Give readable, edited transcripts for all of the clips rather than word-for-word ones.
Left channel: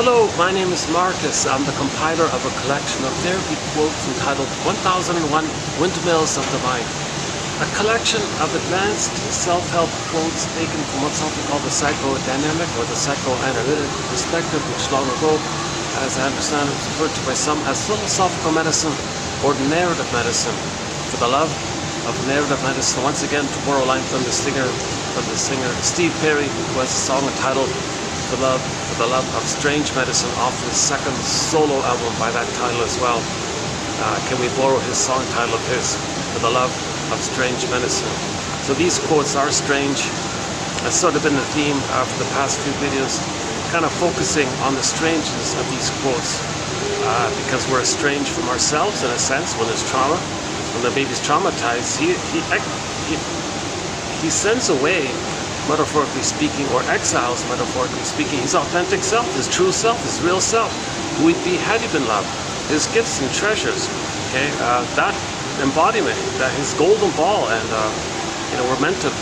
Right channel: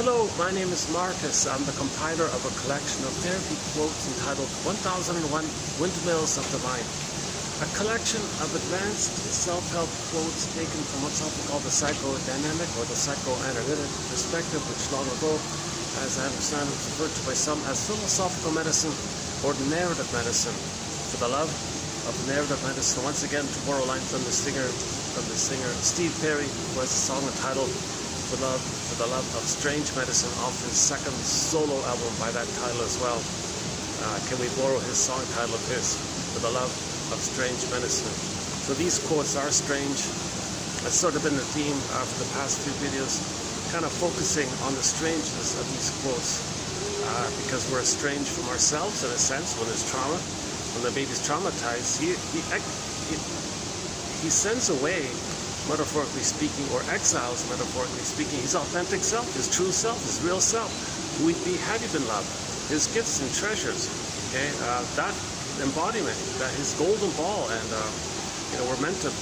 Hello, my name is Marcus. I'm the compiler of a collection of therapy quotes entitled 1001 Windmills of the Mind. A collection of advanced self-help quotes taken from what's often called the psychodynamic or the psychoanalytic perspective, which long ago, as I understand it, was referred to by some as philosophical medicine or narrative medicine. For the love of narrative medicine, once again, to borrow a line from the singer Steve Perry, who has a song entitled For the Love of Strange Medicine off his second solo album by that title as well. Can we borrow his song title of his, For the Love of Strange Medicine? So these quotes are strange. That's sort of been the theme of the past few videos, kind of focusing on the strangeness of these quotes, because we're estranged from ourselves in a sense when there's trauma. When the baby's traumatized, he sends away, metaphorically speaking, or exiles, metaphorically speaking, his authentic self, his true self, his real self, who he'd be had he been loved, his gifts and treasures, okay, that embodiment, that his golden ball, and we're meant to,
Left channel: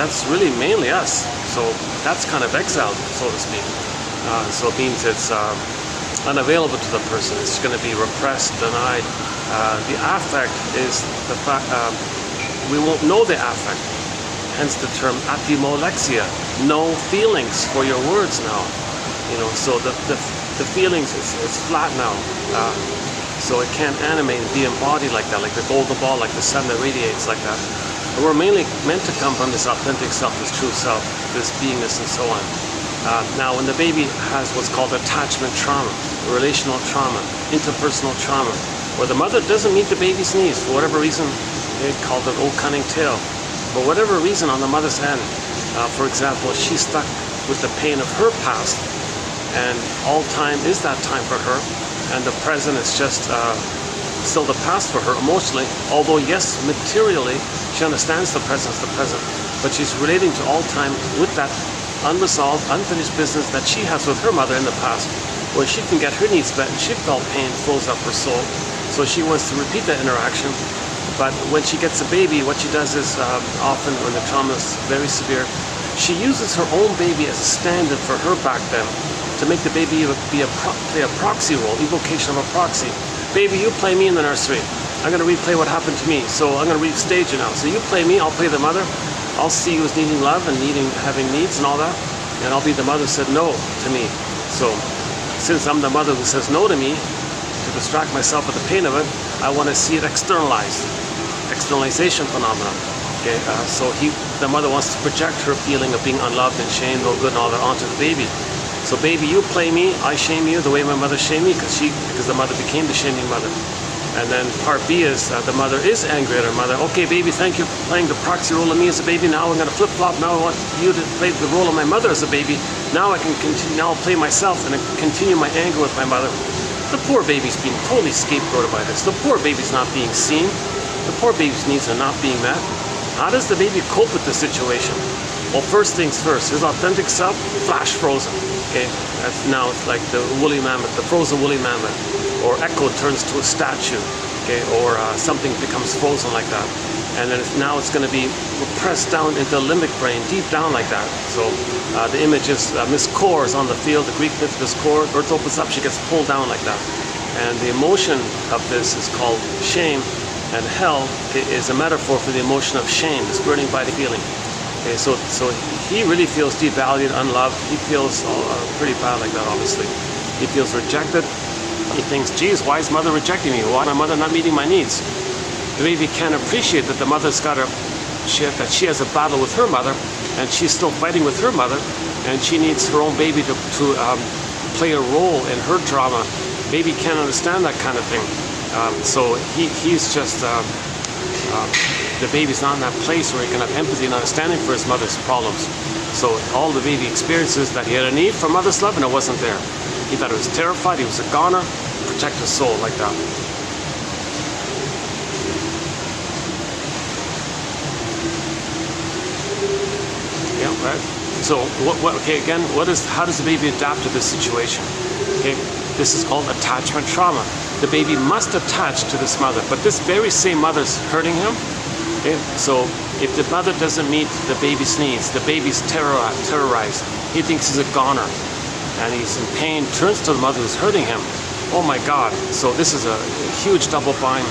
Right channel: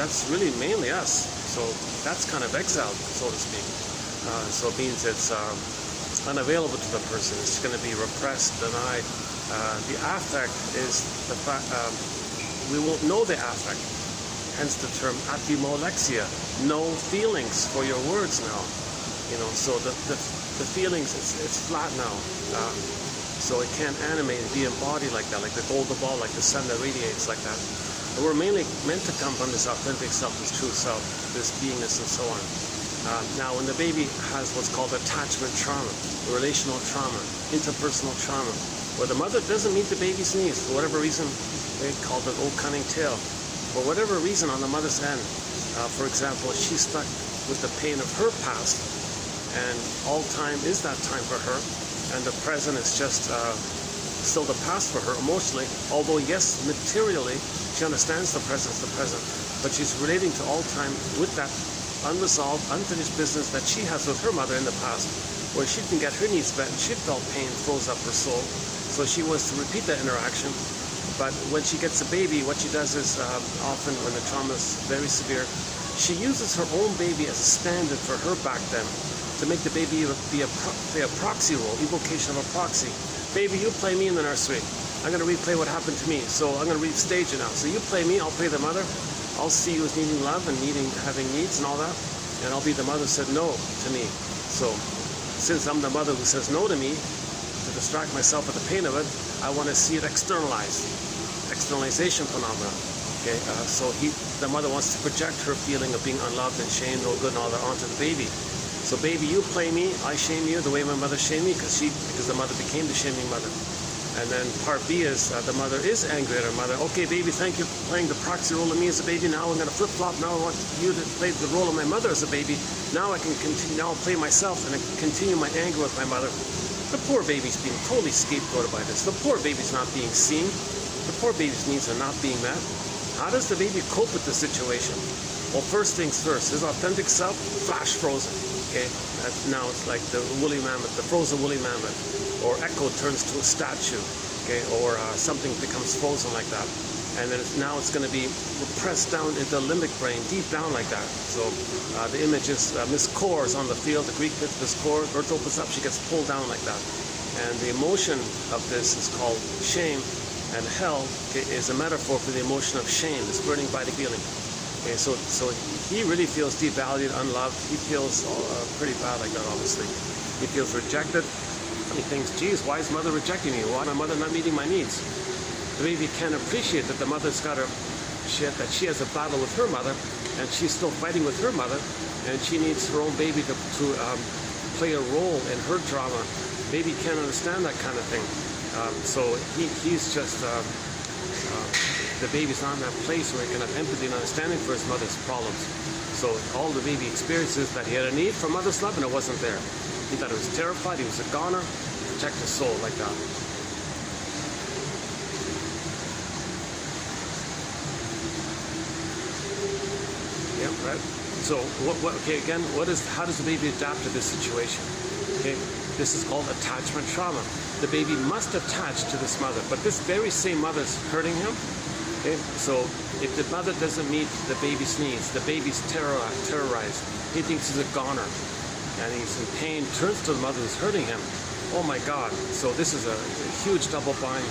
that's really mainly us, so that's kind of exiled, so to speak. So it means it's unavailable to the person, it's going to be repressed, denied. The affect is the fact, we won't know the affect. Hence the term apimolexia, no feelings for your words now. So the feelings, it's flat now. So it can't animate and be embodied like that, like the golden ball, like the sun that radiates like that. And we're mainly meant to come from this authentic self, this true self, this beingness and so on. Now when the baby has what's called attachment trauma, relational trauma, interpersonal trauma, where the mother doesn't meet the baby's needs for whatever reason, they call it old cunning tale. For whatever reason on the mother's end, for example, she's stuck with the pain of her past, and all time is that time for her, and the present is just still the past for her emotionally, although yes, materially, she understands the present is the present, but she's relating to all time with that unresolved, unfinished business that she has with her mother in the past, where she can get her needs met, and she felt pain froze up her soul, so she wants to repeat that interaction. But when she gets a baby, what she does is, often when the trauma is very severe, she uses her own baby as a stand-in for her back then, to make the baby play a proxy role, evocation of a proxy. Baby, you play me in the nursery. I'm going to replay what happened to me, so I'm going to restage it now. So you play me, I'll play the mother. I'll see you as needing love and having needs and all that, and I'll be the mother who said no to me. So since I'm the mother who says no to me, to distract myself with the pain of it, I want to see it externalized. Externalization phenomenon. Okay, so the mother wants to project her feeling of being unloved and shamed, no good and all that onto the baby. So baby, you play me, I shame you the way my mother shamed me, because the mother became the shaming mother. And then part B is the mother is angry at her mother. Okay, baby, thank you for playing the proxy role of me as a baby. Now I'm going to flip-flop. Now I want you to play the role of my mother as a baby. Now I can continue. Now I'll play myself and continue my anger with my mother. The poor baby's being totally scapegoated by this. The poor baby's not being seen. The poor baby's needs are not being met. How does the baby cope with the situation? Well, first things first, his authentic self, flash frozen. Okay, now it's like the woolly mammoth, the frozen woolly mammoth, or Echo turns to a statue, okay, or something becomes frozen like that. And then now it's going to be pressed down into the limbic brain, deep down like that. So the image is Miss Core is on the field, the Greek myth Miss Core, Earth opens up, she gets pulled down like that. And the emotion of this is called shame. And hell is a metaphor for the emotion of shame, this burning by the feeling. Okay, so he really feels devalued, unloved. He feels pretty bad like that, obviously. He feels rejected. He thinks, geez, why is mother rejecting me? Why is my mother not meeting my needs? The baby can't appreciate that the mother's got that she has a battle with her mother, and she's still fighting with her mother, and she needs her own baby to play a role in her drama. Baby can't understand that kind of thing. So he's just, the baby's not in that place where he can have empathy and understanding for his mother's problems. So all the baby experiences that he had a need for mother's love and it wasn't there. He thought he was terrified, he was a goner, protect his soul like that. Yeah, right. So how does the baby adapt to this situation? Okay, this is called attachment trauma. The baby must attach to this mother, but this very same mother's hurting him. Okay? So if the mother doesn't meet the baby's needs, the baby's terrorized. He thinks he's a goner. and he's in pain, turns to the mother who's hurting him. Oh my God. So this is a huge double bind.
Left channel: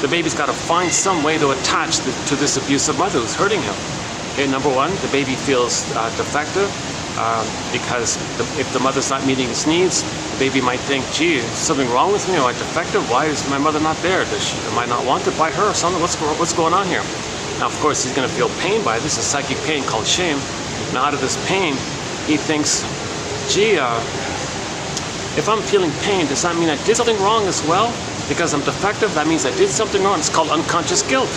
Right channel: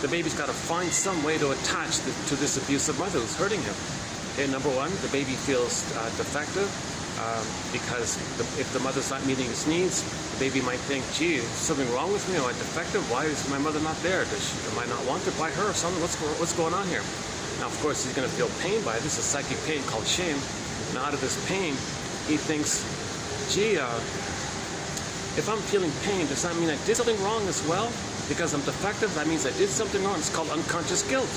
The baby's got to find some way to attach to this abusive mother who's hurting him. Okay, number one, the baby feels defective because if the mother's not meeting his needs, the baby might think, gee, is something wrong with me? Am I defective? Why is my mother not there? Am I not wanted by her or something? What's going on here? Now, of course, he's going to feel pain by it. This is psychic pain called shame. Now, out of this pain, he thinks, gee, if I'm feeling pain, does that mean I did something wrong as well? Because I'm defective, that means I did something wrong. It's called unconscious guilt.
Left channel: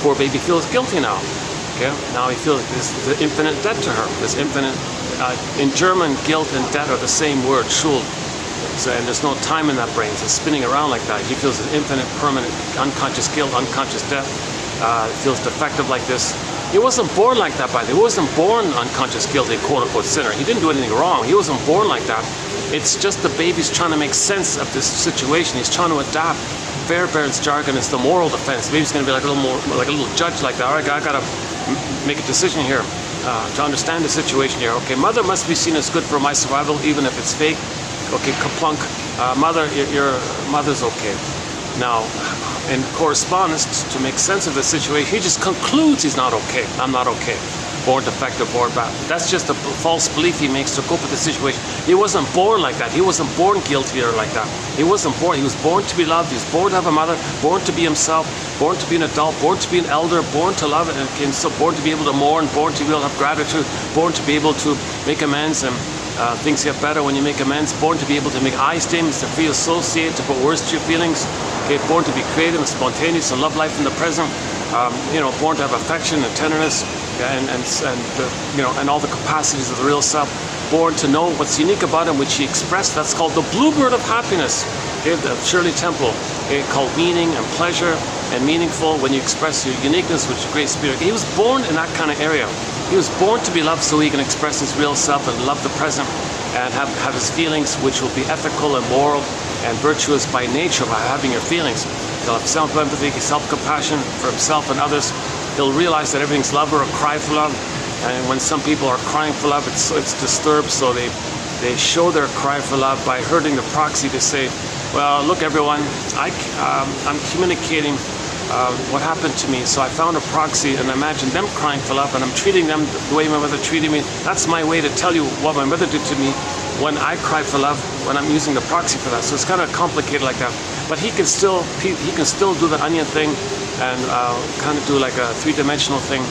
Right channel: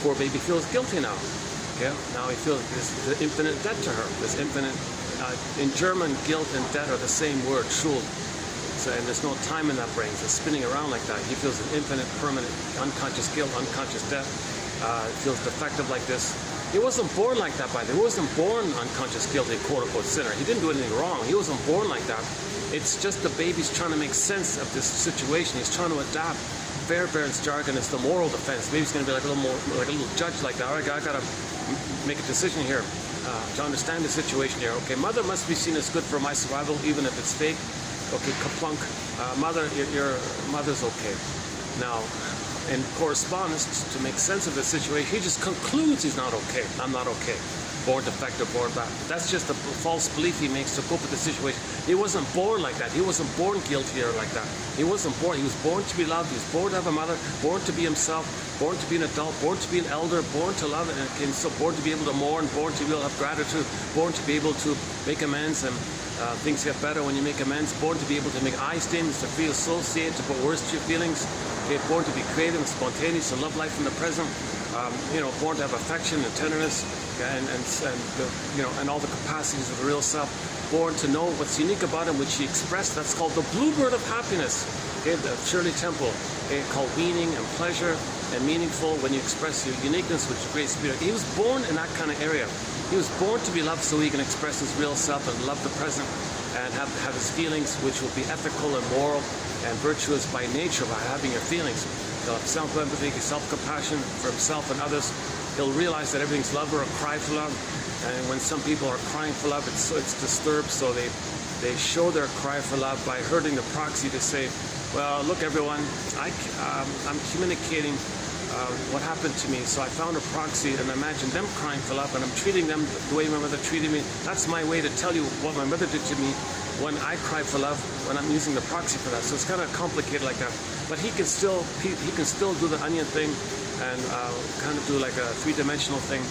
Poor baby feels guilty now. Okay? Now he feels this infinite debt to her. This infinite, in German, guilt and debt are the same word, Schuld. So, and there's no time in that brain. It's spinning around like that. He feels an infinite, permanent, unconscious guilt, unconscious debt. Feels defective like this. He wasn't born like that, by the way. He wasn't born unconscious guilty, quote-unquote sinner. He didn't do anything wrong. He wasn't born like that. It's just the baby's trying to make sense of this situation. He's trying to adapt. Fairbairn's jargon is the moral defense. The baby's going to be like a little judge like that. All right, I got to make a decision here to understand the situation here. Okay, mother must be seen as good for my survival, even if it's fake. Okay, kaplunk. Mother, your mother's okay. Now, in correspondence, to make sense of the situation, he just concludes he's not okay. I'm not okay. Born defective, born bad. That's just a false belief he makes to cope with the situation. He wasn't born like that. He wasn't born guilty or like that. He wasn't born. He was born to be loved. He was born to have a mother, born to be himself, born to be an adult, born to be an elder, born to love and so born to be able to mourn, born to be able to have gratitude, born to be able to make amends, and things get better when you make amends, born to be able to make I statements, to free associate, to put words to your feelings, okay, born to be creative and spontaneous and love life in the present, born to have affection and tenderness, and all the capacities of the real self, born to know what's unique about him, which he expressed. That's called the bluebird of happiness, okay, the Shirley Temple, okay, called meaning and pleasure and meaningful when you express your uniqueness, which is great spirit. He was born in that kind of area. He was born to be loved so he can express his real self and love the present and have his feelings, which will be ethical and moral and virtuous by nature, by having your feelings. He'll have self-empathy, self-compassion for himself and others. He'll realize that everything's love or a cry for love. And when some people are crying for love, it's disturbed, so they show their cry for love by hurting the proxy to say, well, look everyone, I'm communicating what happened to me. So I found a proxy and imagine them crying for love, and I'm treating them the way my mother treated me. That's my way to tell you what my mother did to me when I cry for love, when I'm using the proxy for that. So it's kind of complicated like that. But he can still do the onion thing and kind of do like a three-dimensional thing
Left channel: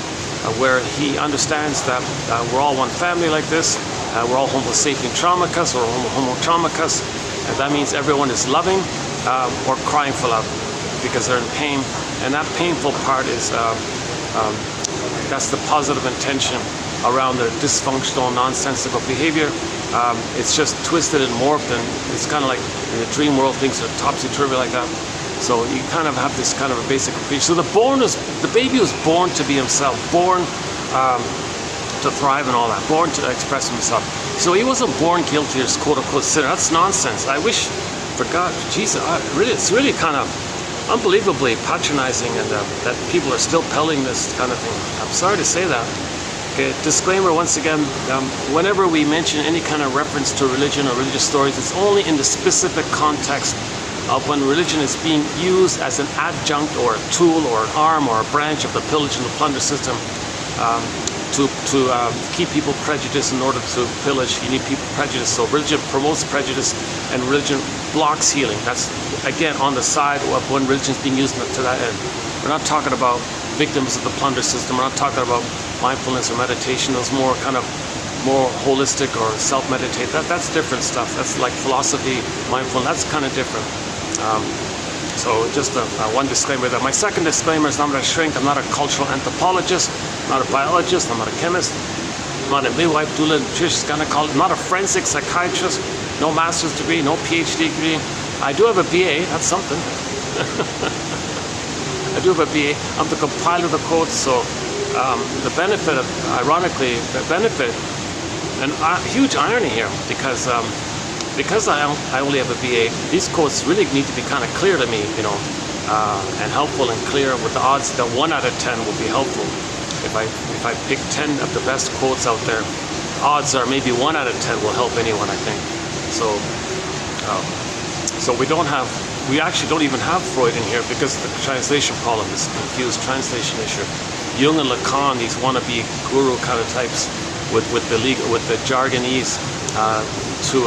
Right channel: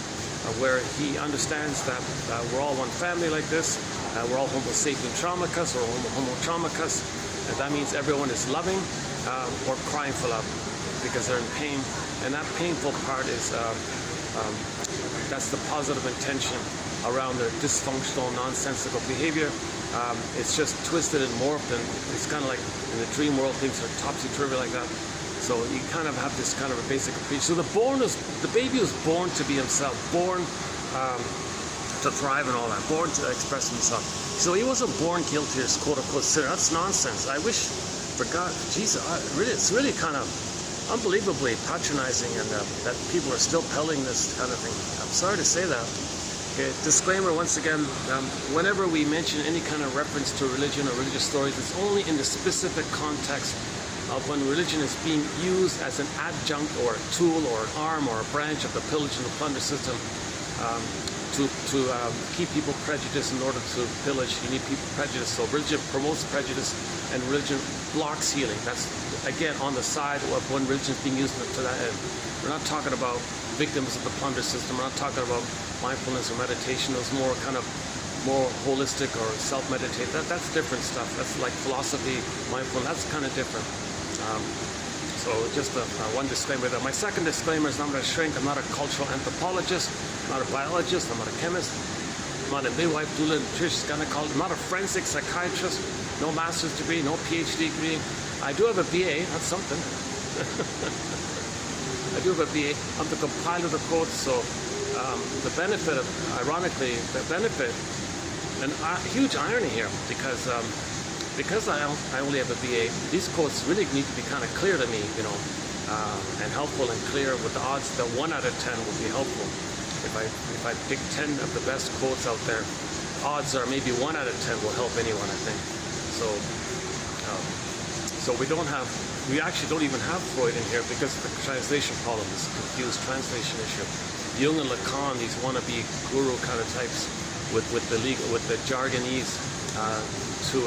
where he understands that we're all one family like this. We're all homo sapien traumicus or homo traumicus. And that means everyone is loving or crying for love because they're in pain. And that painful part is, that's the positive intention around their dysfunctional, nonsensical behavior. It's just twisted and morphed, and it's kind of like in the dream world, things are topsy-turvy like that. So you kind of have this kind of a basic appreciation. So the baby was born to be himself, born to thrive and all that, born to express himself. So he wasn't born guilty or quote-unquote sinner. That's nonsense. I wish, for God, Jesus, it's really kind of unbelievably patronizing, and that people are still peddling this kind of thing. I'm sorry to say that. Okay, disclaimer once again, whenever we mention any kind of reference to religion or religious stories, it's only in the specific context of when religion is being used as an adjunct or a tool or an arm or a branch of the pillage and the plunder system to keep people prejudiced in order to pillage. You need people prejudiced. So religion promotes prejudice and religion blocks healing. That's, again, on the side of when religion is being used to that end. We're not talking about victims of the plunder system. We're not talking about mindfulness or meditation. Those more kind of more holistic or self-meditate. That's different stuff. That's like philosophy, mindfulness. That's kind of different. So just one disclaimer there. My second disclaimer is I'm not a shrink. I'm not a cultural anthropologist. I'm not a biologist. I'm not a chemist. I'm not a midwife, doula, nutritionist, gynecologist. I'm not a forensic psychiatrist. No master's degree, no PhD degree. I do have a BA. That's something. I do have a BA. I'm the compiler of the codes. So the benefit of, ironically, the benefit, and huge irony here, because I only have a BA, these quotes really need to be kind of clear to me, and helpful and clear, with the odds that 1 out of 10 will be helpful. If I pick 10 of the best quotes out there, odds are maybe 1 out of 10 will help anyone, I think. So, so we actually don't even have Freud in here because of the translation problem, this confused translation issue. Jung and Lacan, these wannabe guru kind of types with the jargonese to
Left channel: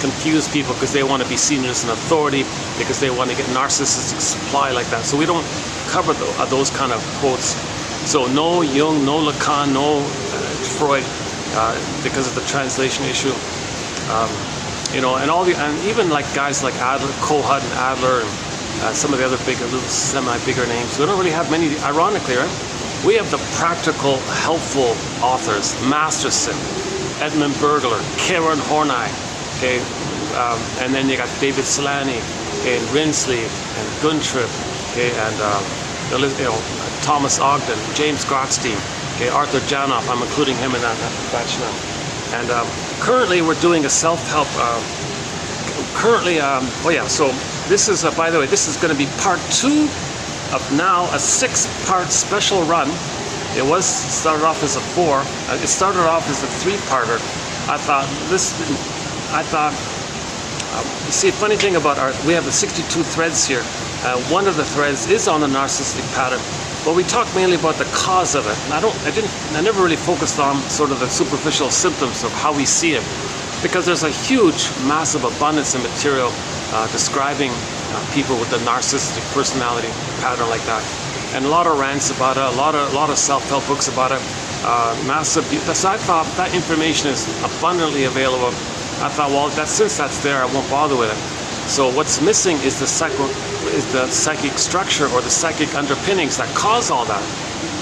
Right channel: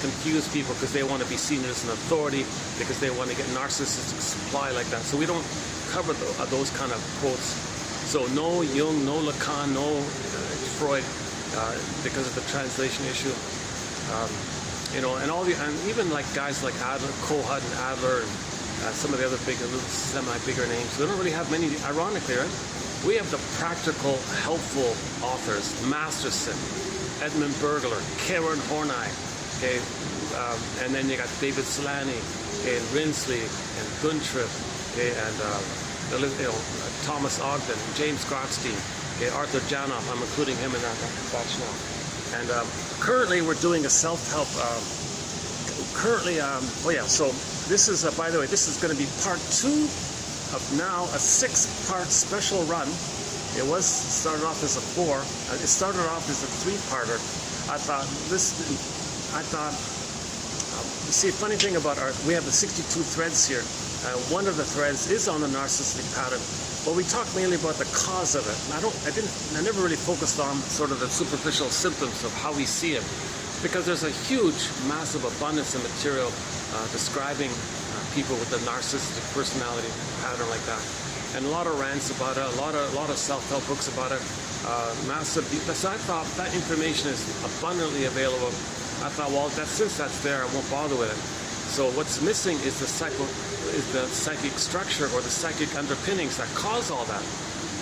confuse people because they want to be seen as an authority, because they want to get narcissistic supply like that. So we don't cover those kind of quotes. So no Jung, no Lacan, no Freud, because of the translation issue. You know, and even like guys like Adler, Kohut and Adler, and some of the other big, little semi-bigger names. We don't really have many, ironically, right? We have the practical, helpful authors: Masterson, Edmund Bergler, Karen Horney, okay, and then you got David Solani, okay, and Rinsley, and Guntrip, okay, and Thomas Ogden, James Grotstein, okay, Arthur Janoff. I'm including him in that batch now. And currently we're doing a self-help. So this is, by the way, this is going to be part 2 of now a 6-part special run. It started off as a 4. It started off as a 3-parter. You see, the funny thing about we have the 62 threads here. One of the threads is on the narcissistic pattern, but we talk mainly about the cause of it. And I never really focused on sort of the superficial symptoms of how we see it, because there's a huge, massive abundance of material describing people with the narcissistic personality pattern like that, and a lot of rants about it, a lot of self-help books about it, massive. So I thought that information is abundantly available. I thought, well, since that's there, I won't bother with it. So what's missing is the psychic structure or the psychic underpinnings that cause all that.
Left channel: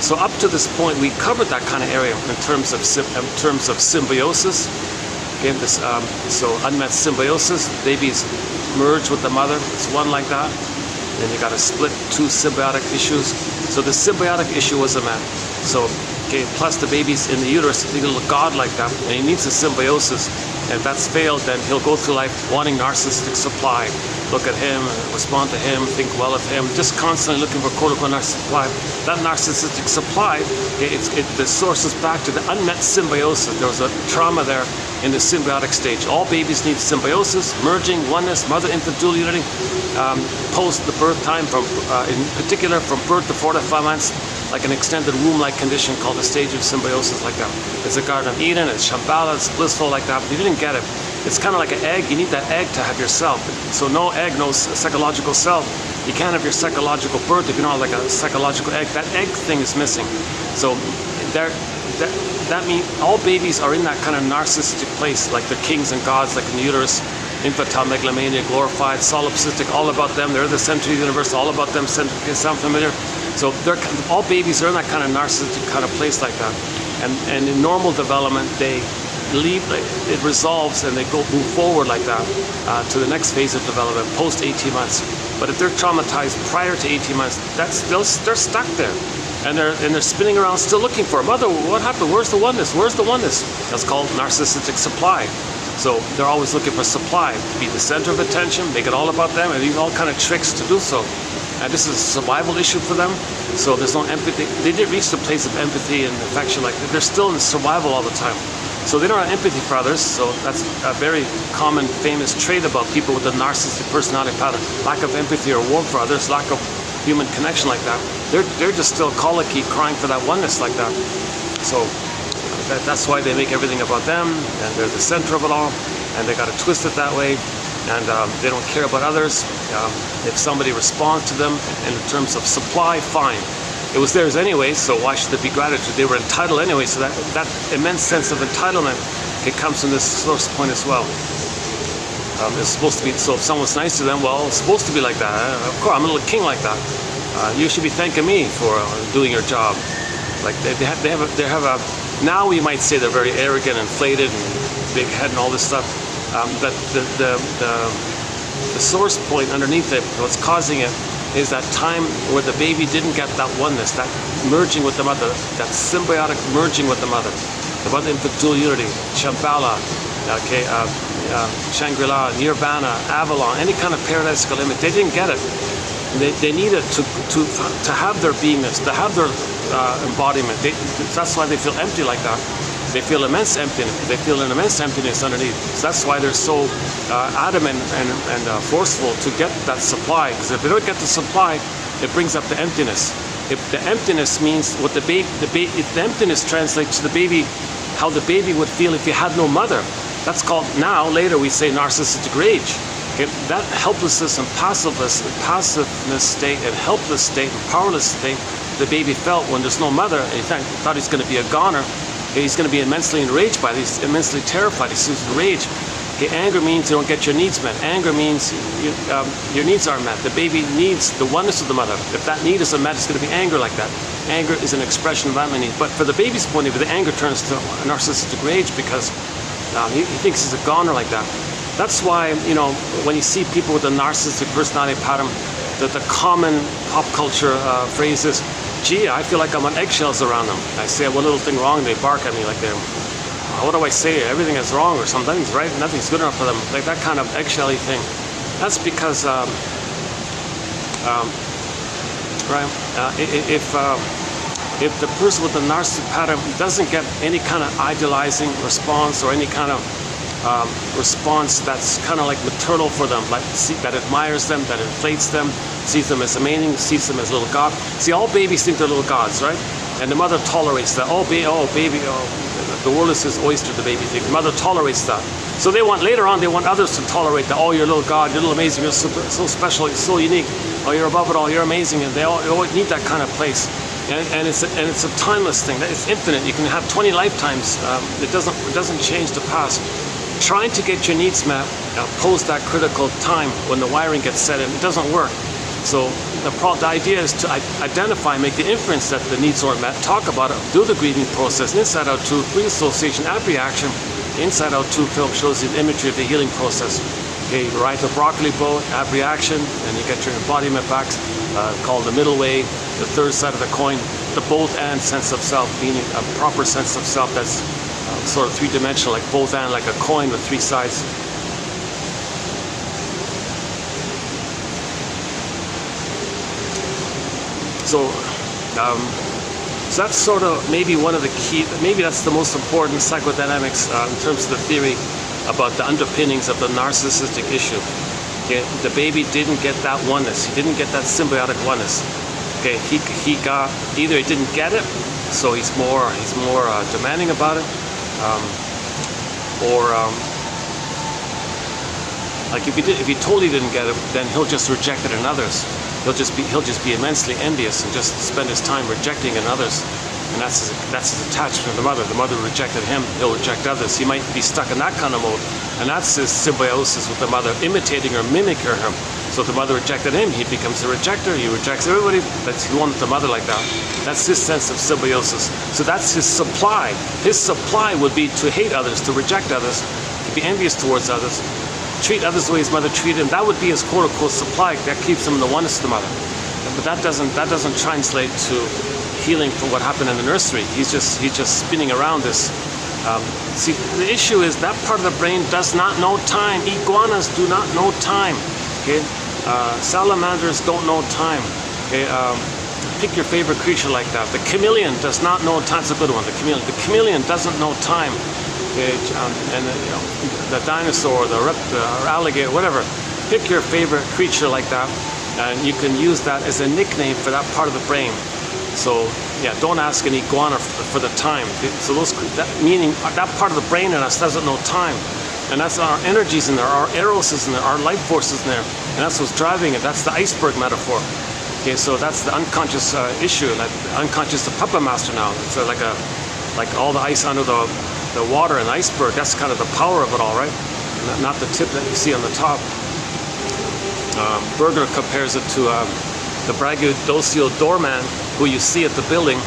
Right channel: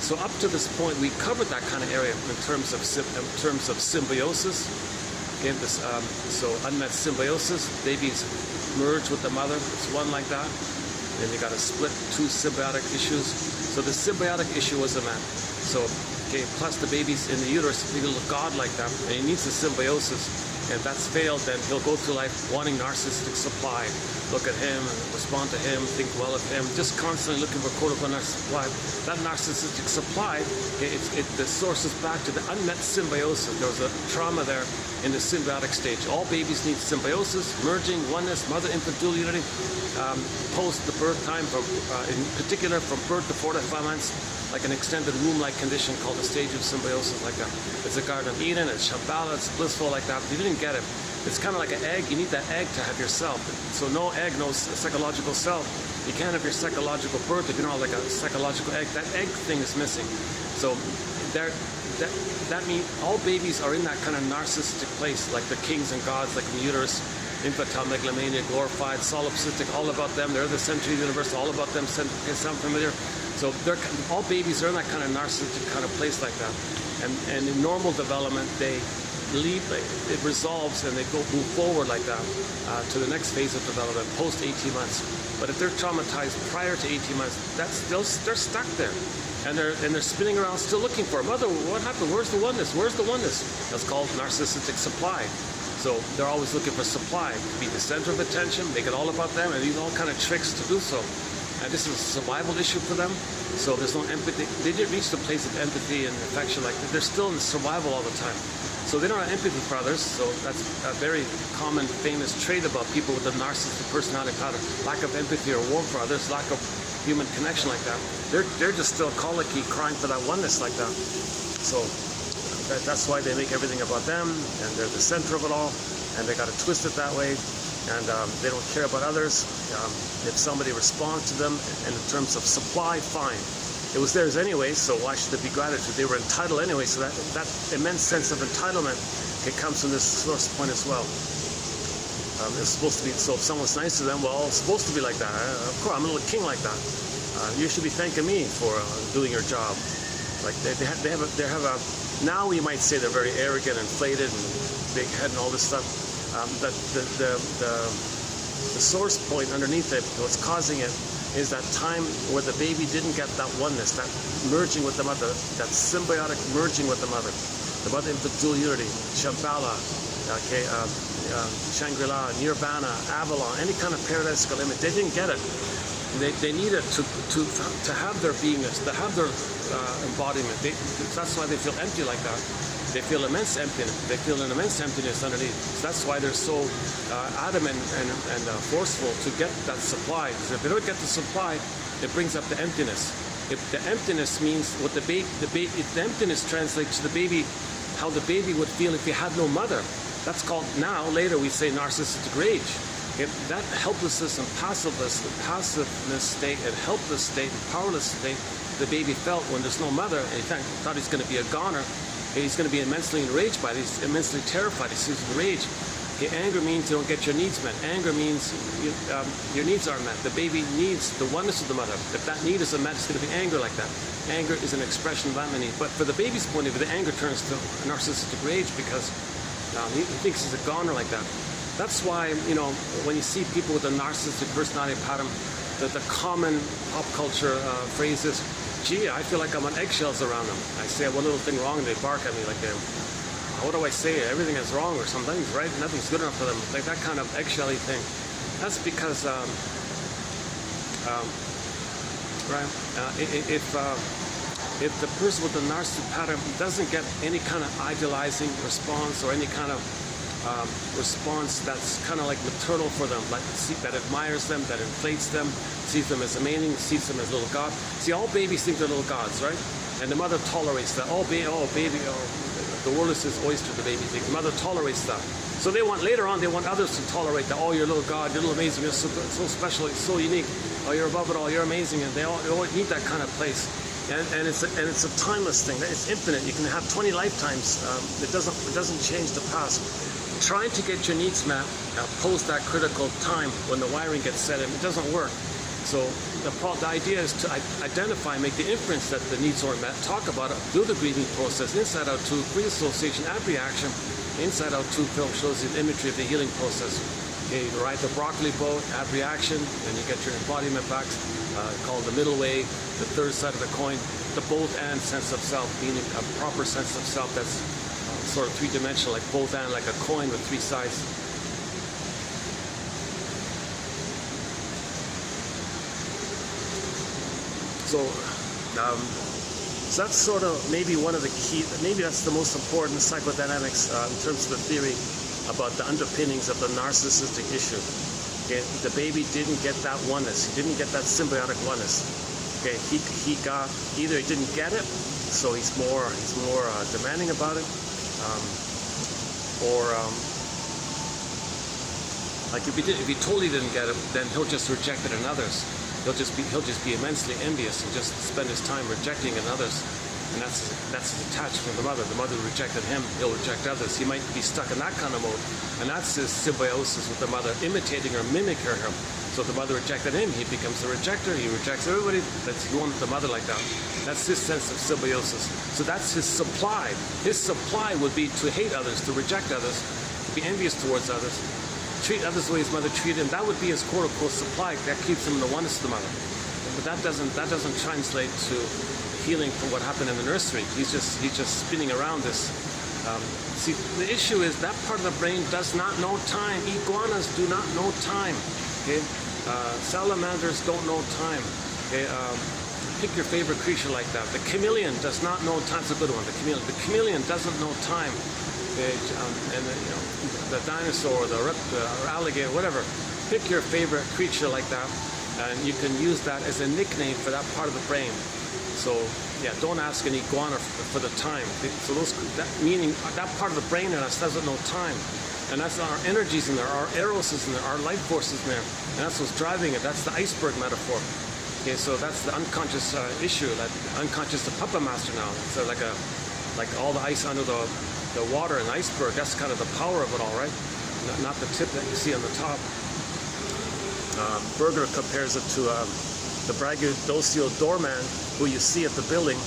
So up to this point, we covered that kind of area in terms of symbiosis. Okay, so unmet symbiosis, babies merge with the mother. It's one like that. Then you got to split 2 symbiotic issues. So the symbiotic issue wasn't met. So plus the baby's in the uterus, he'll look God like that, and he needs a symbiosis. And if that's failed, then he'll go through life wanting narcissistic supply. Look at him, respond to him, think well of him, just constantly looking for quote-unquote narcissistic supply. That narcissistic supply, the source is back to the unmet symbiosis. There was a trauma there in the symbiotic stage. All babies need symbiosis, merging, oneness, mother-infant dual unity, post the birth time, in particular from birth to 4 to 5 months, like an extended womb-like condition called the stage of symbiosis like that. It's a Garden of Eden, it's Shambhala, it's blissful like that. But you didn't get it. It's kind of like an egg. You need that egg to have yourself. So no egg, no psychological self. You can't have your psychological birth if you don't have like a psychological egg. That egg thing is missing. So that means all babies are in that kind of narcissistic place, like they're kings and gods, like in the uterus, infantile megalomania, glorified, solipsistic, all about them. They're the center of the universe, all about them. Sound familiar? So all babies are in that kind of narcissistic kind of place like that. And in normal development, they leave, it resolves, and they move forward like that to the next phase of development, post 18 months. But if they're traumatized prior to 18 months, they're stuck there. And they're spinning around still looking for, mother, what happened? Where's the oneness? Where's the oneness? That's called narcissistic supply. So they're always looking for supply, to be the center of attention, make it all about them, and use all kind of tricks to do so. And this is a survival issue for them. So there's no empathy. They didn't reach the place of empathy and affection like that. They're still in survival all the time. So they don't have empathy for others. So that's a very common, famous trait about people with a narcissistic personality pattern. Lack of empathy or warmth for others, lack of human connection like that. They're just still colicky, crying for that oneness like that. So that's why they make everything about them, and they're the center of it all, and they got to twist it that way. And they don't care about others. If somebody responds to them in terms of supply, fine. It was theirs anyway, so why should there be gratitude? They were entitled anyway, so that immense sense of entitlement, it comes from this source point as well. It's supposed to be, so if someone's nice to them, well, it's supposed to be like that. Of course, I'm a little king like that. You should be thanking me for doing your job. Like they have a, now we might say they're very arrogant, inflated, and big head and all this stuff. But the source point underneath it, what's causing it, is that time where the baby didn't get that oneness, that merging with the mother, that symbiotic merging with the mother infant dual unity, Shambhala, Shangri-La, Nirvana, Avalon, any kind of paradisical image. They didn't get it. They needed to have their beingness, to have their embodiment. That's why they feel empty like that. they feel immense emptiness. They feel an immense emptiness underneath. So that's why they're so adamant and forceful to get that supply. Because if they don't get the supply, it brings up the emptiness. If the emptiness means what the emptiness translates to the baby, how the baby would feel if you had no mother. That's called, now later we say, narcissistic rage. Okay? That helplessness and passiveness state and helpless state and powerless state the baby felt when there's no mother, and he thought he's going to be a goner. Okay? He's going to be immensely enraged by it. He's immensely terrified. He's rage. Okay? Anger means you don't get your needs met. Anger means your needs aren't met. The baby needs the oneness of the mother. If that need isn't met, it's going to be anger like that. Anger is an expression of that need. But for the baby's point of view, the anger turns to narcissistic rage because he thinks he's a goner like that. That's why, you know, when you see people with a narcissistic personality pattern, that the common pop culture phrase is, gee, I feel like I'm on eggshells around them. I say one little thing wrong, they bark at me like they're, what do I say? Everything is wrong or something's right, nothing's good enough for them. Like that kind of eggshelly thing. That's because, if the person with the narcissistic pattern doesn't get any kind of idealizing response or any kind of response that's kind of like maternal for them, like that admires them, that inflates them, sees them as amazing, sees them as little god. See, all babies think they're little gods, right? And the mother tolerates that. Oh, baby, the world is his oyster, the baby thinks. The mother tolerates that. So they want, later on, they want others to tolerate that. Oh, you're a little god, you're a little amazing, you're so special, you're so unique. Oh, you're above it all, you're amazing. And they always need that kind of place. And it's a timeless thing. It's infinite. You can have 20 lifetimes. It doesn't change the past. Trying to get your needs met post that critical time when the wiring gets set in, it doesn't work. So the idea is to identify, make the inference that the needs aren't met, talk about it, do the grieving process, Inside Out 2, pre-association, ab-reaction. Inside Out 2 film shows you the imagery of the healing process. Okay, you ride the broccoli boat, ab-reaction, and you get your embodiment back, called the middle way, the third side of the coin, the both and sense of self, meaning a proper sense of self that's sort of three-dimensional, like both and, like a coin with three sides. So that's sort of maybe one of the key, maybe that's the most important psychodynamics in terms of the theory about the underpinnings of the narcissistic issue. Okay, the baby didn't get that oneness. He didn't get that symbiotic oneness. Okay, he got, either he didn't get it, so he's more demanding about it, like if he totally didn't get it, then he'll just reject it in others. He'll just be immensely envious and just spend his time rejecting in others. And that's his attachment to the mother. The mother rejected him, he'll reject others. He might be stuck in that kind of mode. And that's his symbiosis with the mother, imitating or mimicking her. So if the mother rejected him, he becomes a rejecter, he rejects everybody. He wanted the mother like that. That's his sense of symbiosis. So that's his supply. His supply would be to hate others, to reject others, to be envious towards others, treat others the way his mother treated him. That would be his quote-unquote supply. That keeps him in the oneness of the mother. But that doesn't translate to healing from what happened in the nursery. He's just spinning around this. See, the issue is that part of the brain does not know time. Iguanas do not know time. Okay, salamanders don't know time. Okay, pick your favorite creature like that. The chameleon does not know time. That's a good one. The chameleon doesn't know time. Okay, and you know, the dinosaur, the reptile, or alligator, whatever. Pick your favorite creature like that, and you can use that as a nickname for that part of the brain. So yeah, don't ask an iguana for the time. So meaning that part of the brain in us doesn't know time, and that's our energies in there, our eros is in there, our life force is in there, and that's what's driving it. That's the iceberg metaphor. Okay, so that's the unconscious issue, like unconscious, the puppet master now. It's like all the ice under the water and the iceberg. That's kind of the power of it all, right? Not the tip that you see on the top. Berger compares it to the braggadocio doorman who you see at the building,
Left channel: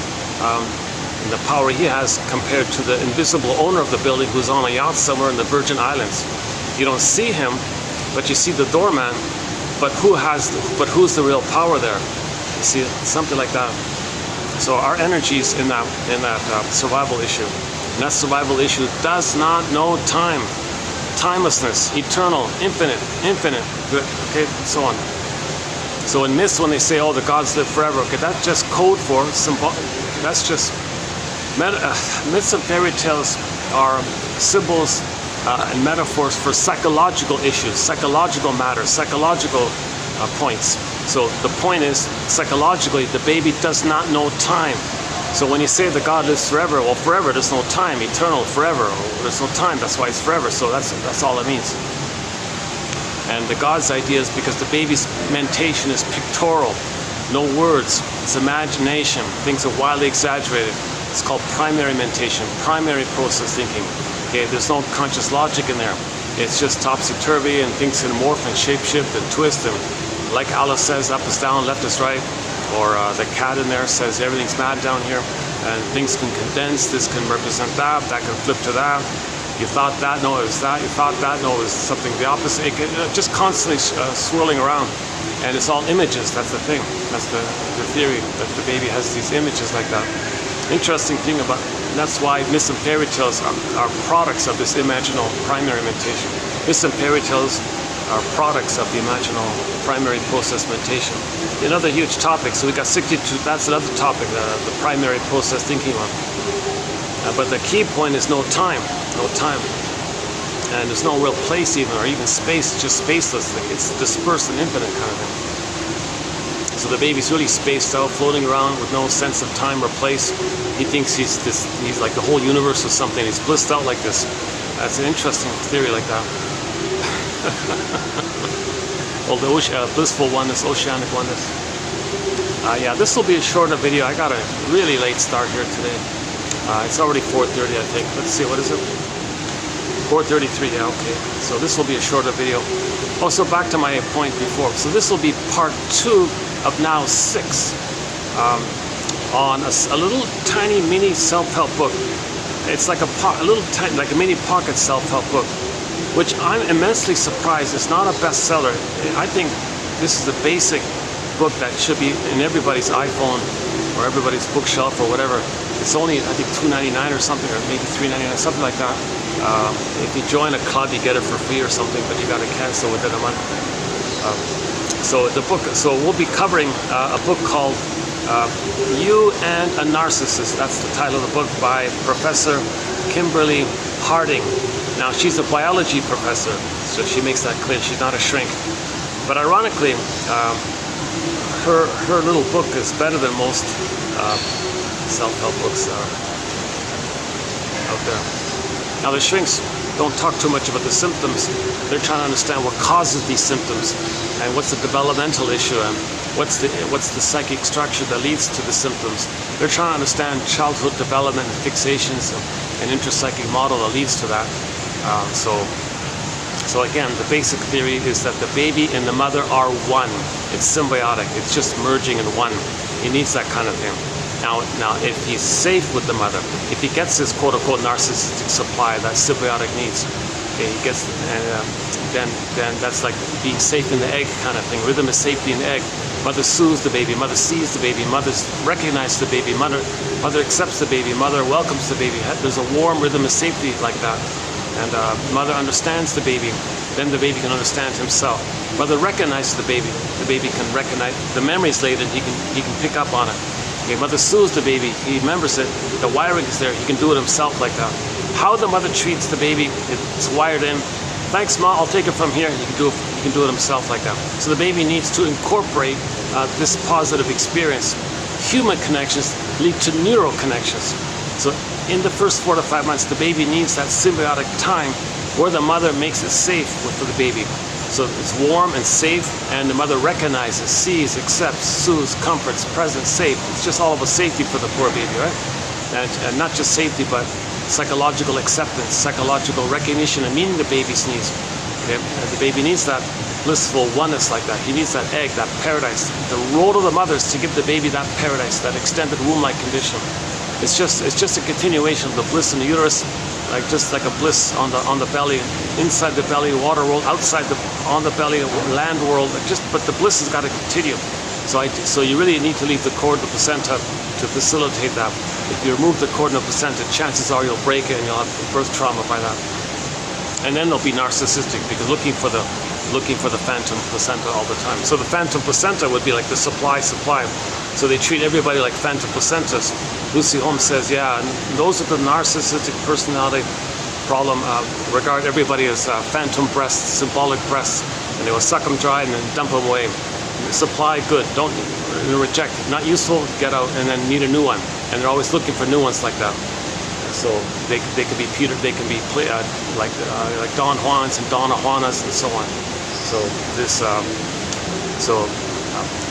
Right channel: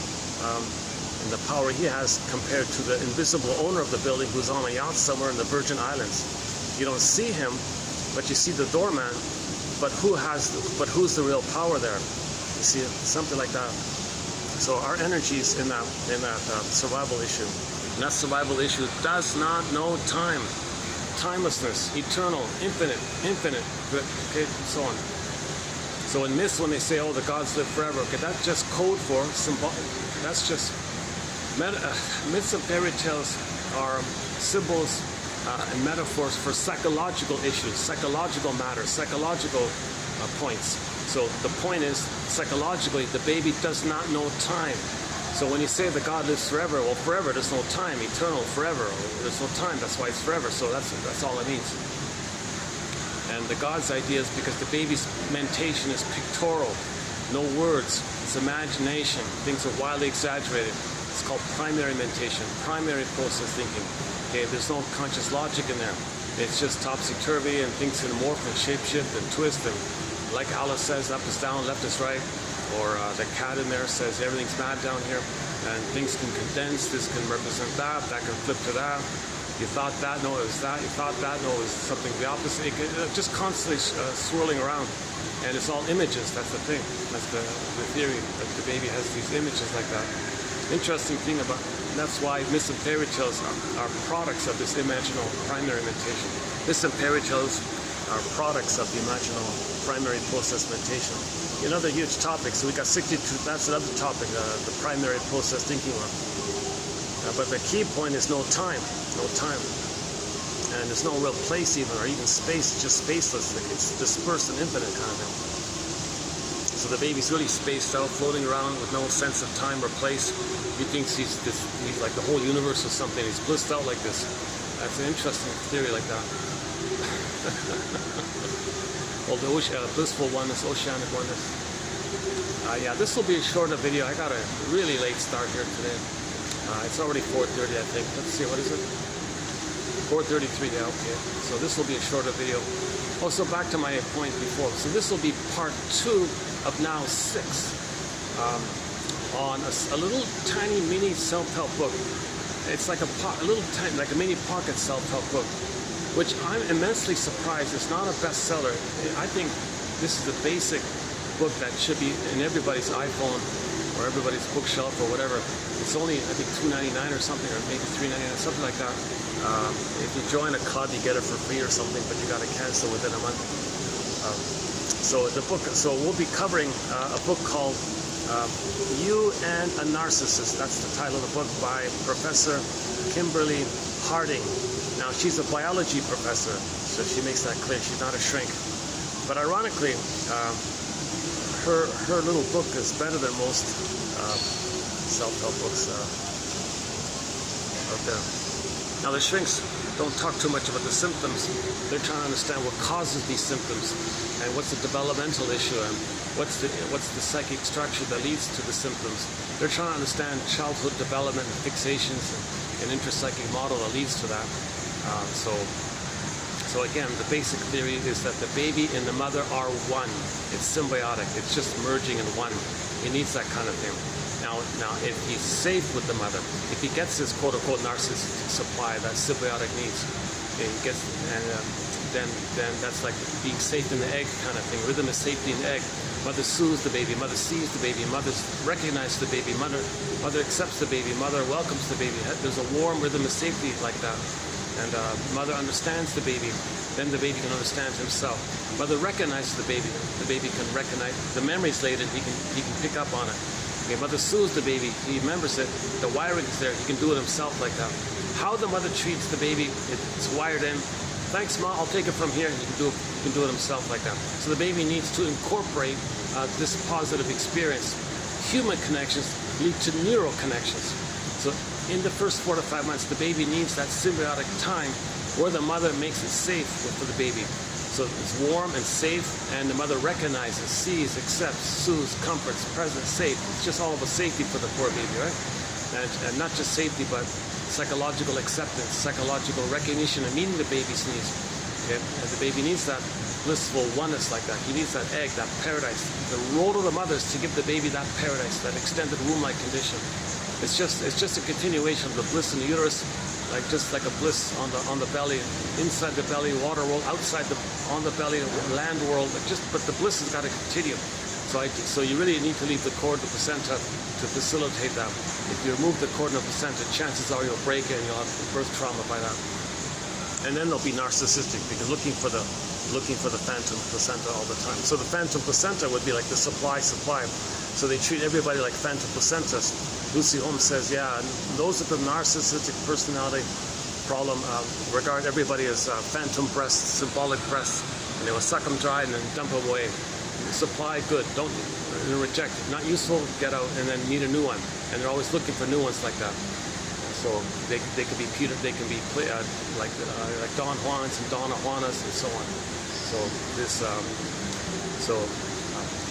and the power he has compared to the invisible owner of the building who's on a yacht somewhere in the Virgin Islands. You don't see him, but you see the doorman. But who's the real power there? You see, something like that. So our energies in that survival issue, and that survival issue does not know time, timelessness, eternal, infinite, good, okay, so on. So in myths, when they say, "Oh, the gods live forever," okay, that's just code for symbol. That's just Myths and fairy tales are symbols and metaphors for psychological issues, psychological matters, psychological points. So the point is, psychologically, the baby does not know time. So when you say that God lives forever, well, forever, there's no time, eternal, forever, there's no time, that's why it's forever. So that's all it means. And the God's idea is because the baby's mentation is pictorial, no words, it's imagination, things are wildly exaggerated. It's called primary mentation, primary process thinking. Okay, there's no conscious logic in there. It's just topsy-turvy, and things can morph and shape-shift and twist, and like Alice says, up is down, left is right, or the cat in there says everything's mad down here, and things can condense, this can represent that can flip to that. You thought that, no, it was that. You thought that, no, it was something the opposite. It just constantly swirling around, and it's all images. That's the thing. That's the theory, that the baby has these images like that. Interesting thing about, that's why myths and fairy tales are products of this imaginal primary mentation. Myths and fairy tales are products of the imaginal primary process mentation. Another huge topic. So we got 62. That's another topic, the primary process thinking one. But the key point is no time. No time. And there's no real place even, or even space. It's just spaceless. It's dispersed and infinite kind of thing. So the baby's really spaced out, floating around with no sense of time or place. He thinks he's like the whole universe or something. He's blissed out like this. That's an interesting theory like that. Well, the blissful oneness, oceanic oneness. Yeah, this will be a shorter video. I got a really late start here today. It's already 4:30, I think. Let's see, what is it? 4:33, yeah, okay. So this will be a shorter video. Oh, so back to my point before. So this will be part 2 of now 6 on a little tiny mini self-help book. It's like like a mini pocket self-help book, which I'm immensely surprised it's not a bestseller. I think this is a basic book that should be in everybody's iPhone or everybody's bookshelf or whatever. It's only, I think, $2.99 or something, or maybe $3.99, something like that. If you join a club, you get it for free or something, but you got to cancel within a month. So the book. So we'll be covering a book called "You and a Narcissist." That's the title of the book, by Professor Kimberly Harding. Now, she's a biology professor, so she makes that clear. She's not a shrink. But ironically, her little book is better than most self-help books out there. Now, the shrinks don't talk too much about the symptoms. They're trying to understand what causes these symptoms, and what's the developmental issue, and what's the psychic structure that leads to the symptoms. They're trying to understand childhood development, fixations, and intrapsychic model that leads to that. So again, the basic theory is that the baby and the mother are one. It's symbiotic. It's just merging in one. He needs that kind of thing. Now, if he's safe with the mother, if he gets his quote-unquote narcissistic supply, that symbiotic needs, okay, he gets, then that's like being safe in the egg kind of thing. Rhythm is safety in the egg. Mother soothes the baby. Mother sees the baby. Mother recognizes the baby. Mother accepts the baby. Mother welcomes the baby. There's a warm rhythm of safety like that. And mother understands the baby. Then the baby can understand himself. Mother recognizes the baby. The baby can recognize the memories later. He can pick up on it. Okay, mother soothes the baby. He remembers it. The wiring is there. He can do it himself like that. How the mother treats the baby, it's wired in. Thanks, Ma. I'll take it from here. He can do it himself like that. So the baby needs to incorporate this positive experience. Human connections lead to neural connections. So in the first 4 to 5 months, the baby needs that symbiotic time where the mother makes it safe for the baby. So it's warm and safe, and the mother recognizes, sees, accepts, soothes, comforts, present, safe. It's just all about safety for the poor baby, right? And not just safety, but psychological acceptance, psychological recognition, and meeting the baby's needs. Okay? And the baby needs that blissful oneness like that. He needs that egg, that paradise. The role of the mother is to give the baby that paradise, that extended womb-like condition. It's just a continuation of the bliss in the uterus, just like a bliss on the belly, inside the belly, water world, outside on the belly, land world. But the bliss has got to continue. So you really need to leave the cord, the placenta, to facilitate that. If you remove the cord and the placenta, chances are you'll break it and you'll have birth trauma by that. And then they'll be narcissistic, because looking for the phantom placenta all the time. So the phantom placenta would be like the supply. So they treat everybody like phantom placentas. Lucy Holmes says, yeah, those with the narcissistic personality problem regard everybody as phantom breasts, symbolic breasts, and they will suck them dry and then dump them away. Supply, good. Don't reject. Not useful, get out, and then need a new one. And they're always looking for new ones like that. So they could be Peter, they can be like Don Juans and Donna Juanas and so on. So this,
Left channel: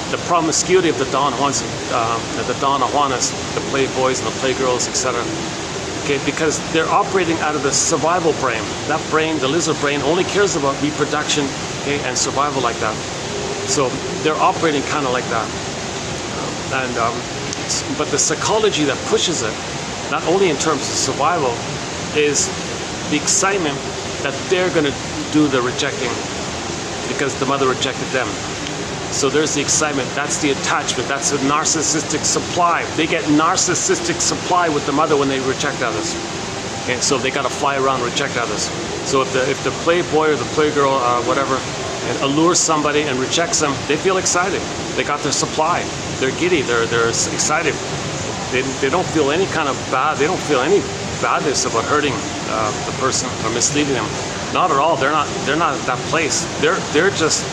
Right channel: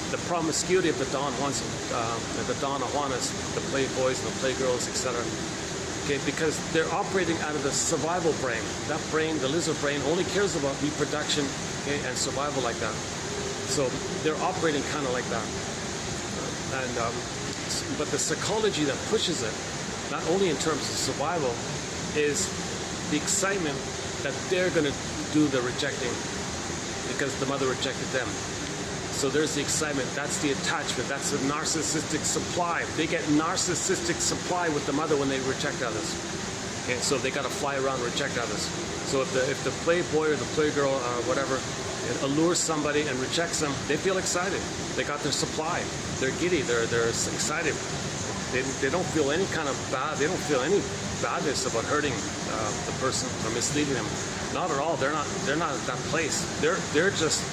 the promiscuity of the Don Juans, the Donna Juanas, the playboys and the playgirls, etc. Okay, because they're operating out of the survival brain. That brain, the lizard brain, only cares about reproduction, okay, and survival like that. So they're operating kind of like that. But the psychology that pushes it, not only in terms of survival, is the excitement that they're going to do the rejecting because the mother rejected them. So there's the excitement, that's the attachment, that's a narcissistic supply. They get narcissistic supply with the mother when they reject others. And so they got to fly around and reject others. So if the playboy or the playgirl or whatever and allures somebody and rejects them, they feel excited. They got their supply. They're giddy, they're excited. They don't feel any kind of bad, they don't feel any badness about hurting the person or misleading them. Not at all. They're not at that place. They're just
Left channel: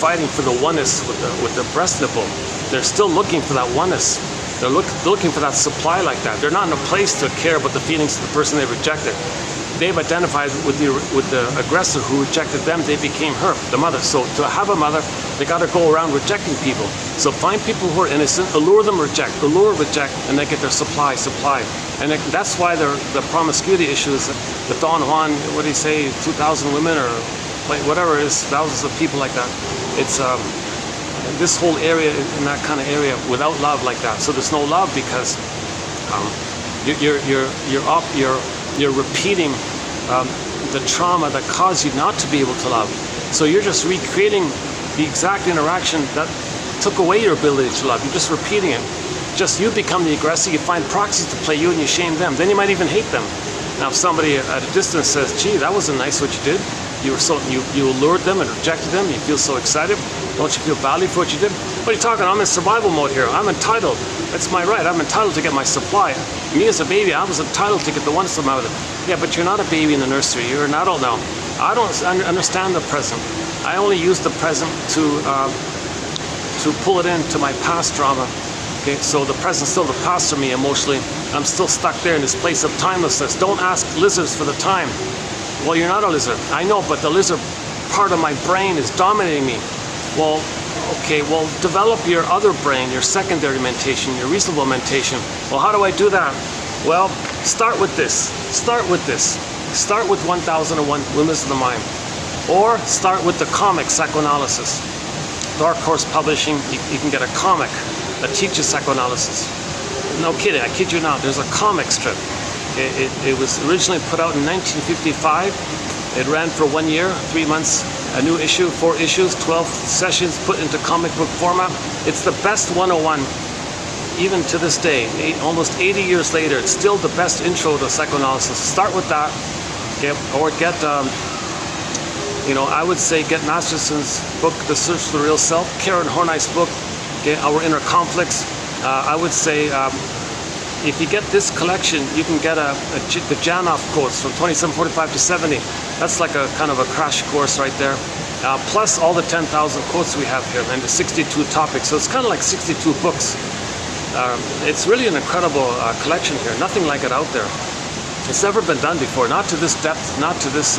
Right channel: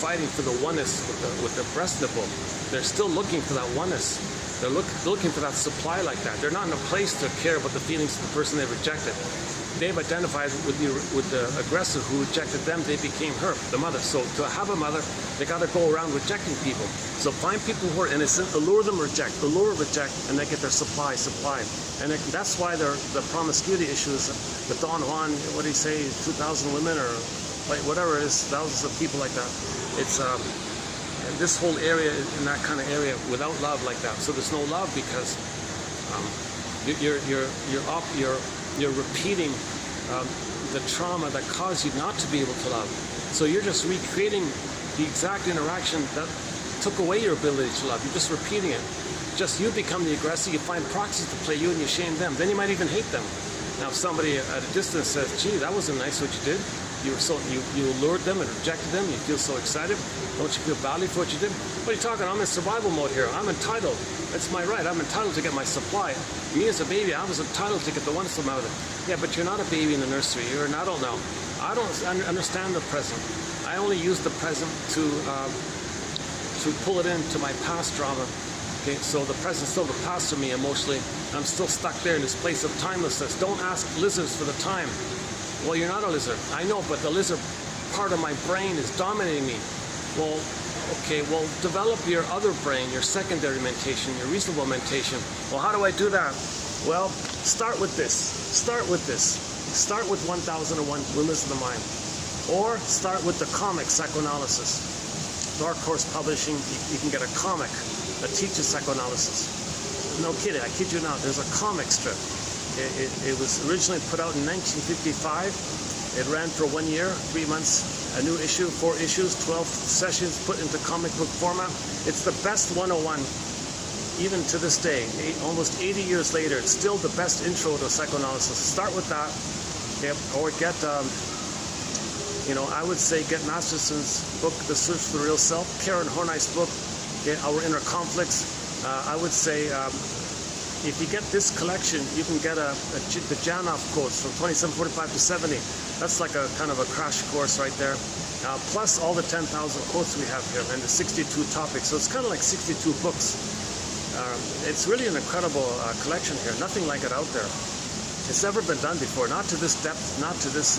fighting for the oneness with the breast nipple. They're still looking for that oneness. They're looking for that supply like that. They're not in a place to care about the feelings of the person they rejected. They've identified with the aggressor who rejected them. They became her, the mother. So to have a mother, they got to go around rejecting people. So find people who are innocent, allure them, reject, allure, reject, and they get their supply. And that's why the promiscuity issue is the Don Juan, what do you say, 2,000 women or whatever it is, thousands of people like that. It's this whole area, in that kind of area, without love like that. So there's no love because you're repeating the trauma that caused you not to be able to love. So you're just recreating the exact interaction that took away your ability to love. You're just repeating it. Just you become the aggressor, you find proxies to play you and you shame them. Then you might even hate them. Now if somebody at a distance says, gee, that wasn't nice what you did. You allured them and rejected them, you feel so excited. Don't you feel badly for what you did? What are you talking? I'm in survival mode here. I'm entitled. It's my right. I'm entitled to get my supply. Me as a baby, I was entitled to get the oneness of my mother. Yeah, but you're not a baby in the nursery. You're an adult now. I don't understand the present. I only use the present to pull it into my past drama. Okay, so the present's still the past for me emotionally. I'm still stuck there in this place of timelessness. Don't ask lizards for the time. Well, you're not a lizard. I know, but the lizard part of my brain is dominating me. Well, okay, well, develop your other brain, your secondary mentation, your reasonable mentation. Well, how do I do that? Well, start with this. Start with this. Start with 1001 Windmills of the Mind. Or start with the comic psychoanalysis. Dark Horse Publishing, you can get a comic that teaches psychoanalysis. No kidding, I kid you not, there's a comic strip. It was originally put out in 1955. It ran for 1 year, 3 months, a new issue, 4 issues, 12 sessions put into comic book format. It's the best 101, even to this day, almost 80 years later. It's still the best intro to psychoanalysis. Start with that, okay? Or get, I would say get Narcissist's book, The Search for the Real Self, Karen Horney's book, okay, Our Inner Conflicts. I would say, if you get this collection, you can get the Janoff quotes from 2745 to 70. That's like a kind of a crash course right there. Plus all the 10,000 quotes we have here and the 62 topics. So it's kind of like 62 books. It's really an incredible collection here. Nothing like it out there. It's never been done before. Not to this depth, not to this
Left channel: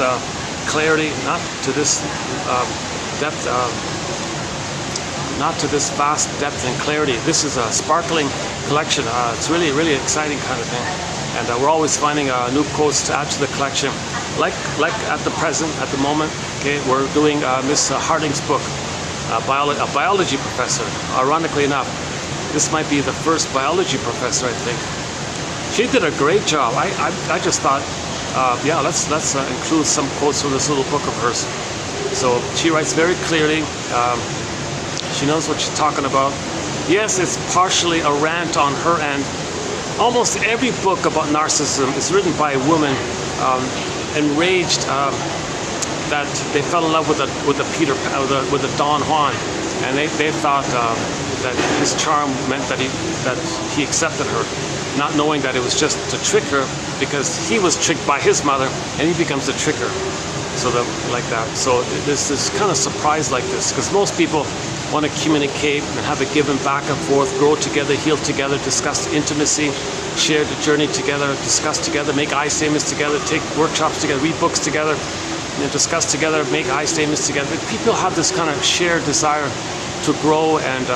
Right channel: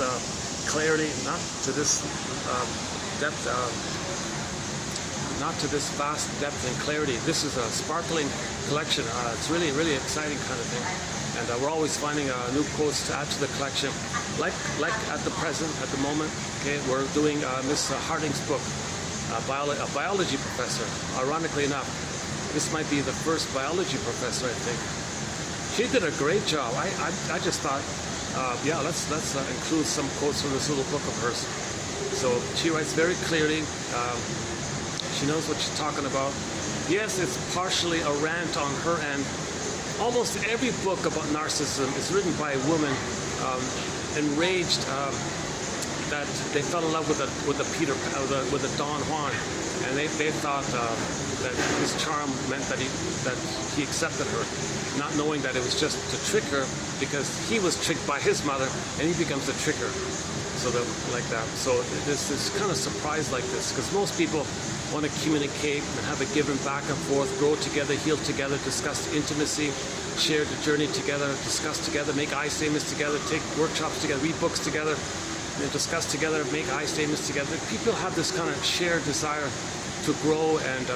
clarity, not to this depth, not to this vast depth and clarity. This is a sparkling collection. It's really, really exciting kind of thing. And we're always finding new quotes to add to the collection. Like at the present, at the moment, okay, we're doing Miss Harding's book, a biology professor. Ironically enough, this might be the first biology professor, I think. She did a great job. I just thought, yeah, let's include some quotes from this little book of hers. So she writes very clearly. She knows what she's talking about. Yes, it's partially a rant on her end. Almost every book about narcissism is written by a woman enraged that they fell in love with the Don Juan, and they thought that his charm meant that he accepted her. not knowing that it was just to trick her, because he was tricked by his mother and he becomes a tricker. So that, like that. So there's this kind of surprise like this, because most people want to communicate and have a give and back and forth, grow together, heal together, discuss intimacy, share the journey together, discuss together, make I statements together, take workshops together, read books together, and discuss together, make I statements together. People have this kind of shared desire to grow and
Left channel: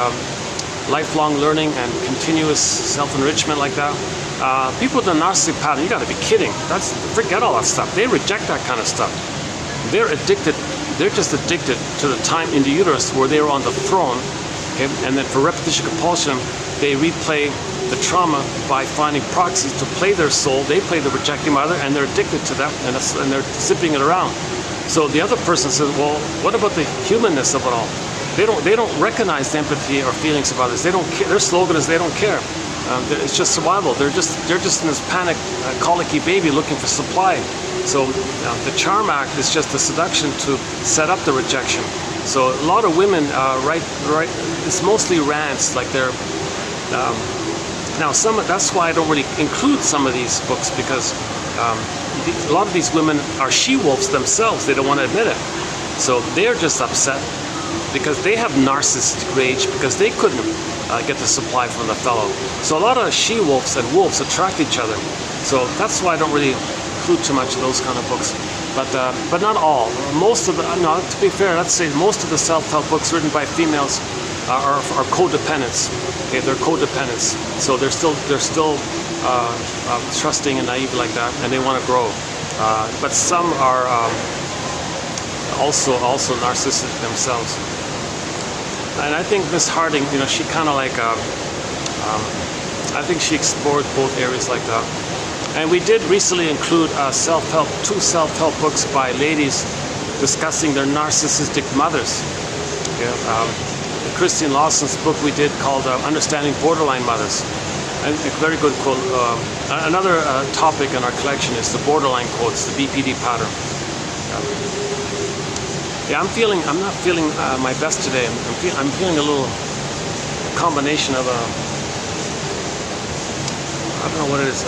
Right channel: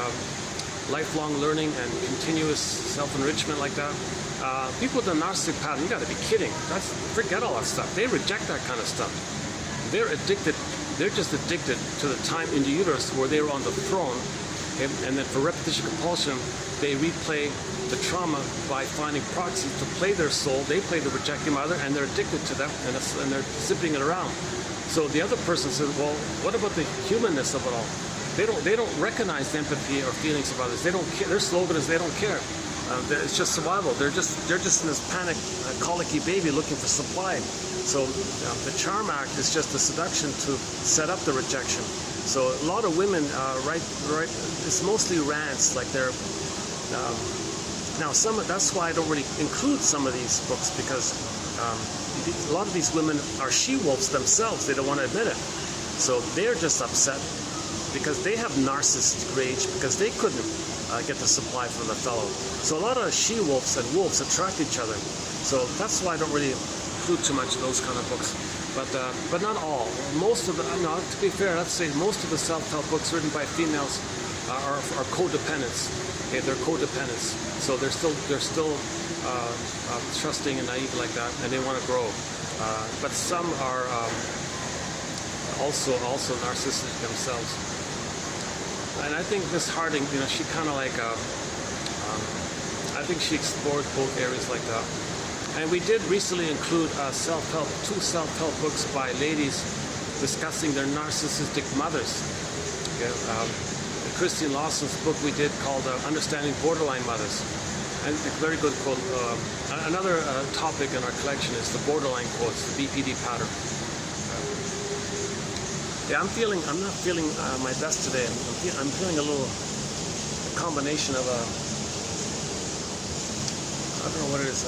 lifelong learning and continuous self-enrichment like that. People with the narcissistic pattern, you got to be kidding. Forget all that stuff. They reject that kind of stuff. They're addicted. They're just addicted to the time in the uterus where they were on the throne, okay? And then for repetition compulsion, they replay the trauma by finding proxies to play their soul. They play the rejecting mother, and they're addicted to them, and they're zipping it around. So the other person says, well, what about the humanness of it all? They don't recognize empathy or feelings about this. They don't care. Their slogan is they don't care. It's just survival. They're just in this panic, colicky baby looking for supply. So the charm act is just a seduction to set up the rejection. So a lot of women write. It's mostly rants, like they're. Now that's why I don't really include some of these books, because a lot of these women are she-wolves themselves. They don't want to admit it. So they're just upset because they have narcissistic rage because they couldn't get the supply from the fellow. So a lot of she-wolves and wolves attract each other. So that's why I don't really include too much of those kind of books. But not all. Most of the, no, to be fair, let's say most of the self-help books written by females are codependents. Okay, they're codependents. So they're still trusting and naive like that, and they want to grow. But some are also narcissistic themselves. And I think Miss Harding, she kind of like, I think she explored both areas like that. And we did recently include two self-help books by ladies discussing their narcissistic mothers. Yeah, Christine Lawson's book we did called Understanding Borderline Mothers. And a very good quote. Another topic in our collection is the borderline quotes, the BPD pattern. Yeah, I'm not feeling my best today. I'm feeling a little combination of I don't know what it is.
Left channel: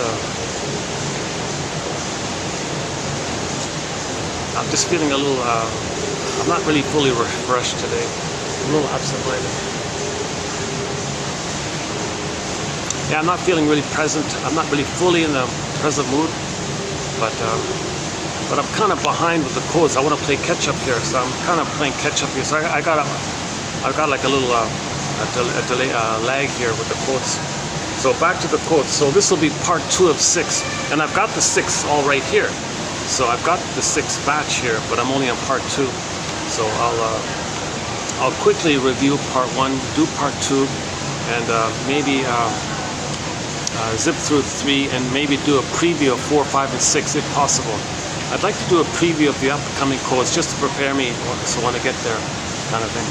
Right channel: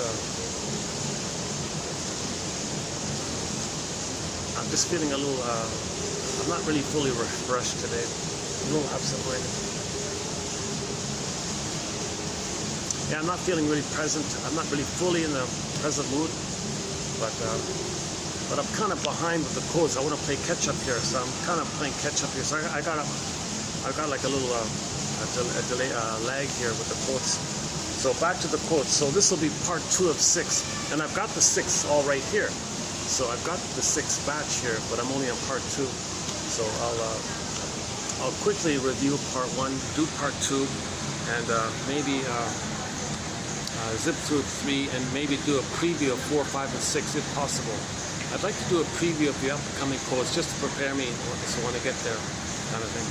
I'm just feeling a little, I'm not really fully refreshed today. I'm a little absent-minded. Yeah, I'm not feeling really present. I'm not really fully in the present mood, but I'm kind of behind with the quotes. I want to play catch-up here, so I'm kind of playing catch-up here. So I've got like a little delay, lag here with the quotes. So back to the quotes. So this will be part 2 of 6, and I've got the 6 all right here. So I've got the 6th batch here, but I'm only on part 2. So I'll quickly review part 1, do part 2, and maybe zip through 3, and maybe do a preview of 4, 5, and 6 if possible. I'd like to do a preview of the upcoming quotes just to prepare me so when I get there, kind of thing.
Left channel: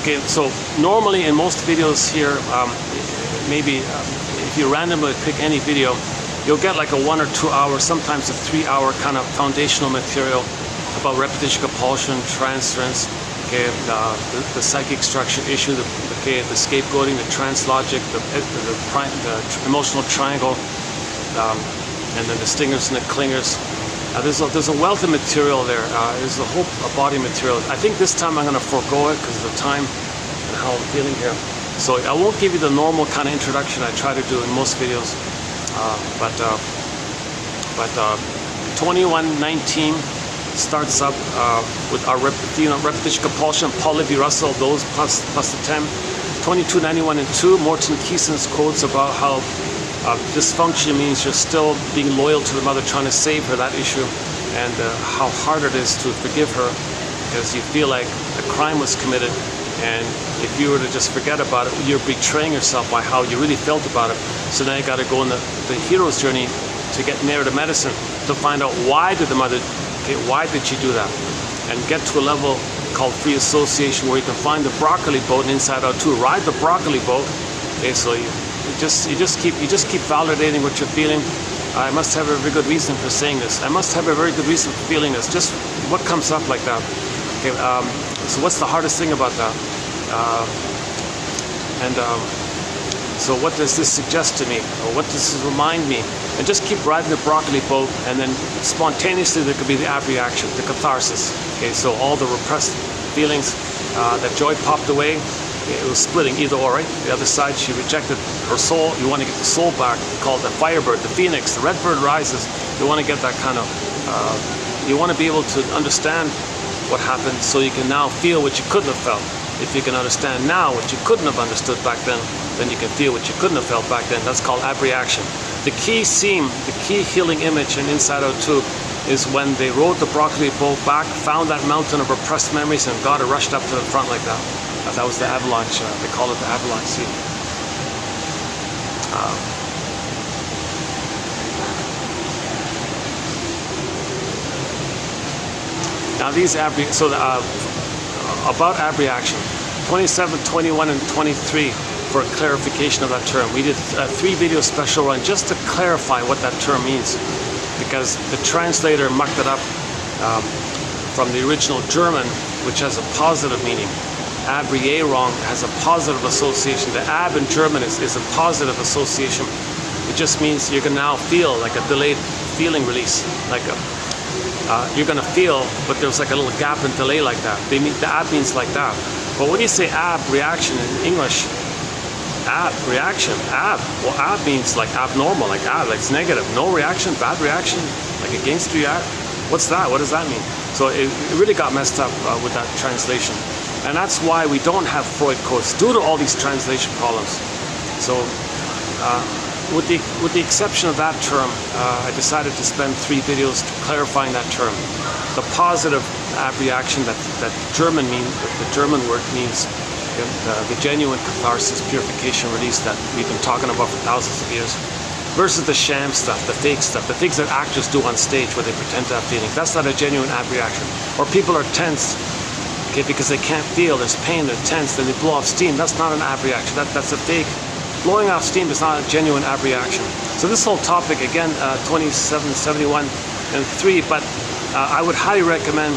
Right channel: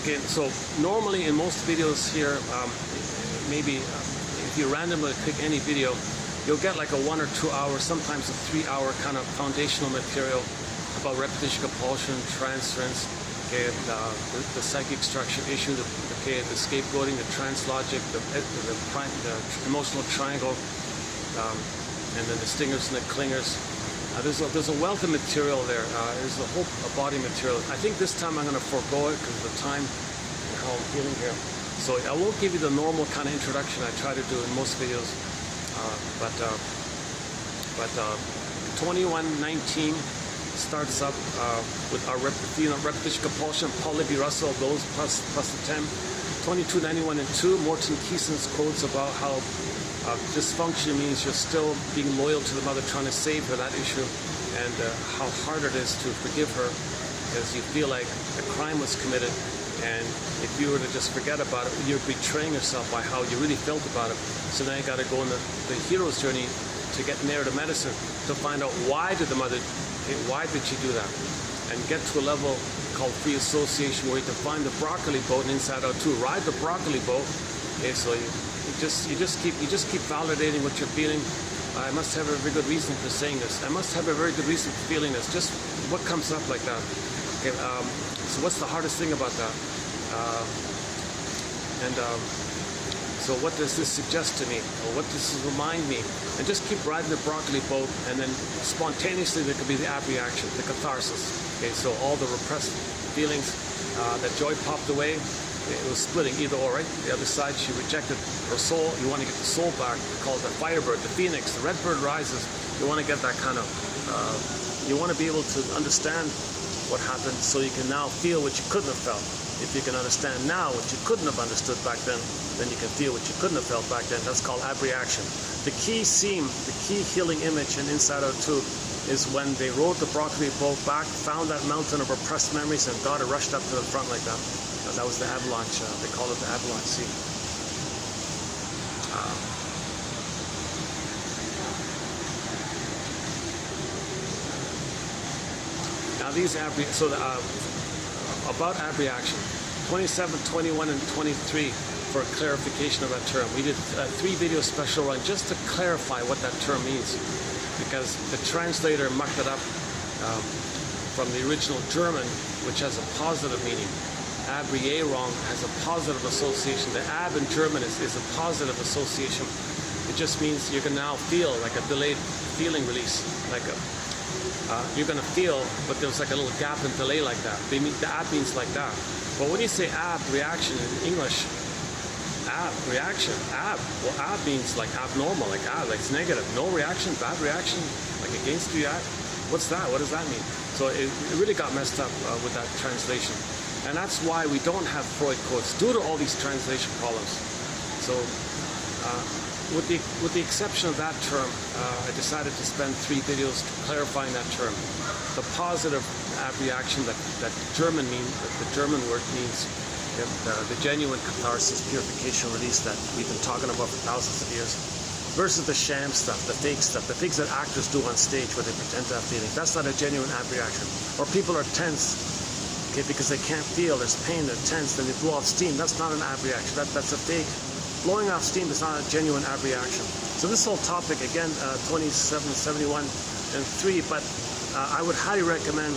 Okay, so normally in most videos here, maybe if you randomly pick any video, you'll get like a 1 or 2 hour, sometimes a 3 hour kind of foundational material about repetition compulsion, transference, okay, the psychic structure issue, the scapegoating, the trans logic, the emotional triangle, and then the stingers and the clingers. There's a wealth of material there. There's a whole body material. I think this time I'm going to forego it because of the time and how I'm feeling here. So I won't give you the normal kind of introduction I try to do in most videos. But 2119 starts up with our repetition compulsion, Paul Libby Russell, those plus the 10. 2291 and 2, Morton Keeson's quotes about how dysfunction means you're still being loyal to the mother, trying to save her, that issue, and how hard it is to forgive her because you feel like a crime was committed, and if you were to just forget about it, you're betraying yourself by how you really felt about it. So now you got to go on the hero's journey to get nearer to medicine to find out why did the mother, why did she do that, and get to a level called free association where you can find the broccoli boat and inside out too, ride the broccoli boat. Okay, so you just keep validating what you're feeling. I must have a very good reason for saying this. I must have a very good reason for feeling this. Just what comes up like that. Okay, so what's the hardest thing about that? So what does this suggest to me, or what does this remind me? And just keep riding the broccoli boat, and then spontaneously there could be the ab-reaction, the catharsis. Okay, so all the repressed feelings, that joy popped away. It was splitting either or, right? The other side, she rejected her soul. You want to get the soul back, called the firebird, the phoenix, the red bird rises. You want to get that kind of, you want to be able to understand what happened so you can now feel what you couldn't have felt. If you can understand now what you couldn't have understood back then you can feel what you couldn't have felt back then. That's called ab-reaction. The key seam, the key healing image in Inside Out 2 is when they rode the broccoli boat back, found that mountain of repressed memories, and God rushed up to the front like that. That was the avalanche. They call it the avalanche sea. Now these about ab-reaction, 27, 21, and 23 for a clarification of that term. We did a 3-video special run just to clarify what that term means, because the translator mucked it up from the original German, which has a positive meaning. Ab-reagung has a positive association. The ab in German is a positive association. It just means you can now feel like a delayed feeling release, like you're going to feel, but there's like a little gap and delay like that. The ab means like that. But when you say ab-reaction in English, ab-reaction, well, ab means like abnormal, like it's negative. No reaction, bad reaction, like against react. What's that? What does that mean? So it really got messed up with that translation. And that's why we don't have Freud codes, due to all these translation problems. So with the exception of that term, I decided to spend 3 videos clarifying that term. The positive ab-reaction that the German word means, the genuine catharsis, purification, release that we've been talking about for thousands of years, versus the sham stuff, the fake stuff, the things that actors do on stage where they pretend to have feelings. That's not a genuine ab-reaction. Or people are tense, okay, because they can't feel, there's pain, they're tense, then they blow off steam. That's not an ab-reaction. That's a fake. Blowing off steam is not a genuine ab-reaction. So this whole topic, again, 27, 71, and 3, but I would highly recommend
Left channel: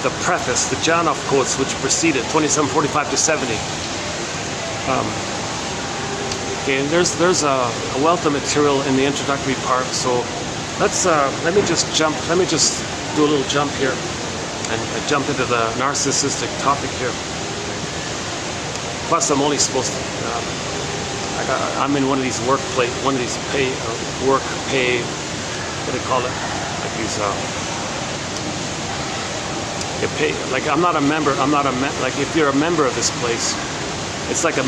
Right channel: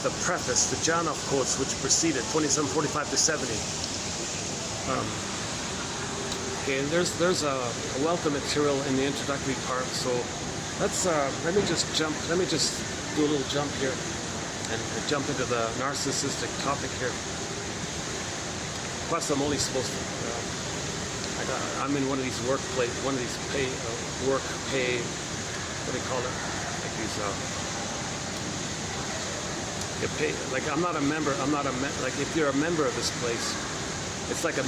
the preface, the Janov quotes, which preceded 2745 to 70. Okay, and there's a wealth of material in the introductory part. So let me just do a little jump here and jump into the narcissistic topic here. Plus, I'm only supposed to. I'm in one of these what do they call it? Like these. Like I'm not a member. Like if you're a member of this place, it's like a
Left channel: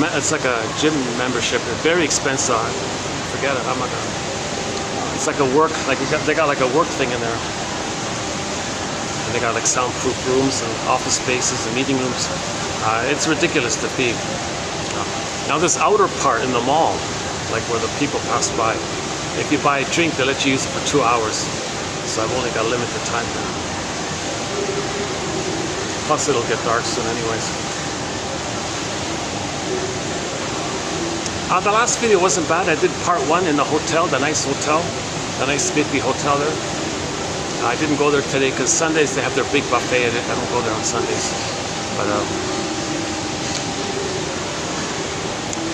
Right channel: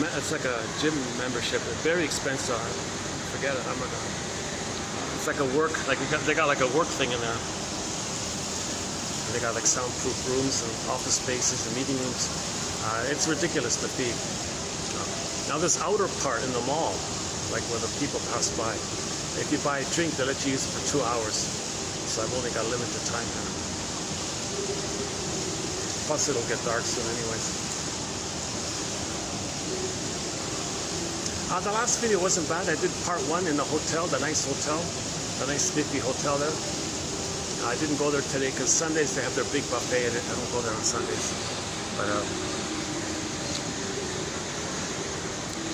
gym membership. It's very expensive. Forget it. I'm not gonna. It's like a work. Like they got like a work thing in there. And they got like soundproof rooms and office spaces and meeting rooms. It's ridiculous to be. Now this outer part in the mall, like where the people pass by, if you buy a drink, they let you use it for 2 hours. So I've only got a limited time. Plus it'll get dark soon anyways. The last video wasn't bad. I did part 1 in the hotel, the nice Midby hotel there. I didn't go there today because Sundays they have their big buffet. I don't go there on Sundays. But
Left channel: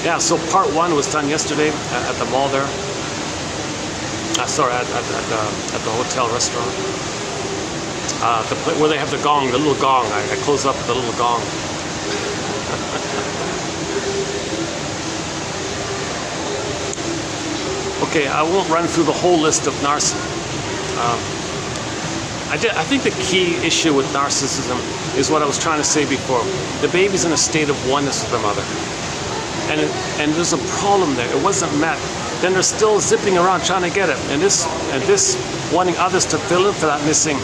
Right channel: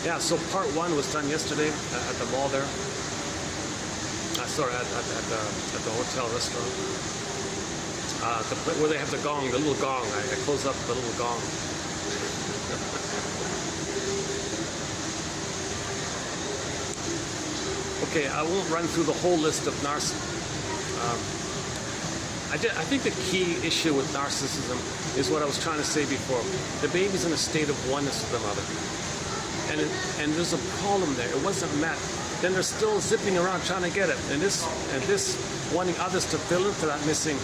yeah, so part 1 was done yesterday at the mall there. Sorry, at the hotel restaurant. Where they have the gong, the little gong. I close up with the little gong. Okay, I won't run through the whole list of narcissists. I think the key issue with narcissism is what I was trying to say before. The baby's in a state of oneness with the mother. And there's a problem there. It wasn't met. Then they're still zipping around trying to get it. And this wanting others to fill in for that missing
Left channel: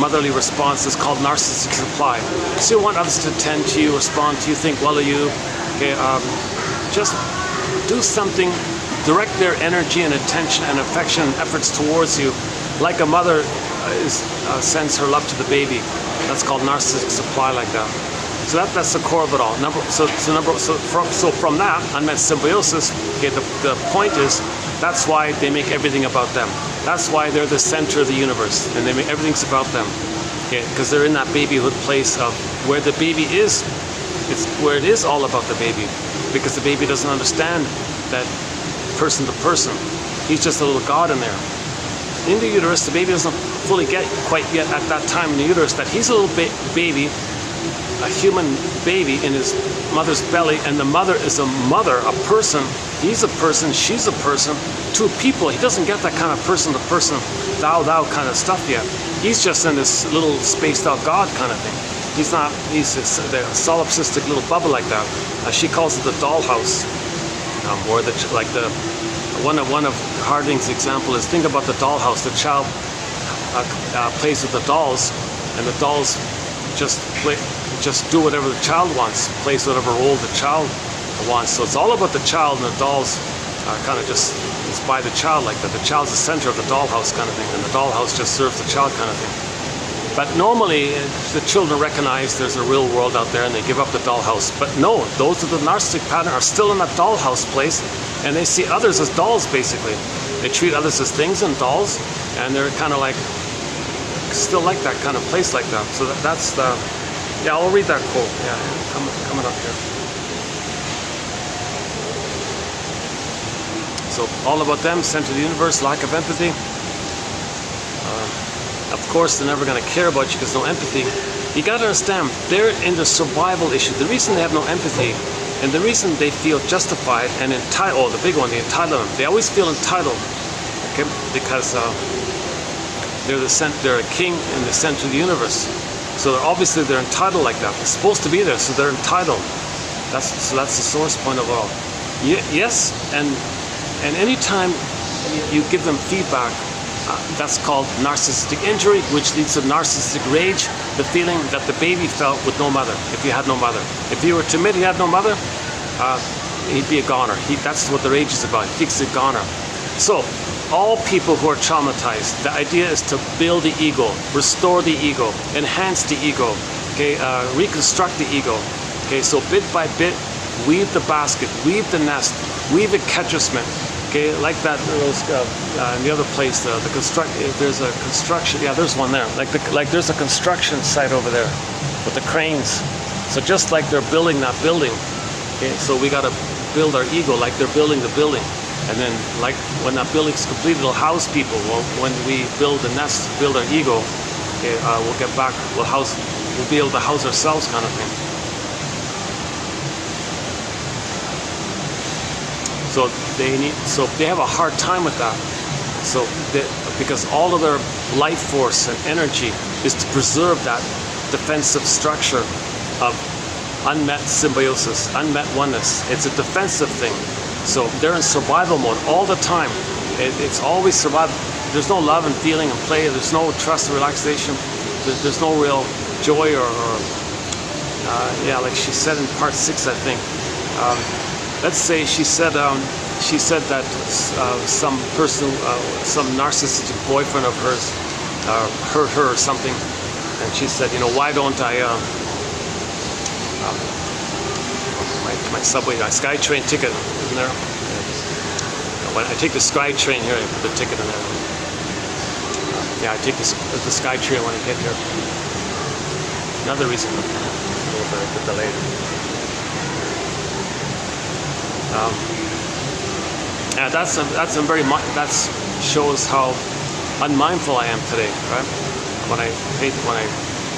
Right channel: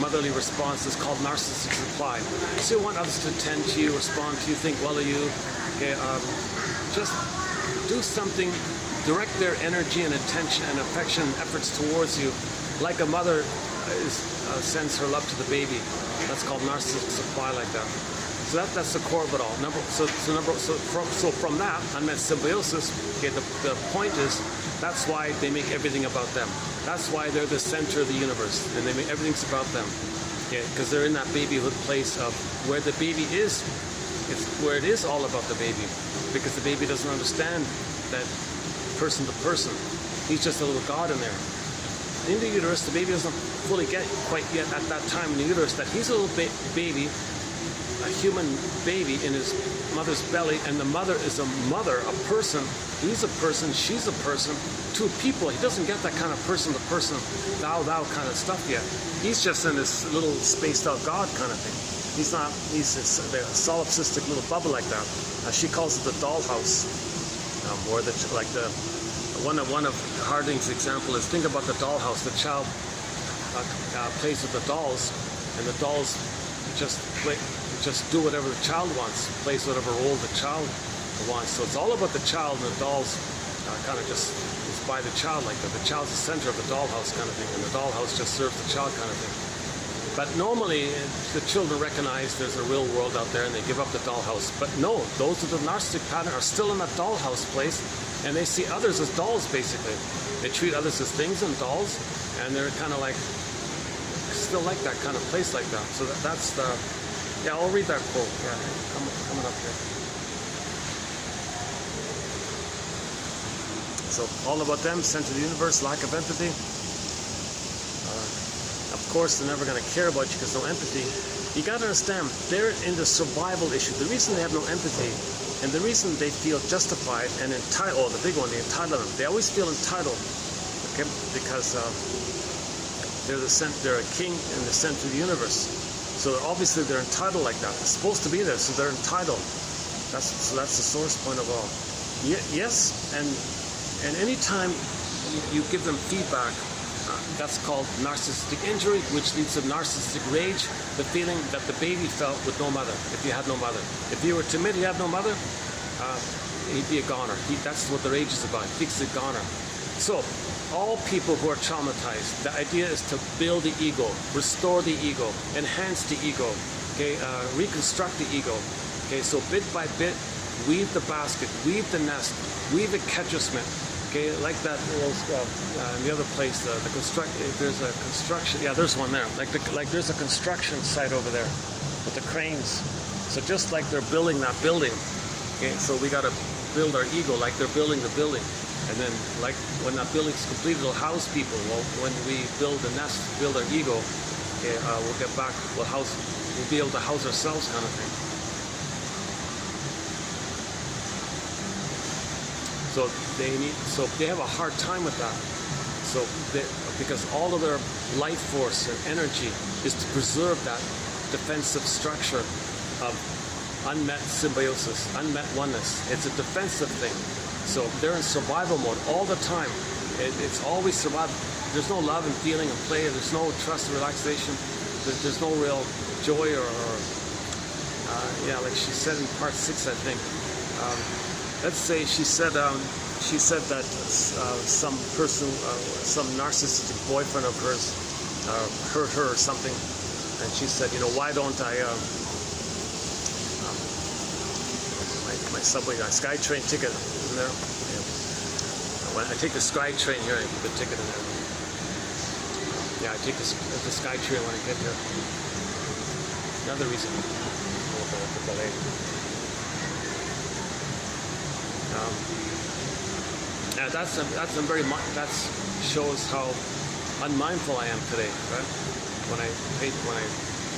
motherly response is called narcissistic supply. Because you want others to tend to you, respond to you, think well of you. Okay, just do something, direct their energy and attention and affection and efforts towards you, like a mother sends her love to the baby. That's called narcissistic supply, like that. So that's the core of it all. So from that, unmet symbiosis, okay, the point is, that's why they make everything about them. That's why they're the center of the universe, and they make everything's about them. because they're in that babyhood place of where the baby is. It's where it is all about the baby, because the baby doesn't understand that person to person. He's just a little God in there. In the uterus, the baby doesn't fully get quite yet at that time in the uterus that he's a little baby, a human baby in his mother's belly, and the mother is a mother, a person. He's a person, she's a person, two people. He doesn't get that kind of person to person, thou kind of stuff yet. He's just in this little spaced out God kind of thing. He's not, he's a solipsistic little bubble like that. She calls it the dollhouse, or one of Harding's example is, think about the dollhouse. The child plays with the dolls, and the dolls just do whatever the child wants, plays whatever role the child wants. So it's all about the child, and the dolls are kind of just, it's by the child like that. The child's the center of the dollhouse kind of thing, and the dollhouse just serves the child kind of thing. But normally, the children recognize there's a real world out there, and they give up the dollhouse. But no, those of the narcissistic pattern are still in that dollhouse place, and they see others as dolls, basically. They treat others as things and dolls, and they're kind of like, still like that kind of place like that. So that's the, yeah, I'll read that quote. Yeah, coming up here. So all about them, center of the universe, lack of empathy. Of course, they're never going to care about you because no empathy. You got to understand, they're in the survival issue. The reason they have no empathy, and the reason they feel justified and entitled, oh, the big one, the entitlement. They always feel entitled, okay, because they're a king in the center of the universe. So they're entitled like that. They're supposed to be there, so they're entitled. That's the source point of all. Yes, and anytime you give them feedback, that's called narcissistic injury, which leads to narcissistic rage, the feeling that the baby felt with no mother, if he had no mother. If he were to admit he had no mother, he'd be a goner. That's what the rage is about. He thinks he's a goner. So, all people who are traumatized, the idea is to build the ego, restore the ego, enhance the ego, okay, reconstruct the ego. Okay, so bit by bit, weave the basket, weave the nest, weave the catchment. Okay, like that. In the other place, there's a construction. Yeah, there's one there. Like there's a construction site over there with the cranes. So just like they're building that building, okay. So we got to build our ego like they're building the building, and then like when that building's complete, it'll house people. Well, when we build the nest, build our ego, okay, we'll get back. We'll be able to house ourselves, kind of thing. So they have a hard time with that. So because all of their life force and energy is to preserve that defensive structure of unmet symbiosis, unmet oneness. It's a defensive thing. So they're in survival mode all the time. It's always survival. There's no love and feeling and play. There's no trust and relaxation. There's no real joy yeah, like she said in part 6, I think. Let's say she said that some person, some narcissistic boyfriend of hers hurt her or something, and she said, you know, why don't I my subway, my SkyTrain ticket in there. When I take the SkyTrain here, I put the ticket in there. Yeah, I take the SkyTrain when I get here. Another reason a little bit delayed. Yeah, that shows how unmindful I am today, right? When I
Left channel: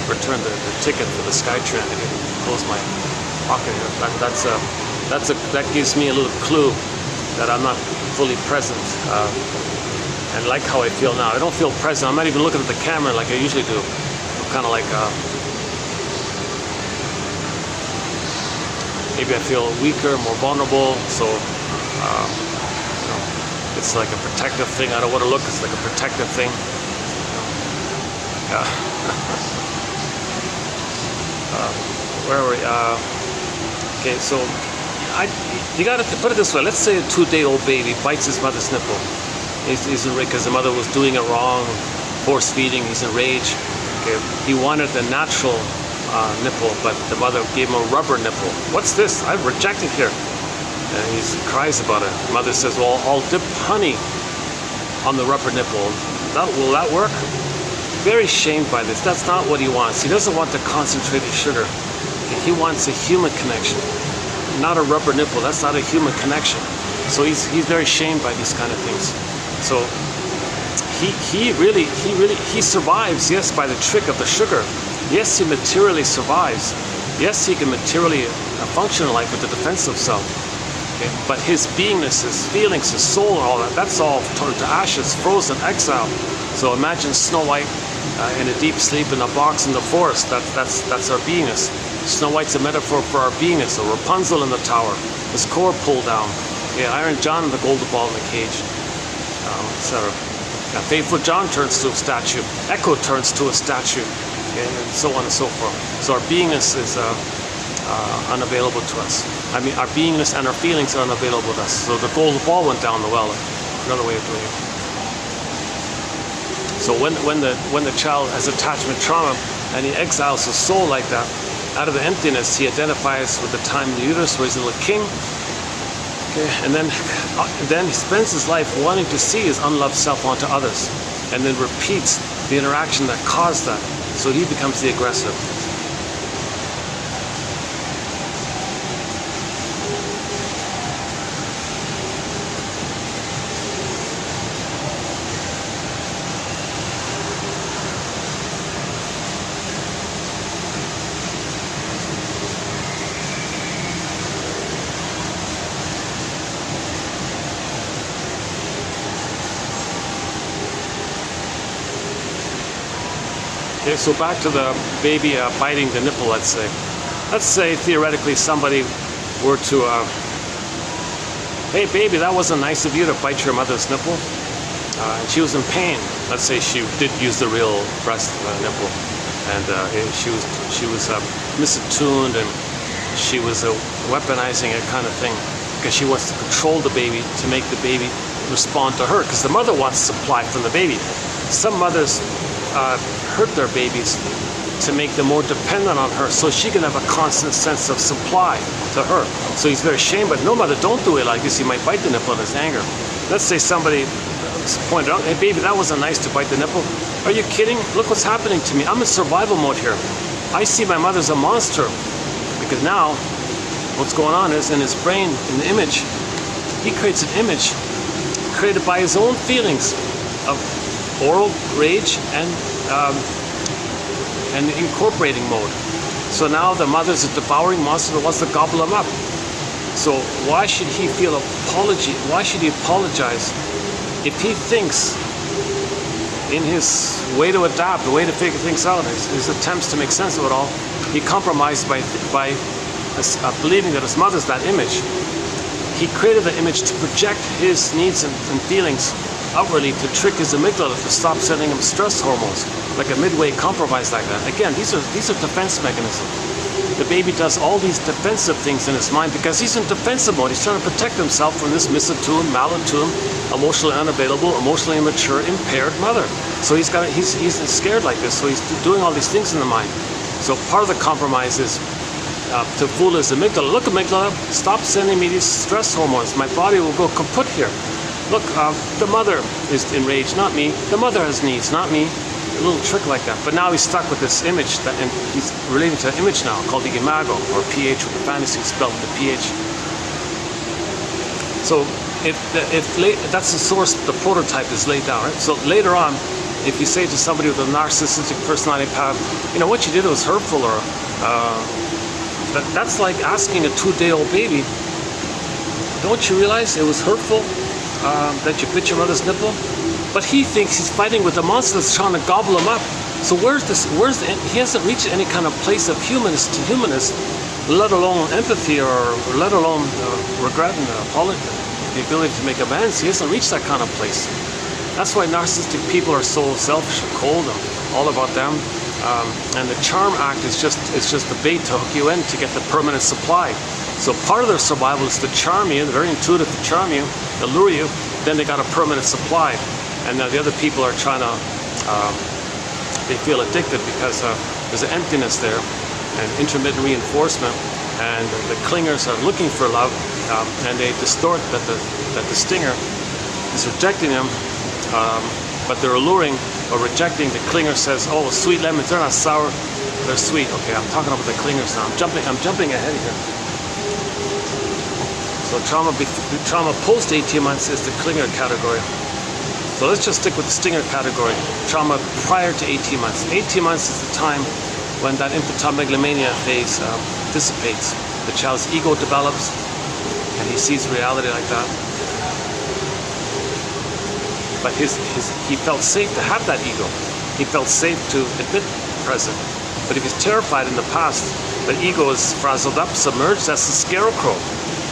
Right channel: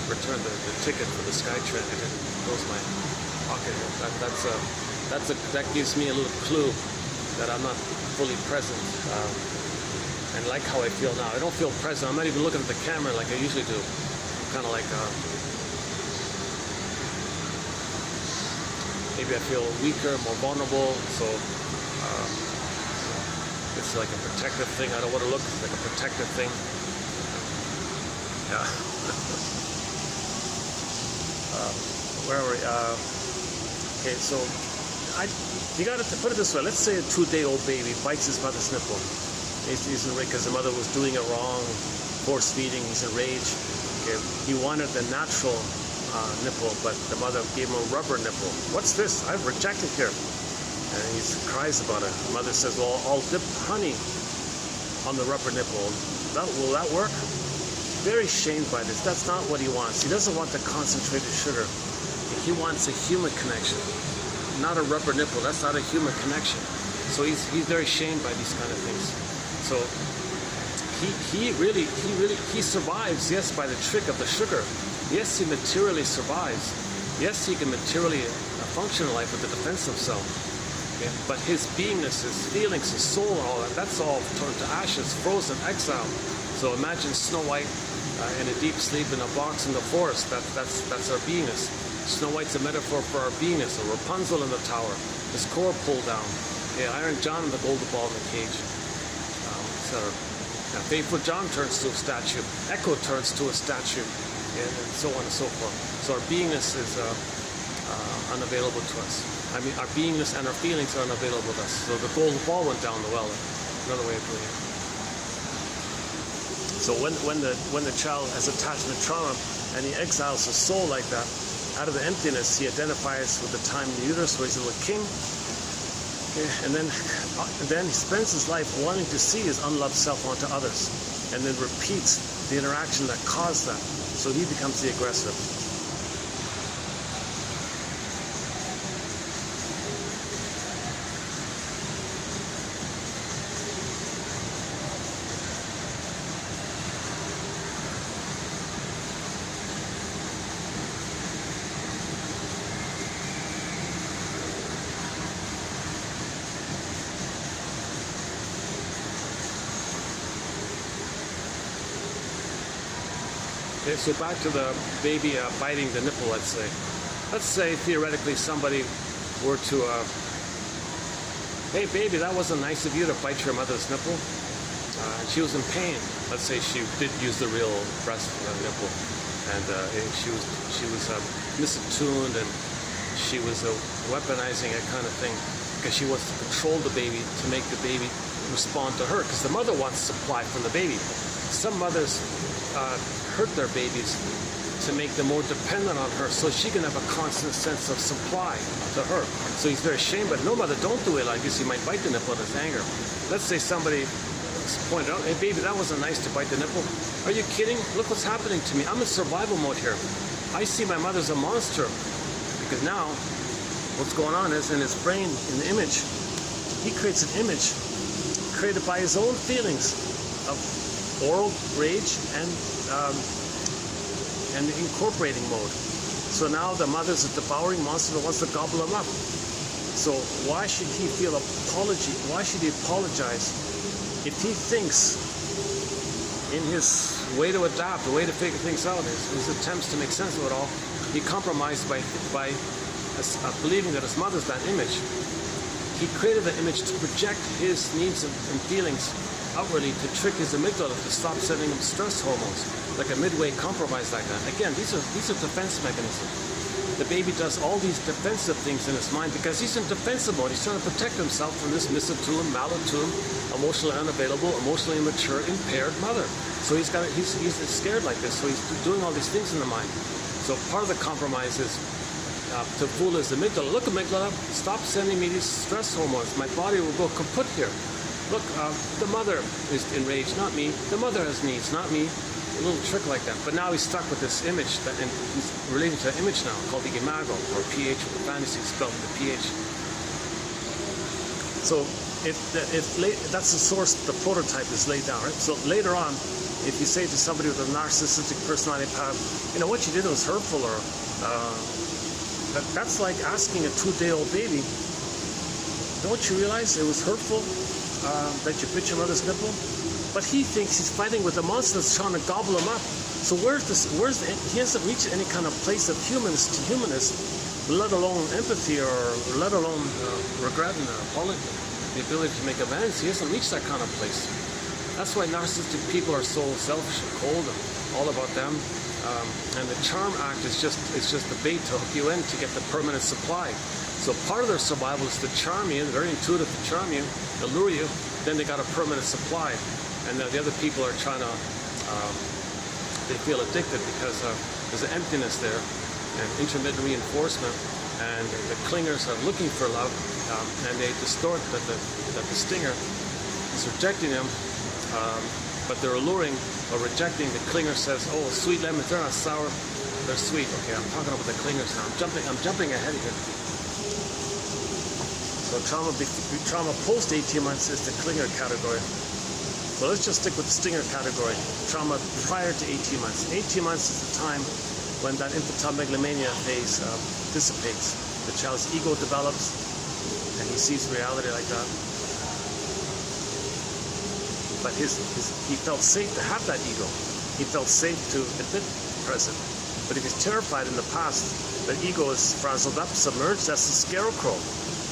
return the ticket for the SkyTrain, I can close my pocket here. That gives me a little clue that I'm not fully present, and like how I feel now. I don't feel present. I'm not even looking at the camera like I usually do. I'm kind of like maybe I feel weaker, more vulnerable, so it's like a protective thing. I don't want to look, it's like a protective thing. Where were we? Okay, so you got to put it this way. Let's say a 2-day-old baby bites his mother's nipple. He's because the mother was doing it wrong, force feeding, he's in rage. Okay, he wanted the natural nipple, but the mother gave him a rubber nipple. What's this? I've rejected here. And he cries about it. The mother says, well, I'll dip honey on the rubber nipple. Will that work? very shamed by this. That's not what he wants. He doesn't want the concentrated sugar. He wants a human connection, not a rubber nipple. That's not a human connection. So he's very shamed by these kind of things. So he survives, yes, by the trick of the sugar. Yes, he materially survives. Yes, he can materially function in life with the defensive self. Okay? But his beingness, his feelings, his soul, and all that, that's all turned to ashes, frozen, exile. So imagine Snow White in a deep sleep in a box in the forest. That's our beingness. Snow White's a metaphor for our beingness. So Rapunzel in the tower, his core pulled down. Yeah, Iron John in the golden ball in the cage, etc. Faithful John turns to a statue. Echo turns to a statue, and so on and so forth. So our beingness is unavailable to us. I mean, our beingness and our feelings are unavailable to us. So the golden ball went down the well. Another way of doing it. So when the child has attachment trauma and he exiles his soul like that, out of the emptiness, he identifies with the time in the uterus where he's a little king. Okay, and then he spends his life wanting to see his unloved self onto others, and then repeats the interaction that caused that. So he becomes the aggressor. Okay, so back to the baby biting the nipple, let's say. Let's say, theoretically, somebody were to, hey baby, that wasn't nice of you to bite your mother's nipple. And she was in pain. Let's say she did use the real breast nipple. And she was misattuned, and she was weaponizing it kind of thing. Because she wants to control the baby to make the baby respond to her. Because the mother wants supply from the baby. Some mothers hurt their babies to make them more dependent on her, so she can have a constant sense of supply to her. So he's very ashamed, but no, mother, don't do it like this. He might bite the nipple in his anger. Let's say somebody pointed out, hey baby, that wasn't nice to bite the nipple. Are you kidding? Look what's happening to me. I'm in survival mode here. I see my mother's a monster. Because now, what's going on is in his brain, in the image, he creates an image created by his own feelings of oral rage and incorporating mode. So now the mother's a devouring monster that wants to gobble him up. So why should he feel apology? Why should he apologize if he thinks in his way to adapt, the way to figure things out, his attempts to make sense of it all, he compromised by believing that his mother's that image. He created the image to project his needs and feelings outwardly, to trick his amygdala to stop sending him stress hormones, like a midway compromise like that. Again, these are defense mechanisms. The baby does all these defensive things in his mind because he's in defensive mode. He's trying to protect himself from this misattuned, malattuned, emotionally unavailable, emotionally immature, impaired mother. So he's scared like this. So he's doing all these things in the mind. So part of the compromise is to fool his amygdala. Look, amygdala, stop sending me these stress hormones. My body will go kaput here. Look, the mother is enraged, not me. The mother has needs, not me. A little trick like that. But now he's stuck with this image, and he's relating to an image now called the imago, or pH with the fantasy spelled with the pH. So if that's the source, the prototype is laid down, right? So later on, if you say to somebody with a narcissistic personality pattern, you know, what you did was hurtful, or that's like asking a 2-day-old baby, don't you realize it was hurtful that you bit your mother's nipple? But he thinks he's fighting with a monster that's trying to gobble him up. So he hasn't reached any kind of place of humanness to humanness, let alone empathy, or let alone regret and the ability to make amends. He hasn't reached that kind of place. That's why narcissistic people are so selfish and cold and all about them. And the charm act is just the bait to hook you in to get the permanent supply. So part of their survival is to charm you, they're very intuitive to charm you, to lure you, then they got a permanent supply. And now the other people are trying to, they feel addicted because there's an emptiness there and intermittent reinforcement, and the clingers are looking for love, and they distort that the stinger is rejecting them, but they're alluring or rejecting. The clinger says, oh, sweet lemons, they're not sour, they're sweet. Okay, I'm talking about the clingers now. I'm jumping ahead here. So trauma post 18 months is the clinger category. So let's just stick with the stinger category. Trauma prior to 18 months. 18 months is the time when that infantile megalomania phase dissipates. The child's ego develops, and he sees reality like that. But he felt safe to have that ego. He felt safe to admit the present. But if he's terrified in the past, but ego is frazzled up, submerged, that's the scarecrow.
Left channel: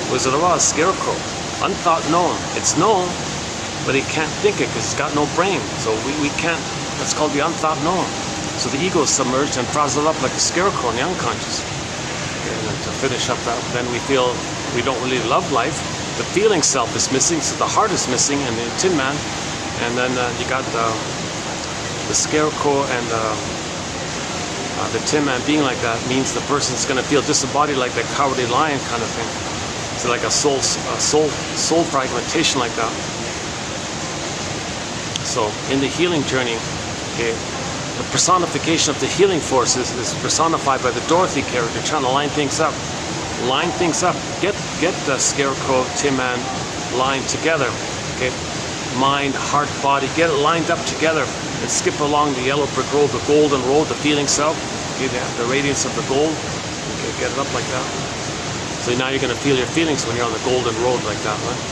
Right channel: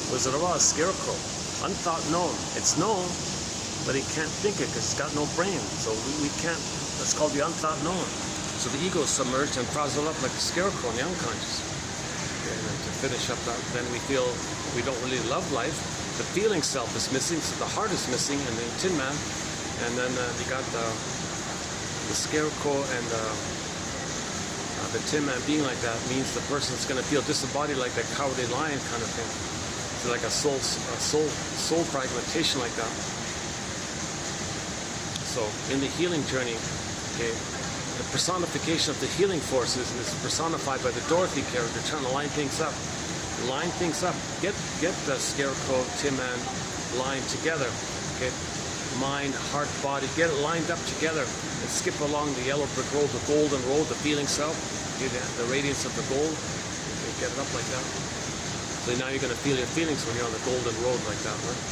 Wizard of Oz, scarecrow. Unthought known. It's known, but he can't think it because it's got no brain. So we can't, that's called the unthought known. So the ego is submerged and frazzled up like a scarecrow in the unconscious. And to finish up that, then we feel we don't really love life. The feeling self is missing, so the heart is missing, and the Tin Man. And then you got the scarecrow and the Tin Man being like that means the person's going to feel disembodied like that cowardly lion kind of thing. So like a soul fragmentation like that. So in the healing journey, okay, the personification of the healing forces is personified by the Dorothy character, trying to line things up. Line things up. Get the scarecrow, Tin Man lined together. Okay, mind, heart, body. Get it lined up together and skip along the yellow brick road, the golden road, the feeling self. Okay, the radiance of the gold. Okay, get it up like that. So now you're going to feel your feelings when you're on the golden road like that, right?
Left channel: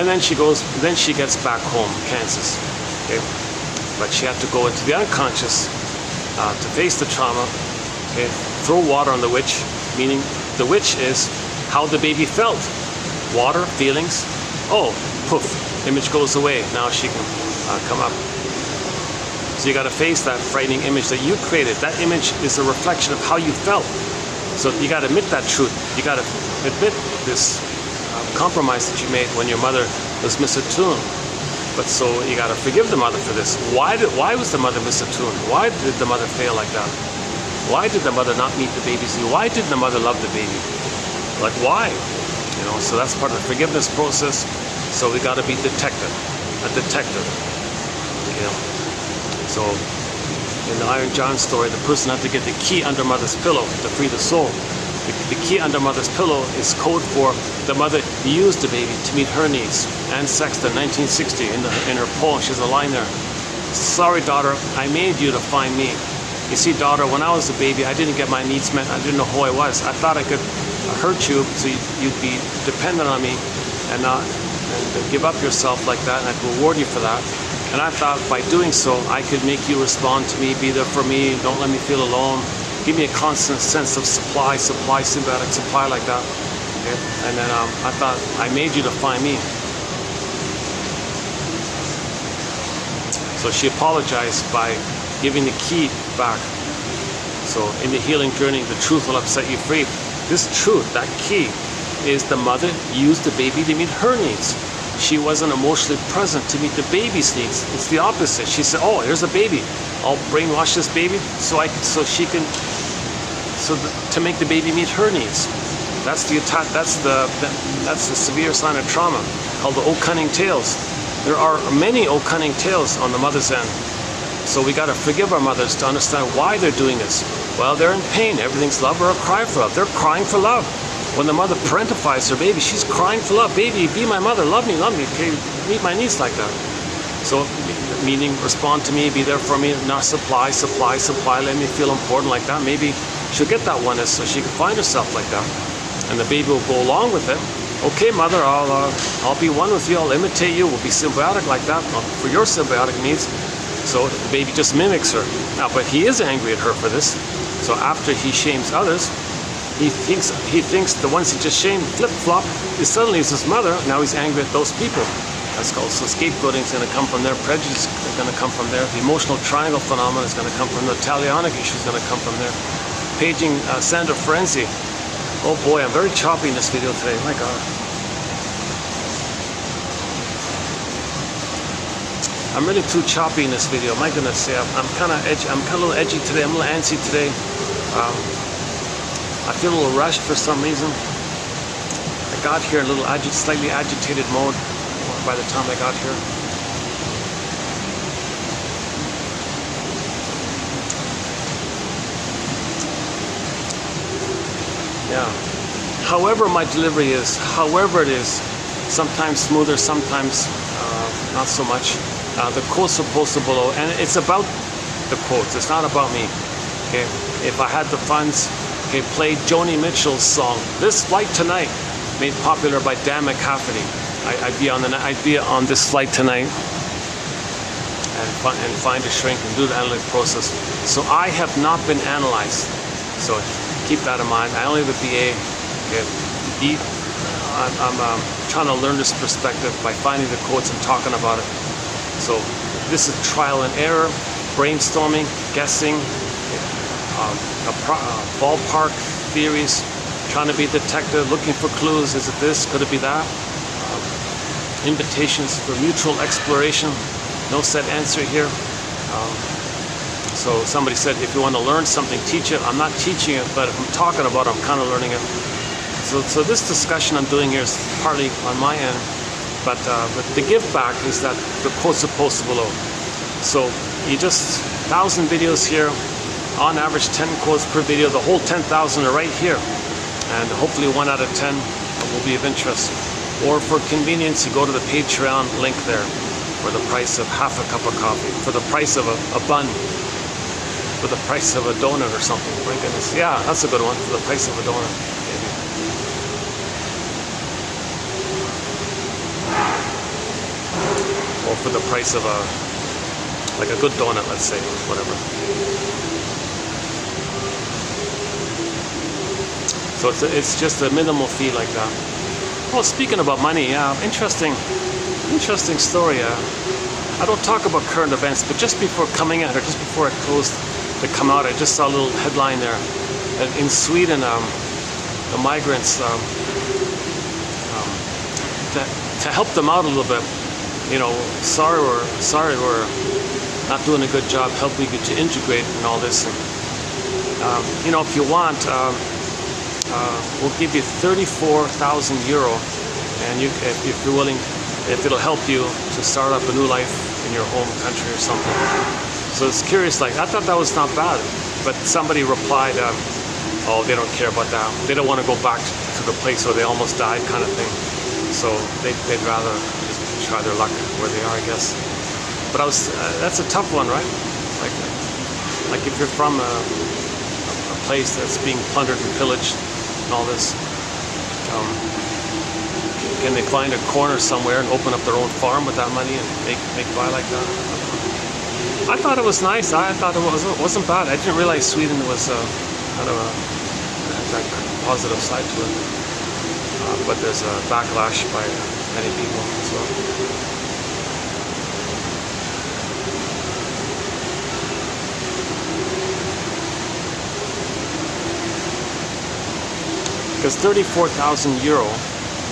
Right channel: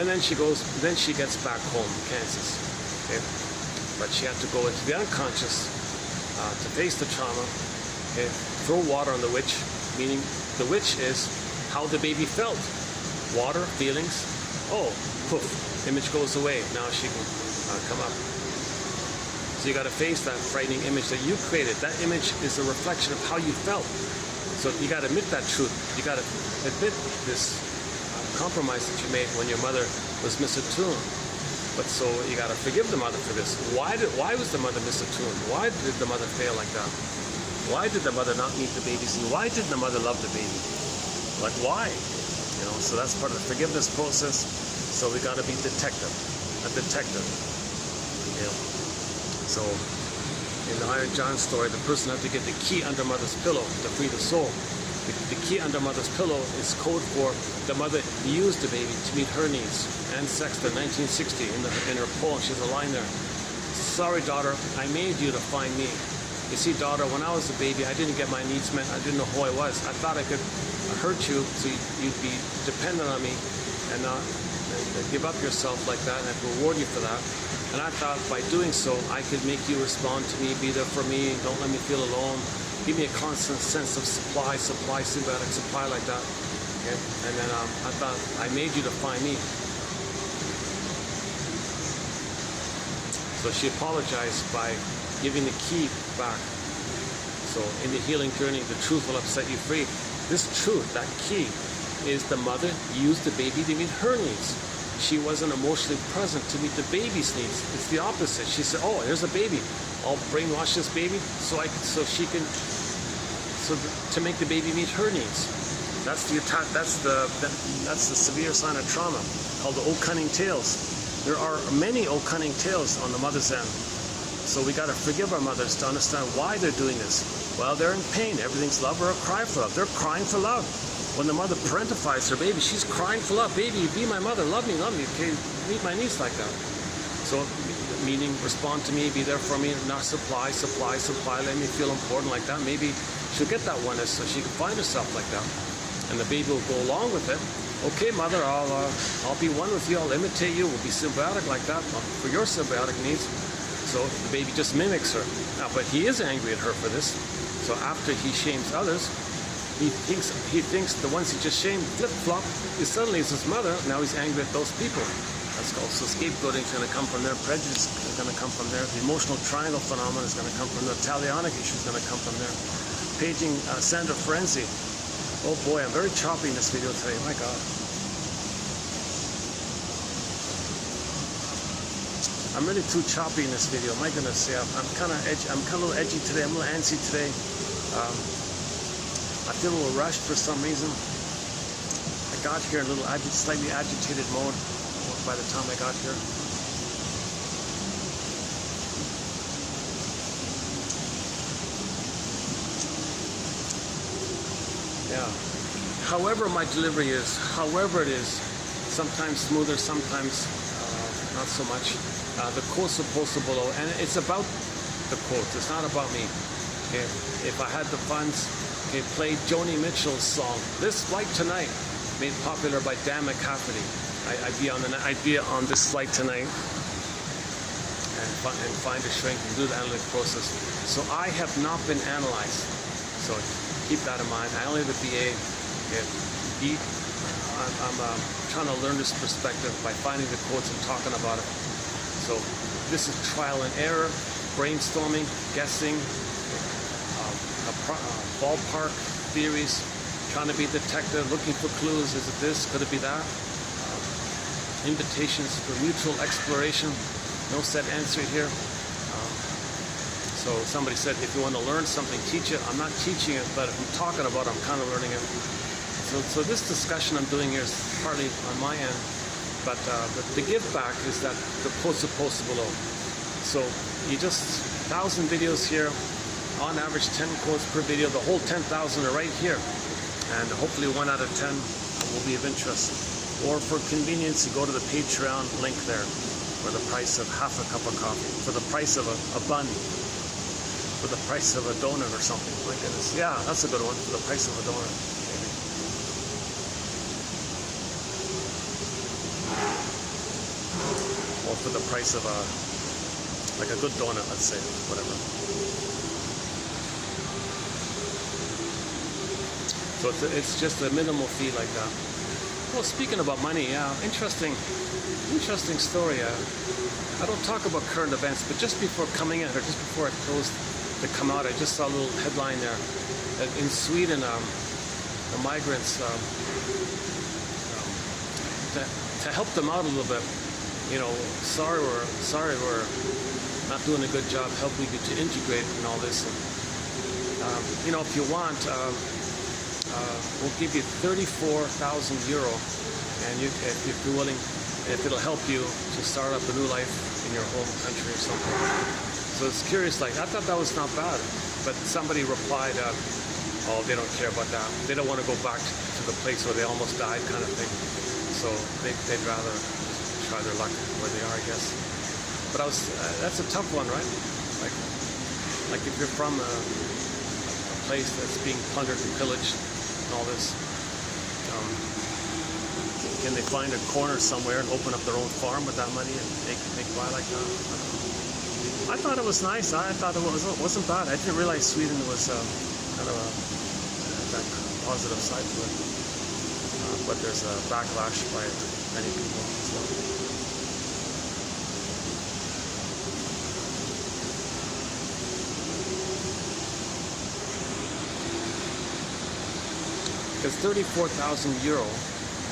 And then she gets back home, Kansas. Okay? But she had to go into the unconscious to face the trauma. Okay? Throw water on the witch, meaning the witch is how the baby felt. Water, feelings. Oh, poof, image goes away. Now she can come up. So you got to face that frightening image that you created. That image is a reflection of how you felt. So you got to admit that truth. You got to admit this compromise that you made when your mother was misattuned. But so you got to forgive the mother for this. Why was the mother misattuned? Why did the mother fail like that? Why did the mother not meet the baby's need? Why did the mother love the baby? Like why? You know. So that's part of the forgiveness process. So we got to be a detective. You know. So, in the Iron John story, the person had to get the key under mother's pillow to free the soul. The key under mother's pillow is code for the mother used the baby to meet her needs. Anne Sexton, 1960, in her poem, she has a line there. Sorry, daughter, I made you to find me. You see, daughter, when I was a baby, I didn't get my needs met. I didn't know who I was. I thought I could hurt you so you'd be dependent on me and give up yourself like that, and I'd reward you for that. And I thought by doing so, I could make you respond to me, be there for me, don't let me feel alone. Give me a constant sense of supply, symbiotic supply like that. Okay? And then I thought, I made you to find me. So she apologized by giving the key back. So in the healing journey, the truth will set you free. This truth, that key, is the mother used the baby to meet her needs. She wasn't emotionally present to meet the baby's needs. It's the opposite. She said, "Oh, here's a baby. I'll brainwash this baby to make the baby meet her needs." That's the attack. That's the severe sign of trauma, called the "Oh Cunning Tales." There are many "Oh Cunning Tales" on the mother's end. So we got to forgive our mothers to understand why they're doing this. Well, they're in pain. Everything's love or a cry for love. They're crying for love. When the mother parentifies her baby, she's crying for love. Baby, be my mother, love me, okay, meet my needs like that. So, meaning respond to me, be there for me, not supply, let me feel important like that. Maybe she'll get that oneness so she can find herself like that. And the baby will go along with it. Okay, mother, I'll be one with you, I'll imitate you, we'll be symbiotic like that for your symbiotic needs. So the baby just mimics her. Now, but he is angry at her for this. So after he shames others, he thinks the ones he just shamed flip-flop, he suddenly is his mother. Now he's angry at those people. That's called, so scapegoating is going to come from there, prejudice is going to come from there, the emotional triangle phenomenon is going to come from there, the talionic issue is going to come from there. Paging Sandra Frenzy. Oh boy, I'm very choppy in this video today, my God. I'm really too choppy in this video, my goodness. Yeah, I'm kind of edgy, I'm kind of a little edgy today, I'm a little antsy today. I feel a little rushed for some reason. I got here in a little slightly agitated mode by the time I got here. Yeah. However my delivery is, however it is, sometimes smoother, sometimes not so much. The quotes are posted below, and it's about the quotes. It's not about me. Okay. If I had the funds, okay, play Joni Mitchell's song "This Flight Tonight," made popular by Dan McCafferty. I'd be on this flight tonight, and find a shrink and do the analytic process. So I have not been analyzed. So keep that in mind. I only have a BA. Okay. I'm trying to learn this perspective by finding the quotes and talking about it. So this is trial and error, brainstorming, guessing, ballpark theories, trying to be a detective, looking for clues. Is it this? Could it be that? Invitations for mutual exploration. No set answer here. So somebody said, if you want to learn something, teach it. I'm not teaching it, but if I'm talking about it, I'm kind of learning it. So this discussion I'm doing here is partly on my end, but the give back is that the quotes are posted below. So you just 1,000 videos here, on average 10 quotes per video. The whole 10,000 are right here, and hopefully 1 out of 10 will be of interest. Or for convenience, you go to the Patreon link there for the price of half a cup of coffee, for the price of a bun, for the price of a donut or something. My goodness, yeah, that's a good one, for the price of a donut. Or for the price of like a good donut, let's say, whatever. So it's just a minimal fee like that. Well, speaking about money, yeah, interesting story. I don't talk about current events, but just before coming out, or just before it closed to come out, I just saw a little headline there. In Sweden, the migrants, to help them out a little bit, you know, sorry we're not doing a good job helping you to integrate and all this. And, you know, if you want, we'll give you 34,000 euro, and if you're willing, if it'll help you to start up a new life in your home country or something. So it's curious, like, I thought that was not bad, but somebody replied, oh, they don't care about that. They don't want to go back to the place where they almost died, kind of thing. So they'd rather just try their luck where they are, I guess. But that's a tough one, right? Like if you're from a place that's being plundered and pillaged and all this, can they find a corner somewhere and open up their own farm with that money and make by like that? I thought it was nice. I thought it wasn't bad. I didn't realize Sweden was kind of that positive side to it. But there's a backlash by many people. So. Because 34,000 euro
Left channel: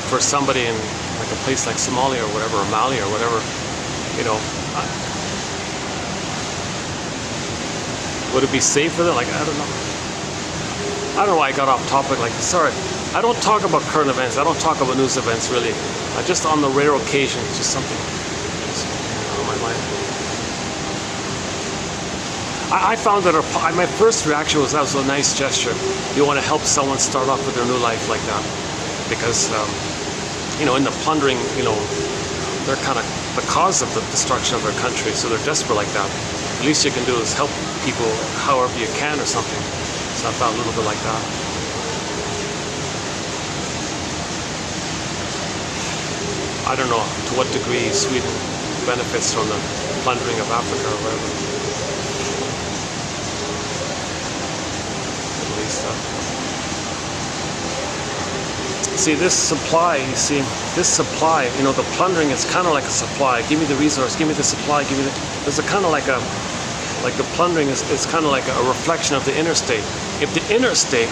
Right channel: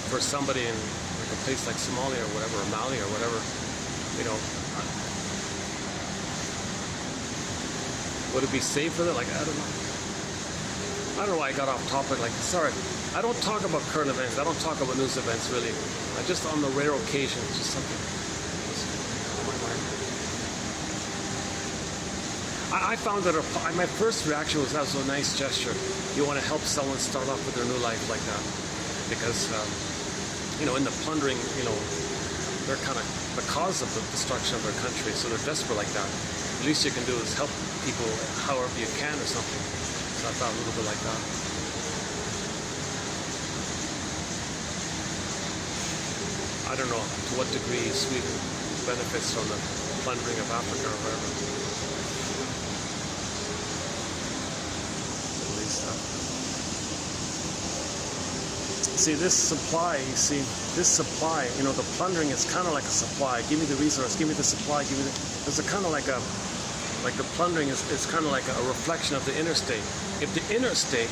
for somebody in like a place like Somalia or whatever, or Mali or whatever, you know, would it be safe for them? Like, I don't know. I don't know why I got off topic like this. Sorry. I don't talk about current events. I don't talk about news events, really. Just on the rare occasion, just something on my mind. I found that my first reaction was that was a nice gesture. You want to help someone start off with their new life like that. Because, you know, in the plundering, you know, they're kind of the cause of the destruction of their country, so they're desperate like that. The least you can do is help people however you can or something. So I thought a little bit like that. I don't know to what degree Sweden benefits from the plundering of Africa or whatever. See, this supply, you know, the plundering is kind of like a supply. Give me the resource, give me the supply, give me the... There's a kind of like the plundering is kind of like a reflection of the interstate. If the interstate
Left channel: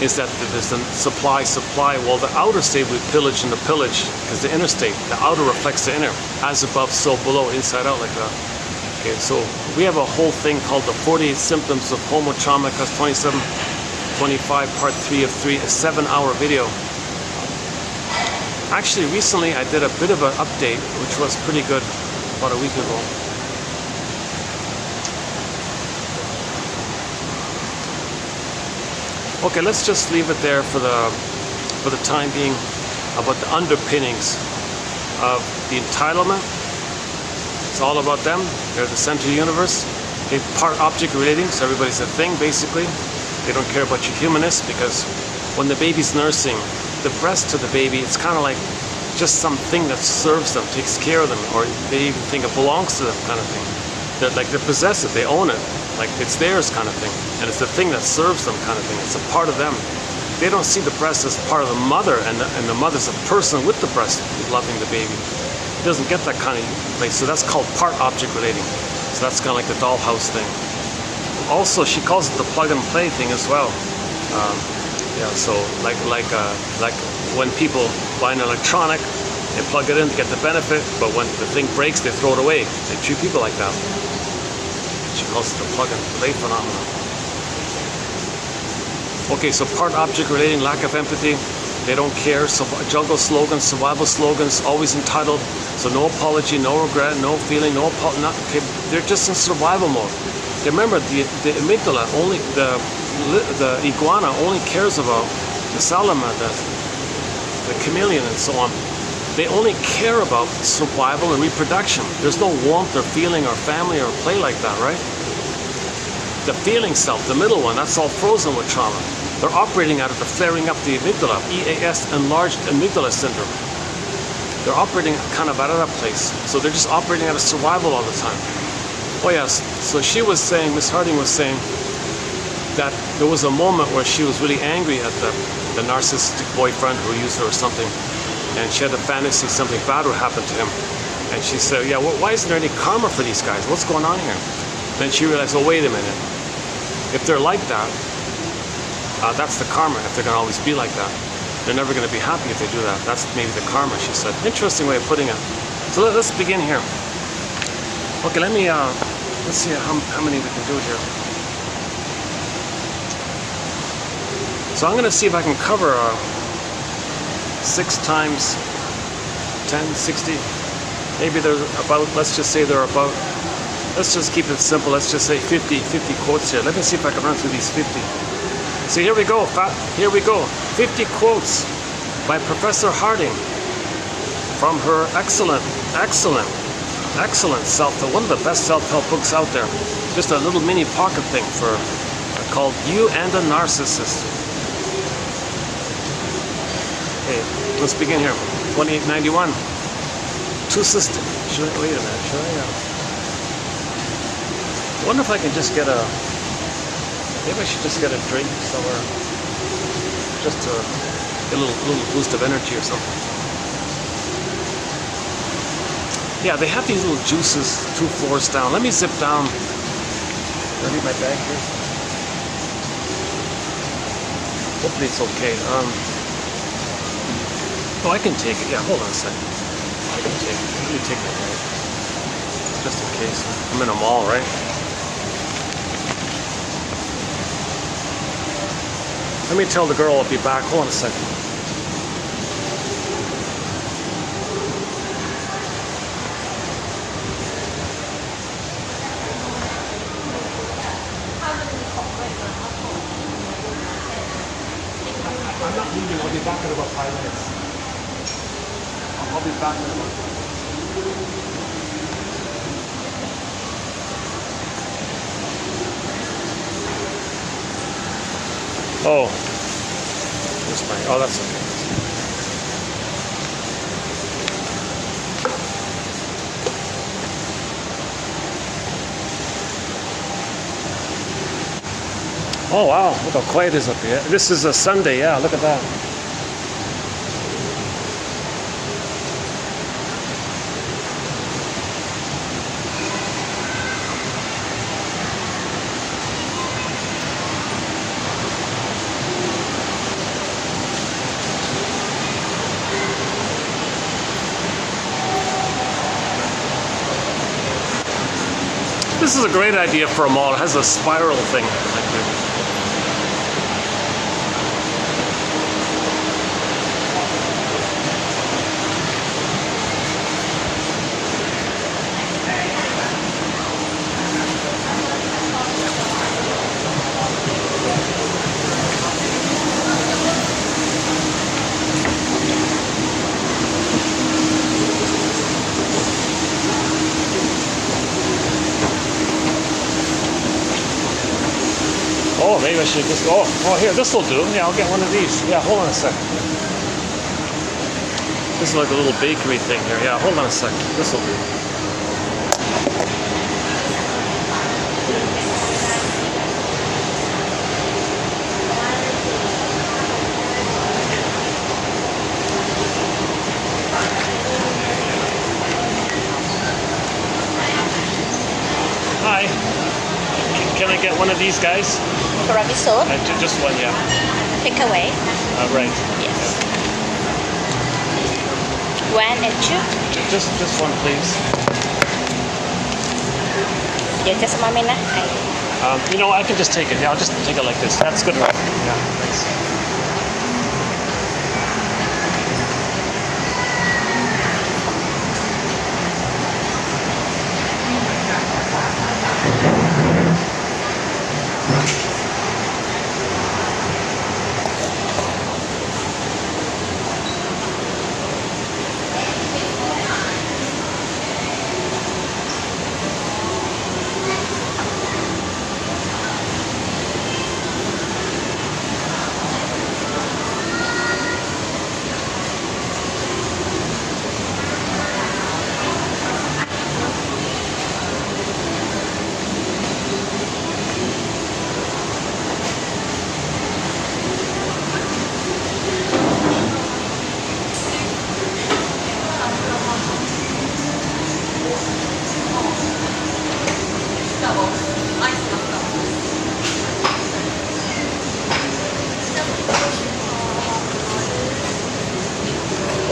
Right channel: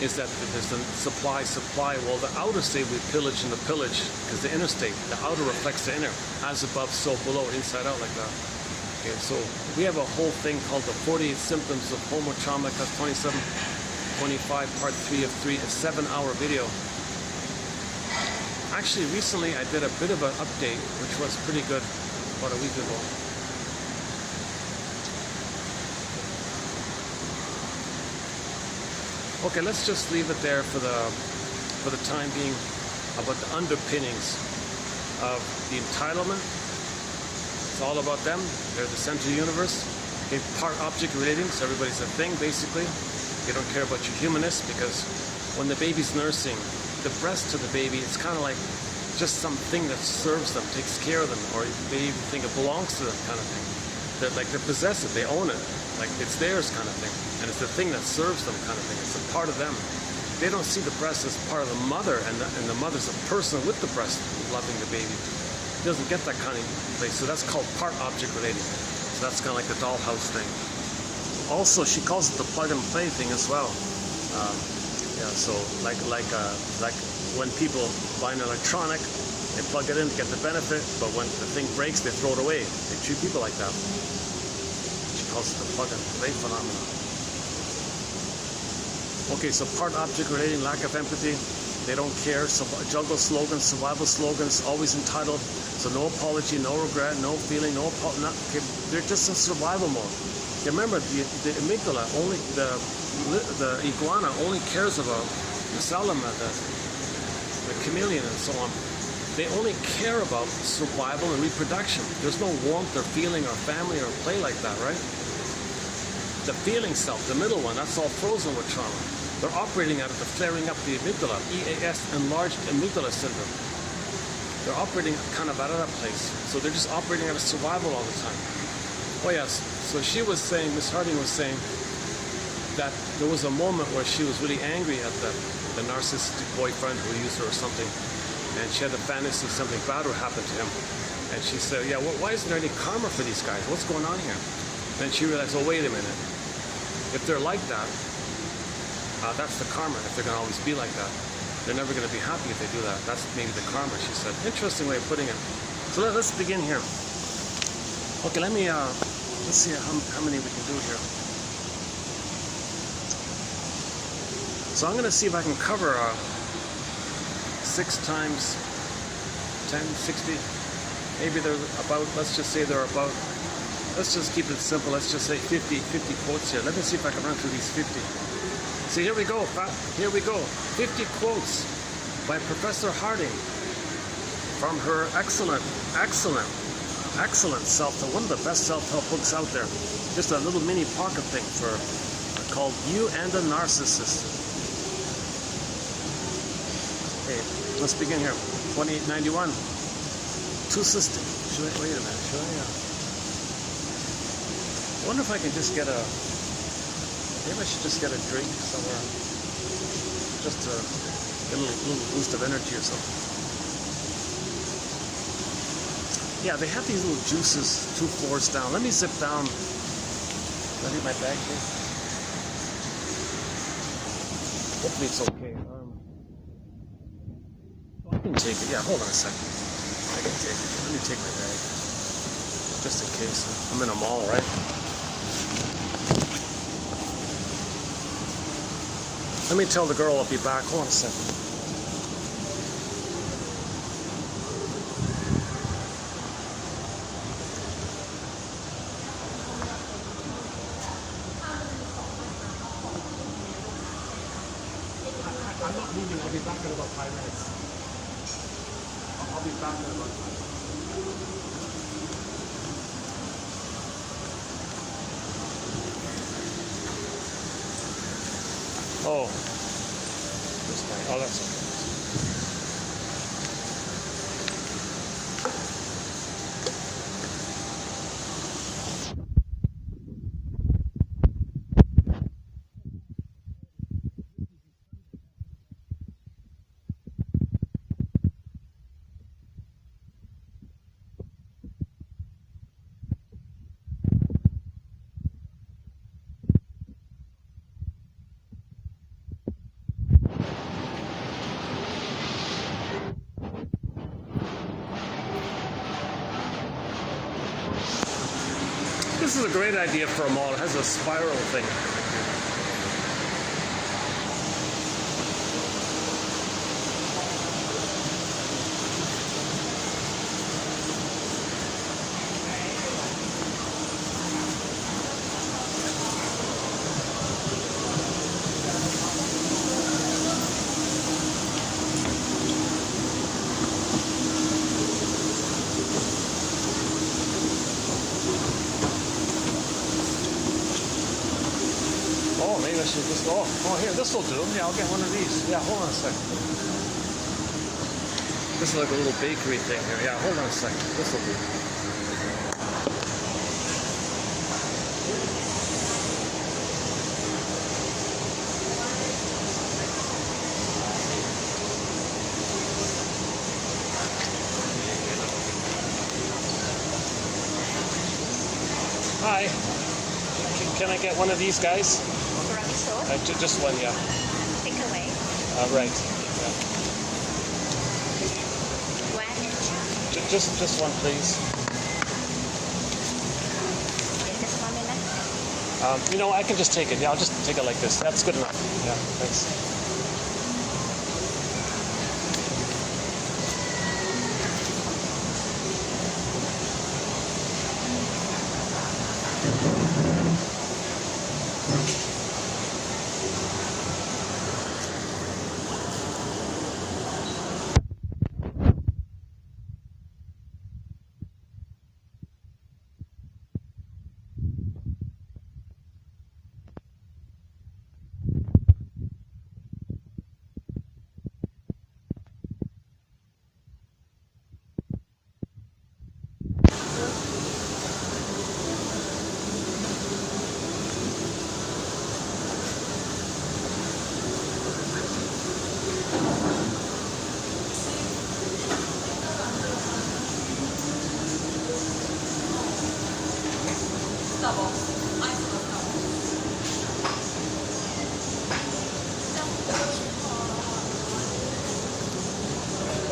is that there's the supply, well, the outer state we pillage and the pillage, because the interstate, the outer reflects the inner, as above, so below, inside out, like that. Okay, so we have a whole thing called the 48 Symptoms of Homo Trauma, class 27, 25, part 3 of 3, a 7-hour video. Actually, recently I did a bit of an update, which was pretty good, about a week ago. Okay, let's just leave it there for the time being about the underpinnings of the entitlement. It's all about them. They're the center of the universe. Okay, part-object relating, so everybody's a thing, basically. They don't care about your humanness, because when the baby's nursing, the breast to the baby, it's kind of like just something that serves them, takes care of them, or they even think it belongs to them, kind of thing. They're possessive, they own it, like it's theirs, kind of thing. And it's the thing that serves them, kind of thing. It's a part of them. They don't see the breast as part of the mother, and the mother's a person with the breast loving the baby. It doesn't get that kind of place. So that's called part-object relating. So that's kind of like the dollhouse thing. Also, she calls it the plug-and-play thing as well. Yeah, so like when people buy an electronic, they plug it in to get the benefit, but when the thing breaks, they throw it away. They treat people like that. She calls it the plug-and-play phenomenon. Okay, so part-object relating, lack of empathy. They don't care. So jungle slogans, survival slogans, always entitled. So no apology, no regret, no feeling, no apology. Okay, they're just in survival mode. Remember, the amygdala only, the iguana only cares about the salamander, the chameleon, and so on. They only care about survival and reproduction. There's no warmth or feeling or family or play like that, right? The feeling self, the middle one, that's all frozen with trauma. They're operating out of the flaring up the amygdala, EAS, enlarged amygdala syndrome. They're operating kind of out of that place. So they're just operating out of survival all the time. Oh yes, so she was saying, Miss Harding was saying that there was a moment where she was really angry at the narcissistic boyfriend who used her or something. And she had a fantasy something bad would happen to him. And she said, yeah, well, why isn't there any karma for these guys? What's going on here? Then she realized, oh, wait a minute. If they're like that, that's the karma, if they're going to always be like that. They're never going to be happy if they do that. That's maybe the karma, she said. Interesting way of putting it. So let's begin here. Okay, let's see how many we can do here. So I'm going to see if I can cover 6 times 10, 60. Maybe they're about, let's just say they're about, let's just keep it simple. Let's just say 50 quotes here. Let me see if I can run through these 50. So here we go. Here we go. 50 quotes by Professor Harding from her excellent self-help, one of the best self-help books out there. Just a little mini pocket thing called You and a Narcissist. Okay, let's begin here. 2891. Two systems. Wait a minute. I wonder if I can just get a. Maybe I should just get a drink somewhere, just to get a little boost of energy or something. Yeah, they have these little juices 2 floors down. Let me zip down. Did I leave my bag here? Hopefully it's okay. Oh, I can take it. Yeah, hold on a second. I can take it. Let me take it. Just in case. I'm in a mall, right? Let me tell the girl I'll be back. Hold on a second. I'm not leaving. I'll be back in about 5 minutes. I'll be back in about 5 minutes. Oh, oh, that's okay. Oh wow, look how quiet it is up here. This is a Sunday, yeah, look at that. This is a great idea for a mall. It has a spiral thing. Oh, maybe I should just. Oh, here, this will do. Yeah, I'll get one of these. Yeah, hold on a second. This is like a little bakery thing here. Yeah, hold on a second. This will do. Hi. Can I get one of these guys? Tiramisu, Just one, yeah. take away. Right. Yes. One and two. Just one, please. Yeah, just a moment. You know, I can just take it. Yeah, I'll just take it like this. That's good enough. Yeah, thanks.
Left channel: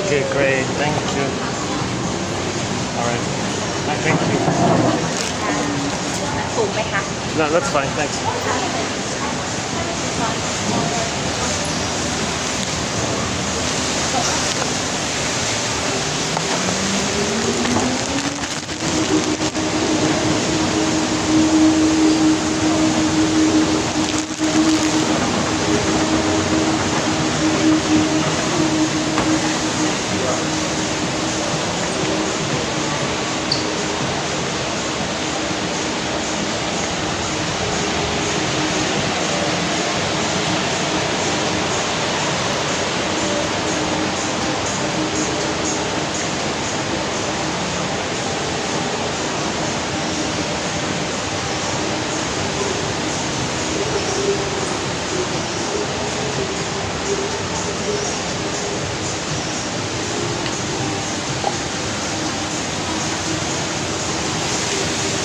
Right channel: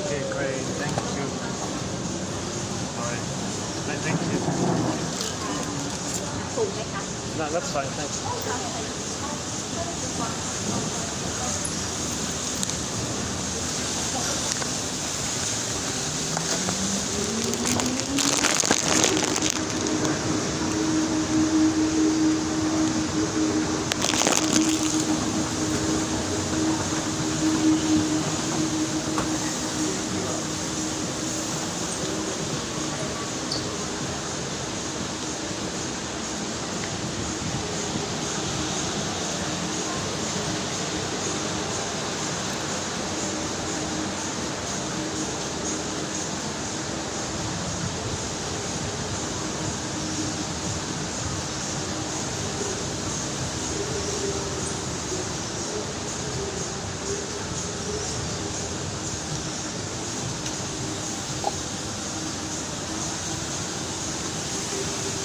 Okay, great. Thank you. All right. Thank you. ถูกไหมคะ No, that's fine. Thanks.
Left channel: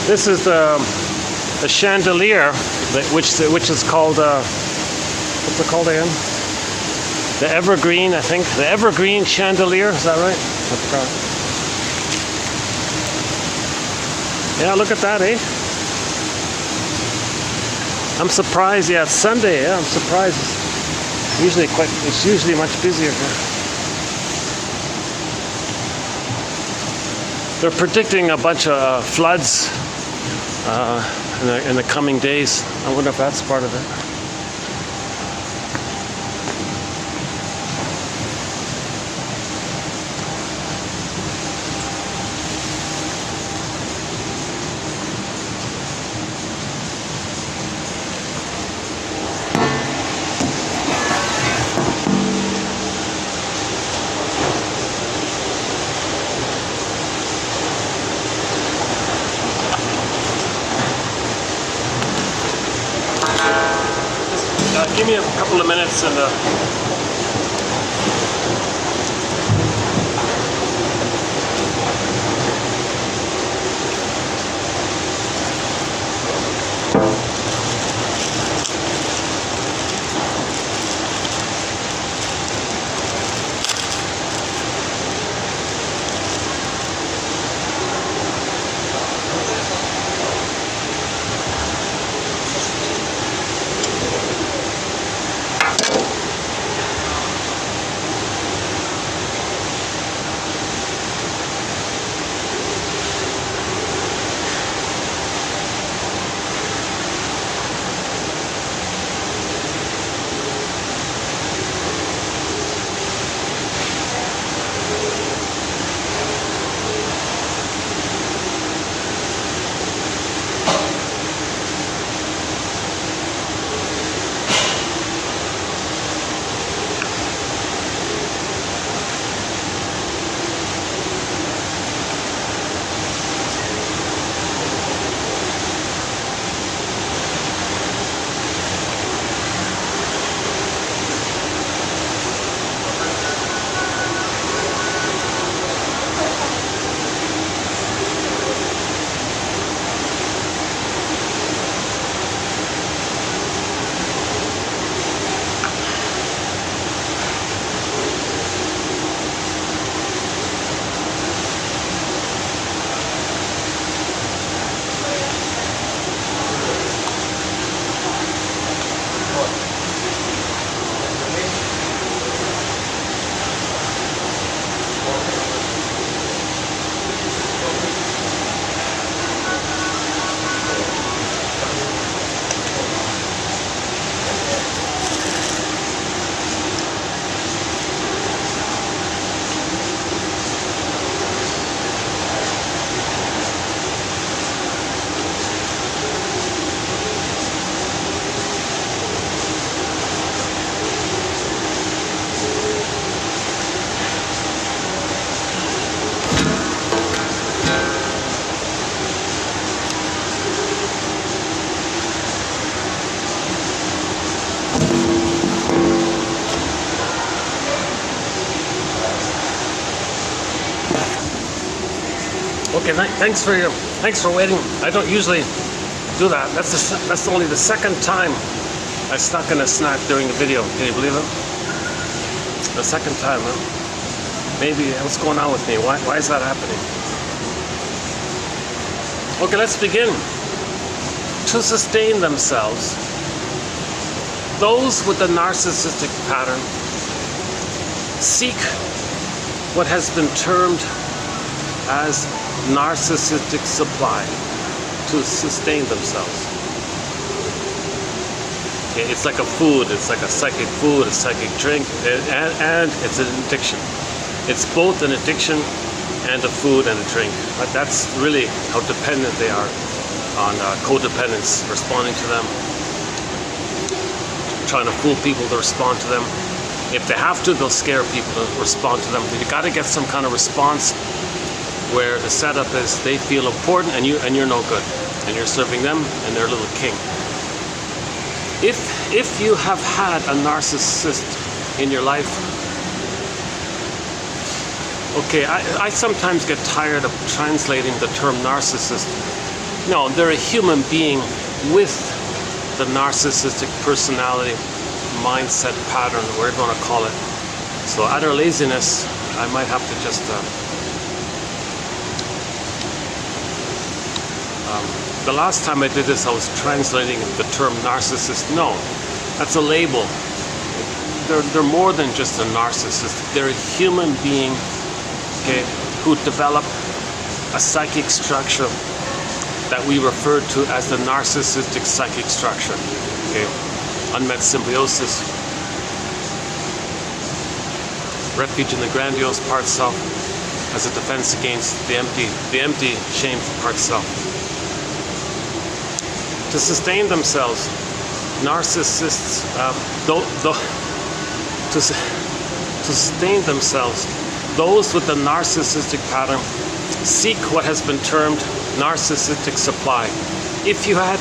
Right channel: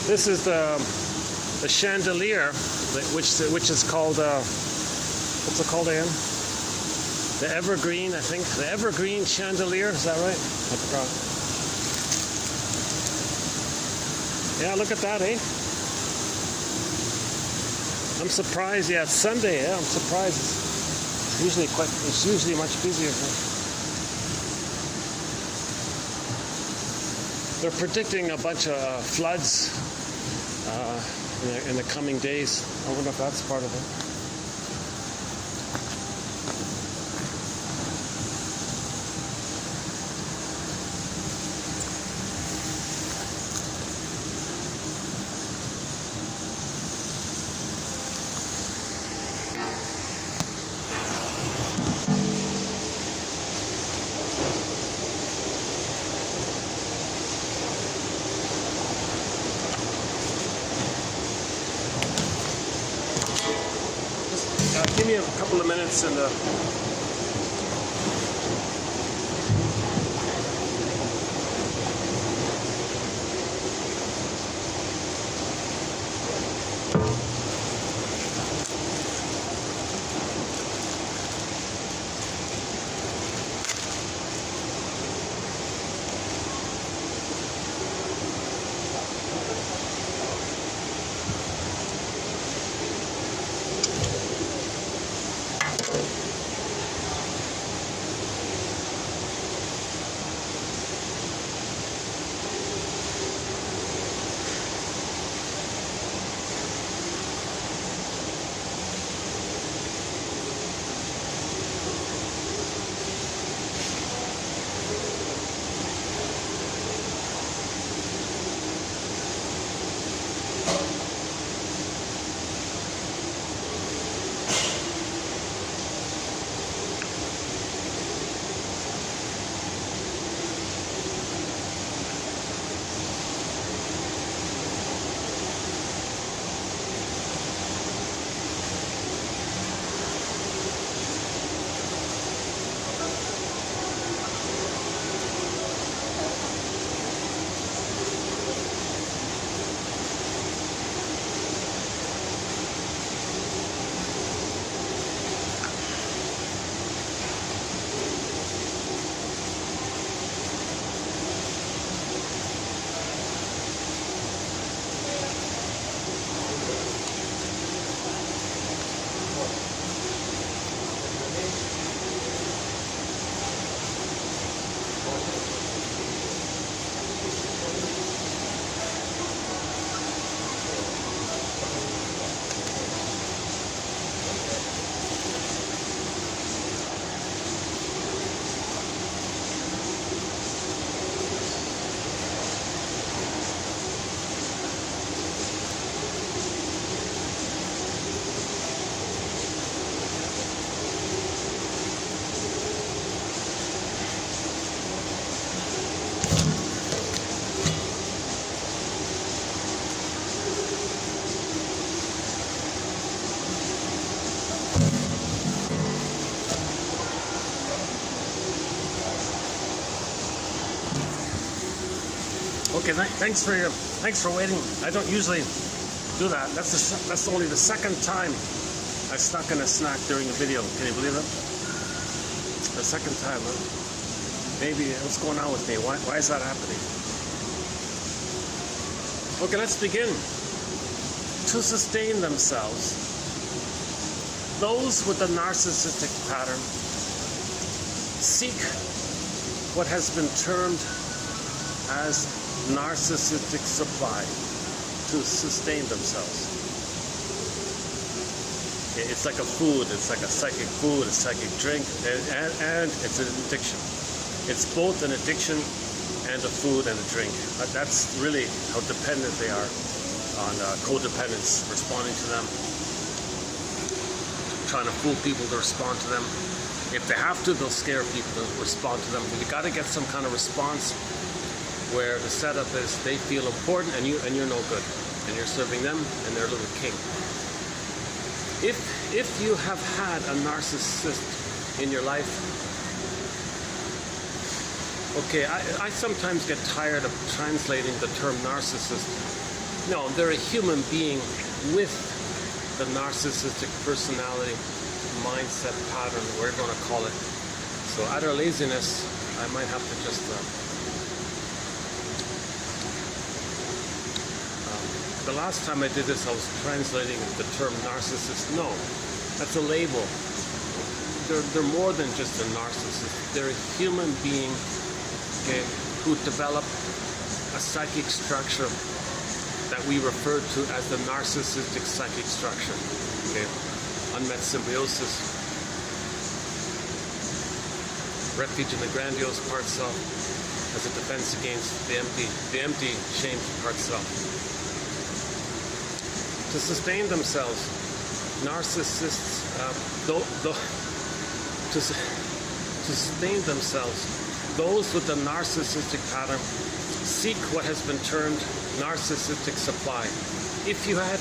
This is the chandelier, which is called what's it called again? The evergreen, I think. The evergreen chandelier. Is that right? Yeah, look at that, eh? I'm surprised. Yeah, it's Sunday. Yeah, I'm surprised. It's usually much busier here. They're predicting a bunch of floods in the coming days. I wonder if that's part of it. Give me a couple of minutes and Okay, thanks for waiting. I don't usually do that. That's only the second time I stuck in a snack during the video. Can you believe it? The second time, huh? Maybe what's going on with me? Why is that happening? Okay, let's begin. To sustain themselves, those with the narcissistic pattern seek what has been termed as narcissistic supply to sustain themselves. Okay, it's like a food, it's like a psychic food, a psychic drink, and it's an addiction. It's both an addiction and a food and a drink. But that's really how dependent they are on codependence, responding to them, trying to fool people to respond to them. If they have to, they'll scare people to respond to them. You got to get some kind of response where the setup is they feel important and you're no good, and you're serving them and they're a little king. If you have had a narcissist in your life, okay, I sometimes get tired of translating the term narcissist. No, they're a human being with the narcissistic personality, mindset, pattern, whatever you want to call it. So out of laziness, I might have to just the last time I did this, I was translating the term narcissist. No, that's a label. They're more than just a narcissist. They're a human being, okay, who develop a psychic structure that we refer to as the narcissistic psychic structure. Okay, unmet symbiosis, refuge in the grandiose part self as a defense against the empty, shameful part self. To sustain themselves, narcissists, to sustain themselves, those with the narcissistic pattern seek what has been termed narcissistic supply. If you had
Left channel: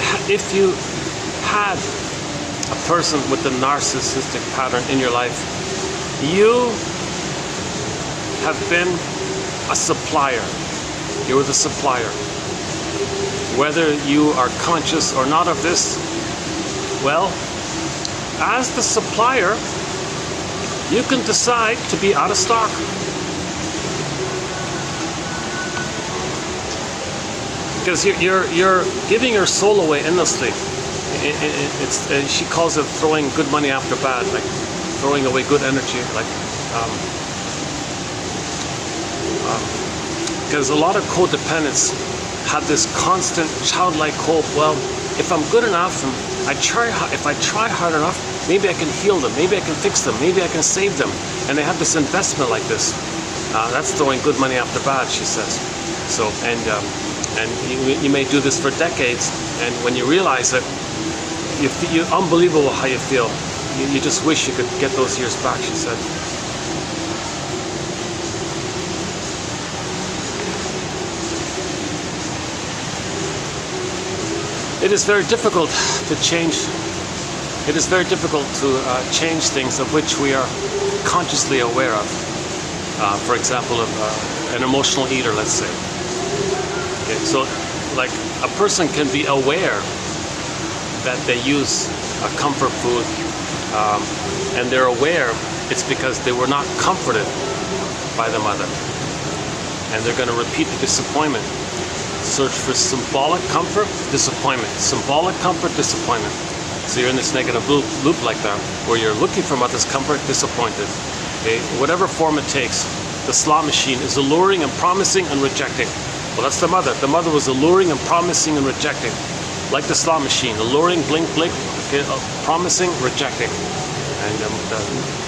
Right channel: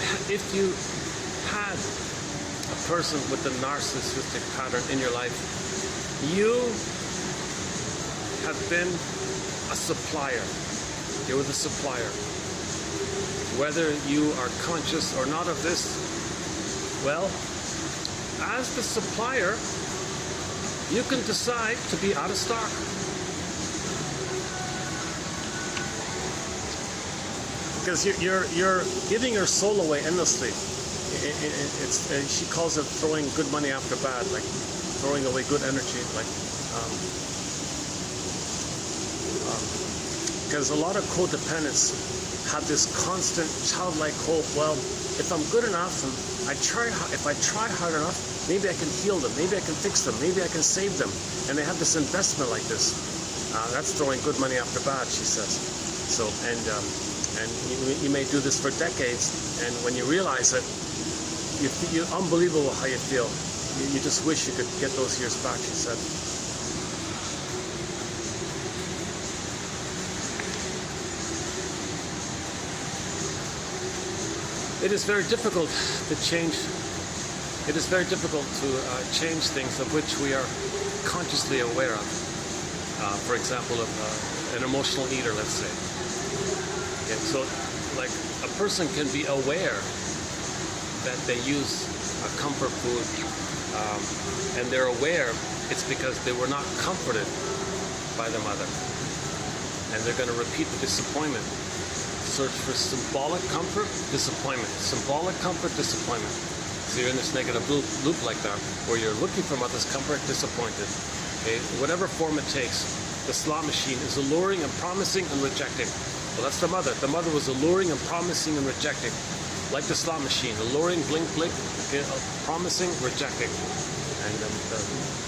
a person with the narcissistic pattern in your life, you have been a supplier. You were the supplier. Whether you are conscious or not of this, well, as the supplier, you can decide to be out of stock. Because you're giving your soul away endlessly. She calls it throwing good money after bad, like throwing away good energy, because a lot of codependents have this constant childlike hope. Well, if I'm good enough, and if I try hard enough, maybe I can heal them, maybe I can fix them, maybe I can save them. And they have this investment like this. That's throwing good money after bad, she says. So, and you may do this for decades, and when you realize it, you unbelievable how you feel. You just wish you could get those years back, she said. It is very difficult to change. It is very difficult to change things of which we are consciously aware of. For example, an emotional eater, let's say. Okay, so, like, a person can be aware that they use a comfort food, and they're aware it's because they were not comforted by the mother, and they're going to repeat the disappointment. Search for symbolic comfort, disappointment. Symbolic comfort, disappointment. So you're in this negative loop like that, where you're looking for mother's comfort, disappointed. Okay, whatever form it takes. The slot machine is alluring and promising and rejecting. Well, that's the mother. The mother was alluring and promising and rejecting, like the slot machine. Alluring, blink, blink. Okay, promising, rejecting.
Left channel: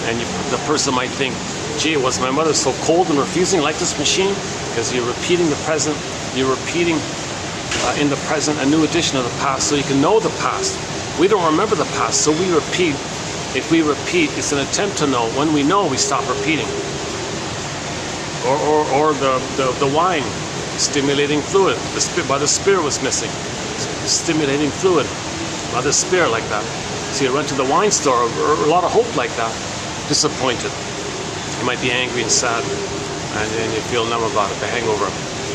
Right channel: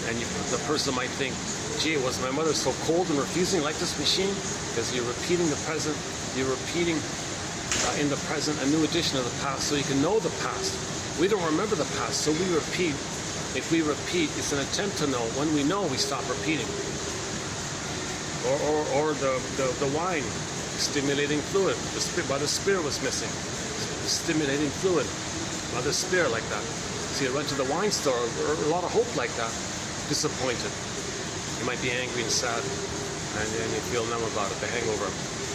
And the person might think, gee, was my mother so cold and refusing like this machine? Because you're repeating the present. You're repeating in the present a new edition of the past, so you can know the past. We don't remember the past, so we repeat. If we repeat, it's an attempt to know. When we know, we stop repeating. Or the wine, stimulating fluid. The spear was missing. Stimulating fluid by the spear, like that. So you run to the wine store, or a lot of hope like that. Disappointed. You might be angry and sad. and then you feel numb about it, the hangover.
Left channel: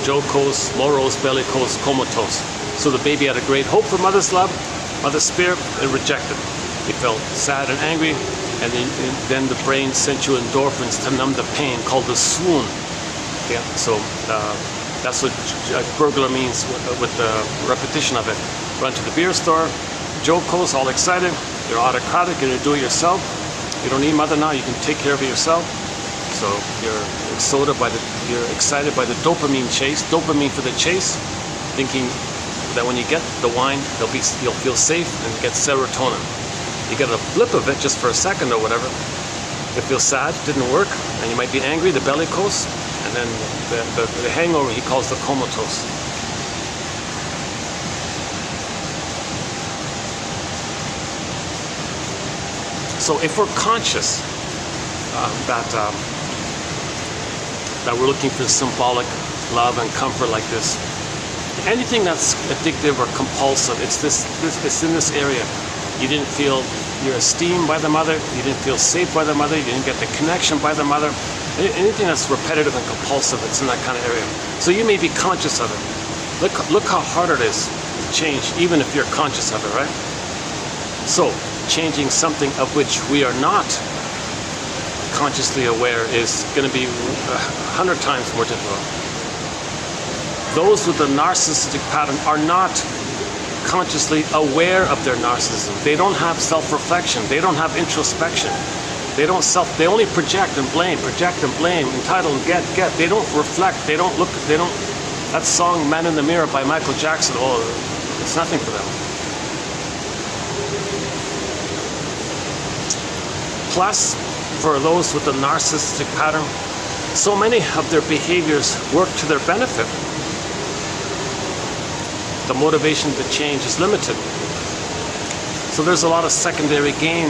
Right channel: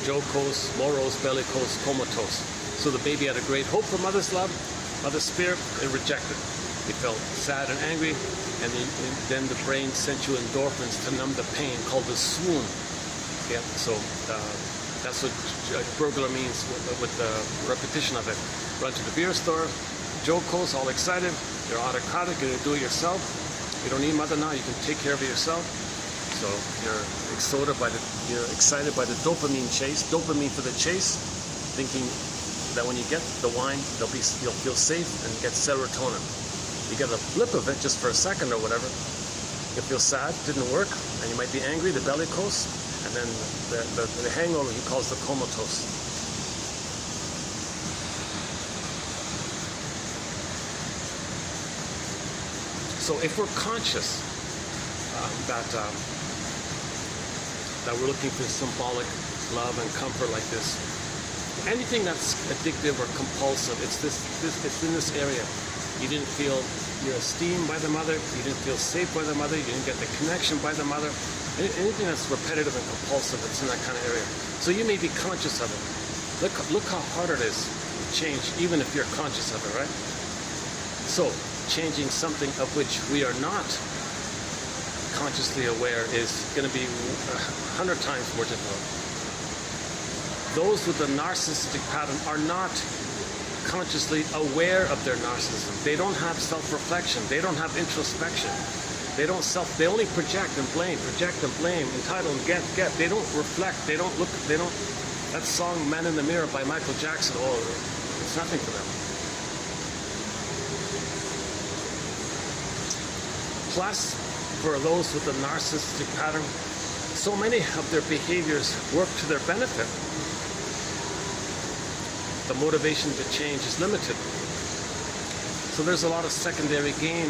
Jocose, morose, bellicose, comatose. So the baby had a great hope for mother's love, mother's spirit, and rejected. He felt sad and angry, and then the brain sent you endorphins to numb the pain, called the swoon. Yeah, so that's what a burglar means with the repetition of it. Run to the beer store, jocose, all excited. You're autocratic, and you do it yourself. You don't need mother now, you can take care of it yourself. So you're excited by the dopamine chase, dopamine for the chase, thinking that when you get the wine, you'll feel safe and get serotonin. You get a blip of it just for a second or whatever. You feel sad, didn't work, and you might be angry, the bellicose, and then the hangover he calls the comatose. So if we're conscious that we're looking for symbolic love and comfort like this, anything that's addictive or compulsive, it's in this area. You didn't feel your esteem by the mother, you didn't feel safe by the mother, you didn't get the connection by the mother. Anything that's repetitive and compulsive, it's in that kind of area. So you may be conscious of it. Look how hard it is to change, even if you're conscious of it, right? So changing something of which we are not consciously aware is going to be 100 times more difficult. Those with the narcissistic pattern are not consciously aware of their narcissism. They don't have self-reflection. They don't have introspection. They only project and blame, entitle and get. They don't reflect. They don't look. That song "Man in the Mirror" by Michael Jackson, it's nothing for them. Plus, for those with the narcissistic pattern, so many of their behaviors work to their benefit. The motivation to change is limited. So there's a lot of secondary gain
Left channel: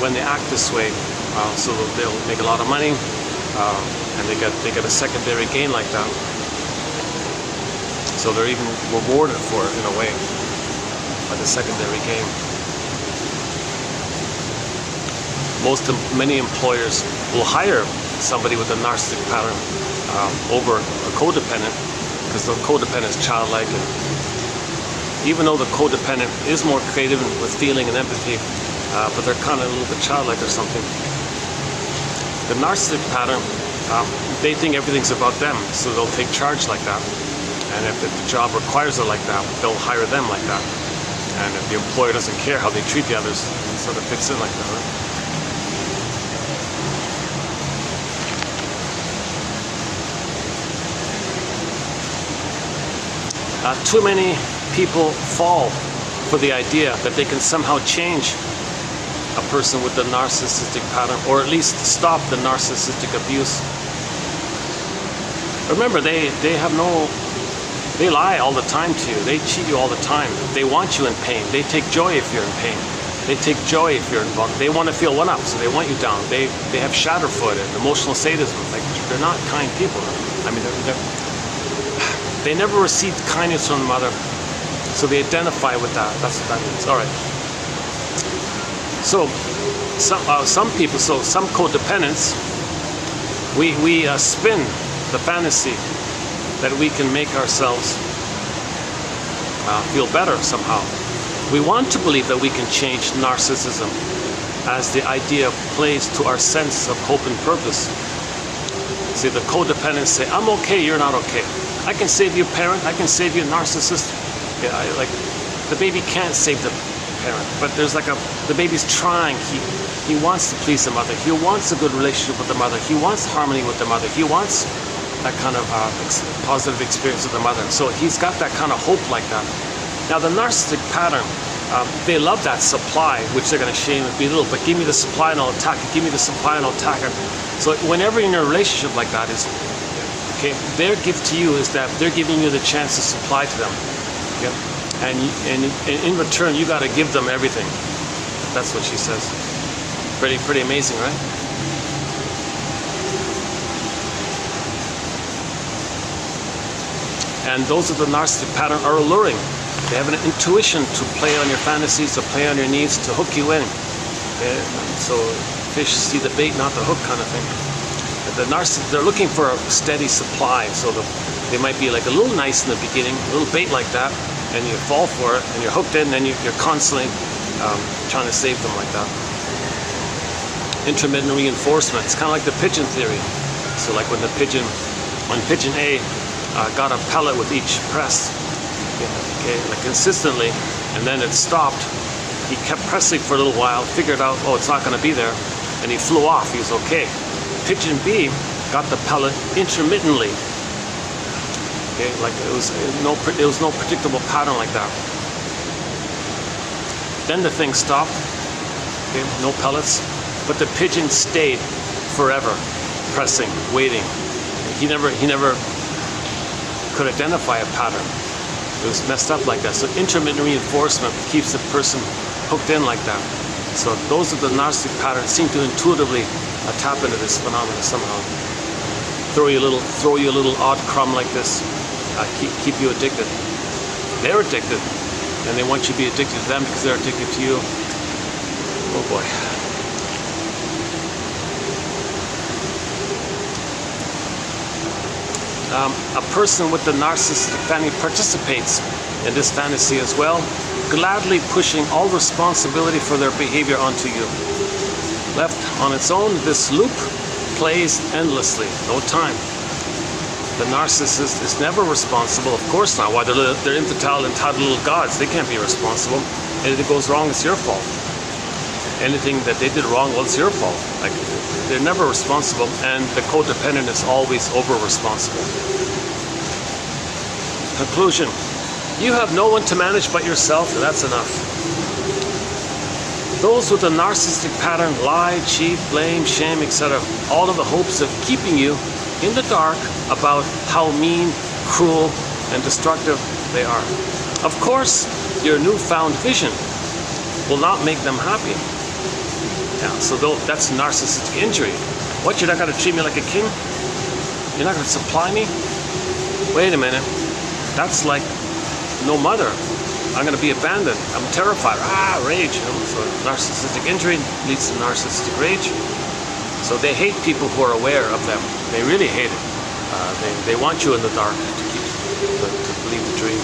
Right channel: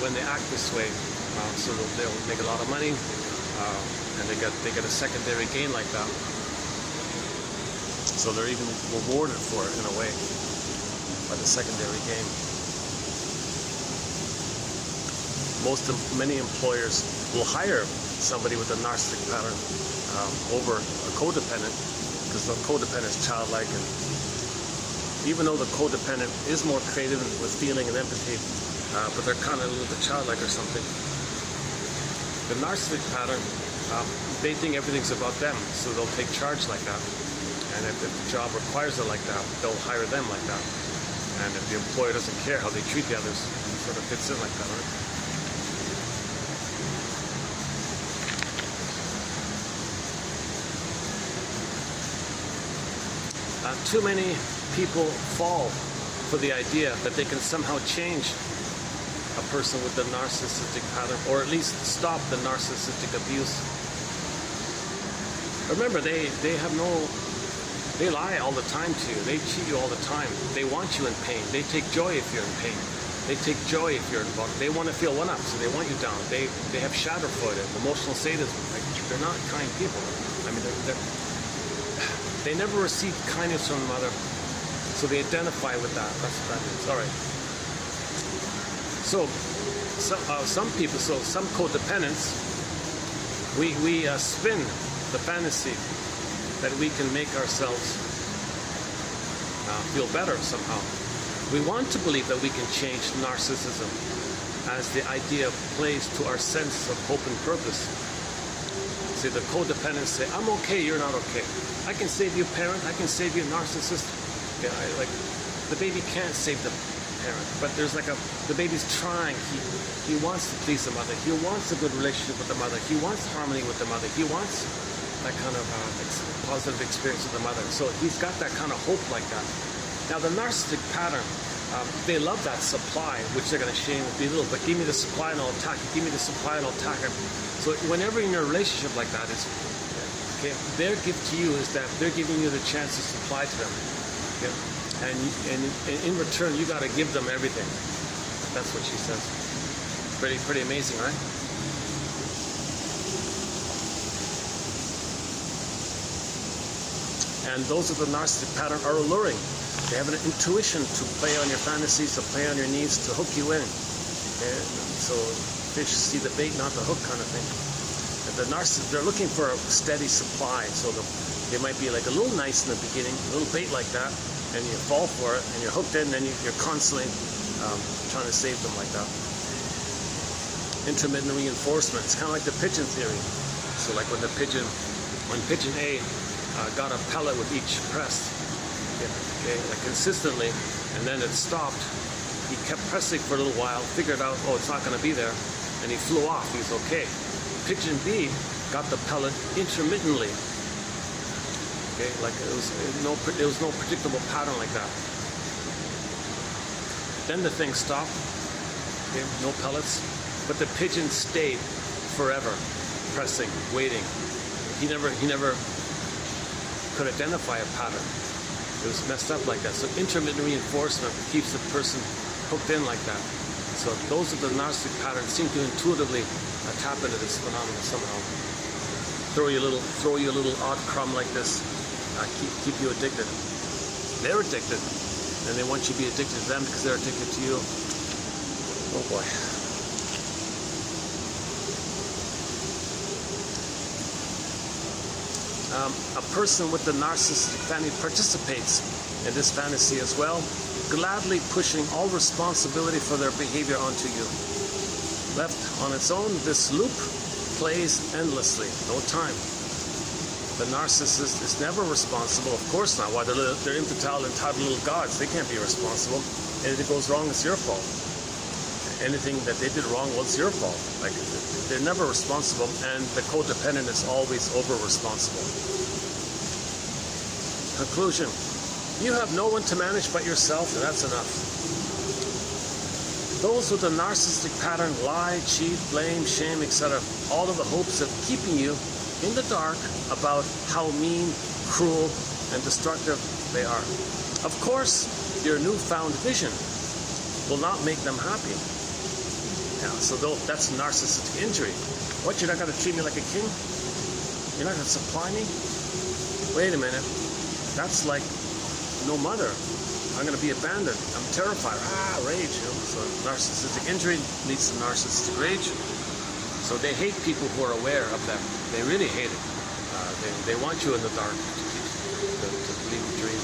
when they act this way. So they'll make a lot of money, and they get a secondary gain like that. So they're even rewarded for it in a way by the secondary gain. Many employers will hire somebody with a narcissistic pattern over a codependent, because the codependent is childlike, and even though the codependent is more creative with feeling and empathy, but they're kind of a little bit childlike or something. The narcissistic pattern, they think everything's about them, so they'll take charge like that. And if the job requires it like that, they'll hire them like that. And if the employer doesn't care how they treat the others, it sort of fits in like that, right? Too many people fall for the idea that they can somehow change a person with the narcissistic pattern, or at least stop the narcissistic abuse. Remember, they lie all the time to you. They cheat you all the time. They want you in pain. They take joy if you're in pain. They take joy if you're involved. They want to feel one up, so they want you down. They have shatterfoot and emotional sadism. Like, they're not kind people. I mean, they never received kindness from the mother, so they identify with that. That's all right. So some people, some codependents, we spin the fantasy that we can make ourselves feel better somehow. We want to believe that we can change narcissism, as the idea plays to our sense of hope and purpose. See, the codependents say, "I'm okay, you're not okay. I can save you, parent. I can save you, narcissist." Yeah, like the baby can't save the parent, but there's like the baby's trying. He wants to please the mother. He wants a good relationship with the mother. He wants harmony with the mother. He wants that kind of positive experience with the mother. So he's got that kind of hope like that. Now the narcissistic pattern, they love that supply, which they're going to shame and belittle. But give me the supply and I'll attack it. Give me the supply and I'll attack it. So whenever you're in a relationship like that, okay, their gift to you is that they're giving you the chance to supply to them. Yep. And in return, you got to give them everything. That's what she says. Pretty amazing, right? And those of the narcissistic pattern are alluring. They have an intuition to play on your fantasies, to play on your needs, to hook you in. So fish see the bait, not the hook, kind of thing. they're looking for a steady supply. So they might be like a little nice in the beginning, a little bait like that, and you fall for it, and you're hooked in, and you're constantly trying to save them like that. Intermittent reinforcement. It's kind of like the pigeon theory. So like when pigeon A got a pellet with each press, okay, like consistently, and then it stopped. He kept pressing for a little while, figured out, oh, it's not going to be there, and he flew off. He was okay. Pigeon B got the pellet intermittently. Okay, like it was no predictable pattern like that. Then the thing stopped. Okay, no pellets, but the pigeon stayed forever, pressing, waiting. He never could identify a pattern. It was messed up like that. So intermittent reinforcement keeps the person hooked in like that. So those are the narcissistic patterns seem to intuitively tap into this phenomenon somehow. Throw you a little odd crumb like this, keep you addicted. They're addicted, and they want you to be addicted to them because they're addicted to you. Oh boy. A person with the narcissistic fantasy participates in this fantasy as well, gladly pushing all responsibility for their behavior onto you. Left on its own, this loop plays endlessly, no time. The narcissist is never responsible, of course not. Why, they're entitled little gods. They can't be responsible. Anything goes wrong, it's your fault. Anything that they did wrong, well, it's your fault. Like, they're never responsible, and the codependent is always over-responsible. Conclusion. You have no one to manage but yourself, and that's enough. Those with a narcissistic pattern lie, cheat, blame, shame, etc., all in the hopes of keeping you in the dark about how mean, cruel, and destructive they are. Of course, your newfound vision will not make them happy. Yeah, so that's narcissistic injury. What, you're not going to treat me like a king? You're not going to supply me? Wait a minute. That's like no mother. I'm going to be abandoned. I'm terrified. Rage. So narcissistic injury leads to narcissistic rage. So they hate people who are aware of them. They really hate it. They want you in the dark to believe the dream.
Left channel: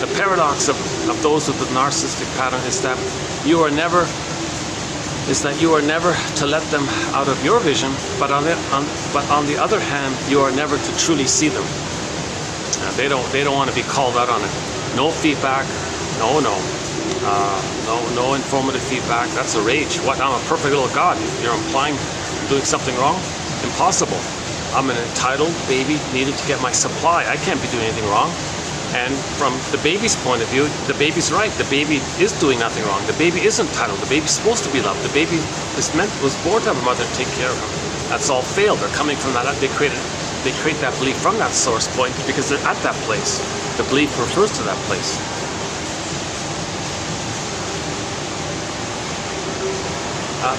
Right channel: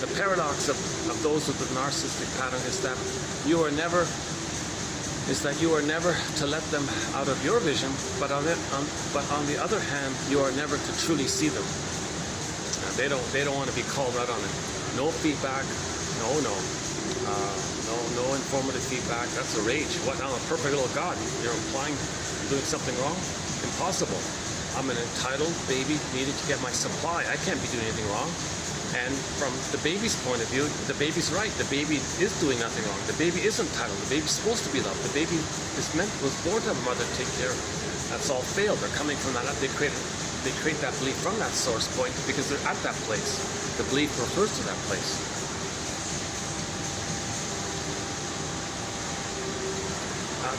The paradox of those with the narcissistic pattern is that you are never to let them out of your vision, but on the other hand, you are never to truly see them. They don't want to be called out on it. No feedback. No informative feedback. That's a rage. What? I'm a perfect little god. You're implying I'm doing something wrong? Impossible. I'm an entitled baby needed to get my supply. I can't be doing anything wrong. And from the baby's point of view, the baby's right. The baby is doing nothing wrong. The baby is entitled. The baby's supposed to be loved. The baby was born to have a mother to take care of him. That's all failed. They're coming from that. They create that belief from that source point because they're at that place. The belief refers to that place.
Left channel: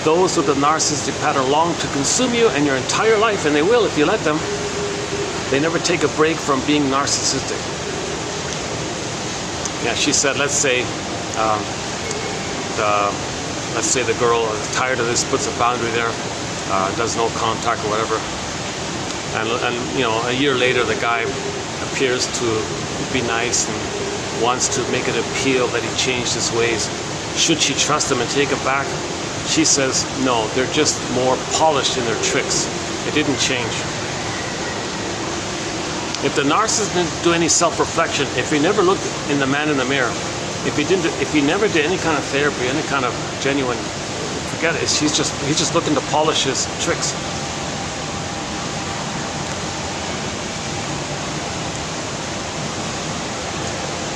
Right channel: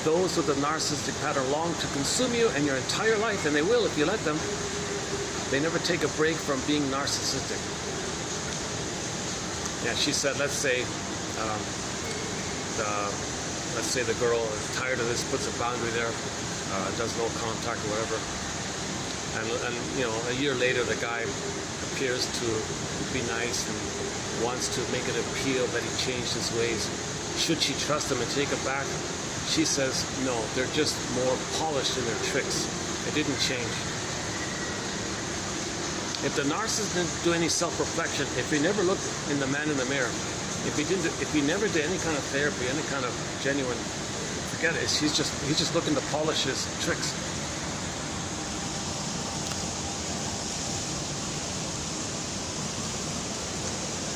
Those with the narcissistic pattern long to consume you and your entire life, and they will if you let them. They never take a break from being narcissistic. Yeah, she said, let's say the girl is tired of this, puts a boundary there, does no contact or whatever, and you know, a year later the guy appears to be nice and wants to make an appeal that he changed his ways. Should she trust him and take him back? She says, no, they're just more polished in their tricks. They didn't change. If the narcissist didn't do any self-reflection, if he never looked in the man in the mirror, if he never did any kind of therapy, any kind of genuine, forget it. He's just looking to polish his tricks.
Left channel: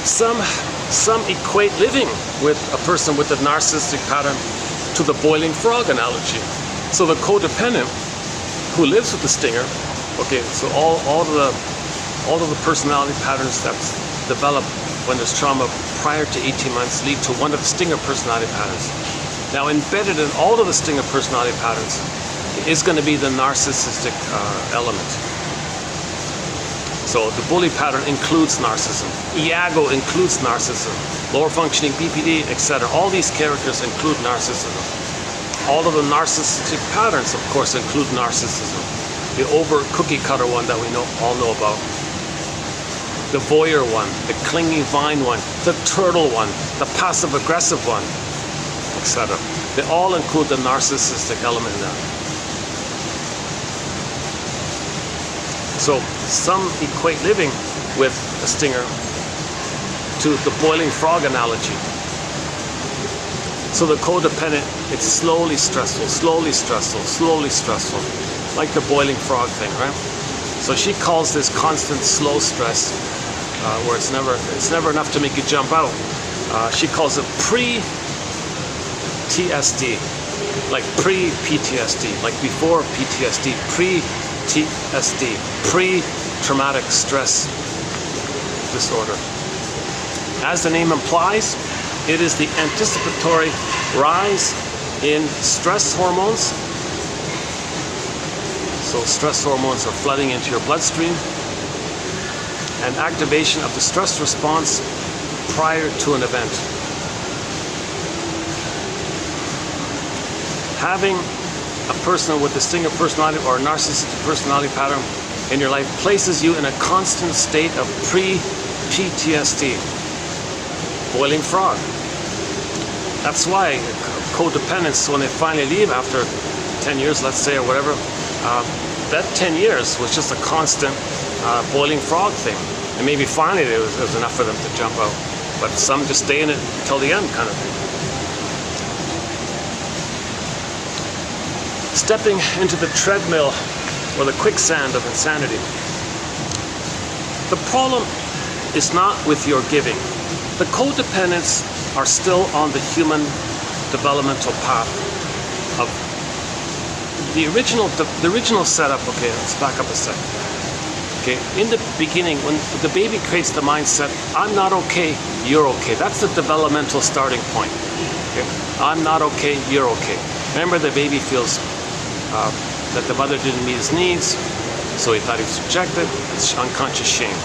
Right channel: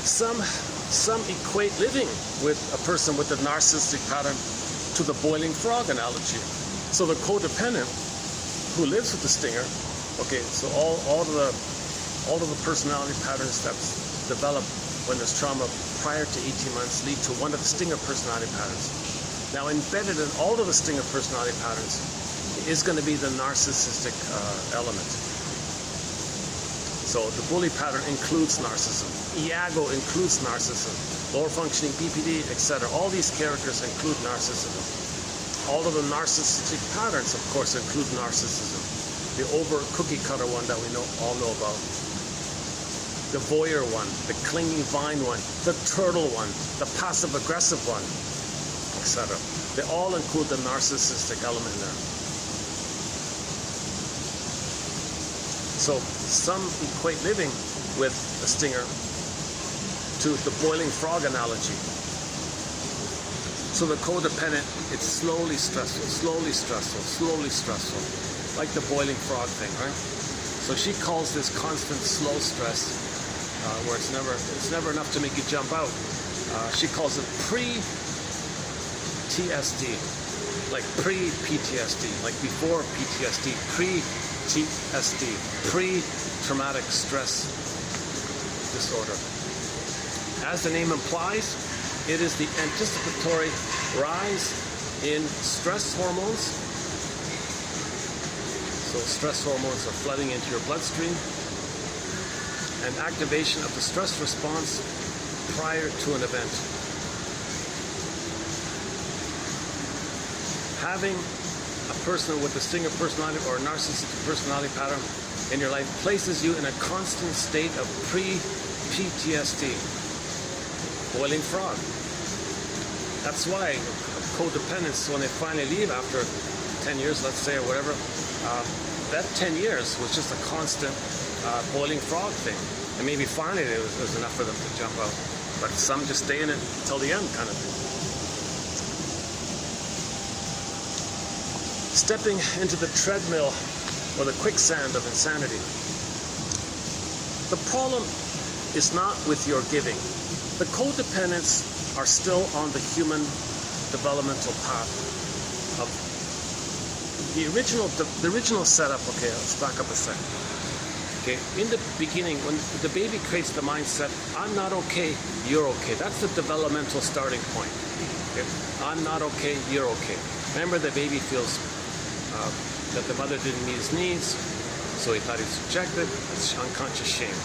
Some equate living with a person with a narcissistic pattern to the boiling frog analogy. So the codependent who lives with the stinger, okay, so all of the personality patterns that develop when there's trauma prior to 18 months lead to one of the stinger personality patterns. Now, embedded in all of the stinger personality patterns is going to be the narcissistic element. So the bully pattern includes narcissism. Iago includes narcissism. Lower functioning BPD, etc. All these characters include narcissism. All of the narcissistic patterns, of course, include narcissism. The over cookie cutter one that we all know about. The voyeur one, the clingy vine one, the turtle one, the passive aggressive one, etc. They all include the narcissistic element in that. So some equate living with a stinger to the boiling frog analogy. So the codependent, it's slowly stressful, slowly stressful, slowly stressful, like the boiling frog thing, right? So she calls this constant slow stress, where it's never enough to make you jump out. She calls it pre-TSD, like pre-PTSD, like before PTSD, pre-TSD, pre-traumatic stress disorder. As the name implies, it is the anticipatory rise in stress hormones. So stress hormones are flooding into your bloodstream, and activation of the stress response prior to an event. Having a person with a stinger personality or a narcissistic personality pattern in your life places you in a constant state of pre-PTSD. Boiling frog. That's why codependents, when they finally leave after 10 years, let's say, or whatever, that 10 years was just a constant boiling frog thing. And maybe finally there was enough for them to jump out. But some just stay in it till the end, kind of thing. Stepping into the treadmill or the quicksand of insanity. The problem is not with your giving. The codependents are still on the human developmental path of the original setup. Okay, let's back up a second. Okay, in the beginning, when the baby creates the mindset, I'm not okay, you're okay. That's the developmental starting point. Okay? I'm not okay, you're okay. Remember, the baby feels that the mother didn't meet his needs, so he thought he was rejected. It's unconscious shame.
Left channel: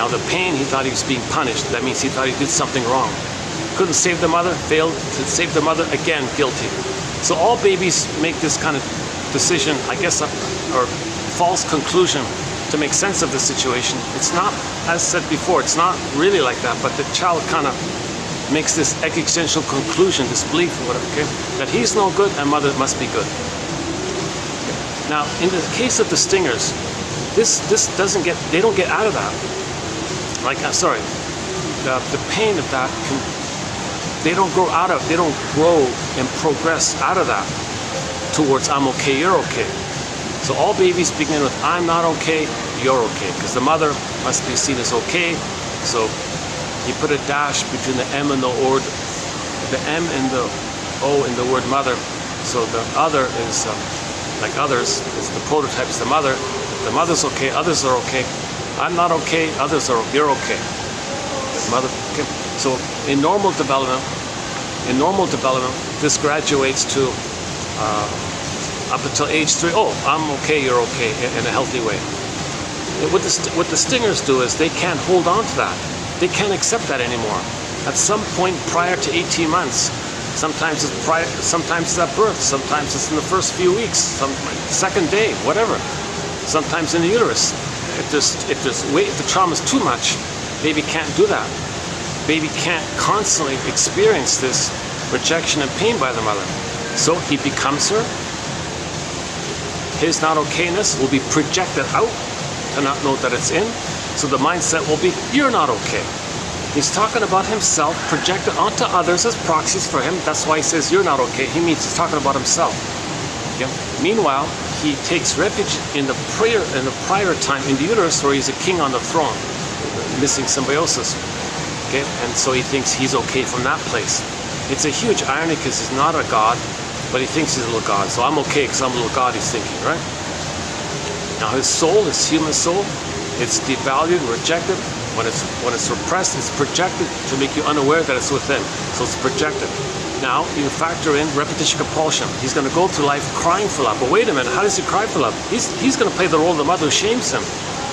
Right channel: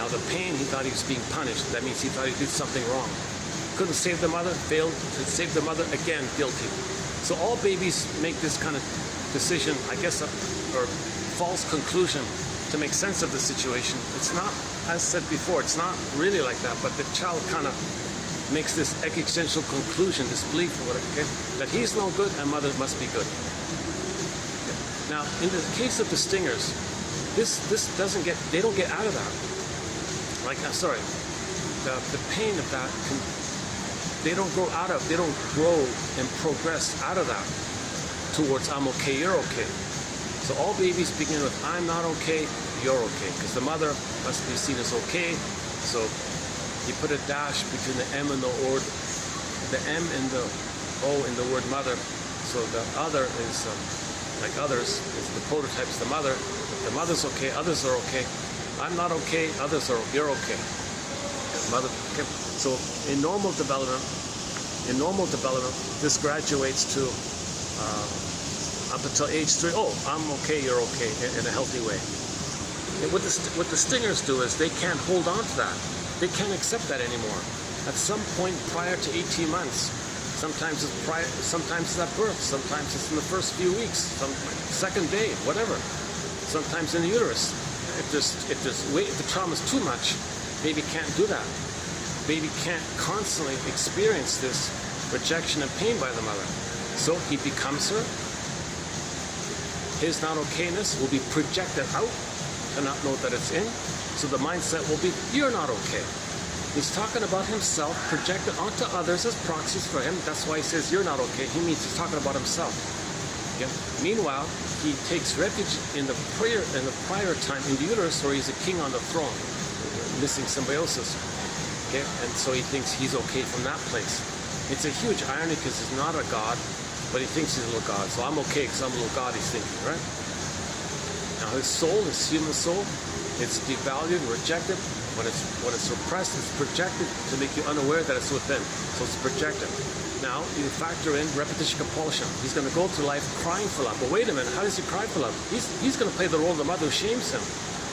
Now the pain, he thought he was being punished. That means he thought he did something wrong. Couldn't save the mother, failed to save the mother, again, guilty. So all babies make this kind of decision, I guess, or false conclusion to make sense of the situation. It's not, as said before, it's not really like that, but the child kind of makes this existential conclusion, this belief, or whatever, okay, that he's no good and mother must be good. Now, in the case of the stingers, this doesn't get, they don't get out of that. Like, the pain of that, they don't grow and progress out of that towards I'm okay, you're okay. So all babies begin with I'm not okay, you're okay, because the mother must be seen as okay. So you put a dash between the M and the O, the M and the O in the word mother. So the other is like others. It's the prototype is the mother. The mother's okay, others are okay. I'm not okay, others are, you're okay. Mother, okay. So in normal development, this graduates to up until age 3. Oh, I'm okay, you're okay, in a healthy way. And what the stingers do is they can't hold on to that. They can't accept that anymore. At some point prior to 18 months, sometimes it's at birth, sometimes it's in the first few weeks, second day, whatever. Sometimes in the uterus. If the trauma is too much, baby can't do that. Baby can't constantly experience this rejection and pain by the mother. So he becomes her. His not okayness will be projected out to not know that it's in. So the mindset will be, you're not okay. He's talking about himself projected onto others as proxies for him. That's why he says you're not okay. He means he's talking about himself. Okay? Meanwhile, he takes refuge in the prior time in the uterus where he's a king on the throne, missing symbiosis. Okay? And so he thinks he's okay from that place. It's a huge irony because he's not a god, but he thinks he's a little god. So I'm okay because I'm a little god, he's thinking, right? Now his soul, his human soul, it's devalued, rejected. When it's repressed, it's projected to make you unaware that it's within. So it's projected. Now you factor in repetition compulsion. He's going to go through life crying for love. But wait a minute, how does he cry for love? He's going to play the role of the mother who shames him.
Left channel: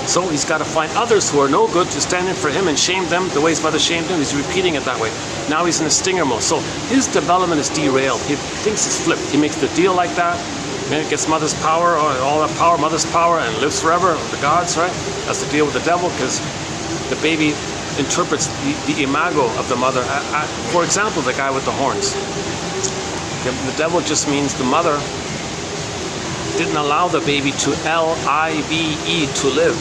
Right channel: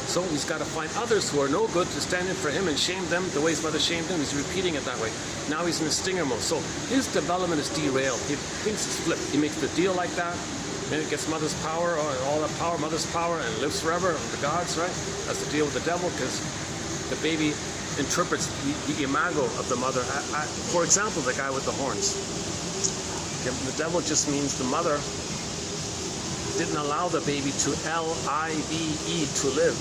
So he's got to find others who are no good to stand in for him and shame them the way his mother shamed him. He's repeating it that way. Now he's in a stinger mode. So his development is derailed. He thinks it's flipped. He makes the deal like that. And it gets mother's power, or all that power, mother's power, and lives forever with the gods, right? That's the deal with the devil, because the baby interprets the imago of the mother. For example, the guy with the horns. Okay, the devil just means the mother didn't allow the baby to live, to live.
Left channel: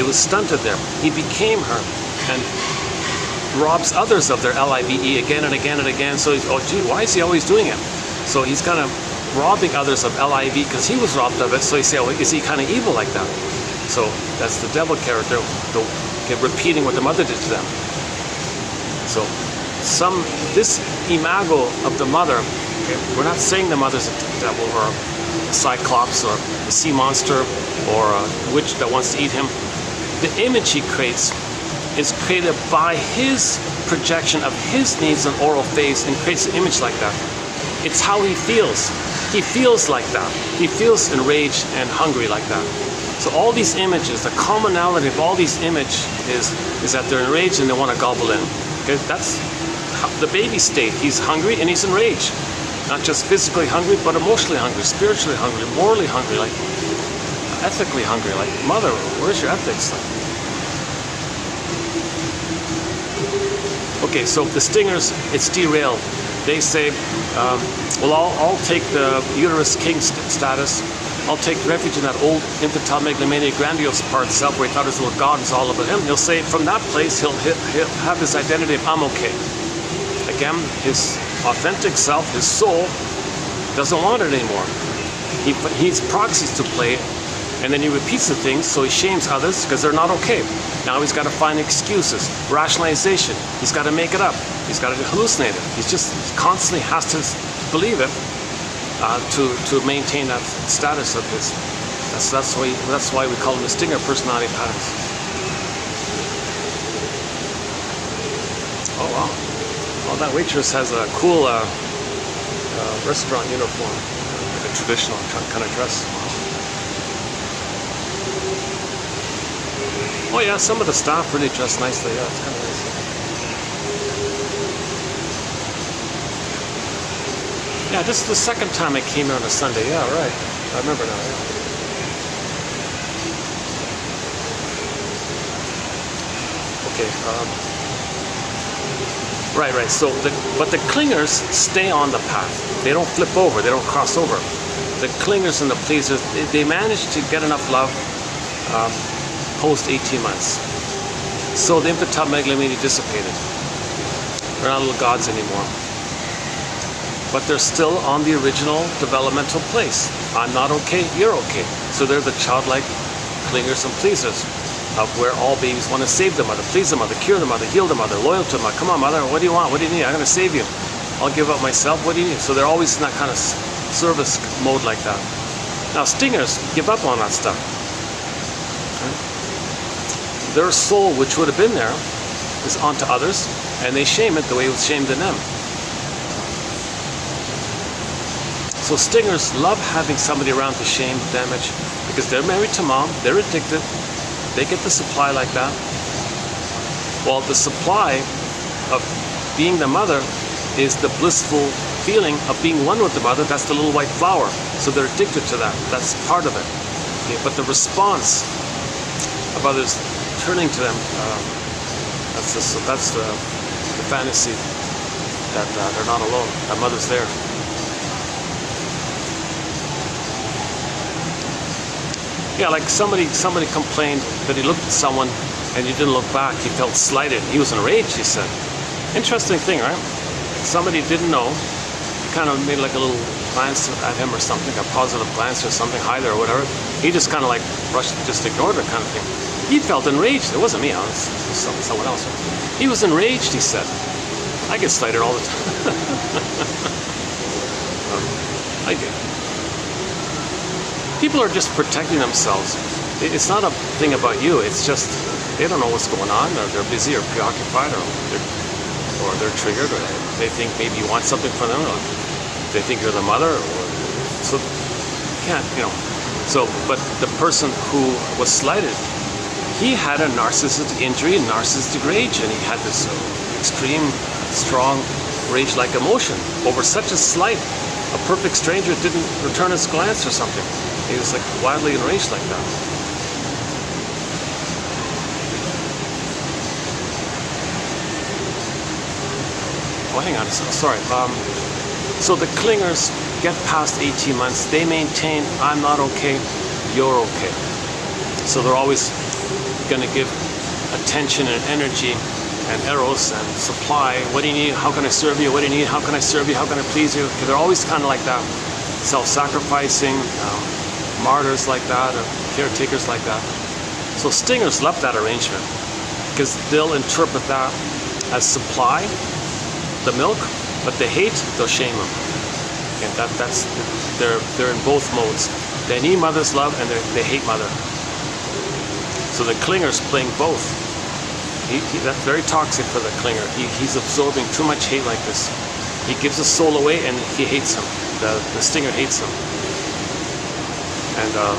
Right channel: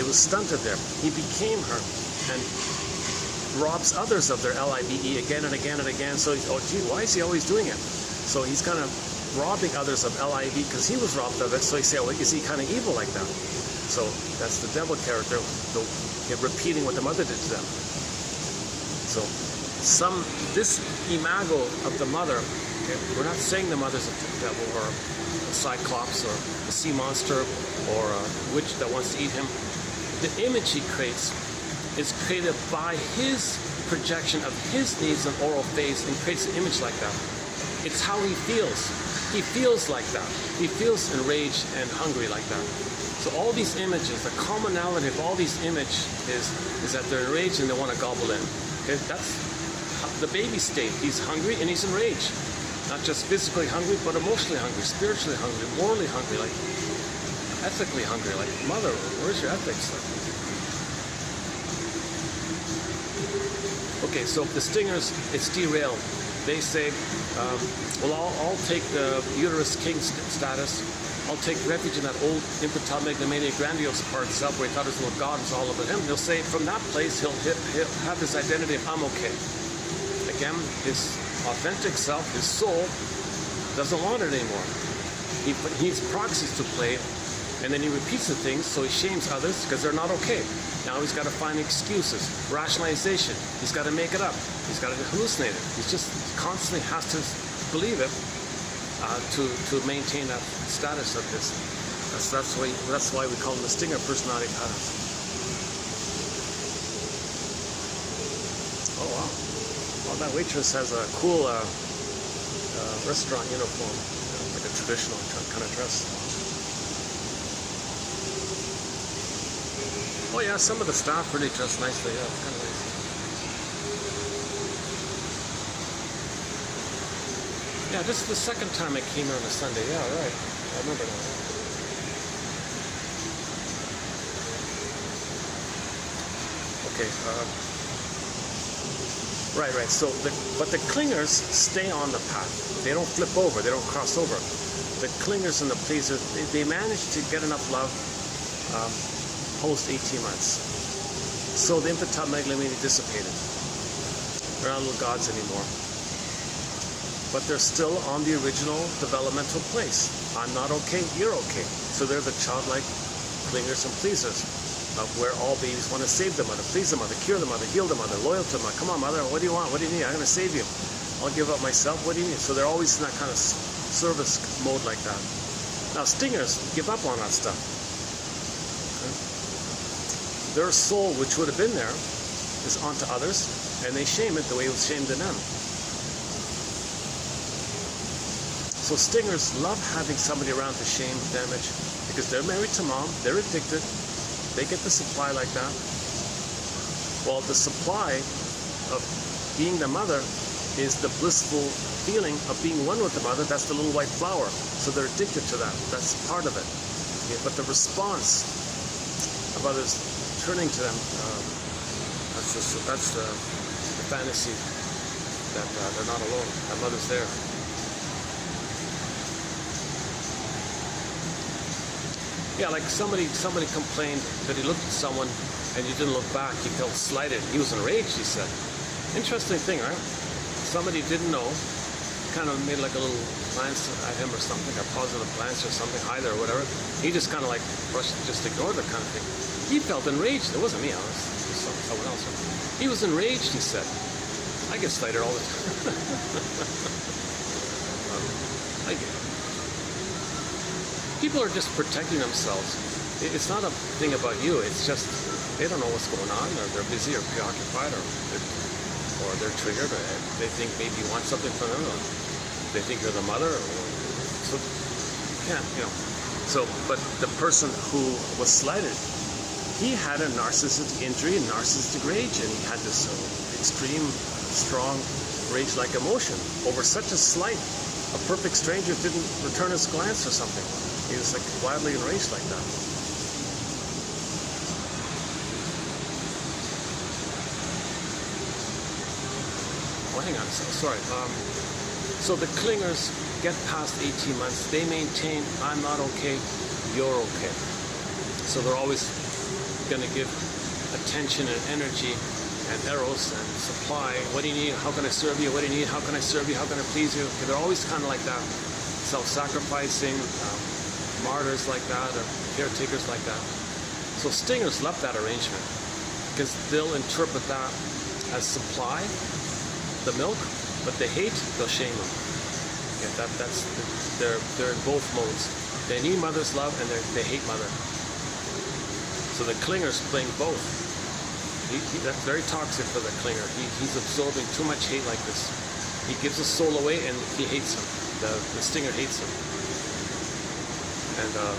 It was stunted there. He became her and robs others of their live again and again and again. So he's, oh gee, why is he always doing it? So he's kind of robbing others of liv because he was robbed of it. So you say, oh, is he kind of evil like that? So that's the devil character, repeating what the mother did to them. So this imago of the mother, okay, we're not saying the mother's a devil or a cyclops or a sea monster or a witch that wants to eat him. The image he creates is created by his projection of his needs on oral phase, and creates an image like that. It's how he feels. He feels like that. He feels enraged and hungry like that. So all these images, the commonality of all these images is that they're enraged and they want to gobble in. Okay, that's the baby state. He's hungry and he's enraged. Not just physically hungry, but emotionally hungry, spiritually hungry, morally hungry, like ethically hungry. Like, mother, where's your ethics? Okay, so the stingers, it's derailed. They say, well, I'll take the uterus king status. I'll take refuge in that old infantile megalomaniac grandiose part of self where he thought his little God is all about him. He'll say from that place he'll have this identity of I'm okay. Again, his authentic self, his soul, doesn't want it anymore. He's proxies to play, and then he repeats the things, so he shames others because they're not okay. Now he's got to find excuses, rationalization. He's got to make it up. He's got to hallucinate it. He constantly has to believe it to maintain that status of his. That's why we call him the stinger personality patterns. Oh wow! Oh, that waitress has a cool restaurant uniform, like a traditional kind of dress. Oh yeah, some of the staff really dress nicely. Yeah, it's kind of nice. Yeah, this is the second time I came here on a Sunday. Yeah, right. I remember now. Yeah. Okay. Right. So, but the clingers stay on the path. They don't flip over. They don't cross over. The clingers and the pleasers, they manage to get enough love post 18 months. So the infantile megalomania dissipated. They're not little gods anymore. But they're still on the original developmental place. I'm not okay, you're okay. So they're the childlike clingers and pleasers of where all babies want to save the mother, please the mother, cure the mother, heal the mother, loyal to the mother. Come on, mother, what do you want? What do you need? I'm going to save you. I'll give up myself. What do you need? So they're always in that kind of service mode like that. Now, stingers give up on that stuff. Their soul, which would have been there, is onto others, and they shame it the way it was shamed in them. So stingers love having somebody around to shame, damage, because they're married to mom, they're addicted, they get the supply like that. Well, the supply of being the mother is the blissful feeling of being one with the mother. That's the little white flower. So they're addicted to that. That's part of it. Okay? But the response of others turning to them, that's the fantasy that they're not alone. That mother's there. Yeah, like somebody complained that he looked at someone and you didn't look back. He felt slighted. He was enraged, he said. Interesting thing, right? Somebody didn't know, kind of made like a little glance at him or something, a positive glance or something, hi there or whatever. He just kind of like rushed, just ignored it kind of thing. He felt enraged. It wasn't me, it was someone else. He was enraged, he said. I get slighted all the time. I do. People are just protecting themselves. It's not a thing about you. It's just they don't know what's going on, or they're busy or preoccupied, or they're triggered, or they think maybe you want something from them, or they think you're the mother. So you can't, So, but the person who was slighted, he had a narcissistic injury, narcissistic rage, and he had this extreme, strong rage-like emotion over such a slight. A perfect stranger didn't return his glance or something. He was like wildly enraged like that. Oh, hang on, sorry. So the clingers get past 18 months, they maintain, I'm not okay, you're okay. So they're always going to give attention and energy and eros and supply. What do you need? How can I serve you? What do you need? How can I serve you? How can I please you? They're always kind of like that, self-sacrificing, martyrs like that, or caretakers like that. So stingers love that arrangement because they'll interpret that as supply, the milk, but they hate, they'll shame them. Yeah, they're in both modes. They need mother's love and they hate mother. So the clinger's playing both. That's very toxic for the clinger. He's absorbing too much hate like this. He gives his soul away and he hates him. The stinger hates him. And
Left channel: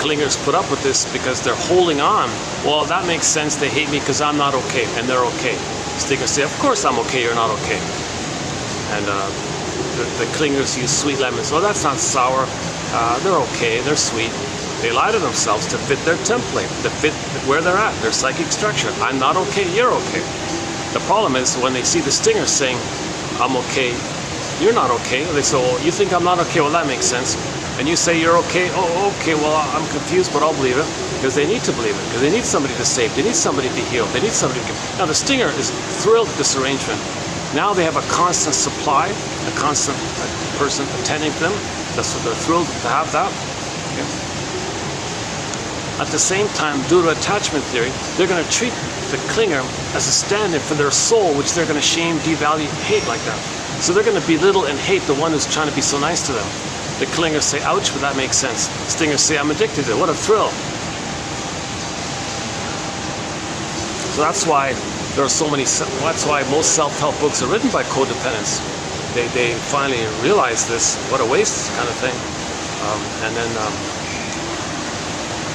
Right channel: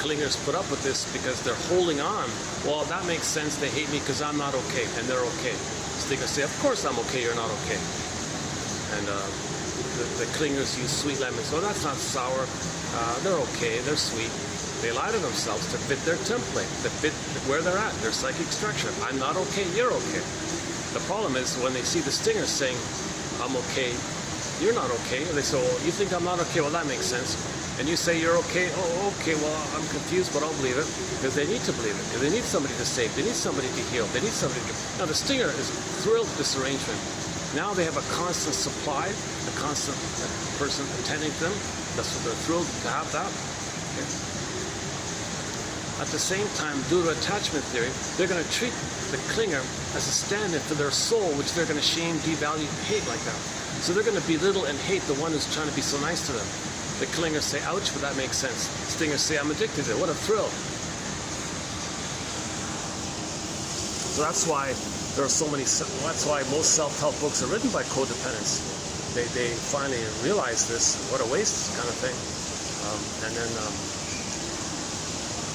clingers put up with this because they're holding on. Well, that makes sense. They hate me because I'm not okay and they're okay. Stingers say, of course I'm okay, you're not okay. And the clingers use sweet lemons. Oh, that's not sour. They're okay, they're sweet. They lie to themselves to fit their template, to fit where they're at, their psychic structure. I'm not okay, you're okay. The problem is when they see the stinger saying, I'm okay, you're not okay. They say, well, you think I'm not okay? Well, that makes sense. And you say you're okay? Oh, okay, well, I'm confused, but I'll believe it. Because they need to believe it. Because they need somebody to save. They need somebody to heal. They need somebody to give. Now, the stinger is thrilled with this arrangement. Now they have a constant supply, a constant person attending to them. That's what they're thrilled to have that. Okay. At the same time, due to attachment theory, they're going to treat the clinger as a stand-in for their soul, which they're going to shame, devalue, hate like that. So they're going to belittle and hate the one who's trying to be so nice to them. The clingers say, ouch, but that makes sense. Stingers say, I'm addicted to it. What a thrill. So that's why there are so many, that's why most self-help books are written by codependents. They finally realize this, what a waste kind of thing. And then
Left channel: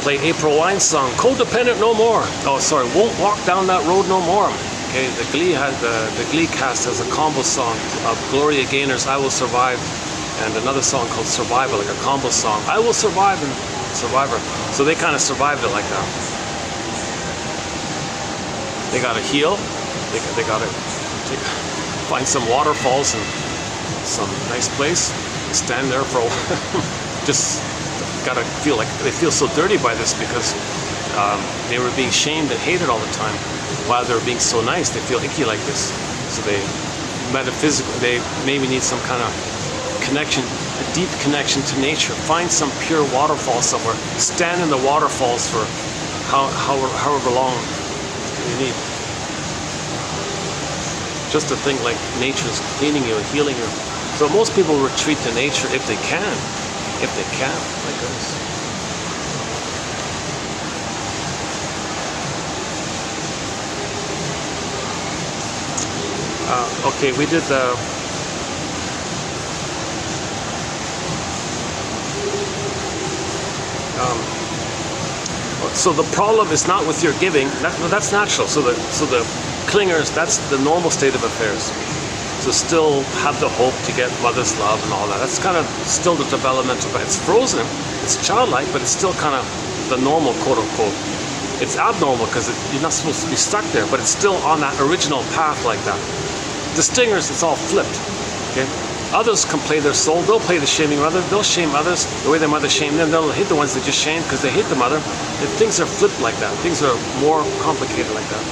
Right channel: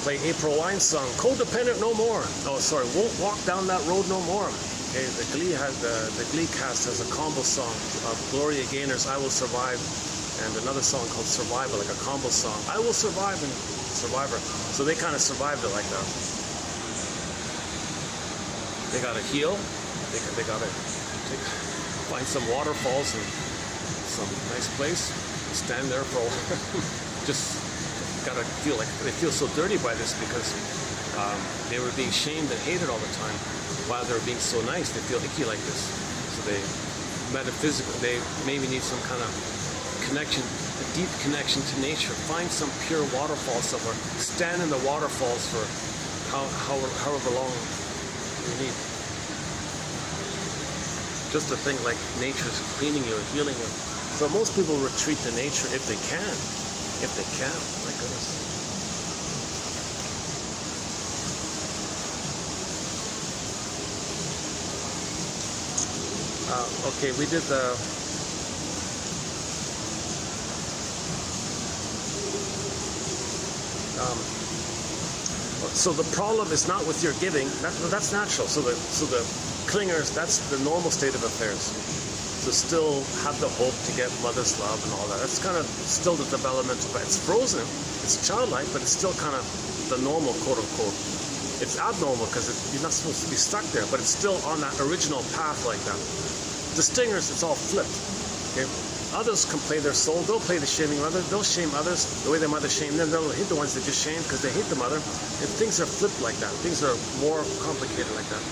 play April Wine's song, Codependent No More. Oh, sorry, Won't Walk Down That Road No More. Okay, the Glee cast has a combo song of Gloria Gaynor's I Will Survive and another song called Survivor, like a combo song. I will survive and Survivor. So they kind of survived it like that. They got to heal. They got to find some waterfalls and some nice place. Stand there for a while. Just got to feel like they feel so dirty by this because they were being shamed and hated all the time. While they were being so nice, they feel icky like this. So they metaphysical. They maybe need some kind of connection, a deep connection to nature. Find some pure waterfall somewhere. Stand in the waterfalls for however long you need. Just to think like nature's cleaning you and healing you. So most people retreat to nature if they can. If they can, like this. Okay, we did the so the problem is not with your giving. That's natural. So the clingers, that's the normal state of affairs. So still have the hope to get mother's love and all that. That's kind of still the developmental, but it's frozen. It's childlike, but it's still kind of the normal, quote unquote. It's abnormal because you're not supposed to be stuck there, but it's still on that original path like that. The stingers, it's all flipped. Okay. Others can play their soul. They'll play the shaming mother. They'll shame others the way their mother shamed them. They'll hate the ones they just shamed because they hate the mother. And things are flipped like that. Things are more complicated like that.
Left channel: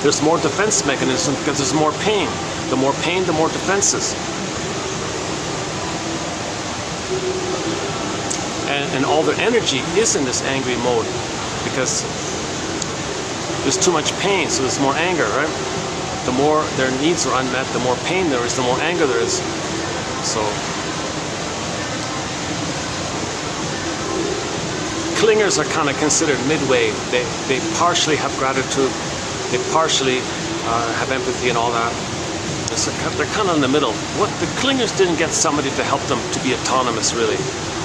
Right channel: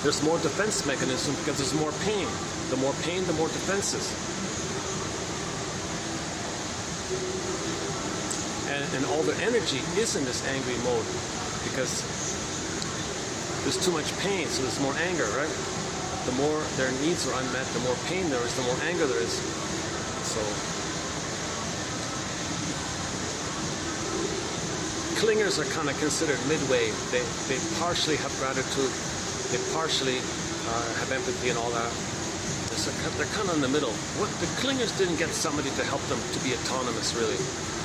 There's more defense mechanism because there's more pain. The more pain, the more defenses. And all their energy is in this angry mode because there's too much pain, so there's more anger, right? The more their needs are unmet, the more pain there is, the more anger there is. So clingers are kind of considered midway. They partially have gratitude, they partially have empathy and all that. So they're kind of in the middle. What the clingers didn't get somebody to help them to be autonomous, really.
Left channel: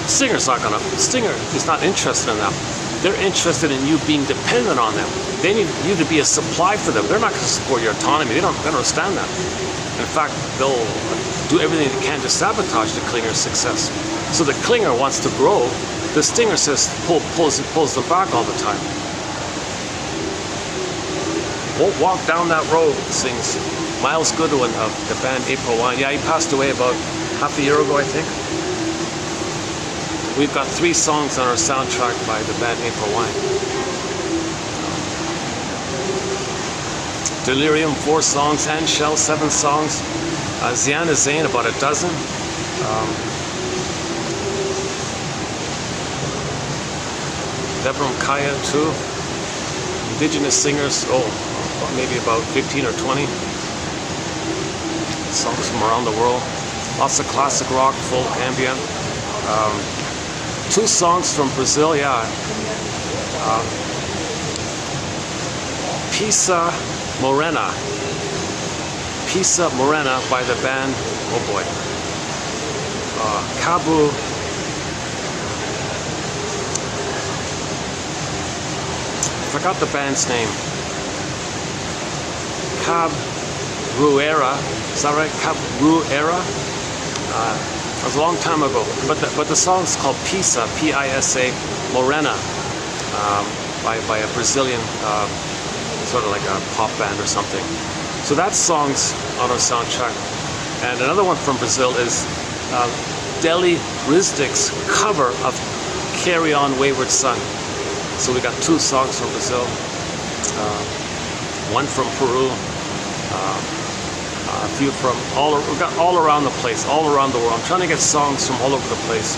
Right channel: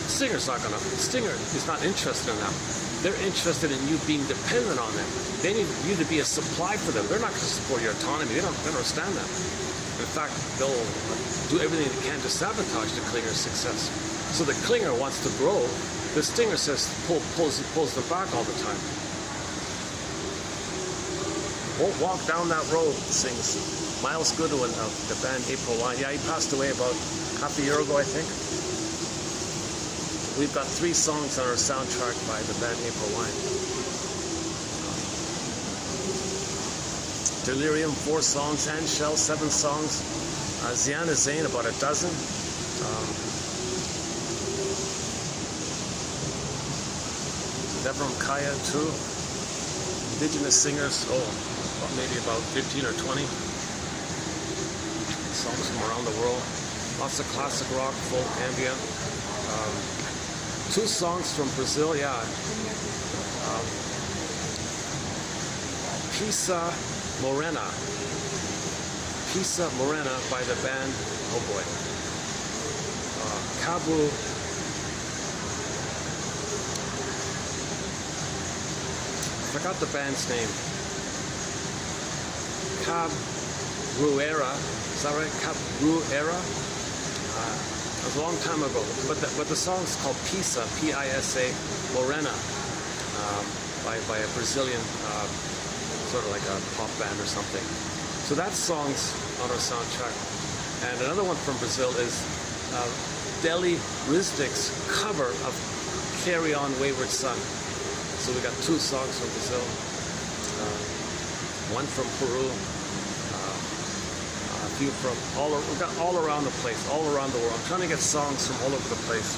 Singer's not gonna. Singer is not interested in that. They're interested in you being dependent on them. They need you to be a supply for them. They're not going to support your autonomy. They don't understand that. In fact, they'll do everything they can to sabotage the clinger's success. So the clinger wants to grow. The stinger says pulls them back all the time. Won't walk down that road, sings Miles Goodwin of the band April Wine. Yeah, he passed away about half a year ago, I think. We've got 3 songs on our soundtrack by the band April Wine. Delirium, 4 songs. And Shell, 7 songs. Ziana Zain, about a dozen. Deborah Kaya, 2. Indigenous singers, maybe about 15 or 20. Songs from around the world. Lots of classic rock, folk, ambient. 2 songs from Brazil, yeah. Pisa Morena. Pisa Morena by the band, oh boy. Cabo. Forgot the band's name. Cabruera. Is that right? Cabruera? It was a long time ago, but the song's called Pisa, P-I-S-A, Morena, by a Brazilian, sort of like a pop band or something. So that song's on our soundtrack. And another one from Brazil is Deli Rizdik's cover of Carry On Wayward Son. So we got 2 songs from Brazil, one from Peru, a few from we got all around the place, all around the world. I'm trying to get songs from all over the place.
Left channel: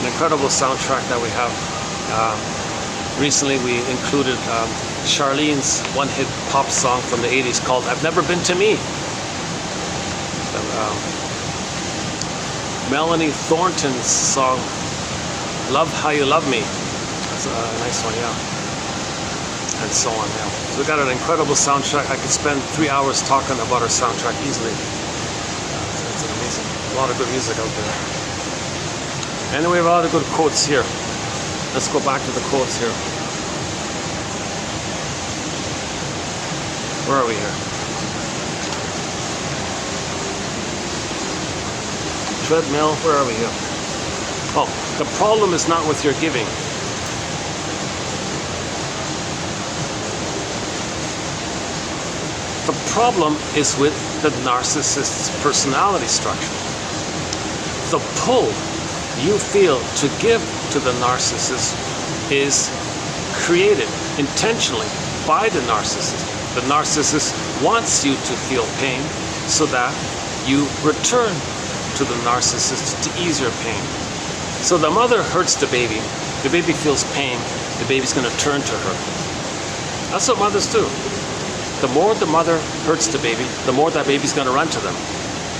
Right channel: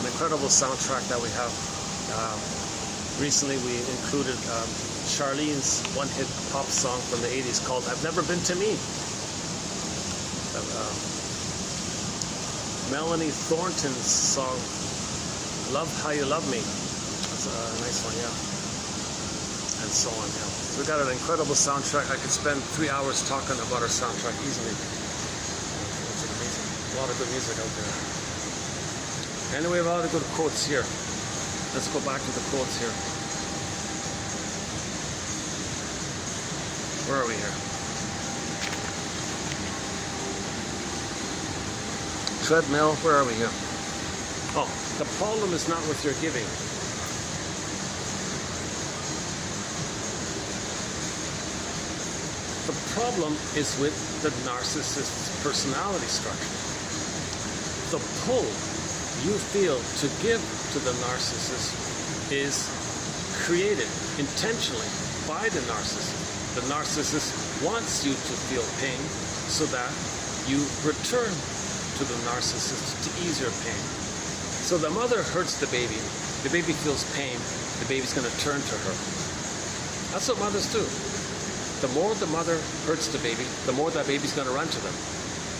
An incredible soundtrack that we have. Recently we included Charlene's one-hit pop song from the 80s called I've Never Been to Me. Melanie Thornton's song Love How You Love Me. That's a nice one, yeah. And so on, yeah. So we got an incredible soundtrack. I could spend 3 hours talking about our soundtrack easily. It's amazing. A lot of good music out there. And we have a lot of good quotes here. Let's go back to the quotes here. Where are we here? Treadmill, where are we here? Oh, the problem is not with your giving. The problem is with the narcissist's personality structure. The pull you feel to give to the narcissist is created intentionally by the narcissist. The narcissist wants you to feel pain so that you return to the narcissist to ease your pain. So the mother hurts the baby feels pain, the baby's going to turn to her. That's what mothers do. The more the mother hurts the baby, the more that baby's going to run to them.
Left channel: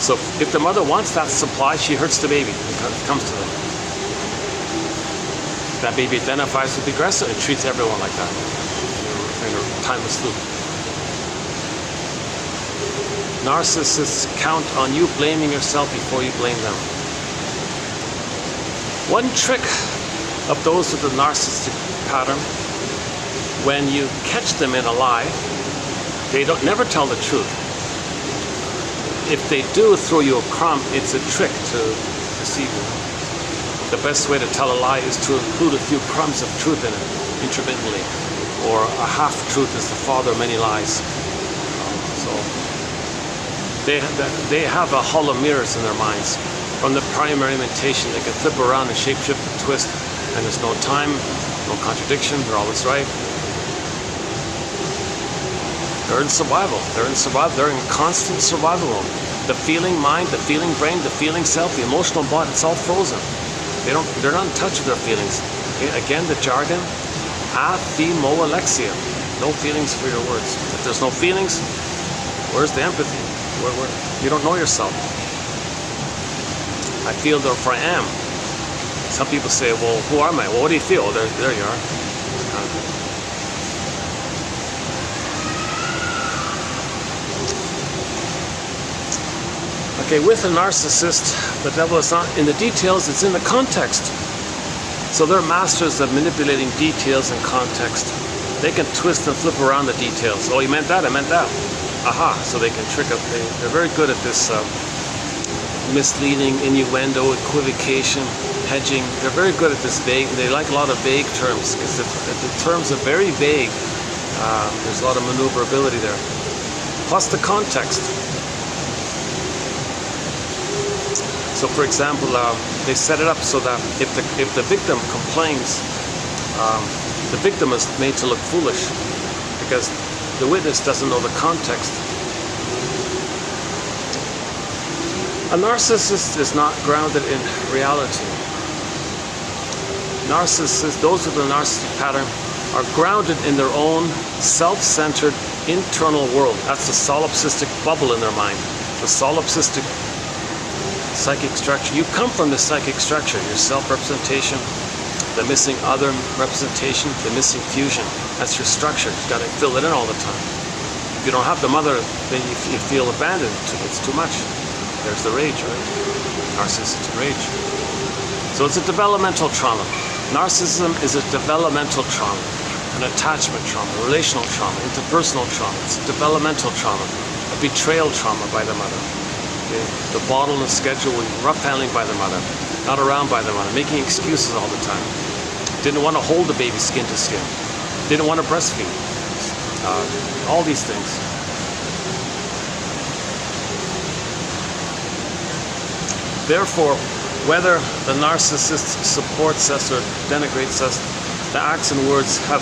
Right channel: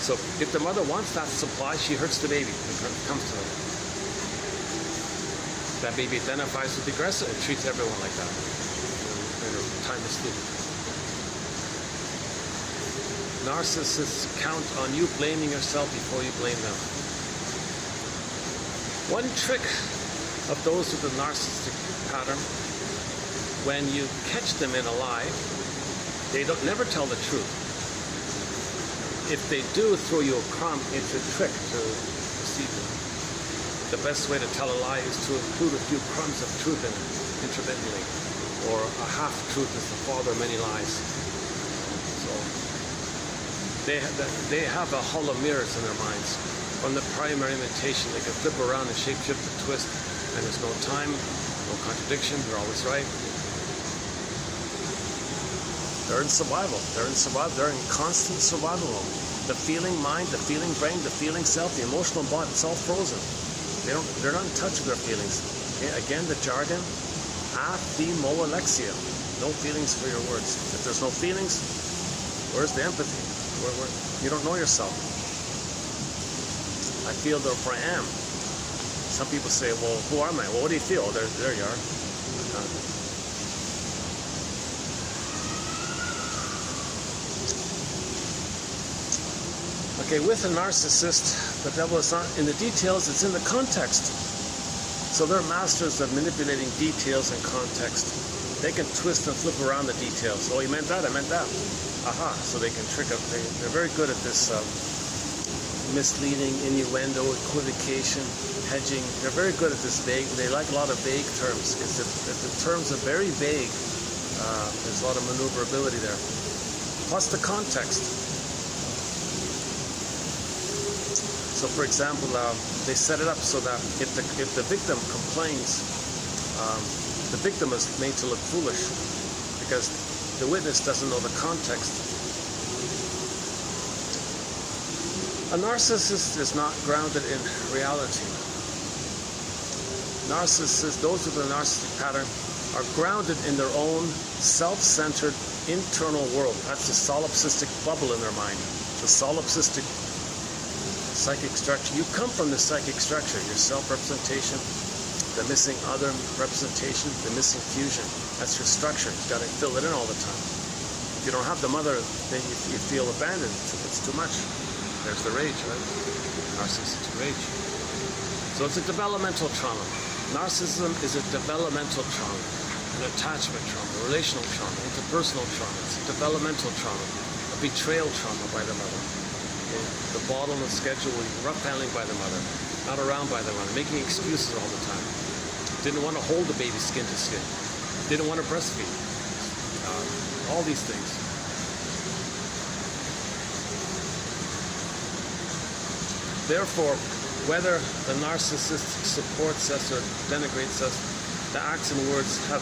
So if the mother wants that supply, she hurts the baby. It comes to them. That baby identifies with the aggressor and treats everyone like that in a timeless loop. Narcissists count on you blaming yourself before you blame them. One trick of those with the narcissistic pattern, when you catch them in a lie, they never tell the truth. If they do throw you a crumb, it's a trick to deceive you. The best way to tell a lie is to include a few crumbs of truth in it, intermittently. Or a half-truth is the father of many lies. So they have a hollow mirrors in their minds. From the primary mentation, they can flip around and shape-shift and twist, and there's no time, no contradiction, they're always right. They're in survival. They're in constant survival mode. The feeling mind, the feeling brain, the feeling self, the emotional body, it's all frozen. They're not in touch with their feelings. Again, the jargon, aphimo alexia. No feelings for your words. If there's no feelings, where's the empathy? You don't know yourself. I feel, therefore I am. Some people say, well, who am I? Well, what do you feel? Oh, there you are. Okay, with a narcissist, the devil is not in the details, it's in the context. So they're masters of manipulating details and context. They can twist and flip around the details. Oh, you meant that? I meant that. Aha. So they can trick up. They're very good at this misleading, innuendo, equivocation, hedging. They're very good at this vague. They like a lot of vague terms because if the terms are very vague, there's a lot of maneuverability there. Plus the context. So, for example, they set it up so that if the victim complains, the victim is made to look foolish because the witness doesn't know the context. A narcissist is not grounded in reality. Narcissists, those with the narcissistic pattern, are grounded in their own self-centered internal world. That's the solipsistic bubble in their mind. The solipsistic psychic structure. You come from the psychic structure, your self-representation, the missing other representation, the missing fusion. That's your structure. You've got to fill it in all the time. If you don't have the mother, then you feel abandoned. It's too much. There's the rage, right? Narcissistic rage. So it's a developmental trauma. Narcissism is a developmental trauma, an attachment trauma, relational trauma, interpersonal trauma. It's a developmental trauma, a betrayal trauma by the mother. Okay? The bottle and schedule, rough handling by the mother, not around by the mother, making excuses all the time. Didn't want to hold the baby skin to skin. Didn't want to breastfeed. All these things. Therefore, whether the narcissist supports us or denigrates us, the acts and words have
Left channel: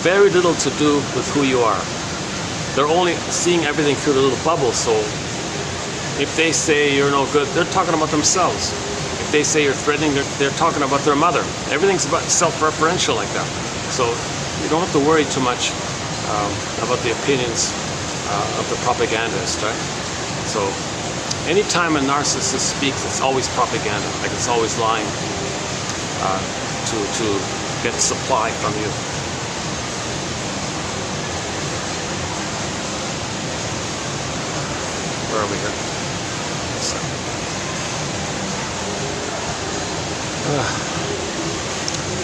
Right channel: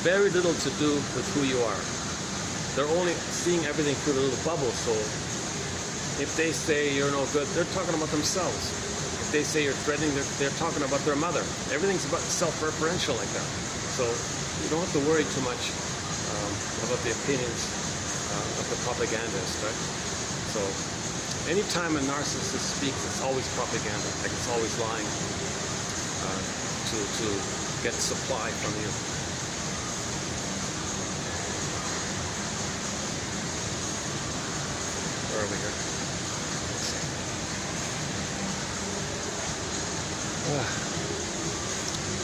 very little to do with who you are. They're only seeing everything through the little bubble, so if they say you're no good, they're talking about themselves. If they say you're threatening, they're talking about their mother. Everything's about self-referential like that. So you don't have to worry too much about the opinions of the propagandist, right? So anytime a narcissist speaks, it's always propaganda, like it's always lying to get supply from you. Where are we here?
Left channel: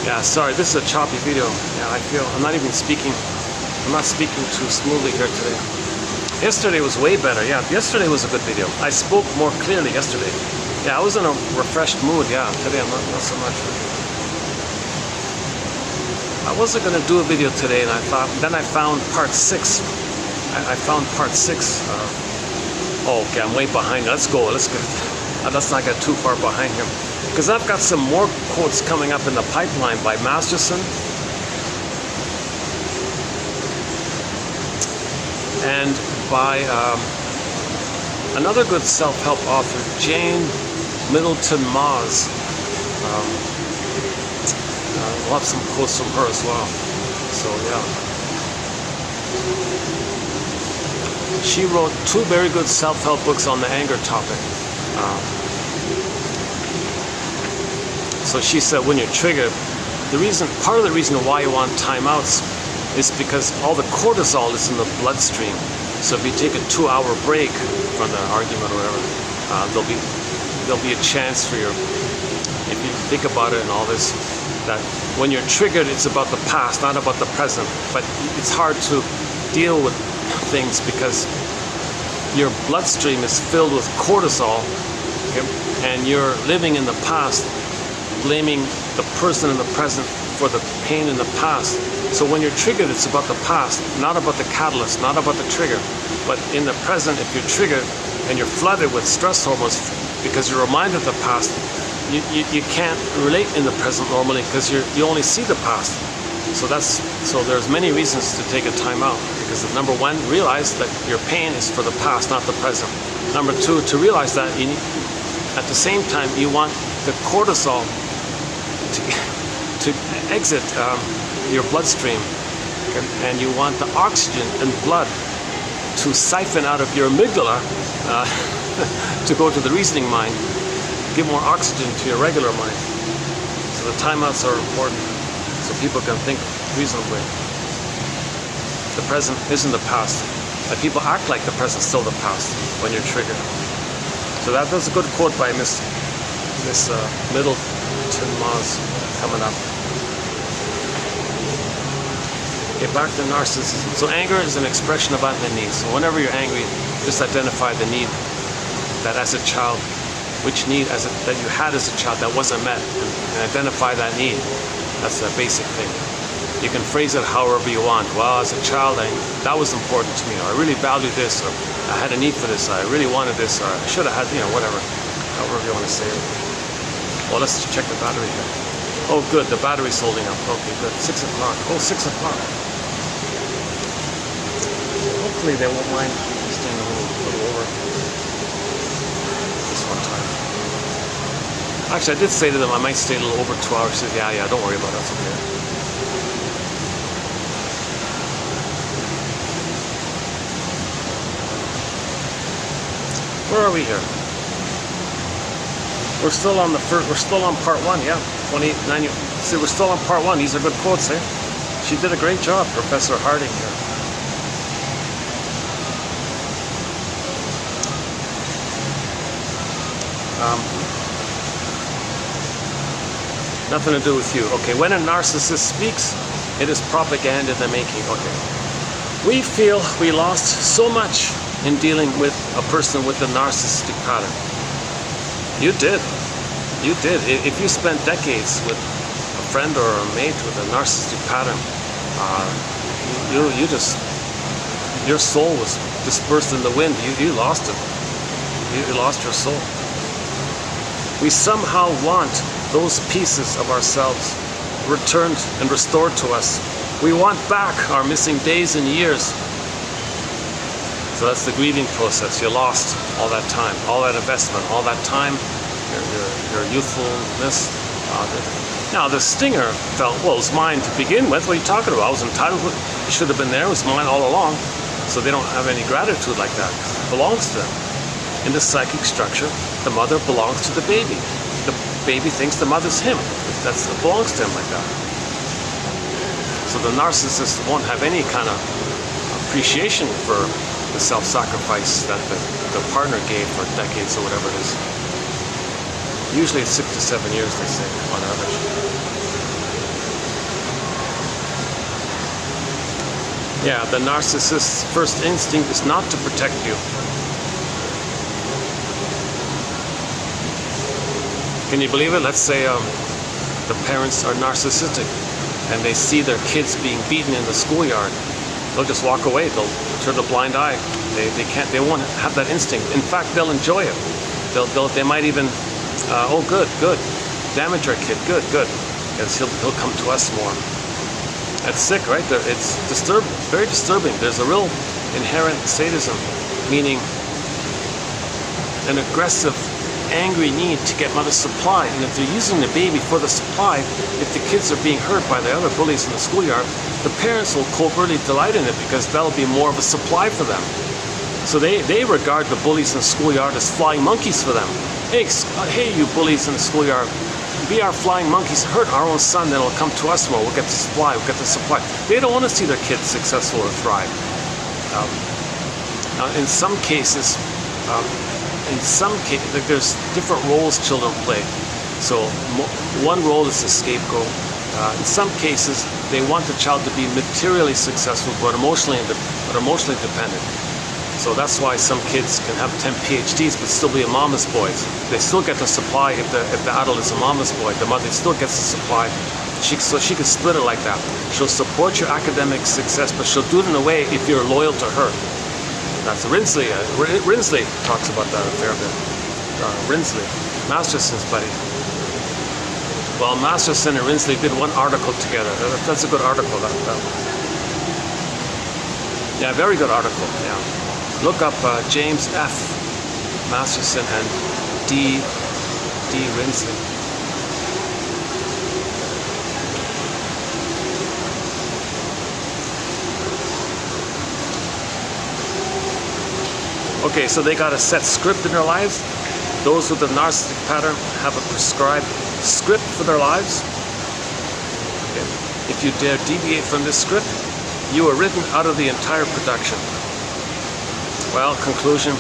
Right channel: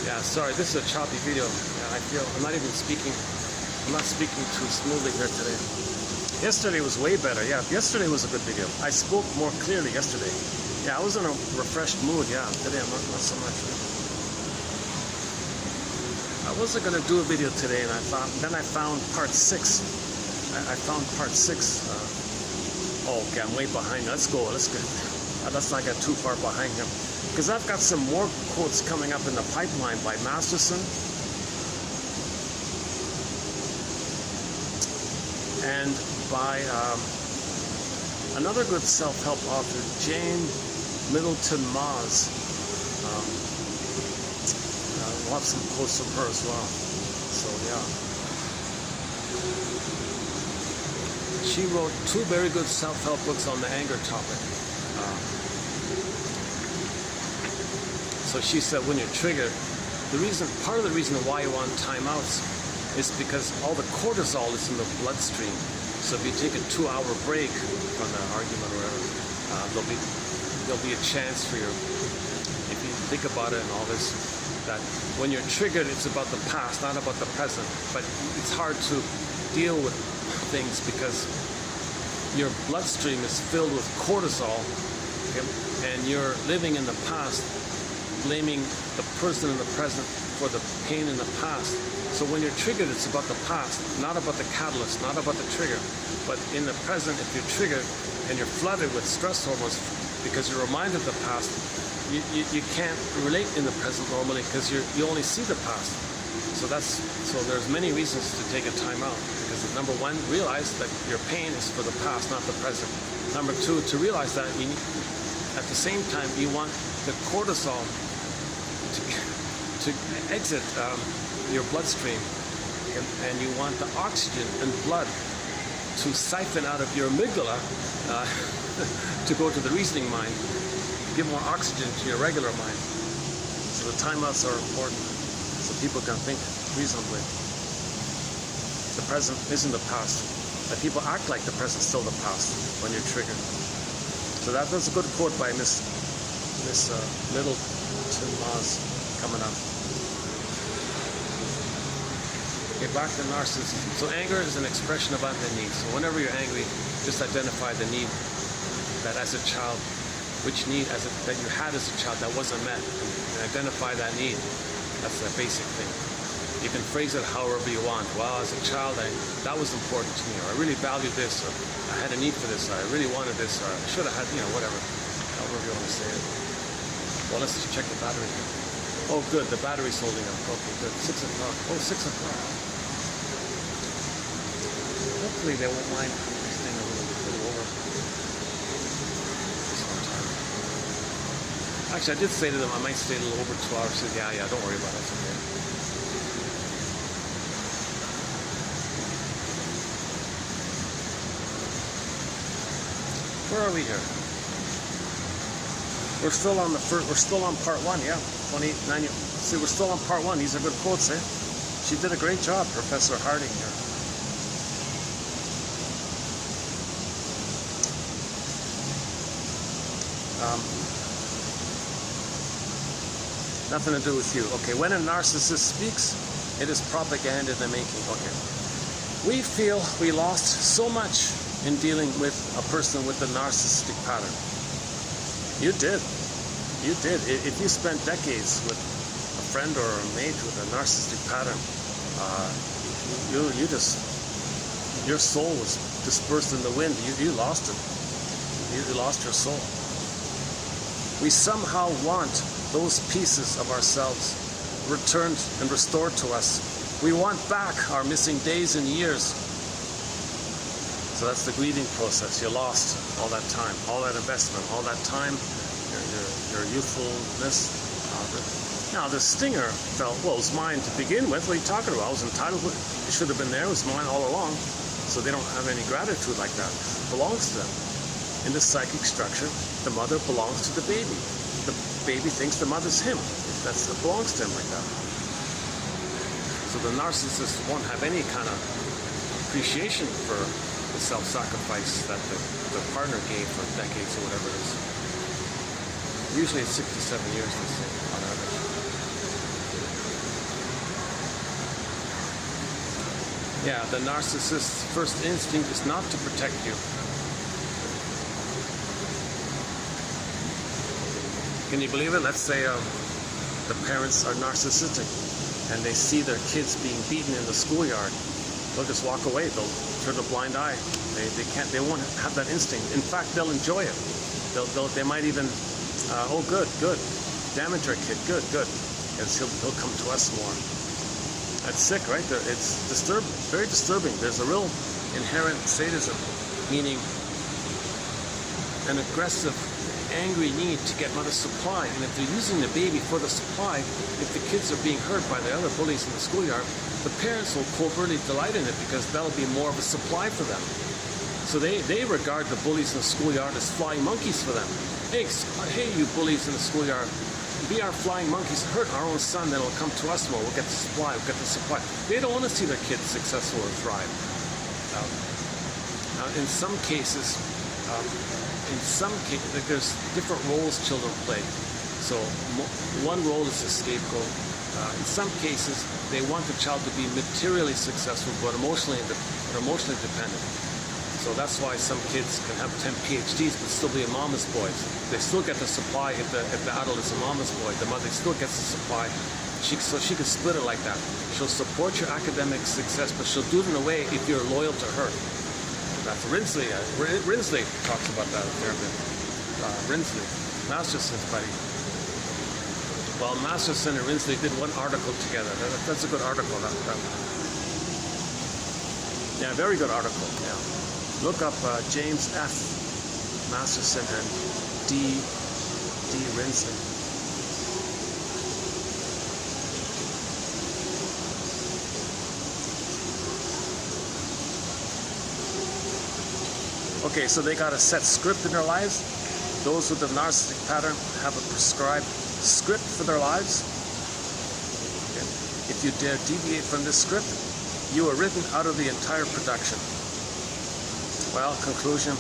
Yeah, sorry, this is a choppy video. Yeah, I feel I'm not even speaking. I'm not speaking too smoothly here today. Yesterday was way better. Yeah, yesterday was a good video. I spoke more clearly yesterday. Yeah, I was in a refreshed mood. Yeah, today I'm not so much. I wasn't gonna do a video today, and then I found part 6. I found part 6. Oh, okay, I'm way behind. Let's go. Let's not get too far behind here, because I've got some more quotes coming up in the pipeline by Masterson and by another good self-help author, Jane Middleton Moss. We'll have some quotes from her as well. So yeah, she wrote 2 very good self-help books on the anger topic. So she said, when you're triggered, part of the reason why you want timeouts is because all the cortisol is in the bloodstream. So if you take a 2-hour break from the argument or whatever, there'll be a chance for if you think about it and all this, that when you're triggered, it's about the past, not about the present. But it's hard to deal with things because your bloodstream is filled with cortisol, okay? And you're living in the past, blaming the person in the present for the pain in the past. So when you're triggered, it's about the past, not about the catalyst, not about the trigger. But in the present, if you're triggered and you're flooded with stress hormones because you're reminded of the past, you can't relate in the present normally because you only see the past. So there's many reasons to take a time out, because number 1, realize that your pain is for the past, not the present. Number 2, to realize that at the same time you want the cortisol to exit your bloodstream, and you want the oxygen and blood to siphon out of your amygdala to go to the reasoning mind, give more oxygen to your regular mind. So the timeouts are important, so people can think reasonably. The present isn't the past. And people act like the present's still the past when you're triggered. So that was a good quote by Miss Middleton Moss. coming up. Okay, back to narcissism. So anger is an expression of unmet needs. So whenever you're angry, just identify the need that as a child, which need that you had as a child that wasn't met, and identify that need. That's a basic thing. You can phrase it however you want. Well, as a child, that was important to me, or I really valued this, or I had a need for this, or I really wanted this, or I should have had, whatever. However you want to say it. Well, let's check the battery here. Oh, good, the battery's holding up. Okay, good. 6 o'clock. Oh, 6 o'clock. Hopefully they won't mind staying a little over this one time. Actually, I did say to them I might stay a little over 2 hours. She said, yeah, don't worry about it. That's okay. Where are we here? We're still on we're still on part 1, yeah. 2890. See, we're still on part 1. These are good quotes, eh? She did a great job, Professor Harding here. Nothing to do with you. Okay, when a narcissist speaks, it is propaganda in the making. Okay. We feel we lost so much in dealing with a person with a narcissistic pattern. You did. You did. If you spent decades with a friend or a mate with a narcissistic pattern, your soul was dispersed in the wind. You lost it. You lost your soul. We somehow want those pieces of ourselves returned and restored to us. We want back our missing days and years. So that's the grieving process. You lost all that time, all that investment, all that time, your youthfulness. Now the stinger felt, well, it was mine to begin with. What are you talking about? I was entitled to it. It should have been there. It was mine all along. So they don't have any gratitude like that. It belongs to them. In the psychic structure, the mother belongs to the baby. The baby thinks the mother's him. It belongs to him like that. So the narcissist won't have any kind of appreciation for the self-sacrifice that the partner gave for decades or whatever it is. Usually it's 6 to 7 years, they say, on average. Yeah, the narcissist's first instinct is not to protect you. Can you believe it? Let's say the parents are narcissistic and they see their kids being beaten in the schoolyard. They'll just walk away. They'll turn a blind eye. They won't have that instinct. In fact, they'll enjoy it. They might even, oh, good, damage our kid, good. Because he'll come to us more. That's sick, right? It's disturbing, very disturbing. There's a real inherent sadism, meaning an aggressive, angry need to get mother supply. And if they're using the baby for the supply, if the kids are being hurt by the other bullies in the schoolyard, the parents will covertly delight in it because that'll be more of a supply for them. So they regard the bullies in the schoolyard as flying monkeys for them. Hey, you bullies in the schoolyard, be our flying monkeys, hurt our own son, then it'll come to us more. We'll get the supply. They don't want to see their kids successful or thrive. In some cases, there's different roles children play. So one role is the scapegoat. In some cases, they want the child to be materially successful, but emotionally dependent. So that's why some kids can have 10 PhDs but still be a mama's boy. They still get the supply if the adult is a mama's boy. The mother still gets the supply. So she can split it like that. She'll support your academic success, but she'll do it in a way if you're loyal to her. That's Rinsley. Rinsley talks about that a fair bit. Rinsley, Masterson's buddy. Well, Masterson and Rinsley did one article together. That's a good article. Yeah, very good article. Yeah. Look up James F. Masterson and D. Rinsley. Okay, so they got a set script in their lives. Those with the narcissistic pattern have a prescribed script for their lives. Okay. If you dare deviate from this script, you are written out of the entire production. Well, conclusion,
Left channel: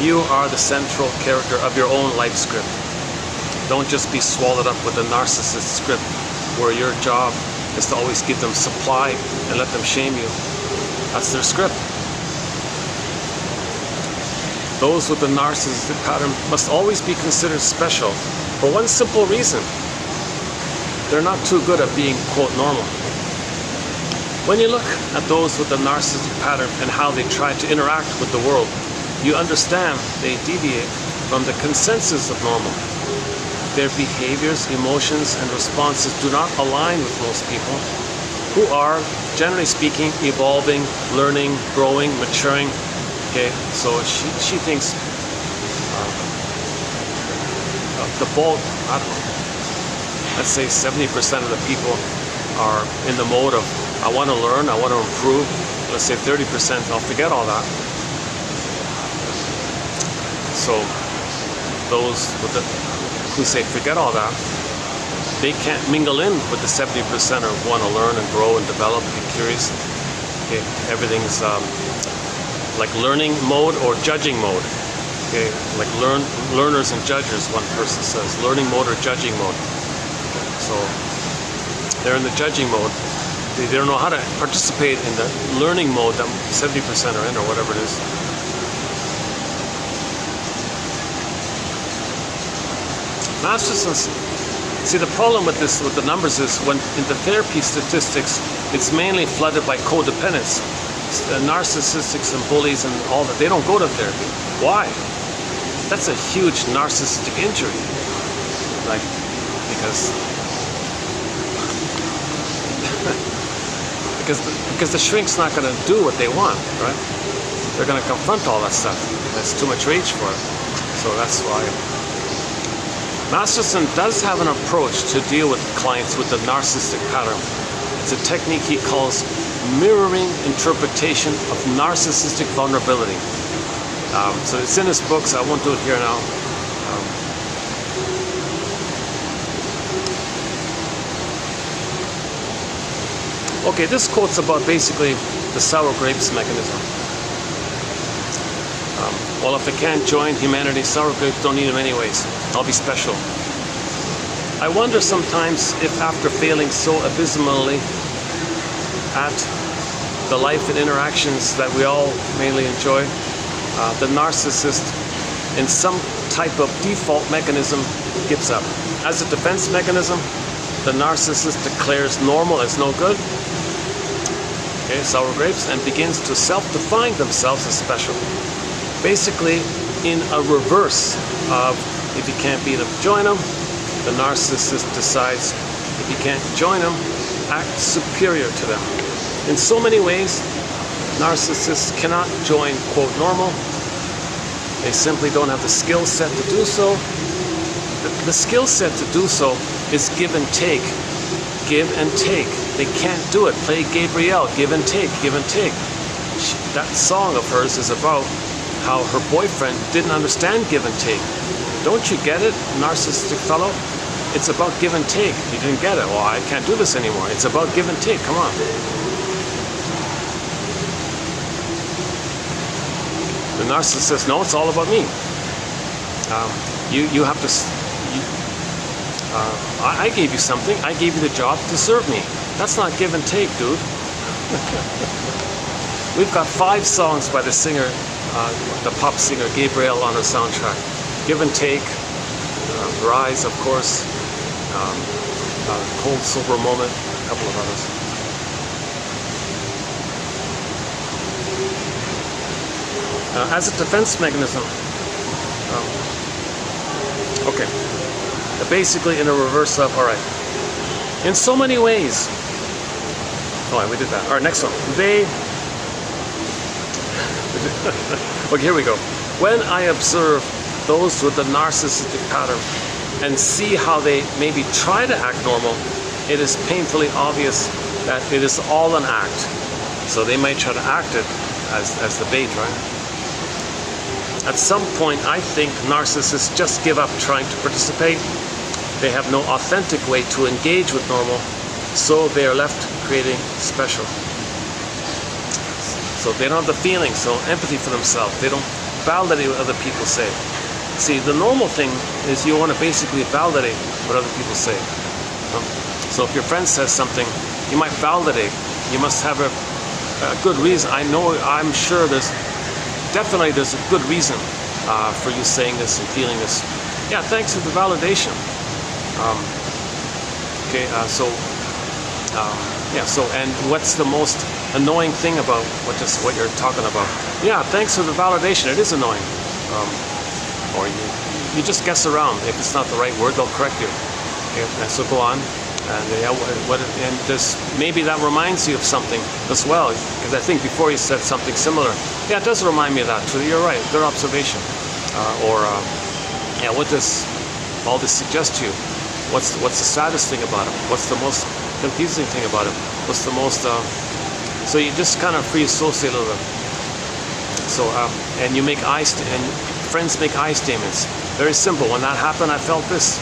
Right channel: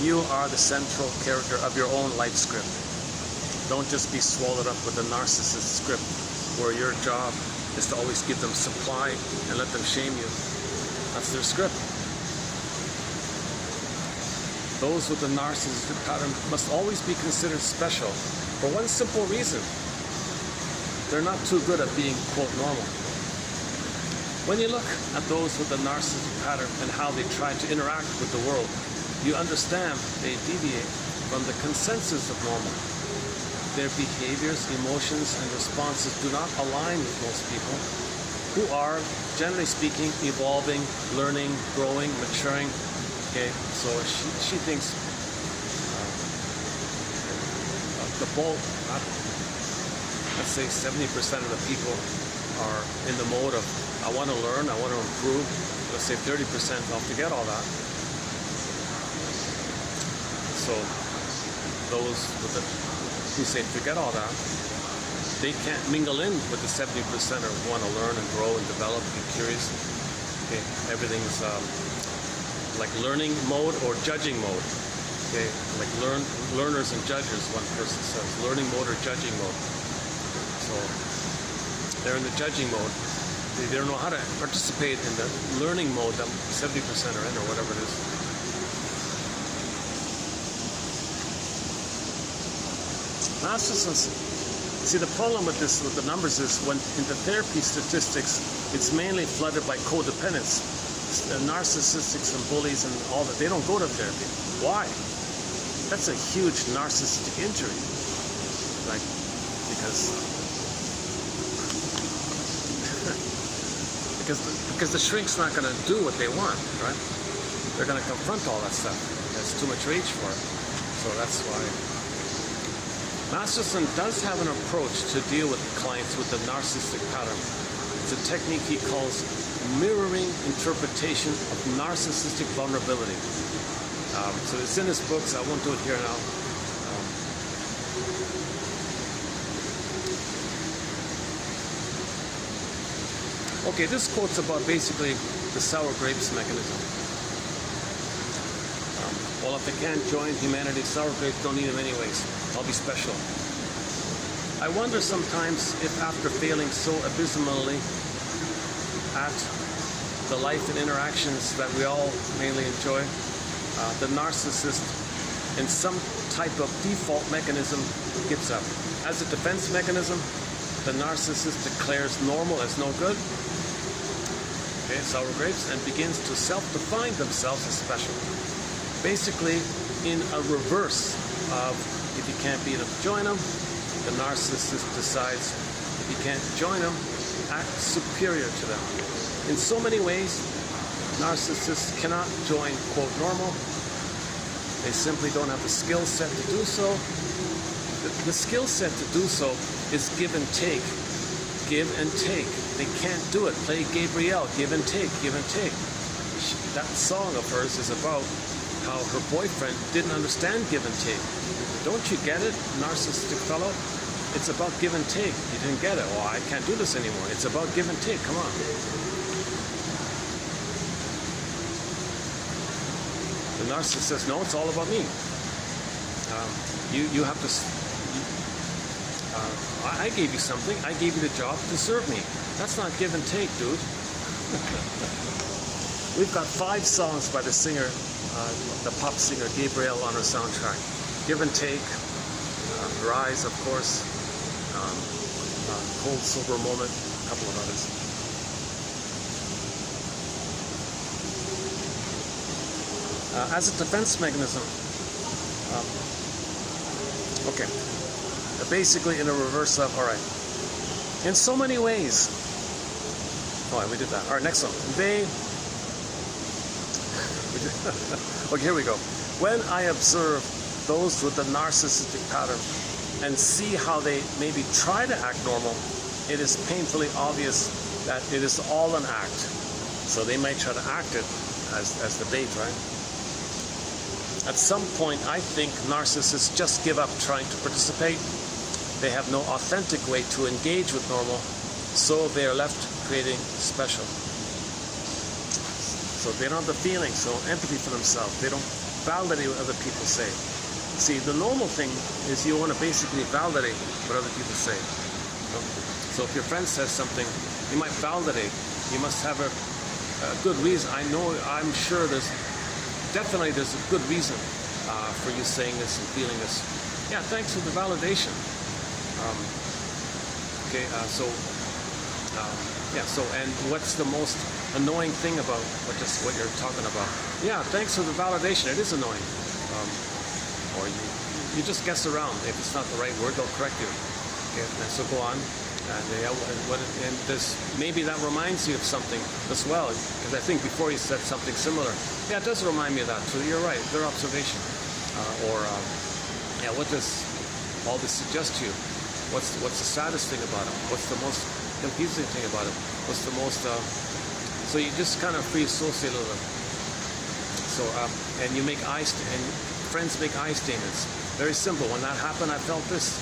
you are the central character of your own life script. Don't just be swallowed up with the narcissist script. where your job is to always give them supply and let them shame you. That's their script. Those with the narcissistic pattern must always be considered special for one simple reason. They're not too good at being, quote, normal. When you look at those with the narcissistic pattern and how they try to interact with the world, you understand they deviate from the consensus of normal. Their behaviors, emotions, and responses do not align with most people who are, generally speaking, evolving, learning, growing, maturing. Okay, so she thinks the bulk, I don't know, let's say 70% of the people are in the mode of, I want to learn, I want to improve. Let's say 30%, I'll forget all that. So those with the, who say forget all that, they can't mingle in with the 70% or want to learn and grow and develop, be curious. Okay, everything's like learning mode or judging mode. Okay, like learners and judges, one person says. Learning mode or judging mode. So they're in the judging mode. They don't know how to participate in the learning mode that 70% are in, or whatever it is. Narcissists. See, the problem with this, with the numbers, is when in the therapy statistics, it's mainly flooded by codependence. Narcissists and bullies and all that, they don't go to therapy. Why? That's a huge narcissistic injury. Like, because the shrink's not going to do what they want, right? They're going to confront all that stuff. There's too much rage for it. So that's why. Masterson does have an approach to deal with clients with the narcissistic pattern. It's a technique he calls mirroring interpretation of narcissistic vulnerability. So it's in his books. I won't do it here now. Okay, this quote's about basically the sour grapes mechanism. Well, if they can't join humanity, sour grapes don't need them anyways. I'll be special. I wonder sometimes if after failing so abysmally at the life and interactions that we all mainly enjoy, the narcissist in some type of default mechanism gives up. As a defense mechanism, the narcissist declares normal as no good, okay, sour grapes, and begins to self-define themselves as special. Basically, in a reverse of if you can't beat them, join them, the narcissist decides if you can't join them, act superior to them. In so many ways, narcissists cannot join, quote, normal. They simply don't have the skill set to do so. The skill set to do so is give and take. Give and take. They can't do it. Play Gabrielle, give and take, give and take. That song of hers is about how her boyfriend didn't understand give and take. Don't you get it, narcissistic fellow? It's about give and take. You didn't get it. Well, I can't do this anymore. It's about give and take. Come on. The narcissist says, no, it's all about me. You have to... I gave you something. I gave you the job to serve me. That's not give and take, dude. We've got 5 songs by the singer, the pop singer Gabrielle, on her soundtrack. Give and Take, Rise, of course, Cold Silver Moment, a couple of others. As a defense mechanism, okay, basically in a reverse of, all right, in so many ways, oh, we did that. All right, next one. Okay, here we go. When I observe those with the narcissistic pattern and see how they maybe try to act normal, it is painfully obvious that it is all an act. So they might try to act it as the bait, right? At some point, I think narcissists just give up trying to participate. They have no authentic way to engage with normal, so they are left creating special. So they don't have the feelings, no empathy for themselves. They don't validate what other people say. See, the normal thing is you want to basically validate what other people say. So if your friend says something, you might validate. You must have a good reason. I'm sure there's a good reason for you saying this and feeling this. Yeah, thanks for the validation. And what's the most annoying thing about what you're talking about? Yeah, thanks for the validation. It is annoying. Or you just guess around. If it's not the right word, they'll correct you. Okay, and so go on. And this, maybe that reminds you of something as well, because I think before you said something similar. Yeah, it does remind me of that. Trudy, you're right. Their observation, what does all this suggest to you? What's the saddest thing about it? What's the most confusing thing about it? What's the most? So you just kind of free associate a little bit. So and you make and friends make I statements. Very simple. When that happened, I felt this.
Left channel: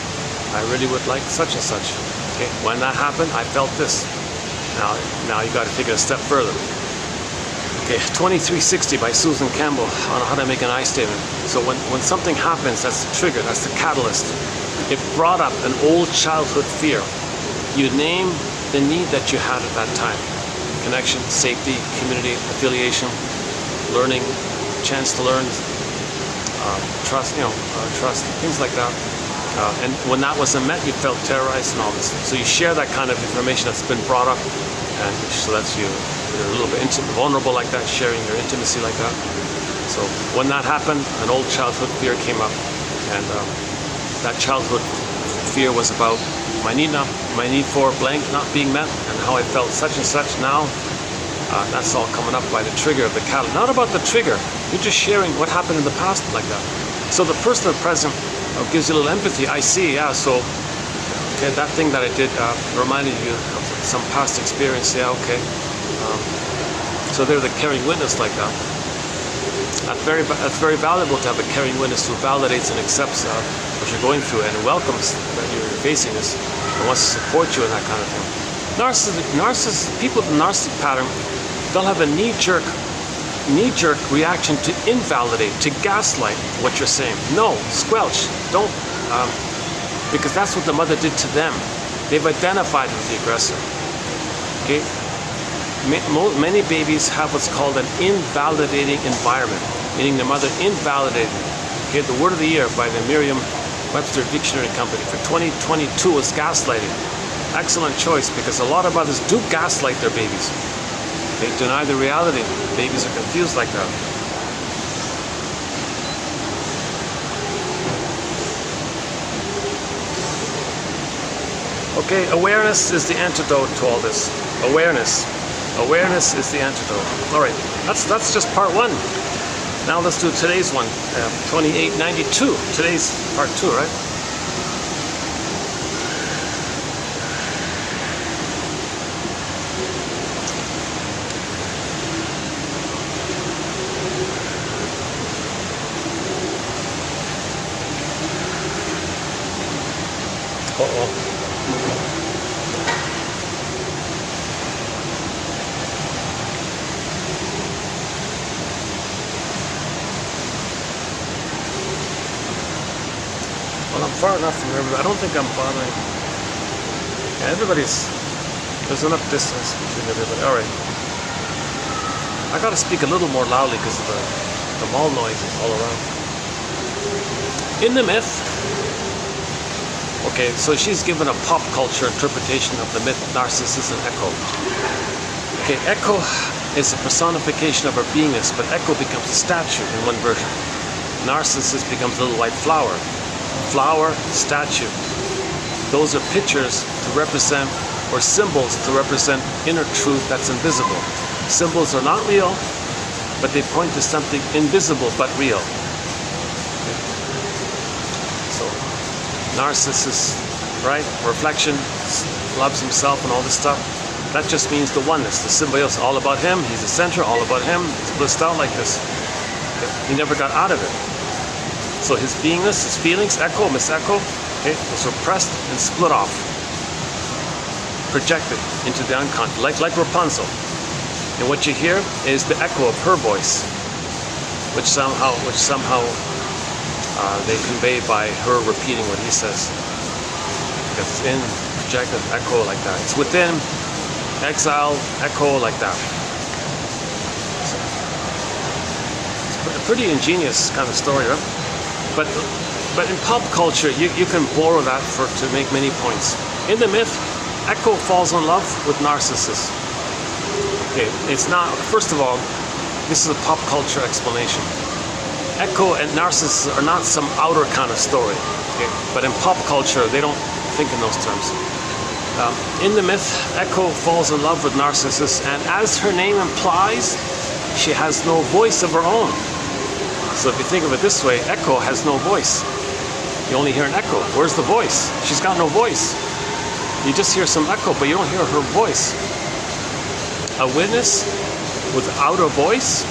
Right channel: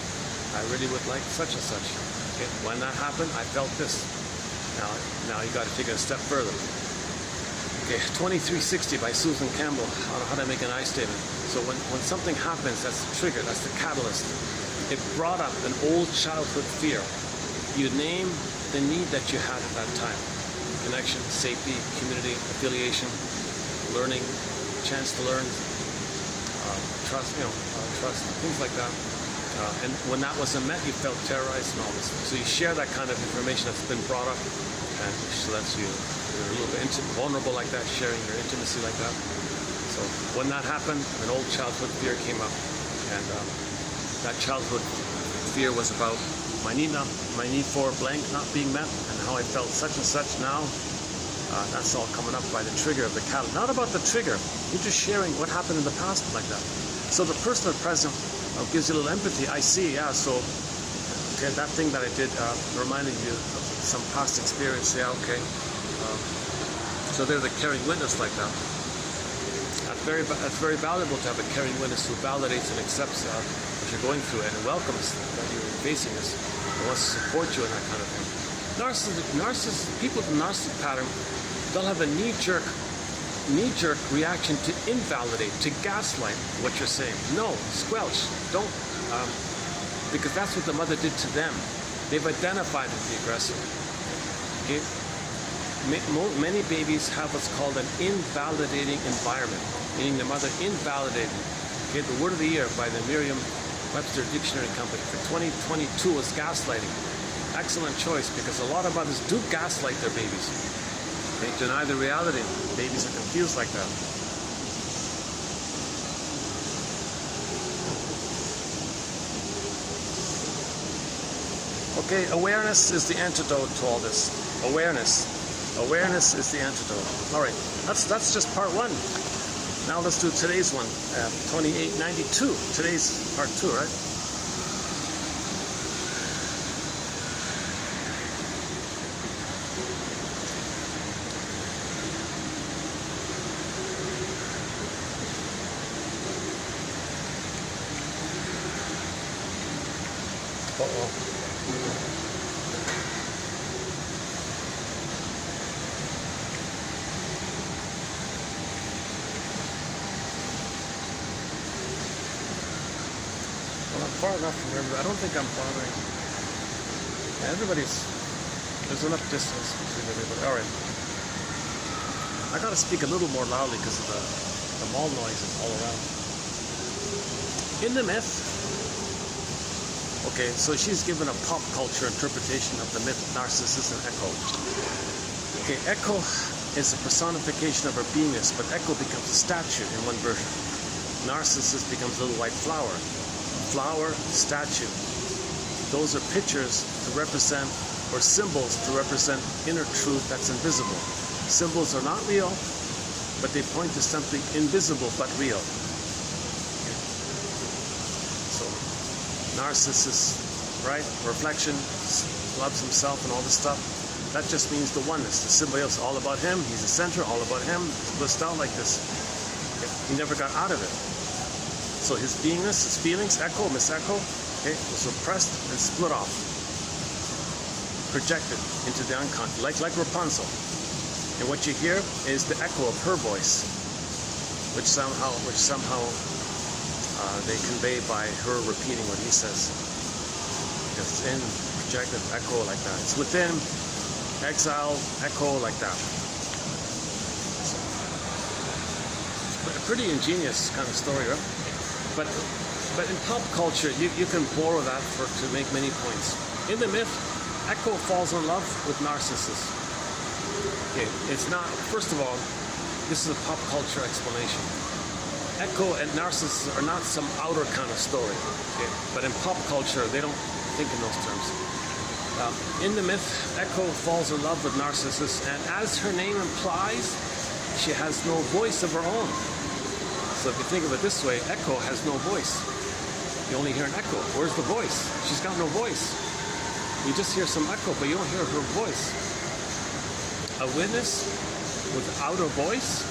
I really would like such and such. Okay. When that happened, I felt this. Now you got to take it a step further. Okay, 2360 by Susan Campbell on how to make an I statement. So when something happens, that's the trigger, that's the catalyst. It brought up an old childhood fear. You name the need that you had at that time. Connection, safety, community, affiliation, learning, chance to learn, trust, trust, things like that. And when that wasn't met, you felt terrorized and all this. So you share that kind of information that's been brought up, and so that's you're a little bit vulnerable like that, sharing your intimacy like that. So when that happened, an old childhood fear came up, and that childhood fear was about my need for blank not being met, and how I felt such and such. Now that's all coming up by the trigger of the catalyst. Not about the trigger. You're just sharing what happened in the past like that. So the personal present gives you a little empathy. I see, yeah. So okay, that thing that I did reminded you of some past experience. Yeah, okay. So they're the caring witness like that. That's very valuable to have a caring witness who validates and accepts what you're going through and welcomes that you're facing this and wants to support you in that kind of thing. People with the narcissist pattern, they'll have a knee-jerk reaction to invalidate, to gaslight what you're saying. No, squelch, don't, because that's what the mother did to them. They've identified with the aggressor. Okay. Many babies have what's called an invalidating environment, meaning the mother invalidated. Okay, the word of the year by the Merriam-Webster Dictionary Company for 2022 is gaslighting. Excellent choice, because a lot of mothers do gaslight their babies. They deny the reality. Babies are confused like that. Okay, awareness is the antidote to all this. Awareness is the antidote. All right, that's just part one. Now let's do today's one, 2892. Today's part two, right? Well, I'm far enough from everybody. I don't think I'm bothering. Yeah, there's enough distance between everybody. All right. I got to speak a little more loudly because of the mall noise all around. In the myth, okay, so she's given a pop culture interpretation of the myth Narcissus and Echo. Okay, Echo is a personification of her beingness, but Echo becomes a statue in one version. Narcissus becomes a little white flower. Flower, statue. Those are pictures to represent, or symbols to represent inner truth that's invisible. Symbols are not real, but they point to something invisible but real. Okay. So, Narcissus, right? Reflection, loves himself and all this stuff. That just means the oneness, the symbiosis, all about him. He's the center, all about him. He's blissed out like this. Okay. He never got out of it. So his beingness, his feelings, Echo, Miss Echo, okay, was repressed and split off, projected into the unconscious, like Rapunzel. And what you hear is the echo of her voice, which somehow they convey by her repeating what he says, because it's project and echo like that. It's within, exile, echo like that. It's a pretty ingenious kind of story, right? But in pop culture, you can borrow that to make many points. In the myth, Echo falls in love with Narcissus. Okay, it's not, first of all, this is a pop culture explanation. Echo and Narcissus are not some outer kind of story, okay? But in pop culture, they don't think in those terms. In the myth, Echo falls in love with Narcissus, and as her name implies, she has no voice of her own. So if you think of it this way, Echo has no voice. You only hear an echo. Where's the voice? She's got no voice. You just hear some echo, but you don't hear her voice. A witness without a voice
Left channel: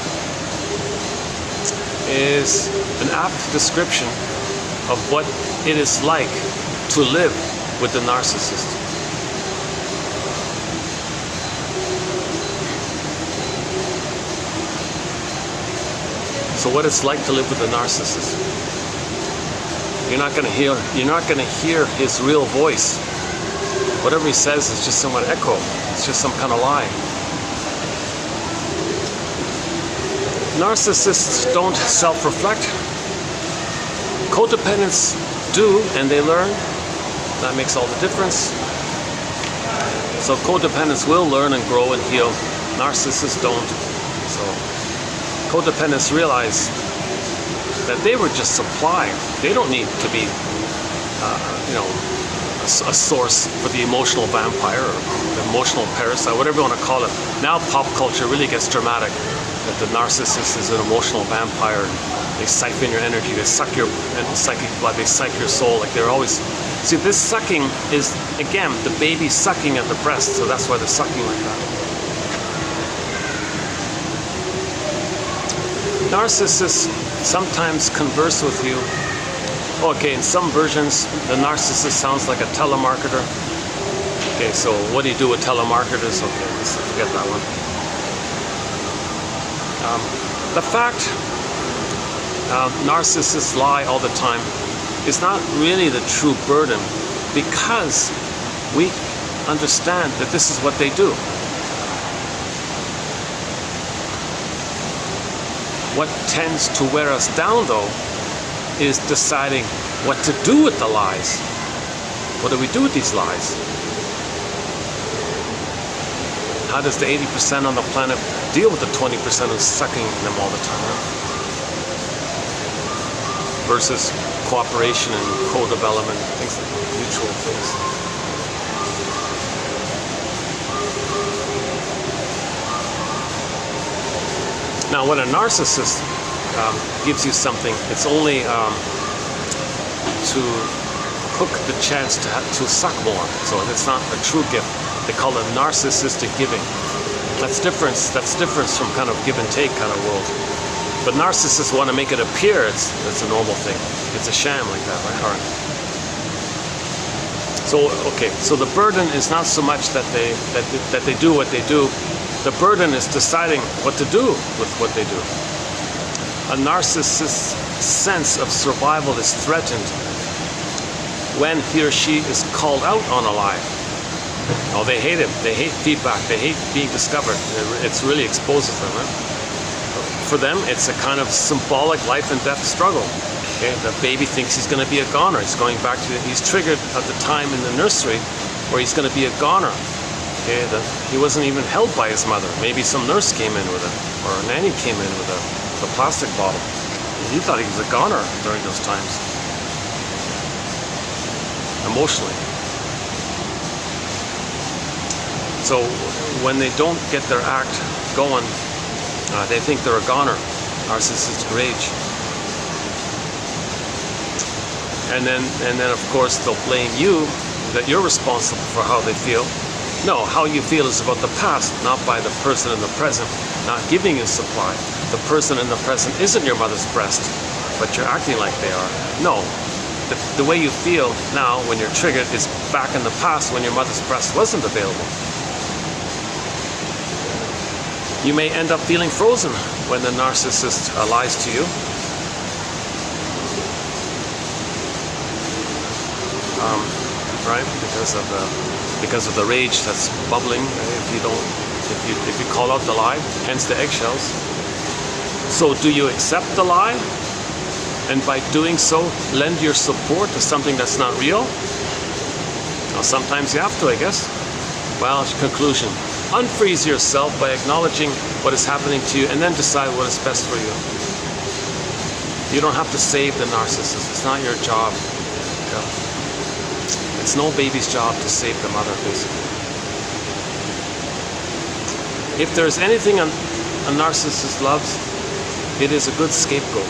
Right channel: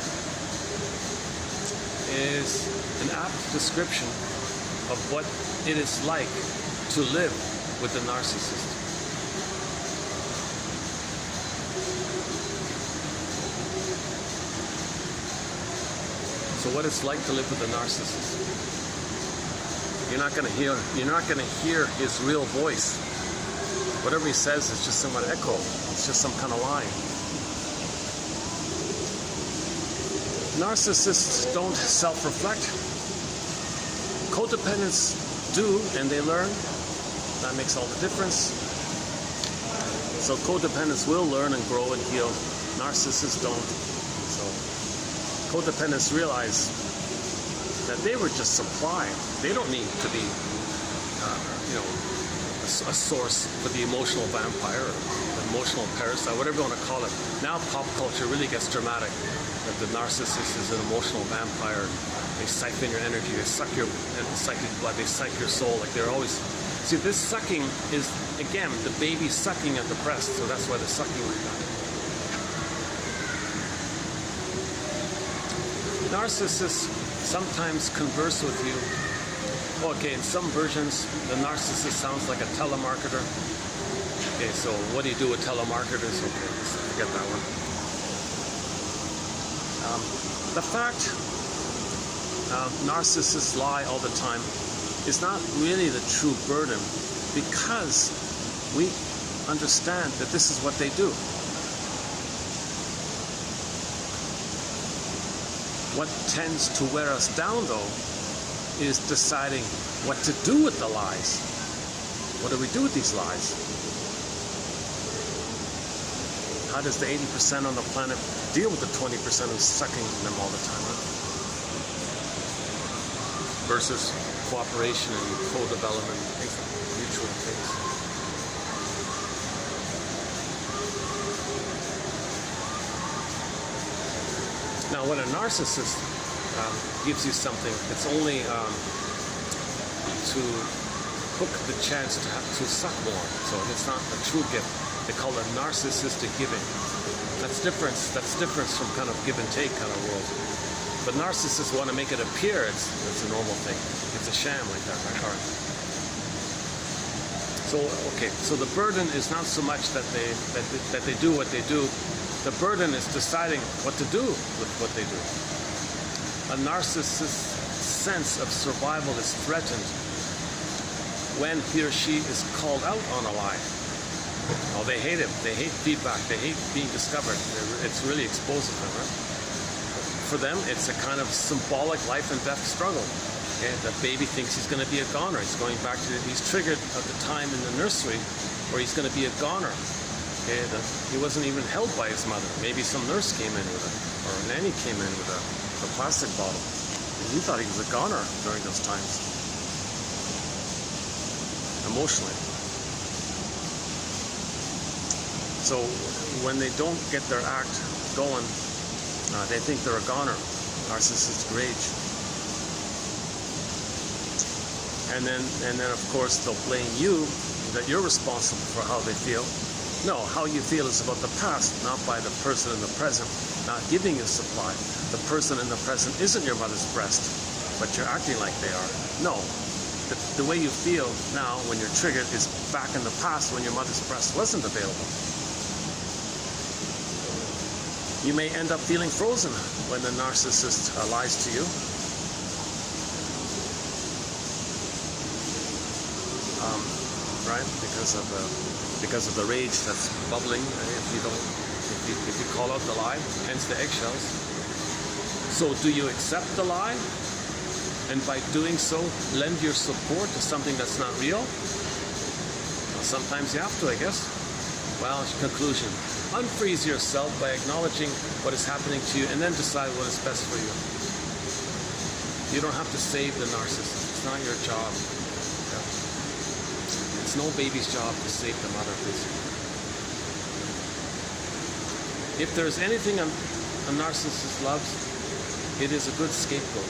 is an apt description of what it is like to live with the narcissist. So what it's like to live with a narcissist. You're not going to hear his real voice. Whatever he says is just somewhat echo. It's just some kind of lie. Narcissists don't self-reflect. Codependents do, and they learn. That makes all the difference. So codependents will learn and grow and heal. Narcissists don't. So codependents realize that they were just supplying. They don't need to be, a source for the emotional vampire or the emotional parasite, whatever you want to call it. Now pop culture really gets dramatic. That the narcissist is an emotional vampire. They siphon your energy. They suck your psychic blood. They suck your soul. Like they're always. See, this sucking is again the baby sucking at the breast. So that's why they're sucking like that. Narcissists sometimes converse with you. Okay, in some versions, the narcissist sounds like a telemarketer. Okay, so what do you do with telemarketers? Okay, let's forget that one. The fact narcissists lie all the time is not really the true burden, because we understand that this is what they do. What tends to wear us down, though, is deciding what to do with the lies. What do we do with these lies? How does the 80% on the planet deal with the 20% who's sucking them all the time? Versus cooperation and co-development, things like mutual things. Now, when a narcissist gives you something, it's only to hook the chance to suck more. So it's not a true gift. They call it narcissistic giving. That's different from kind of give and take kind of world. But narcissists want to make it appear it's a normal thing. It's a sham like that, right? All right. So okay, so the burden is not so much that they do what they do. The burden is deciding what to do with what they do. A narcissist's sense of survival is threatened when he or she is called out on a lie. Oh, they hate it. They hate feedback. They hate being discovered. It really exposes them. Huh? For them, it's a kind of symbolic life and death struggle. Okay, the baby thinks he's going to be a goner. He's triggered at the time in the nursery where he's going to be a goner. Okay, he wasn't even held by his mother. Maybe some nurse came in with it, or a nanny came in with a plastic bottle. He thought he was a goner during those times. Emotionally. So when they don't get their act going, they think they're a goner. Narcissistic rage. And then of course they'll blame you, that you're responsible for how they feel. No, how you feel is about the past, not by the person in the present, not giving you supply. The person in the present isn't your mother's breast, but you're acting like they are. No, the way you feel now when you're triggered is back in the past when your mother's breast wasn't available. You may end up feeling frozen when the narcissist lies to you. right? Because of the rage that's bubbling. If you call out the lie, hence the eggshells. So do you accept the lie? And by doing so, lend your support to something that's not real? Well, sometimes you have to, I guess. Well, conclusion. Unfreeze yourself by acknowledging what is happening to you and then decide what is best for you. You don't have to save the narcissist. It's not your job. Yeah. It's no baby's job to save the mother, basically. If there's anything a narcissist loves, it is a good scapegoat.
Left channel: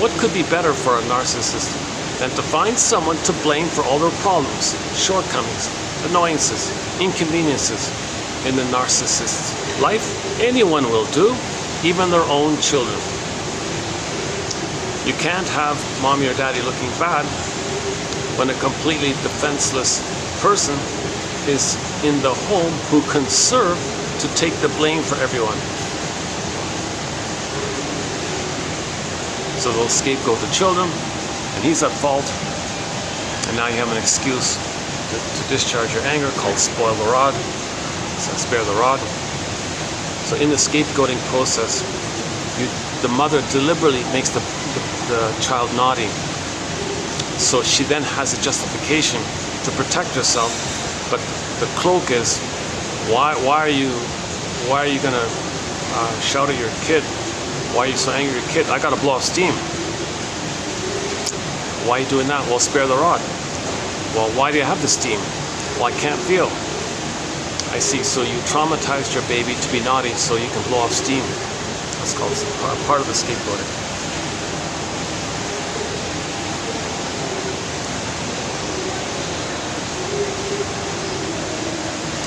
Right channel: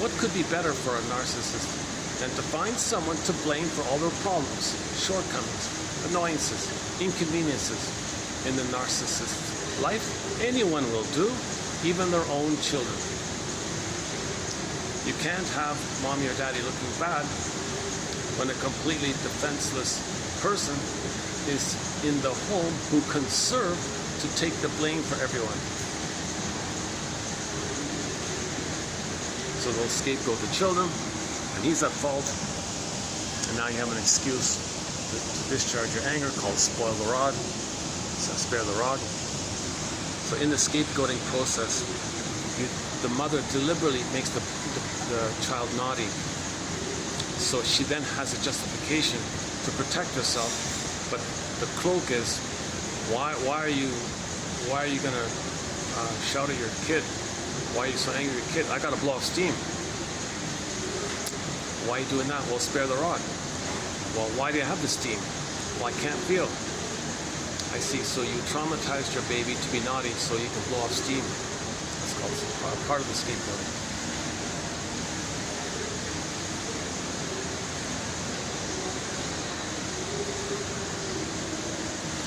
What could be better for a narcissist than to find someone to blame for all their problems, shortcomings, annoyances, inconveniences in the narcissist's life? Anyone will do, even their own children. You can't have mommy or daddy looking bad when a completely defenseless person is in the home who can serve to take the blame for everyone. So they'll scapegoat the children, and he's at fault, and now you have an excuse to discharge your anger called spoil the rod, so spare the rod. So in the scapegoating process, the mother deliberately makes the child naughty, so she then has a justification to protect herself. But the cloak is, why are you gonna shout at your kid? Why are you so angry at your kid? I gotta blow off steam. Why are you doing that? Well, spare the rod. Well, why do you have the steam? Well, I can't feel. I see. So you traumatized your baby to be naughty so you can blow off steam. That's called part of the scapegoating.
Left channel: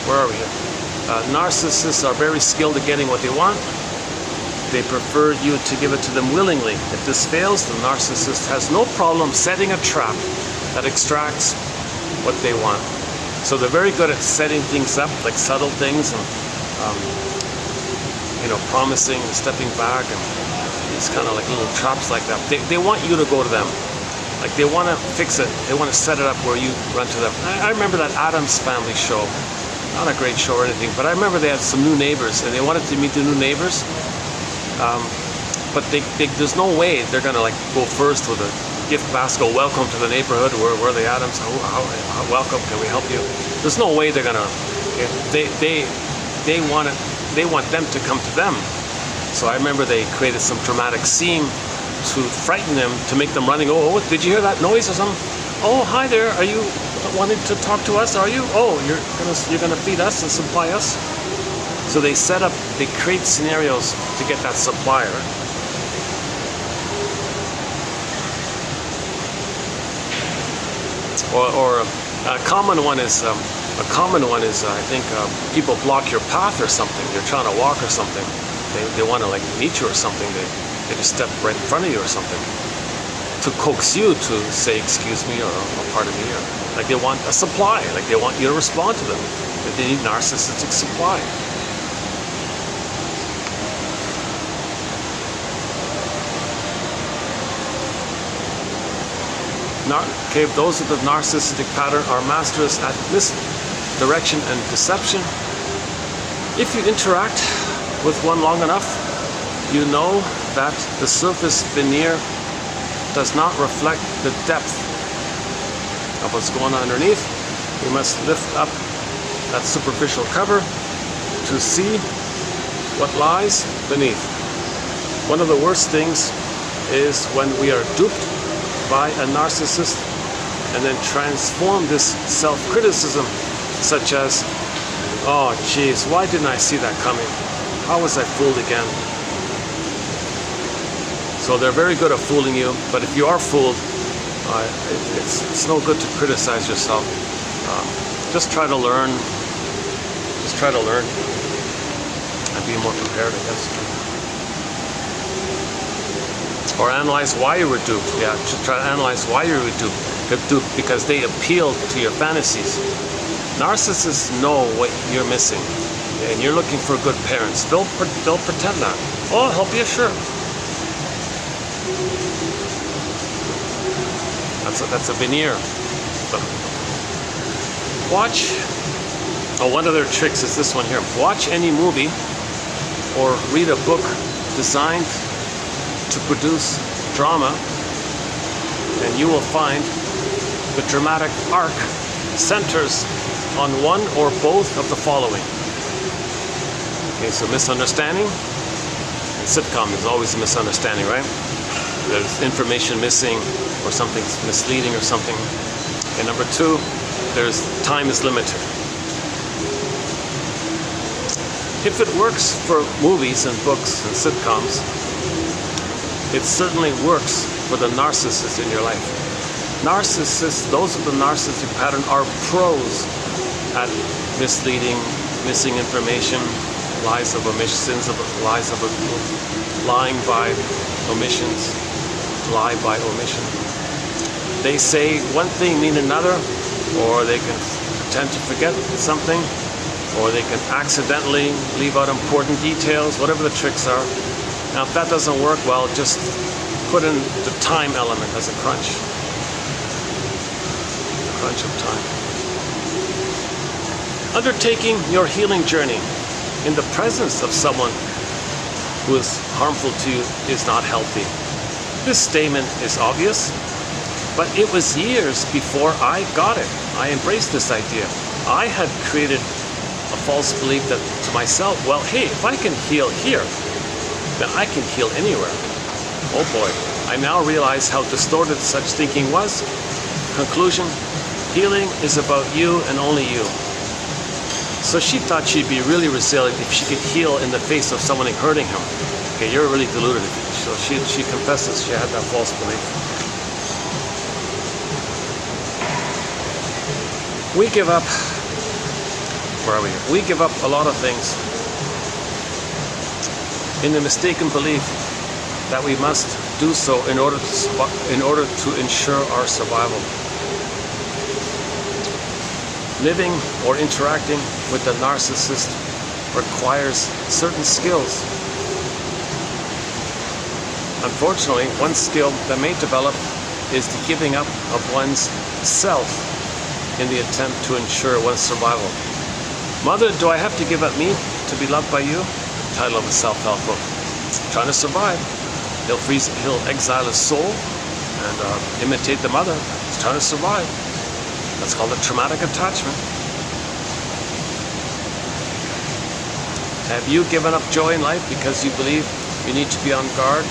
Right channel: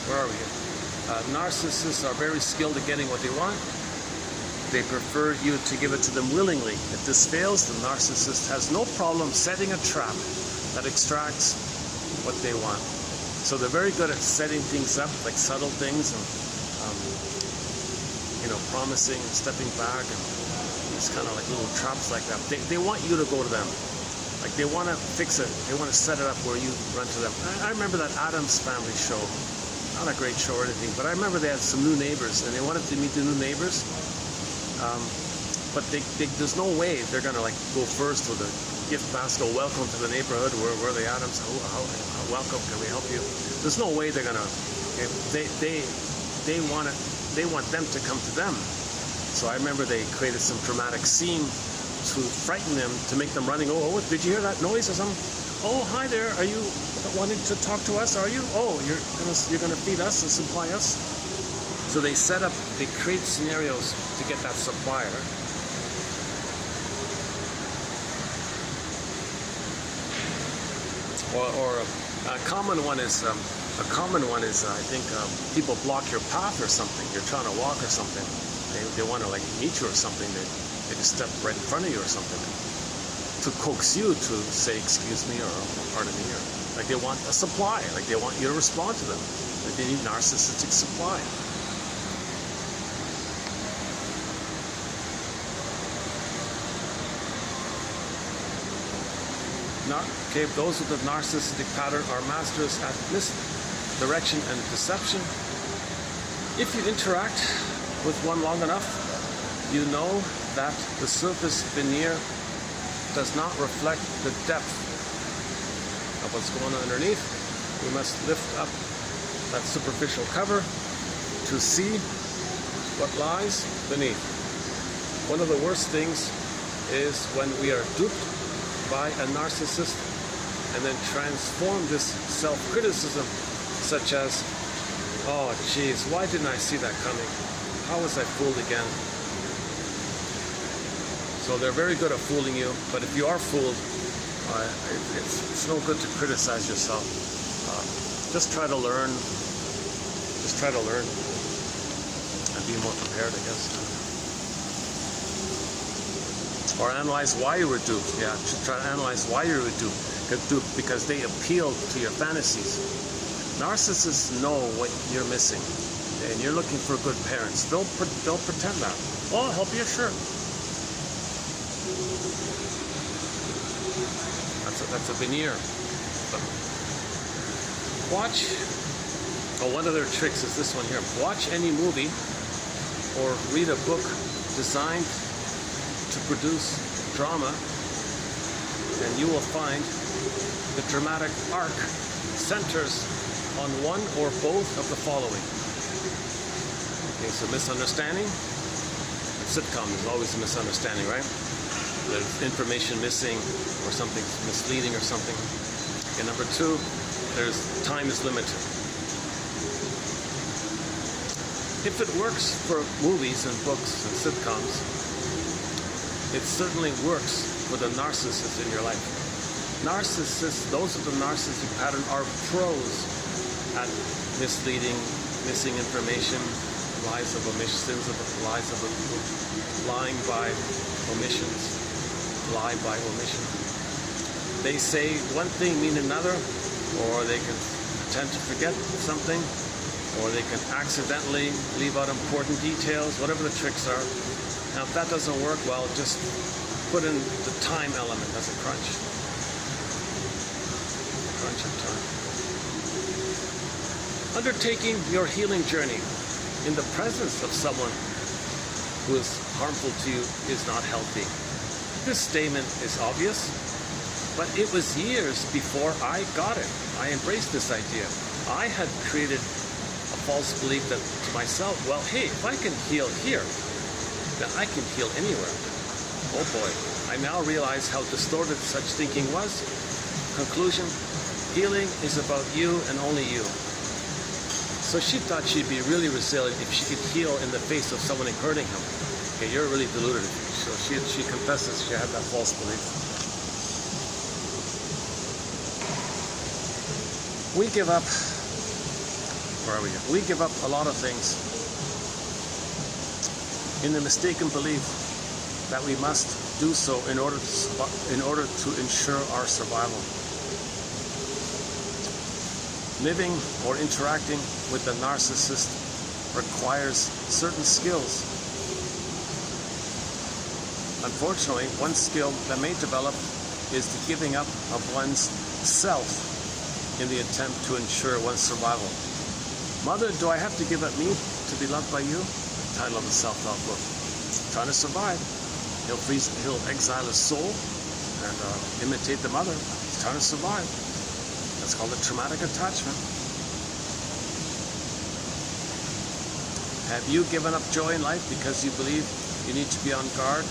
Where are we? Narcissists are very skilled at getting what they want. They prefer you to give it to them willingly. If this fails, the narcissist has no problem setting a trap that extracts what they want. So they're very good at setting things up, like subtle things, and promising and stepping back, and these kind of like little traps like that. They want you to go to them. Like they want to fix it. They want to set it up where you run to them. I remember that Addams Family show. Not a great show or anything, but I remember they had some new neighbors, and they wanted to meet the new neighbors. But there's no way they're gonna like go first with a gift basket. Welcome to the neighborhood. Where are the Adams? How welcome? Can we help you? There's no way they're gonna. Okay? They want them to come to them. So I remember they created some dramatic scene to frighten them, to make them running. Oh, did you hear that noise or something? Oh, hi there. Are you wanting to talk to us? Are you? Oh, you're gonna feed us and supply us. So they create scenarios to get that supplier. Or a common one is I think people block your path or something. You're trying to walk or something. They want to like meet you or something. They just step right in front of you or something to coax you to say excuse me or pardon me, or like they want a supply. Like they want you to respond to them. They need narcissistic supply. Okay, those with the narcissistic pattern are masters at misdirection and deception. If you interact with one long enough, you know that the surface veneer does not reflect the depth of what's going on underneath. We must lift up that superficial cover to see what lies beneath. One of the worst things is when we are duped by a narcissist and then transform this self-criticism, such as, oh geez, why didn't I see that coming? How was I fooled again? So they're very good at fooling you, but if you are fooled, it's no good to criticize yourself. Just try to learn. Just try to learn and be more prepared, I guess. Or analyze why you were duped. Yeah, just try to analyze why you were duped. They're duped because they appeal to your fantasies. Narcissists know what you're missing, and you're looking for good parents. They'll pretend that. Oh, I'll help you, sure. That's a veneer. But Watch, one of their tricks is this one here. Watch any movie or read a book designed to produce drama, and you will find the dramatic arc centers on one or both of the following. Okay, so misunderstanding. In sitcom, there's always a misunderstanding, right? There's information missing, or something's misleading or something. And number two, there's time is limited. If it works for movies and books and sitcoms, it certainly works for the narcissists in your life. Narcissists, those with the narcissistic pattern, are pros at misleading, missing information, lies of omission, lying by omissions, lie by omission. They say one thing mean another, or they can tend to forget something, or they can accidentally leave out important details, whatever the tricks are. Now if that doesn't work, well, just put in the time element as a crunch. Crunch of time. Undertaking your healing journey in the presence of someone who is harmful to you is not healthy. This statement is obvious, but it was years before I got it. I embraced this idea. I had created a false belief that to myself, well, hey, if I can heal here, then I can heal anywhere. Oh boy, I now realize how distorted such thinking was. Conclusion, healing is about you and only you. So she thought she'd be really resilient if she could heal in the face of someone hurting him. Okay, you're really deluded. So she confesses she had that false belief. We give up, where are we here? We give up a lot of things in the mistaken belief that we must do so in order to ensure our survival. Living or interacting with the narcissist requires certain skills. Unfortunately, one skill that may develop is the giving up of one's self in the attempt to ensure one's survival. Mother, do I have to give up me to be loved by you? Title of a self-help book. Trying to survive. He'll exile his soul and imitate the mother. He's trying to survive. That's called a traumatic attachment. Have you given up joy in life because you believe you need to be on guard?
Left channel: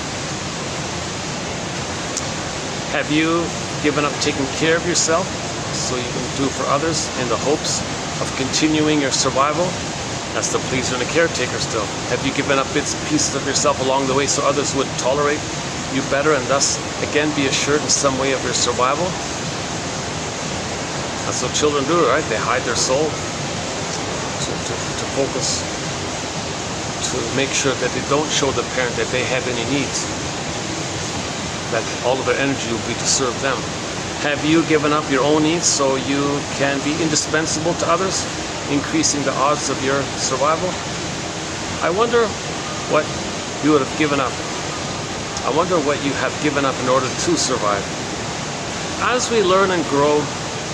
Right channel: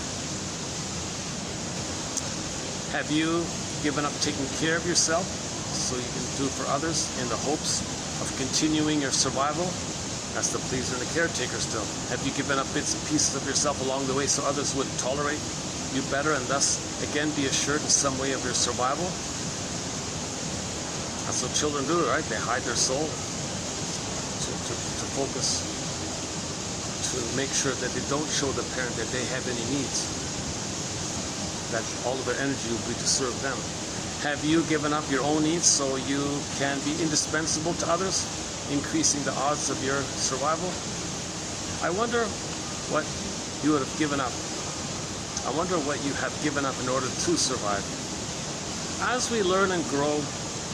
Have you given up taking care of yourself so you can do for others in the hopes of continuing your survival? That's the pleaser and the caretaker still. Have you given up pieces of yourself along the way so others would tolerate you better and thus again be assured in some way of your survival? That's what children do, right? They hide their soul to focus, to make sure that they don't show the parent that they have any needs, that all of their energy will be to serve them. Have you given up your own needs so you can be indispensable to others, increasing the odds of your survival? I wonder what you would have given up. I wonder what you have given up in order to survive. As we learn and grow,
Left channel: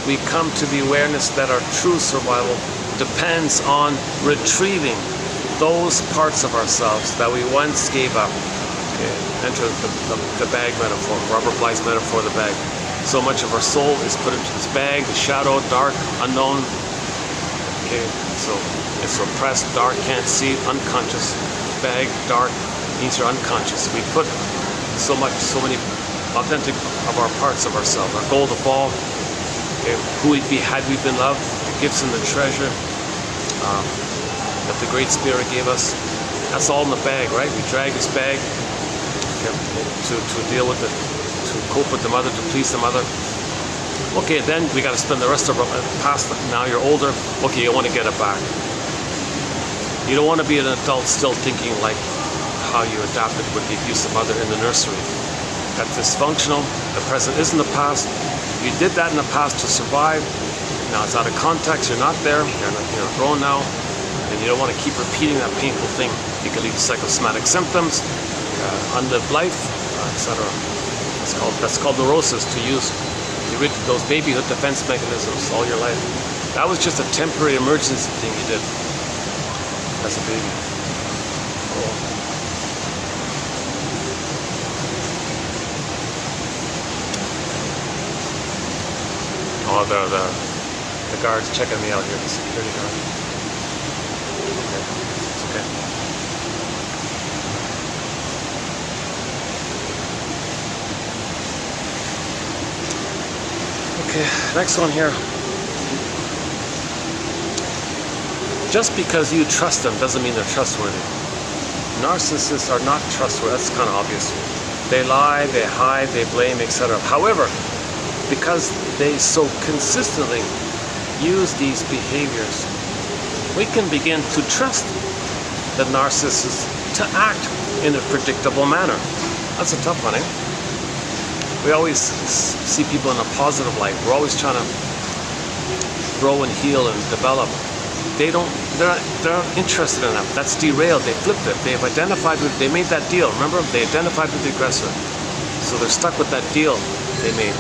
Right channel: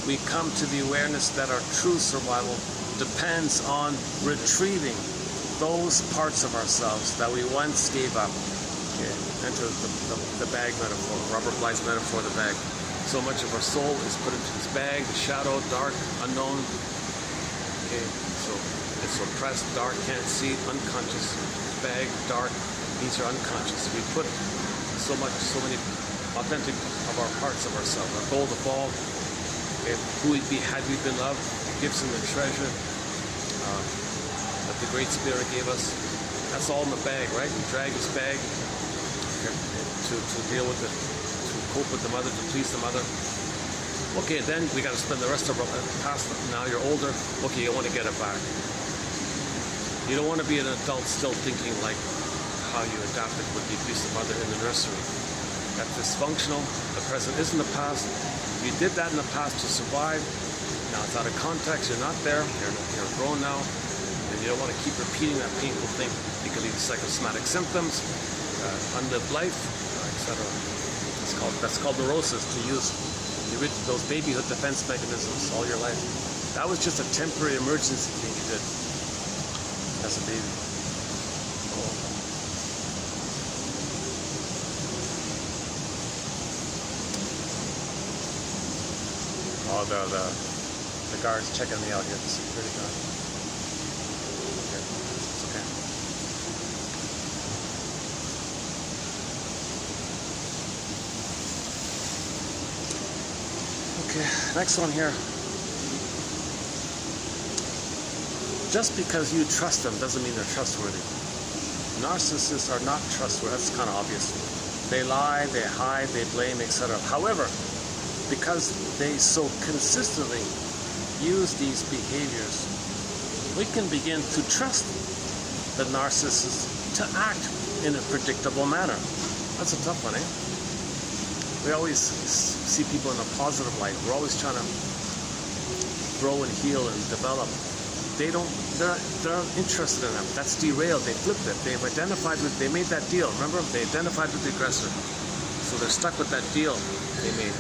we come to the awareness that our true survival depends on retrieving those parts of ourselves that we once gave up. Okay, enter the bag metaphor, Robert Bly's metaphor of the bag. So much of our soul is put into this bag, the shadow, dark, unknown. Okay, so it's repressed, dark, can't see, unconscious. Bag, dark, means you're unconscious. We put so many authentic of our parts of ourselves, our gold, the ball, okay, who we'd be had we been loved, the gifts and the treasure that the Great Spirit gave us. That's all in the bag, right? We drag this bag, okay, to deal with it, to cope with the mother, to please the mother. Okay, then we got to spend the rest of our past. Now you're older. Okay, you want to get it back. You don't want to be an adult still thinking like how you adapted with the abusive mother in the nursery. That's dysfunctional. The present isn't the past. You did that in the past to survive. Now it's out of context. You're not there. You're grown now, and you don't want to keep repeating that painful thing. You can lead to psychosomatic symptoms, unlived life, etc. That's called neurosis. To use those babyhood defense mechanisms all your life. That was just a temporary emergency thing you did as a baby. Oh, the guard's checking me out here, the security guard. It's okay. Okay, next one here. Just because you trust them doesn't mean they're trustworthy. Narcissists are not trustworthy. That's kind of obvious. They lie, they hide, they blame, etc. However, because they so consistently use these behaviors, we can begin to trust the narcissist to act in a predictable manner. That's a tough one, eh? We always see people in a positive light. We're always trying to grow and heal and develop. They're not interested in that. That's derailed. They flipped it. They've identified with, they made that deal. Remember? They identified with the aggressor. So they're stuck with that deal they made.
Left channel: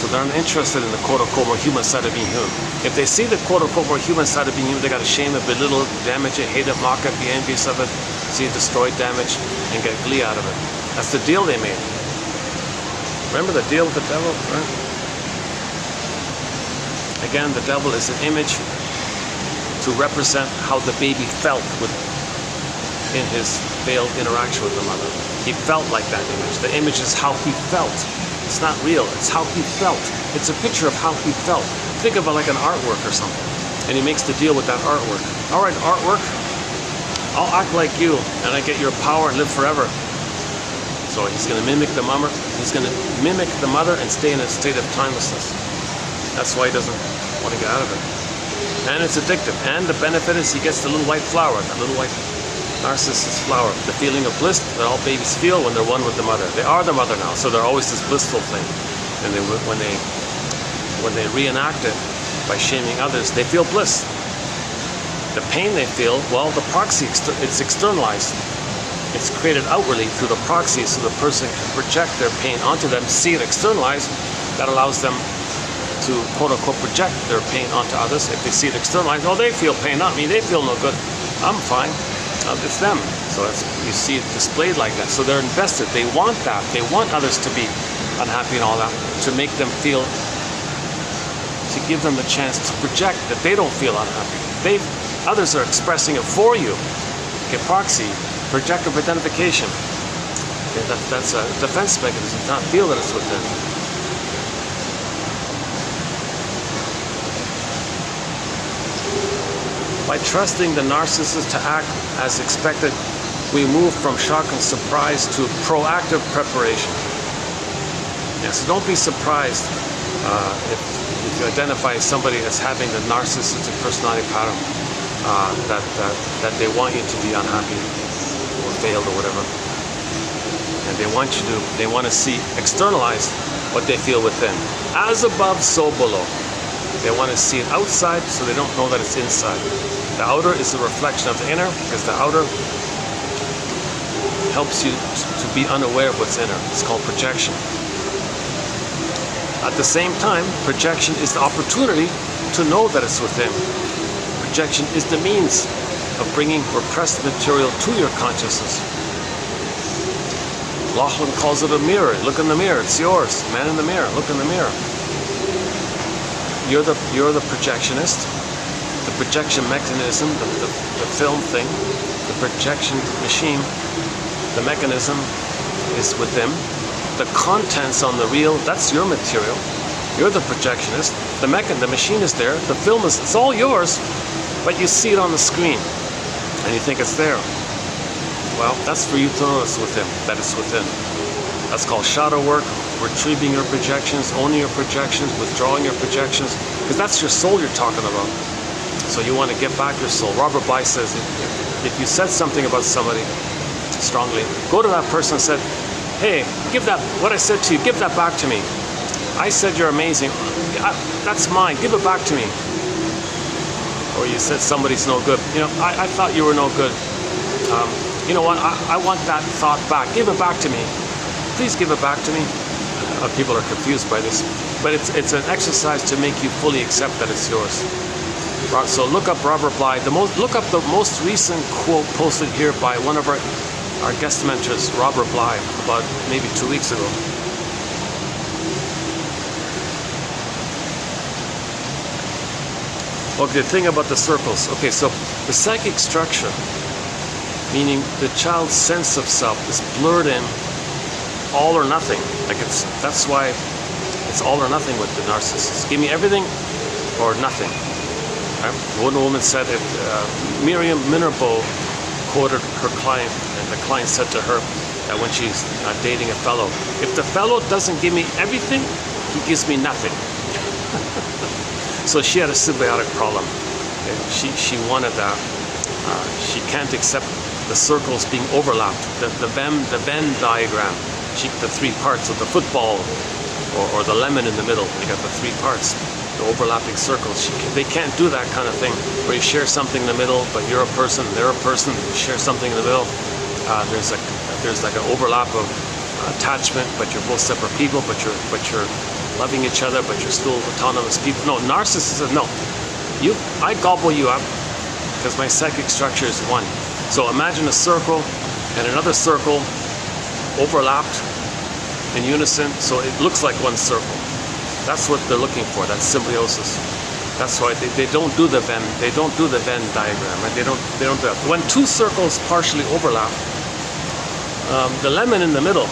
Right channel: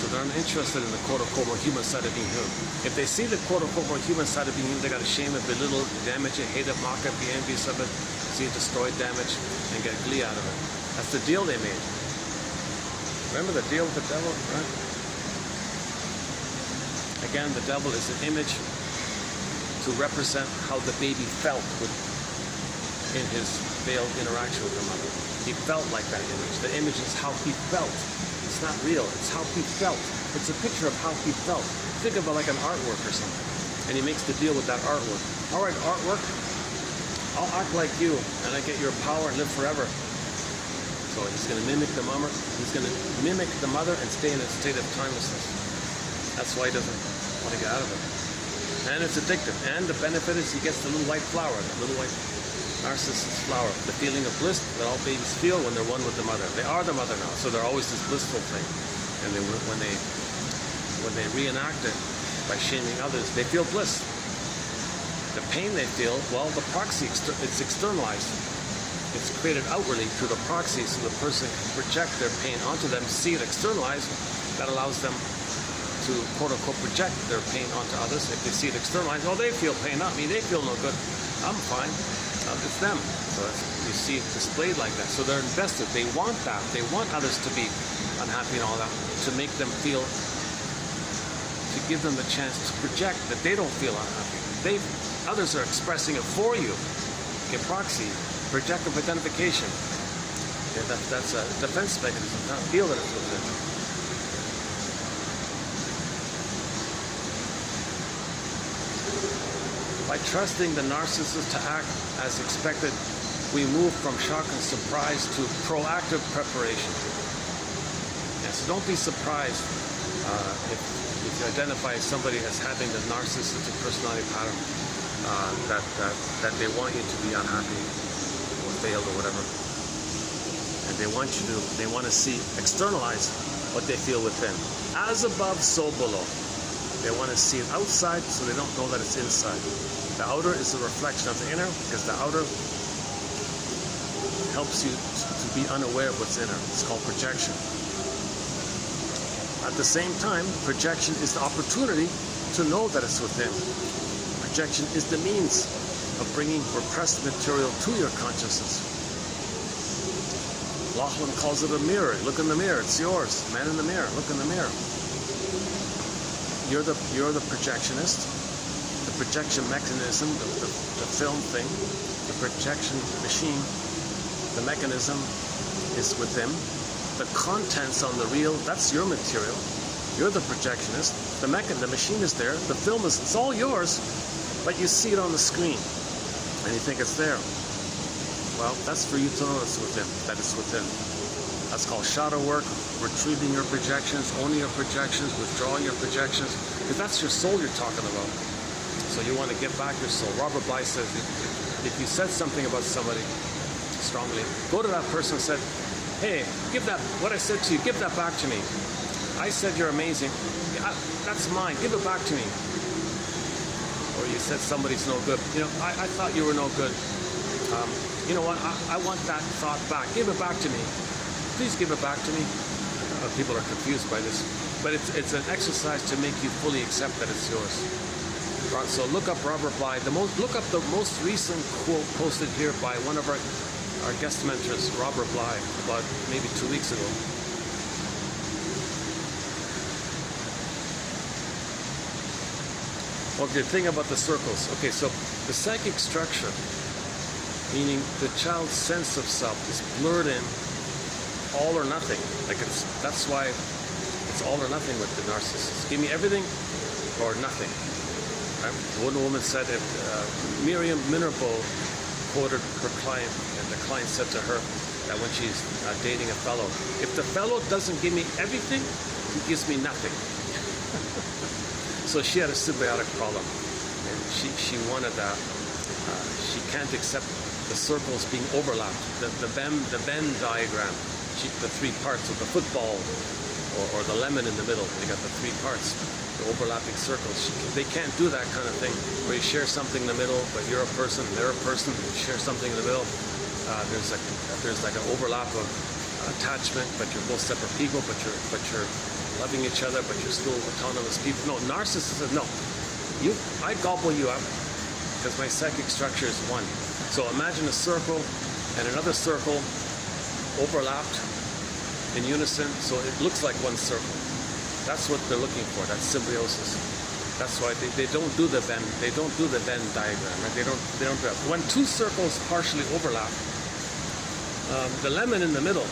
So they're uninterested in the quote-unquote more human side of being human. If they see the quote-unquote more human side of being human, they got to shame it, belittle it, damage it, hate it, mock it, be envious of it, see it destroyed, damaged, and get glee out of it. That's the deal they made. Remember the deal with the devil? Right? Again, the devil is an image to represent how the baby felt in his failed interaction with the mother. He felt like that image. The image is how he felt. It's not real. It's how he felt. It's a picture of how he felt. Think of it like an artwork or something. And he makes the deal with that artwork. All right, artwork, I'll act like you, and I get your power and live forever. So he's going to mimic the mother. He's going to mimic the mother and stay in a state of timelessness. That's why he doesn't want to get out of it. And it's addictive. And the benefit is he gets the little white flower, the little white narcissist flower, the feeling of bliss that all babies feel when they're one with the mother. They are the mother now, so they're always this blissful thing. And when they reenact it by shaming others, they feel bliss. The pain they feel, well, the proxy, it's externalized. It's created outwardly through the proxy, so the person can project their pain onto them, see it externalized. That allows them to quote-unquote project their pain onto others. If they see it externalized, oh, they feel pain, not me, they feel no good. I'm fine. It's them. So you see it displayed like that. So they're invested. They want that. They want others to be unhappy and all that, to make them feel, to give them the chance to project that they don't feel unhappy. Others are expressing it for you. Okay, proxy, projective identification. Okay, that's a defense mechanism, not feel that it's within. By trusting the narcissist to act as expected, we move from shock and surprise to proactive preparation. Yeah, so don't be surprised if you identify somebody as having the narcissistic personality pattern, that they want you to be unhappy or failed or whatever. And they want to see externalized what they feel within. As above, so below. They want to see it outside so they don't know that it's inside. The outer is a reflection of the inner, because the outer helps you to be unaware of what's inner. It's called projection. At the same time, projection is the opportunity to know that it's within. Projection is the means of bringing repressed material to your consciousness. Lachlan calls it a mirror. Look in the mirror. It's yours. Man in the mirror. Look in the mirror. You're the projectionist. The projection mechanism, the film thing, the projection machine, the mechanism is with them. The contents on the reel, that's your material. You're the projectionist. The machine is there. The film it's all yours, but you see it on the screen and you think it's there. Well, that's for you to notice within, that it's within. That's called shadow work, retrieving your projections, owning your projections, withdrawing your projections, because that's your soul you're talking about. So you want to get back your soul. Robert Bly says, if you said something about somebody strongly, go to that person and say, hey, give that, what I said to you, give that back to me. I said you're amazing. That's mine. Give it back to me. Or you said somebody's no good. You know, I thought you were no good. You know what? I want that thought back. Give it back to me. Please give it back to me. People are confused by this. but it's an exercise to make you fully accept that it's yours. So look up Robert Bly. Look up the most recent quote posted here by one of our guest mentors, Robert Bly, about maybe 2 weeks ago. Okay, the thing about the circles. Okay, so the psychic structure, meaning the child's sense of self, is blurred in all or nothing. That's why it's all or nothing with the narcissist. Give me everything or nothing. Right? One woman said it. Miriam Minerbo quoted her client, and the client said to her that when she's dating a fellow, if the fellow doesn't give me everything, he gives me nothing. So she had a symbiotic problem. And she wanted that. She can't accept the circles being overlapped. The Venn diagram. The three parts of the football, or the lemon in the middle. They got the three parts, the overlapping circles. They can't do that kind of thing where you share something in the middle, but you're a person, they're a person. You share something in the middle. There's like an overlap of attachment, but you're both separate people. But you're loving each other, but you're still autonomous people. No, narcissists. No, I gobble you up because my psychic structure is one. So imagine a circle and another circle overlapped in unison, so it looks like one circle. That's what they're looking for. That's symbiosis. That's why they don't do the Venn. They don't do the Venn diagram. Right? They don't do that. When two circles partially overlap, the lemon in the middle,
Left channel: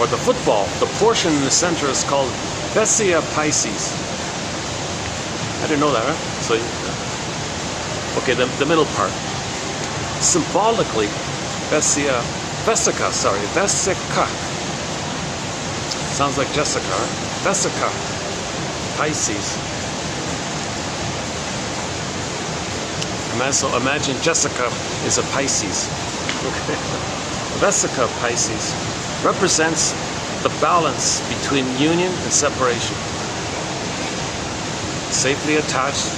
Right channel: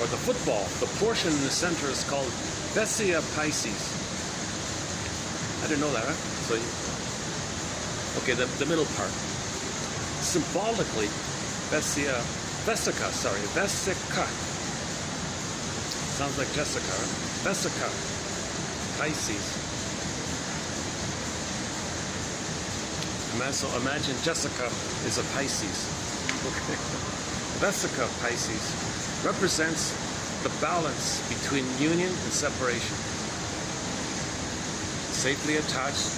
or the football, the portion in the center is called Vessia Pisces. I didn't know that, right? So, okay, the middle part. Symbolically, Vesica. Sounds like Jessica, right? Vesica Pisces. So imagine Jessica is a Pisces. Okay. Vesica Pisces represents the balance between union and separation. Safely attached,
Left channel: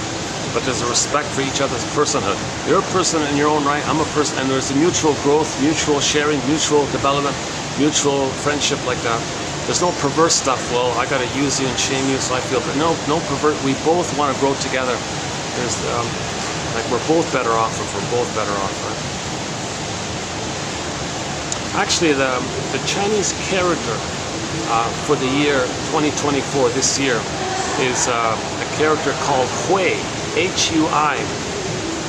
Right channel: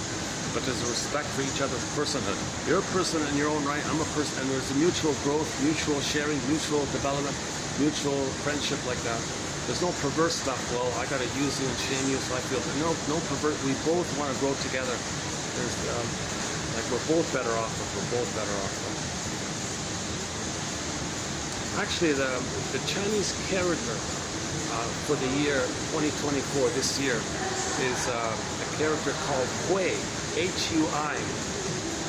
but there's a respect for each other's personhood. You're a person in your own right, I'm a person, and there's a mutual growth, mutual sharing, mutual development, mutual friendship like that. There's no perverse stuff. Well, I gotta use you and shame you, so I feel. But no pervert. We both want to grow together. There's like we're both better off if we're both better off. Right? Actually, the Chinese character for the year 2024 this year is a character called Hui, H-U-I.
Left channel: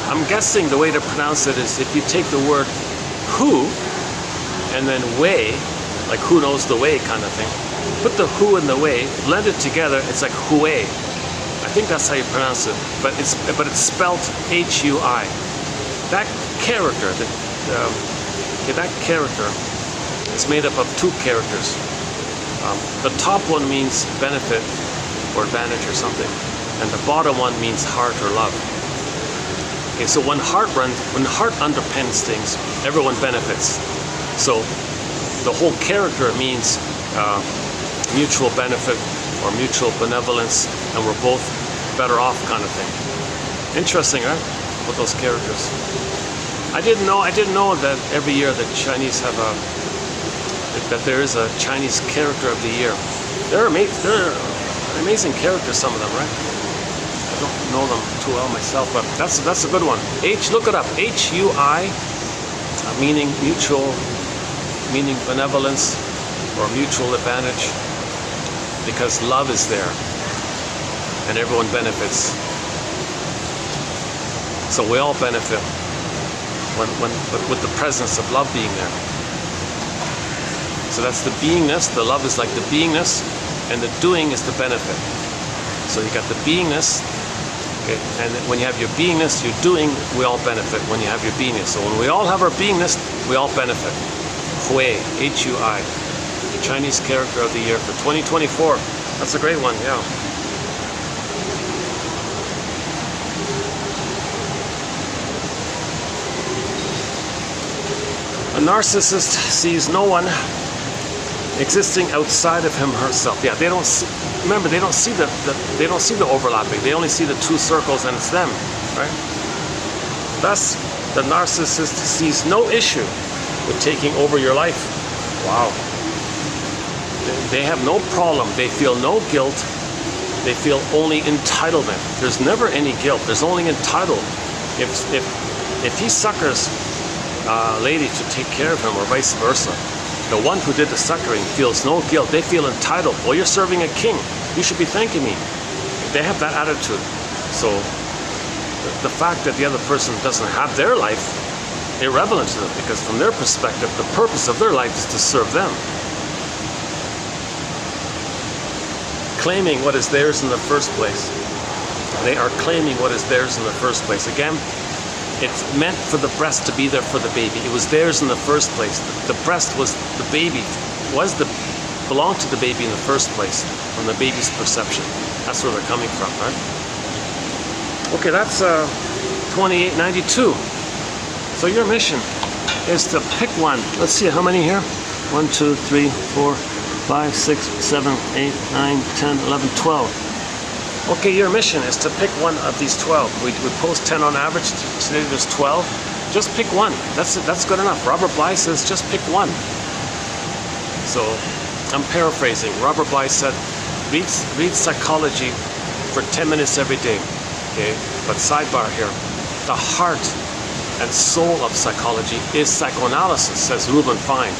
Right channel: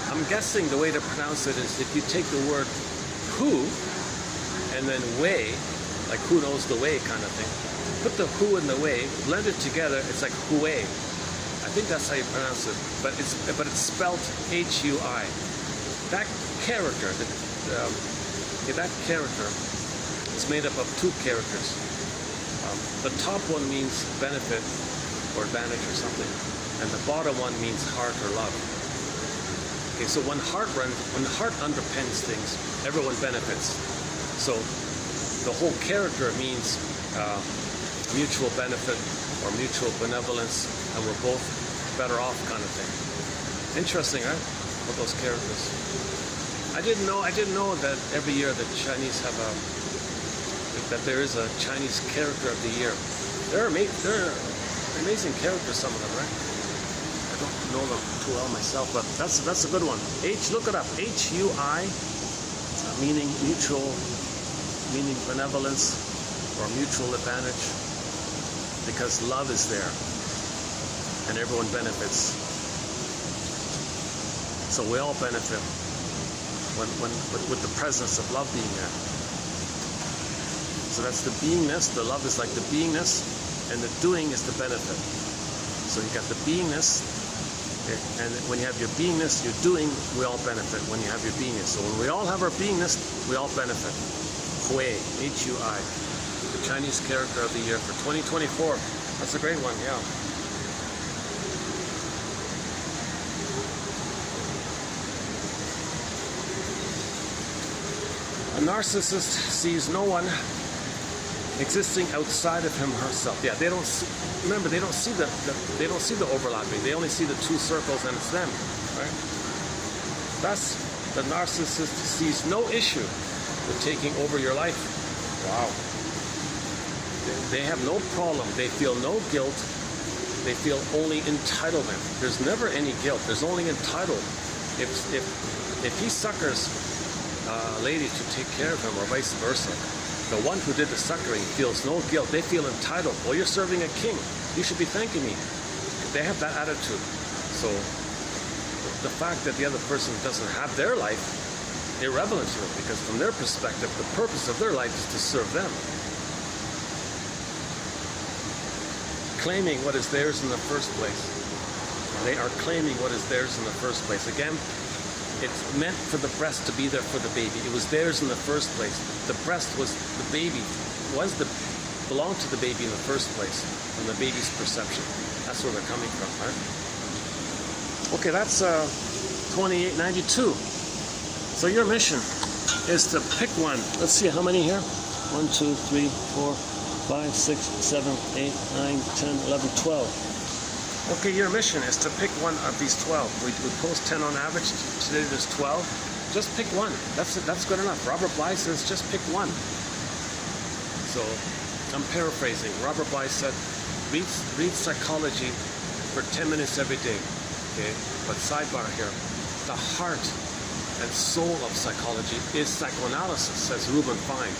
I'm guessing the way to pronounce it is if you take the word who and then way, like who knows the way kind of thing, put the who and the way, blend it together, it's like Hui. I think that's how you pronounce it, but it's spelled H-U-I. That character, that character is made up of two characters. The top one means benefit or advantage or something, and the bottom one means heart or love. Okay, so when heart underpins things, everyone benefits. So the whole character means mutual benefit or mutual benevolence, and we're both better off kind of thing. Interesting, right? With those characters. I didn't know that every year the Chinese have that there is a Chinese character of the year. They're amazing characters, some of them, right? I don't know them too well myself, but that's a good one. Look it up. H-U-I, meaning mutual, meaning benevolence or mutual advantage, because love is there and everyone benefits. So we all benefit with the presence of love being there. So that's the beingness. The love is like the beingness, and the doing is the benefit. So you got the beingness, okay, and when you have your beingness, your doing, we all benefit when you have your beingness. So when we all have our beingness, we all benefit. Hui, H-U-I, the Chinese character of the year for 2024. That's a great one, yeah. A narcissist sees no one existing outside of him or herself. Yeah, they don't see, remember, they don't see the overlapping. They only see the two circles, and it's them, right? Thus, the narcissist sees no issue with taking over your life. Wow. They have no problem. They feel no guilt They feel only entitlement. There's never any guilt. There's only entitled. If he suckers a lady to take care of him, or vice versa, the one who did the suckering feels no guilt. They feel entitled. Well, you're serving a king. You should be thanking me. They have that attitude. So the fact that the other person doesn't have their life, irrelevant to them, because from their perspective, the purpose of their life is to serve them. Claiming what is theirs in the first place. They are claiming what is theirs in the first place. Again, it's meant for the breast to be there for the baby. It was theirs in the first place. The breast was the baby, belonged to the baby in the first place, from the baby's perception. That's where they're coming from, right? Okay, that's 2892. So your mission is to pick one. Let's see, how many here? 1, 2, 3, 4, 5, 6, 7, 8, 9, 10, 11, 12. Okay, your mission is to pick one of these 12. We post 10 on average. Today there's 12. Just pick one. That's good enough. Robert Bly says just pick one. So I'm paraphrasing. Robert Bly said, read psychology for 10 minutes every day. Okay, but sidebar here. The heart and soul of psychology is psychoanalysis, says Reuben Fine.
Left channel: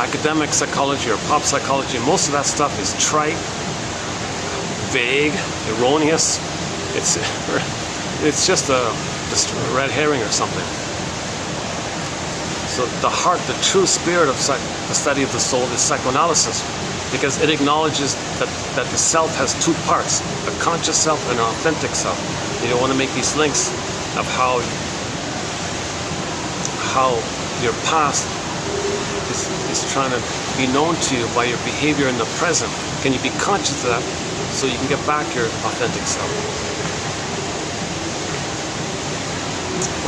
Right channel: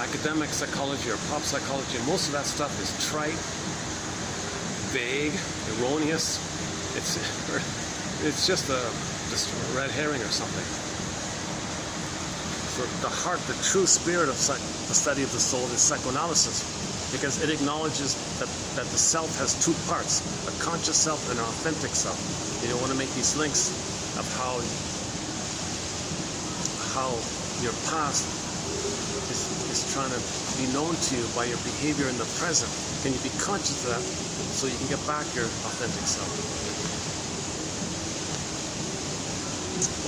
Academic psychology or pop psychology, most of that stuff is trite, vague, erroneous. It's just a red herring or something. So the heart, the true spirit of the study of the soul is psychoanalysis, because it acknowledges that the self has two parts, a conscious self and an authentic self. You don't want to make these links of how your past is trying to be known to you by your behavior in the present. Can you be conscious of that so you can get back your authentic self?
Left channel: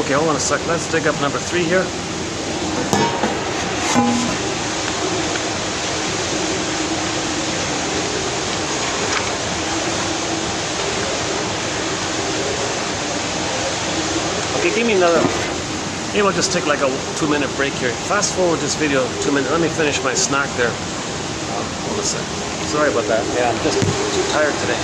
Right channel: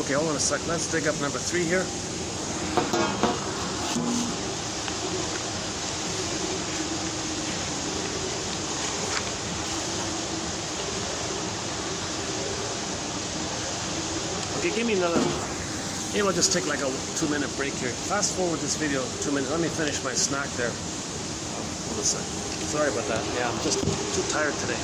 Okay, hold on a sec. Let's dig up number 3 here. Okay, give me another. Maybe I'll just take like a 2-minute break here. Fast forward this video 2 minutes. Let me finish my snack there. Hold on a sec. Sorry about that. Yeah, I'm just too tired today.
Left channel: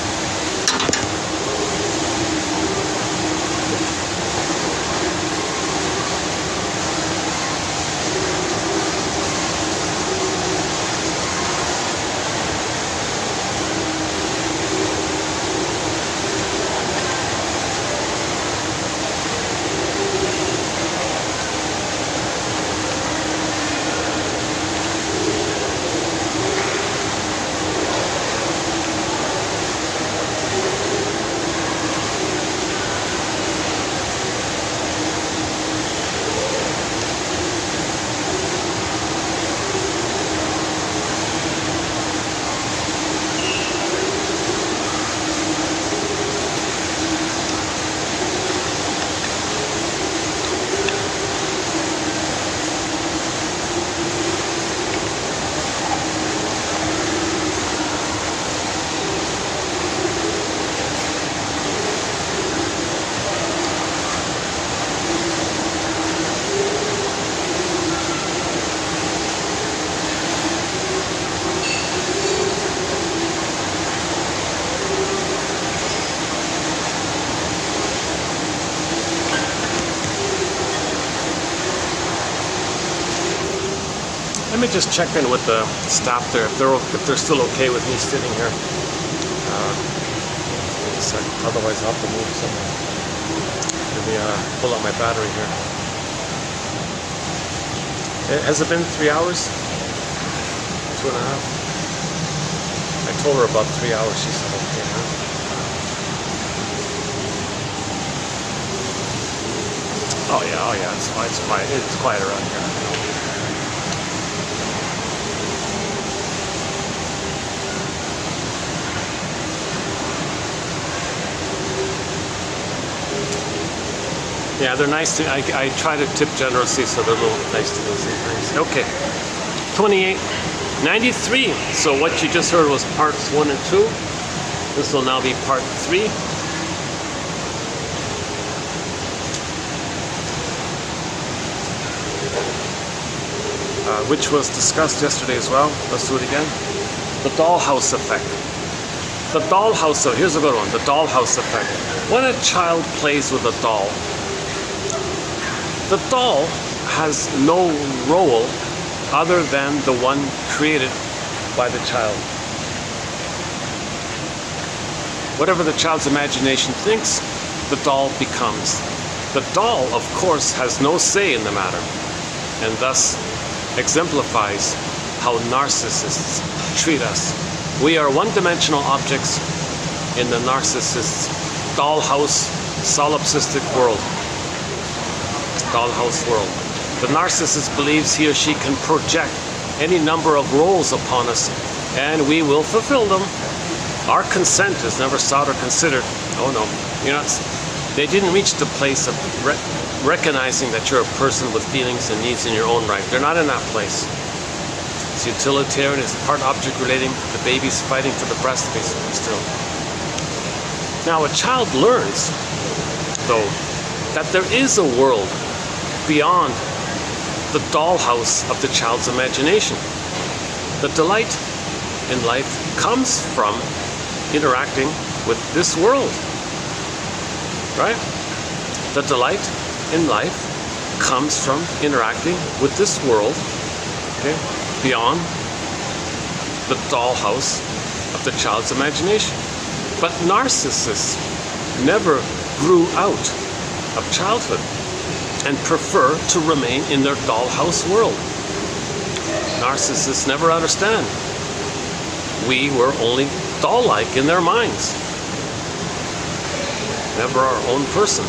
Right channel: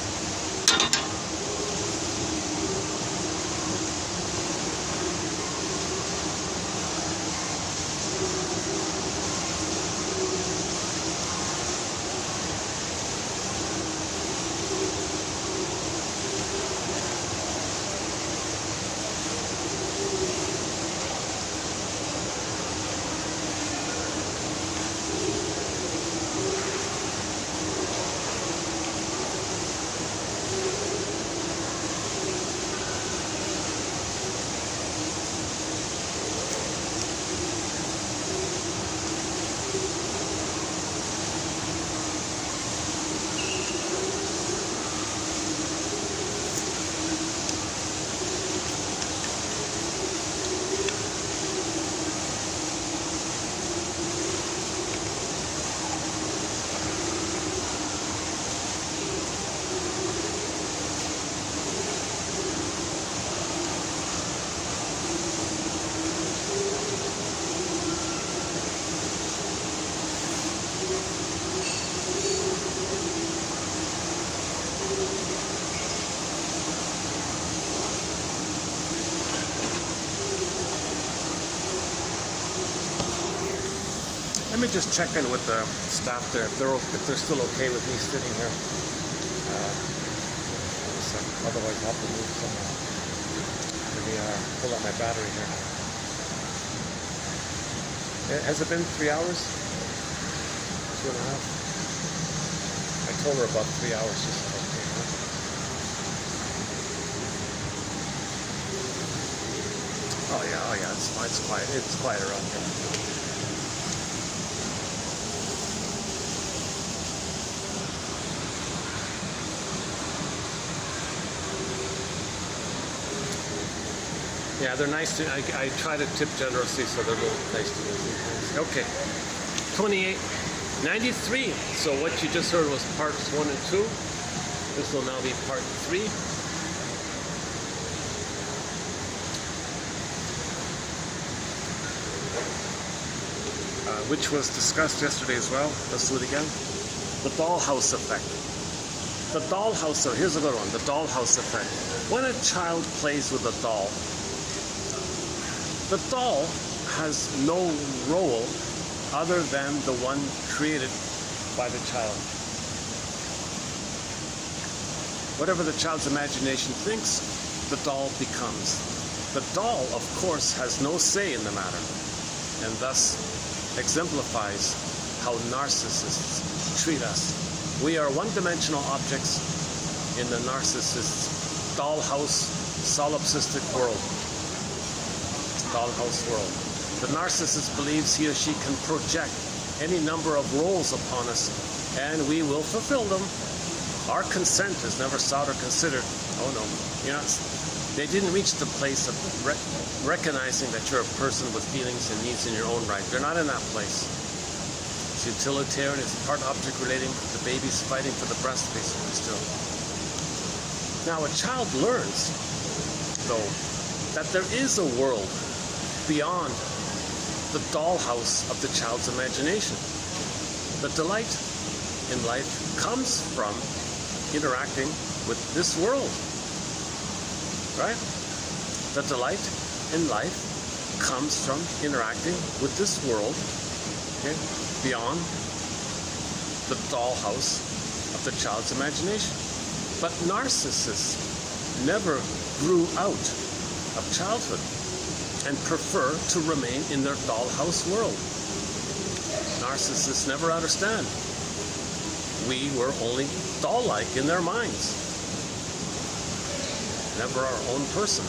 Let me just check in with the staff there if they're still okay with me sitting here. Wait a second. Otherwise I'll have to move somewhere. Let me pull out my battery here. Has it been 3 hours? 2.5? I told her about 3 hours. She said okay. Oh yeah. It's fine. It's quiet. It's quiet around here. Yeah, they're nice to. I try to tip generously, so they're a little nice to me. Okay, 2893. So what you just heard was parts 1 and 2. This will now be part 3. Which was discussed yesterday as well. Let's do it again. The dollhouse effect. The dollhouse, so here's a good one, the dollhouse effect. When a child plays with a doll, the doll has no role other than the one created by the child. Whatever the child's imagination thinks, the doll becomes. The doll, of course, has no say in the matter, and thus exemplifies how narcissists treat us. We are one-dimensional objects in the narcissist's dollhouse, solipsistic world. Dollhouse world. The narcissist believes he or she can project any number of roles upon us, and we will fulfill them. Our consent is never sought or considered. Oh no, you're not. They didn't reach the place of recognizing that you're a person with feelings and needs in your own right. They're not in that place. It's utilitarian, it's part object relating. The baby's fighting for the breast, basically, still. Now, a child learns, though, that there is a world beyond the dollhouse of the child's imagination. The delight in life comes from interacting with this world, right? The delight in life comes from interacting with this world, okay, beyond the dollhouse of the child's imagination. But narcissists never grew out of childhood and prefer to remain in their dollhouse world. Narcissists never understand. We were only doll-like in their minds, never our own person.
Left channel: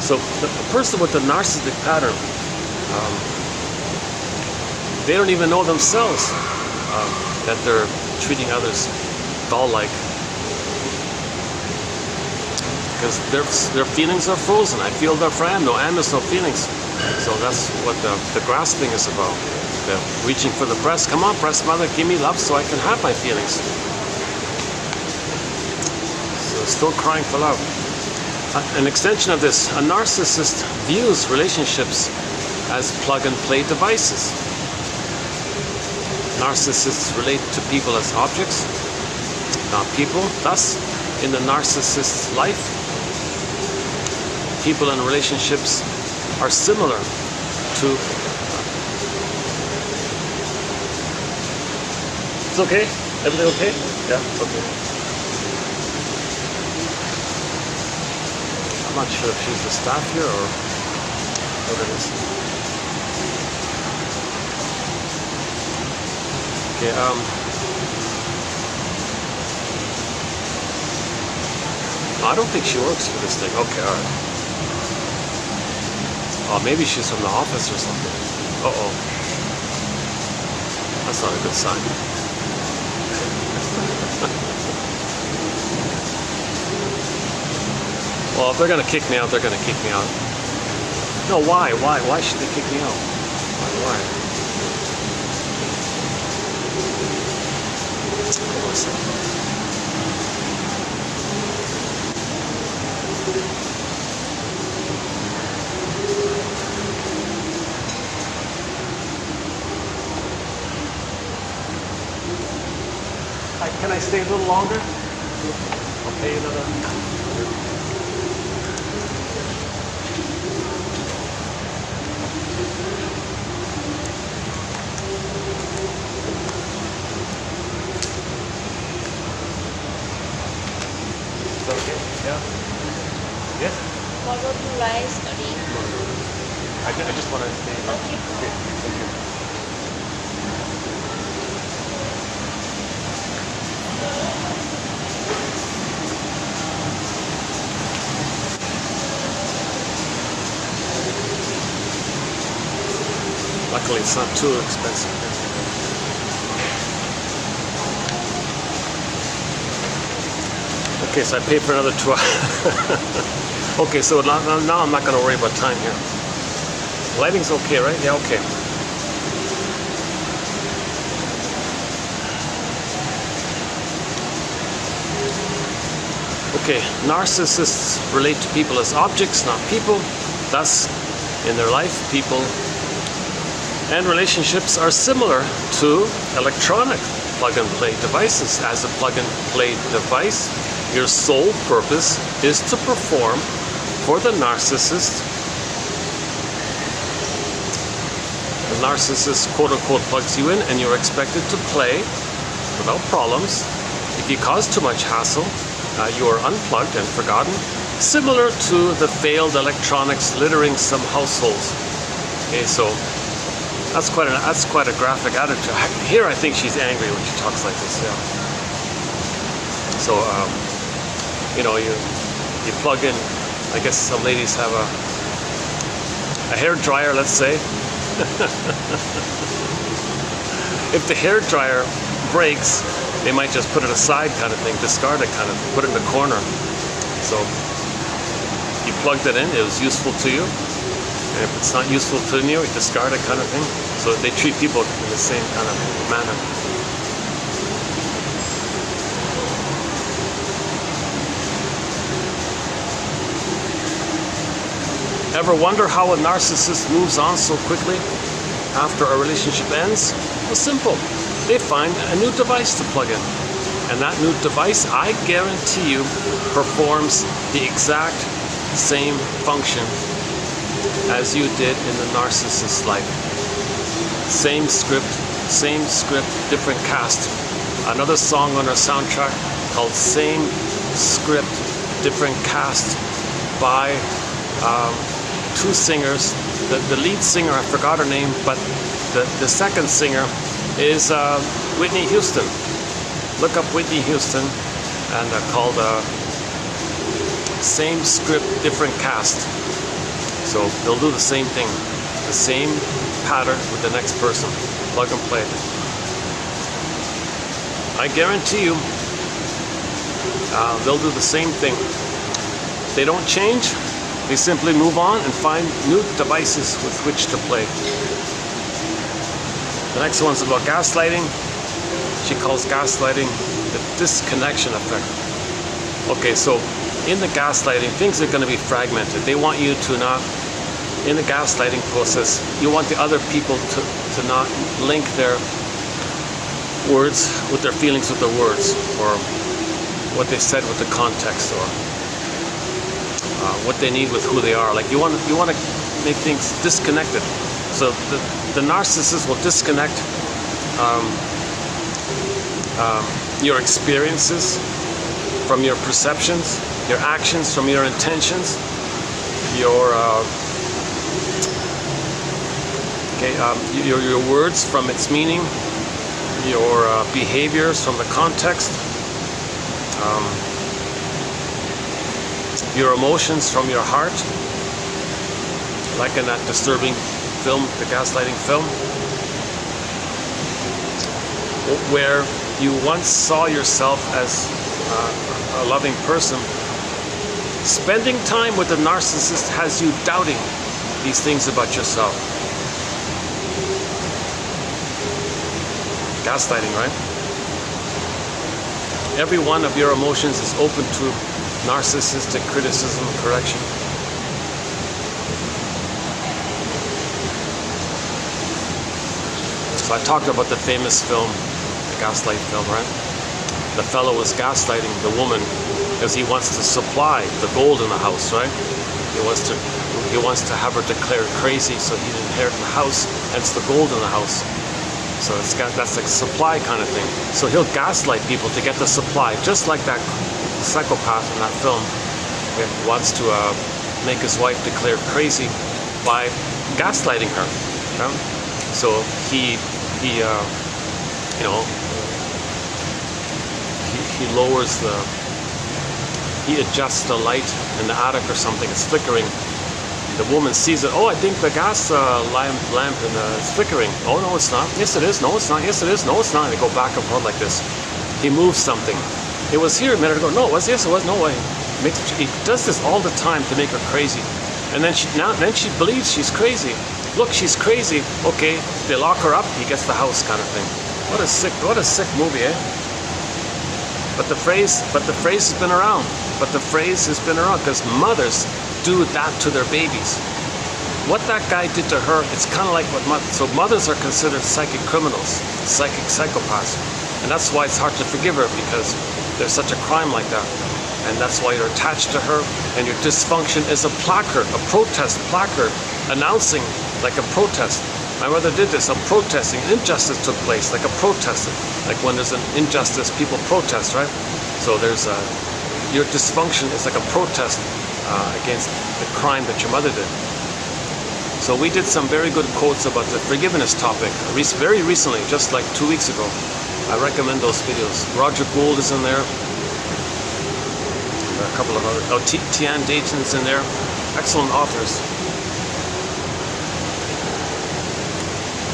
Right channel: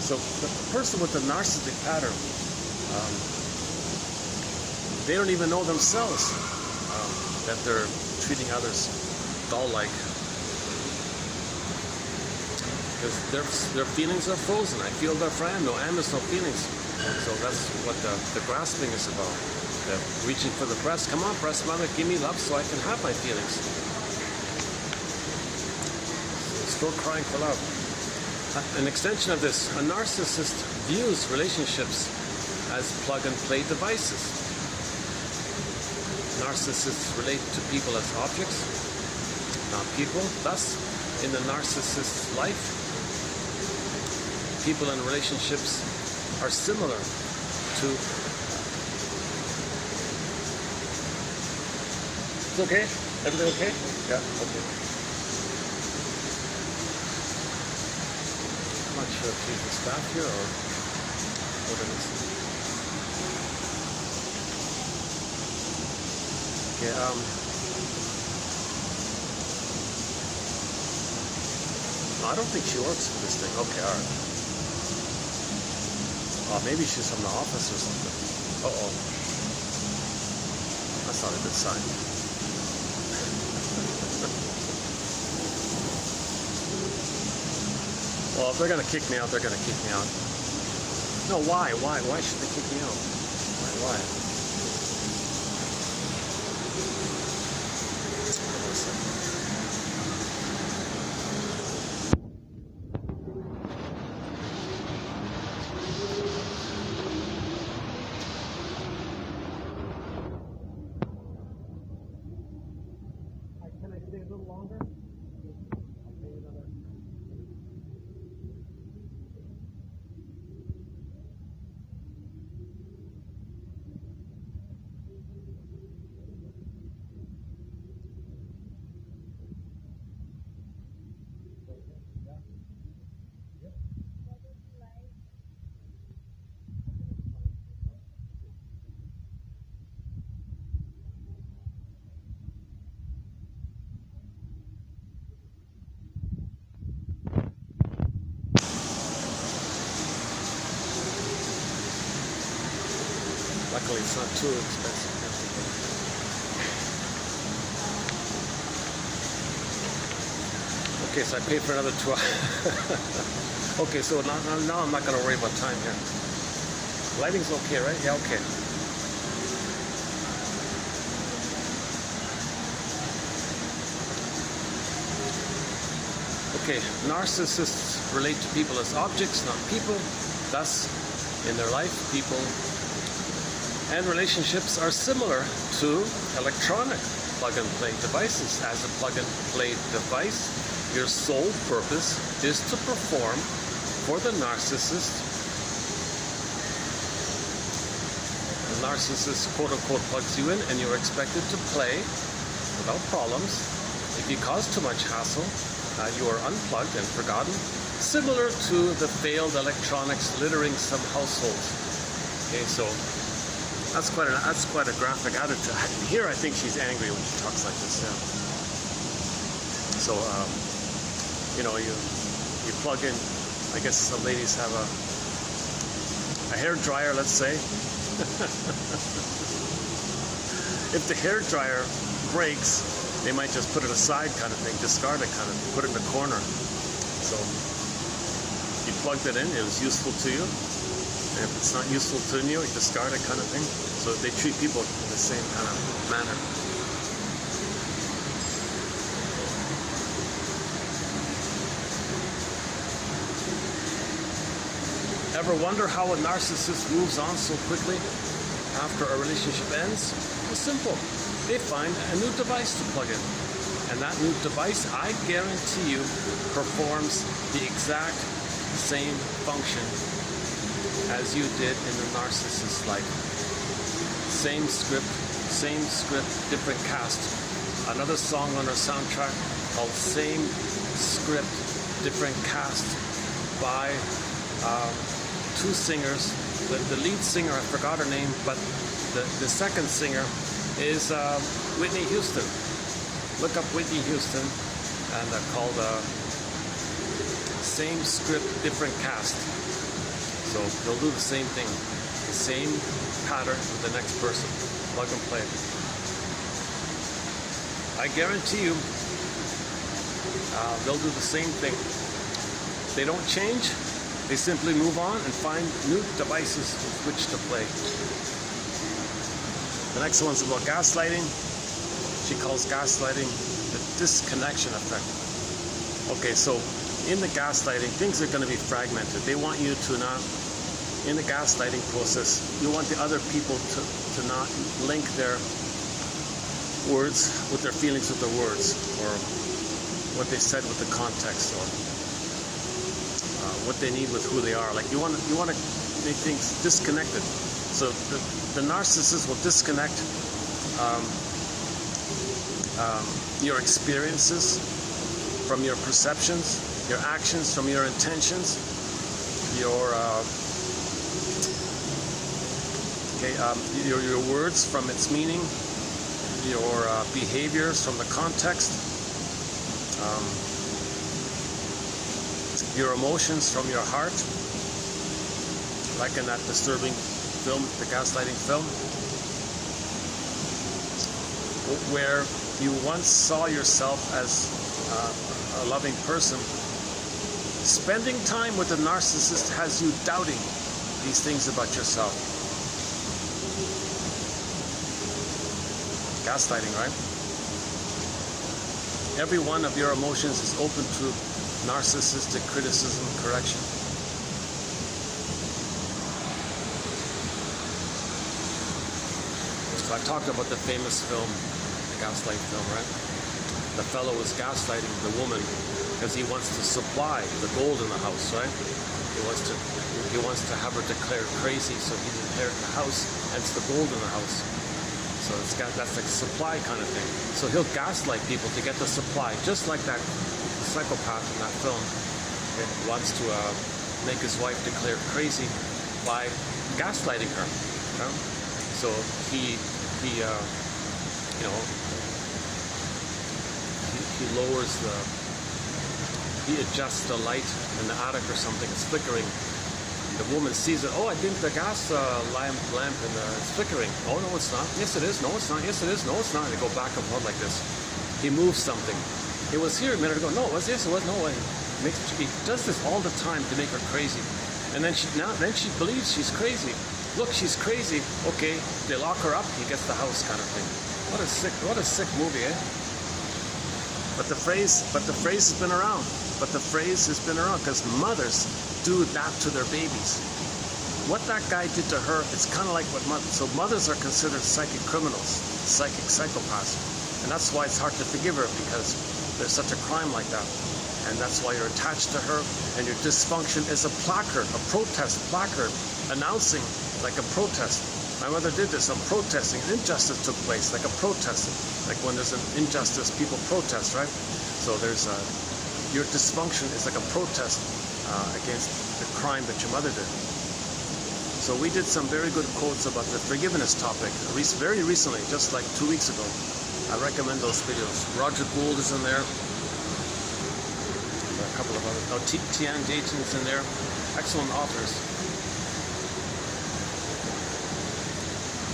So the person with the narcissistic pattern, they don't even know themselves that they're treating others doll-like, because their feelings are frozen. I feel they're for Anne. No, Anne has no feelings. So that's what the grasping is about. The reaching for the breast. Come on, breast mother, give me love so I can have my feelings. So still crying for love. An extension of this, a narcissist views relationships as plug-and-play devices. Narcissists relate to people as objects, not people. Thus, in the narcissist's life, people and relationships are similar to... It's okay? Everything okay? Yeah, okay. I'm not sure if she's the staff here or what it is. Okay, I don't think she works for this thing. Okay, alright. Oh, maybe she's from the office or something. Uh-oh. That's not a good sign. Well, if they're going to kick me out, they're going to kick me out. No, why? Why? Why should they kick me out? Why? Can I stay a little longer? I'll pay you another... Okay, yeah. Yes? Follow the line study. I just want to stay. Okay. Okay, thank you. Luckily, it's not too expensive. Okay, so I paid for another 2 hours. Okay, so now I'm not going to worry about time here. Lighting's okay, right? Yeah, okay. Okay, narcissists relate to people as objects, not people. Thus, in their life, people and relationships are similar to electronic plug-and-play devices. As a plug-and-play device, your sole purpose is to perform for the narcissist. The narcissist, quote-unquote, plugs you in, and you're expected to play without problems. If you cause too much hassle, you are unplugged and forgotten, similar to the failed electronics littering some households. Okay, so that's quite a graphic attitude. Here, I think she's angry when she talks like this. Yeah. So, you know, you plug in. I guess some ladies have a hair dryer, let's say. If the hair dryer breaks, they might just put it aside, kind of thing, discard it, kind of put it in the corner. So you plugged it in, it was useful to you. And if it's not useful to you, you discard it, kind of thing. So they treat people in the same kind of manner. Ever wonder how a narcissist moves on so quickly after a relationship ends? Well, simple. They find a new device to plug in. And that new device, I guarantee you, performs the exact same function as you did in the narcissist's life. Same script, different cast. Another song on our soundtrack called Same Script, Different Cast by two singers. The lead singer, I forgot her name, but the second singer is Whitney Houston. Look up Whitney Houston, and called Same Script, Different Cast. So they'll do the same thing, the same pattern with the next person, plug and play. I guarantee you, they'll do the same thing. They don't change. They simply move on and find new devices with which to play. The next one's about gaslighting. She calls gaslighting the disconnection effect. Okay, so in the gaslighting, things are going to be fragmented. They want you to not, in the gaslighting process, you want the other people to not link their words with their feelings with their words, or what they said with the context, or what they need with who they are. Like you want to make things disconnected. So the narcissist will disconnect your experiences from your perceptions, your actions from your intentions, your words from its meaning, your behaviors from the context, your emotions from your heart, like in that disturbing film, the gaslighting film, where you once saw yourself as a loving person. Spending time with a narcissist has you doubting these things about yourself. Gaslighting, right? Every one of your emotions is open to narcissistic criticism, correction. So I talked about the famous film, the gaslight film, right? The fellow was gaslighting the woman because he wants to supply the gold in the house, right? He wants to have her declared crazy so he'd inherit the house, hence the gold in the house. So that's like a supply kind of thing. So he'll gaslight people to get the supply, just like that psychopath in that film. He wants to make his wife declared crazy by gaslighting her. You know? So he lowers he adjusts the light in the attic or something. It's flickering. The woman sees it. Oh, I think the gas lamp is flickering. Oh, no, it's not. Yes, it is. No, it's not. Yes, it is. No, it's not. They go back and forth like this. He moves something. It was here a minute ago. No, it was. Yes, it was. No way. He does this all the time to make her crazy. And then she believes she's crazy. Look, she's crazy. Okay, they lock her up. He gets the house, kind of thing. What a sick movie, eh? But the phrase has been around. Because mothers do that to their babies. What that guy did to her, it's kind of like what so mothers are considered psychic criminals, psychic psychopaths. And that's why it's hard to forgive her, because there's such a crime like that. And that's why you're attached to her, and your dysfunction is a placard, a protest placard, announcing like a protest. My mother did this, I'm protesting. Injustice took place, like a protest. Like when there's an injustice, people protest, right? So there's your dysfunction is like a protest against the crime that your mother did. So we did some very good quotes about the forgiveness topic very recently, just like 2 weeks ago. I recommend those videos. Roger Gould is in there. There are a couple of other, Tian Dayton's in there. Excellent authors.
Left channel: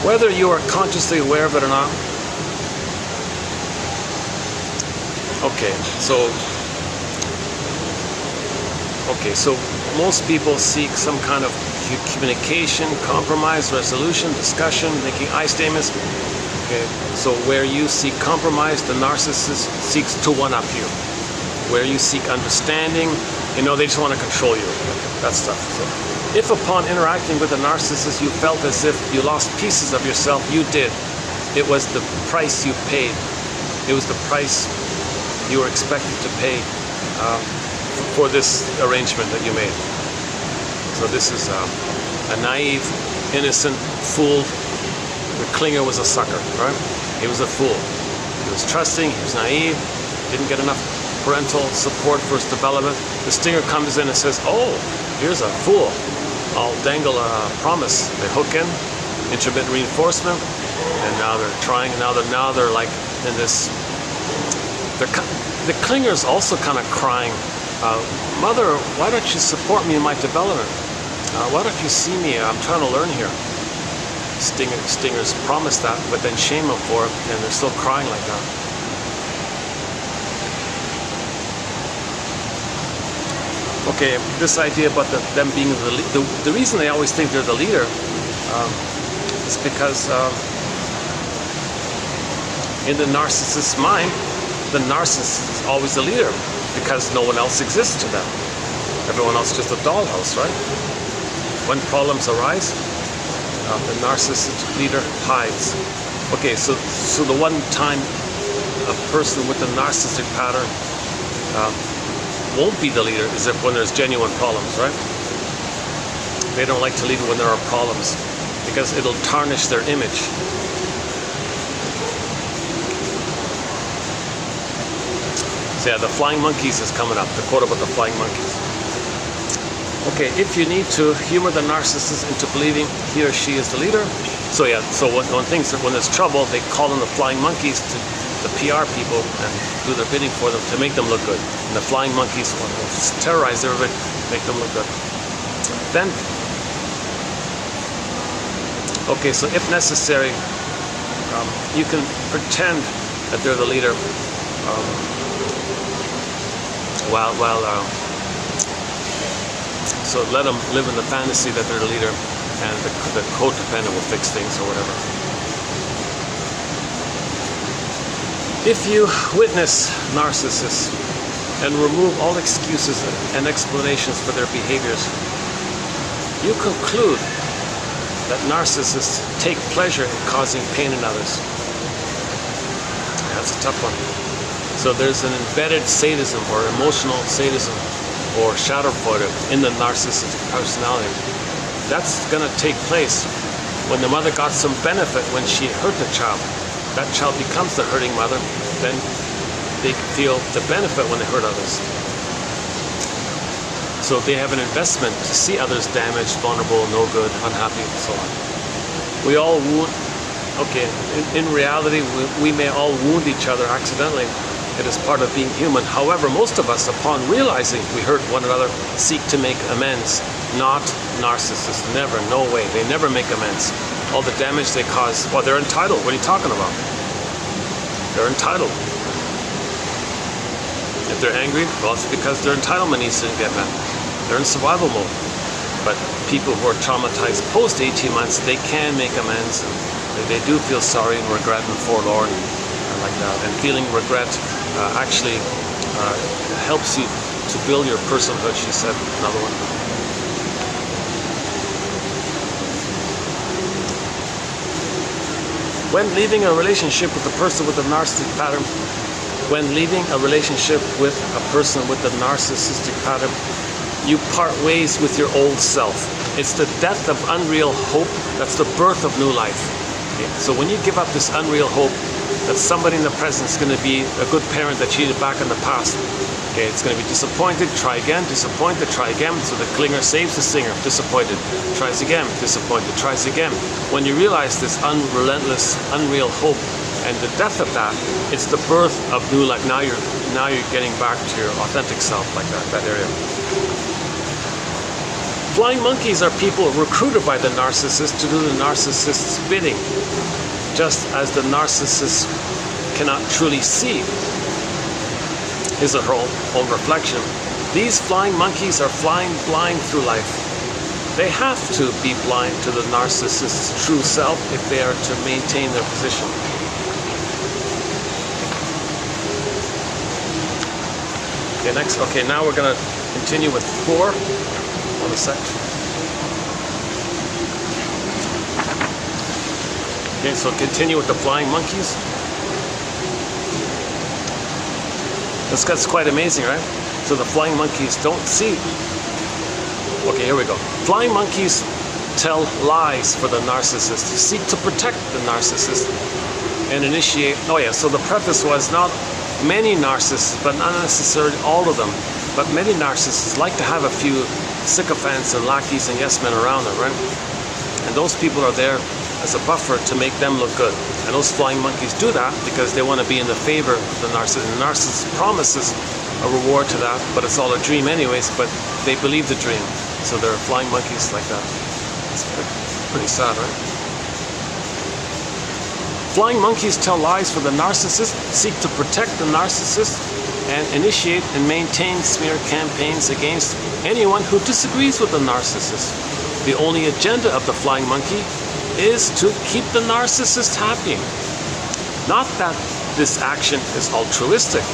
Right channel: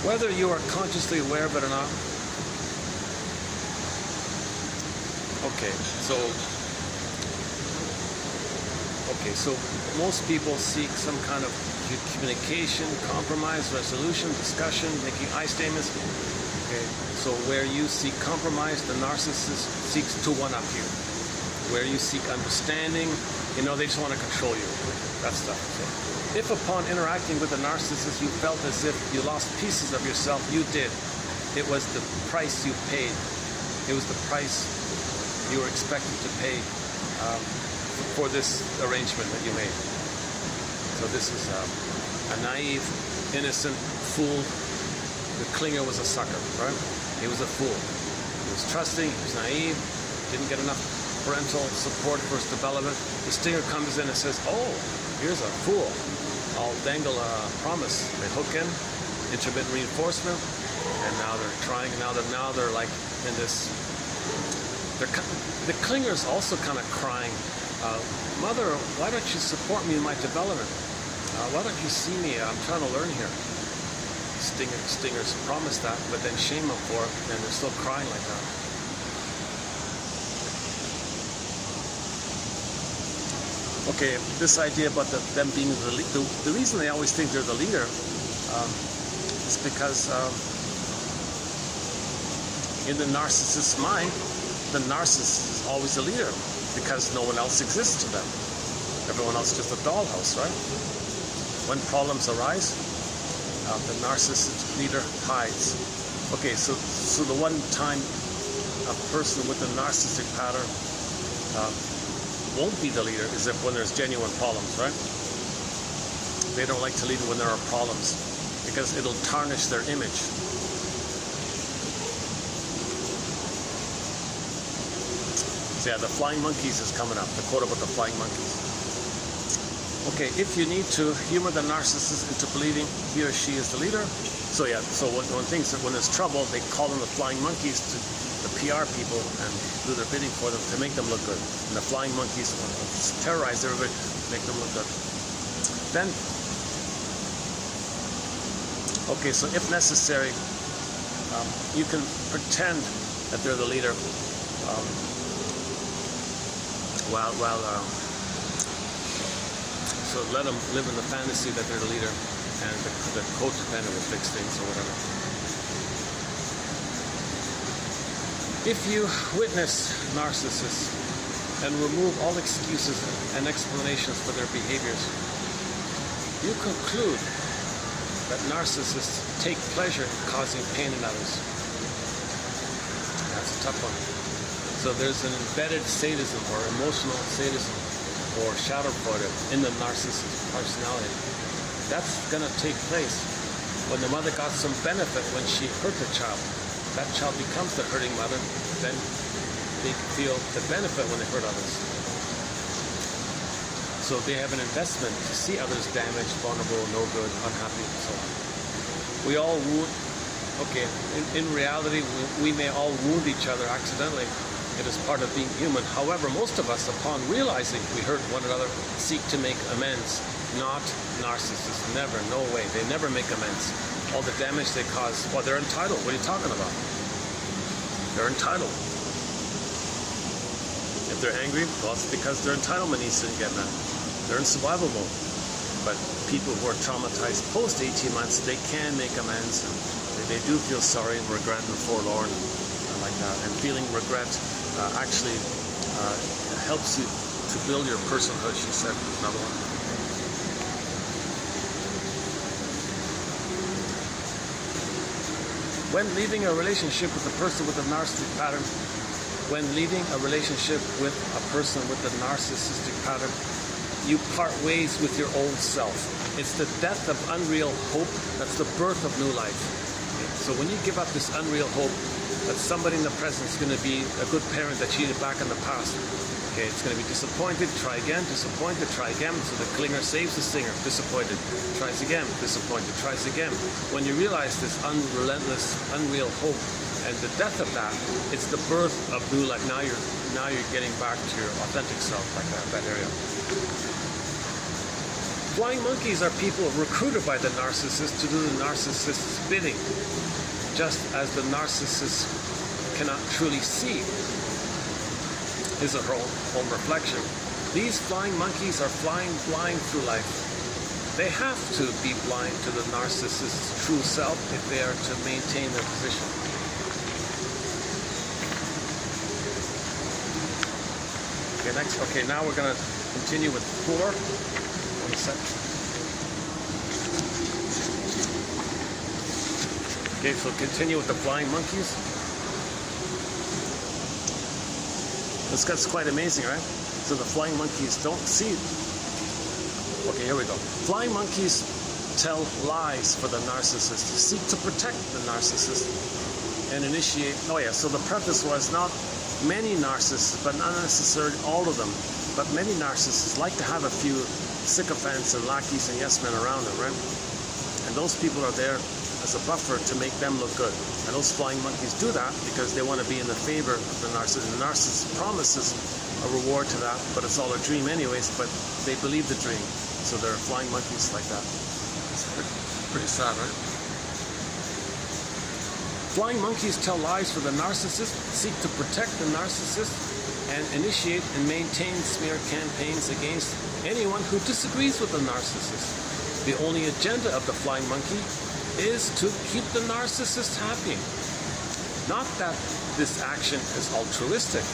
Whether you are consciously aware of it or not. Okay, so most people seek some kind of communication, compromise, resolution, discussion, making I statements. Okay, so where you seek compromise, the narcissist seeks to one-up you. Where you seek understanding, they just want to control you. That stuff. So if upon interacting with a narcissist you felt as if you lost pieces of yourself, you did. It was the price you paid. It was the price you were expected to pay for this arrangement that you made. So this is a naive, innocent fool. The clinger was a sucker, right? He was a fool. He was trusting, he was naive, didn't get enough parental support for his development. The stinger comes in and says, oh, here's a fool. I'll dangle a promise. They hook in, intermittent reinforcement, and now they're trying, and now they're like in this, the clinger is also kind of crying, Mother, why don't you support me in my development? Why don't you see me? I'm trying to learn here. Stingers promised that, but then shame them for it, and they're still crying like that. Okay, this idea about them being the reason they always think they're the leader is because in the narcissist's mind, the narcissist is always the leader because no one else exists to them. Everyone else is just a dollhouse, right? When problems arise, the narcissist leader hides. Okay, so the one time a person with a narcissistic pattern won't be the leader is if when there's genuine problems, right? They don't like to lead when there are problems because it'll tarnish their image. So yeah, the flying monkeys is coming up, the quote about the flying monkeys. Okay, if you need to humor the narcissist into believing he or she is the leader. So yeah, so when there's trouble, they call in the flying monkeys to the PR people and do their bidding for them to make them look good. And the flying monkeys will terrorize everybody, make them look good. Then, okay, so if necessary, you can pretend that they're the leader so let them live in the fantasy that they're the leader, and the codependent will fix things or whatever. If you witness narcissists and remove all excuses and explanations for their behaviors, you conclude that narcissists take pleasure in causing pain in others. That's a tough one. So there's an embedded sadism or emotional sadism or schadenfreude in the narcissistic personality. That's going to take place when the mother got some benefit when she hurt the child. That child becomes the hurting mother, then they feel the benefit when they hurt others. So they have an investment to see others damaged, vulnerable, no good, unhappy, and so on. We all wound, okay, in reality, we may all wound each other accidentally. It is part of being human. However, most of us, upon realizing we hurt one another, seek to make amends. Not narcissists. Never. No way. They never make amends. All the damage they cause, well, they're entitled. What are you talking about? They're entitled. If they're angry, well, it's because their entitlement needs to get met. They're in survival mode. But people who are traumatized post 18 months, they can make amends. They do feel sorry and regret and forlorn and like that. And feeling regret actually helps you to build your personhood, she said, another one. When leaving a relationship with a person with a narcissistic pattern, when leaving a relationship with a person with a narcissistic pattern, you part ways with your old self. It's the death of unreal hope. That's the birth of new life. Okay? So when you give up this unreal hope that somebody in the present is going to be a good parent that cheated back in the past, okay, it's going to be disappointed, try again, disappointed, try again. So the clinger saves the singer, disappointed, tries again, disappointed, tries again. When you realize this unrelentless, unreal hope and the death of that, it's the birth of new life. Now you're getting back to your authentic self, like that area. Flying monkeys are people recruited by the narcissist to do the narcissist's bidding, just as the narcissist cannot truly see his or her own reflection. These flying monkeys are flying blind through life. They have to be blind to the narcissist's true self if they are to maintain their position. Okay, next. Okay, now we're going to continue with 4. Hold a sec. Okay, so continue with the flying monkeys. That's quite amazing, right? So the flying monkeys don't see. Okay, here we go. Flying monkeys tell lies for the narcissist, seek to protect the narcissist, and initiate. Oh yeah, so the preface was not many narcissists, but not necessarily all of them, but many narcissists like to have a few sycophants and lackeys and yes men around them, right? And those people are there as a buffer to make them look good. And those flying monkeys do that because they want to be in the favor of the narcissist. The narcissist promises a reward to that, but it's all a dream anyways, but they believe the dream. So they're flying monkeys like that. It's pretty sad, right? Flying monkeys tell lies for the narcissist, seek to protect the narcissist, and initiate and maintain smear campaigns against anyone who disagrees with the narcissist. The only agenda of the flying monkey is to keep the narcissist happy. Not that this action is altruistic.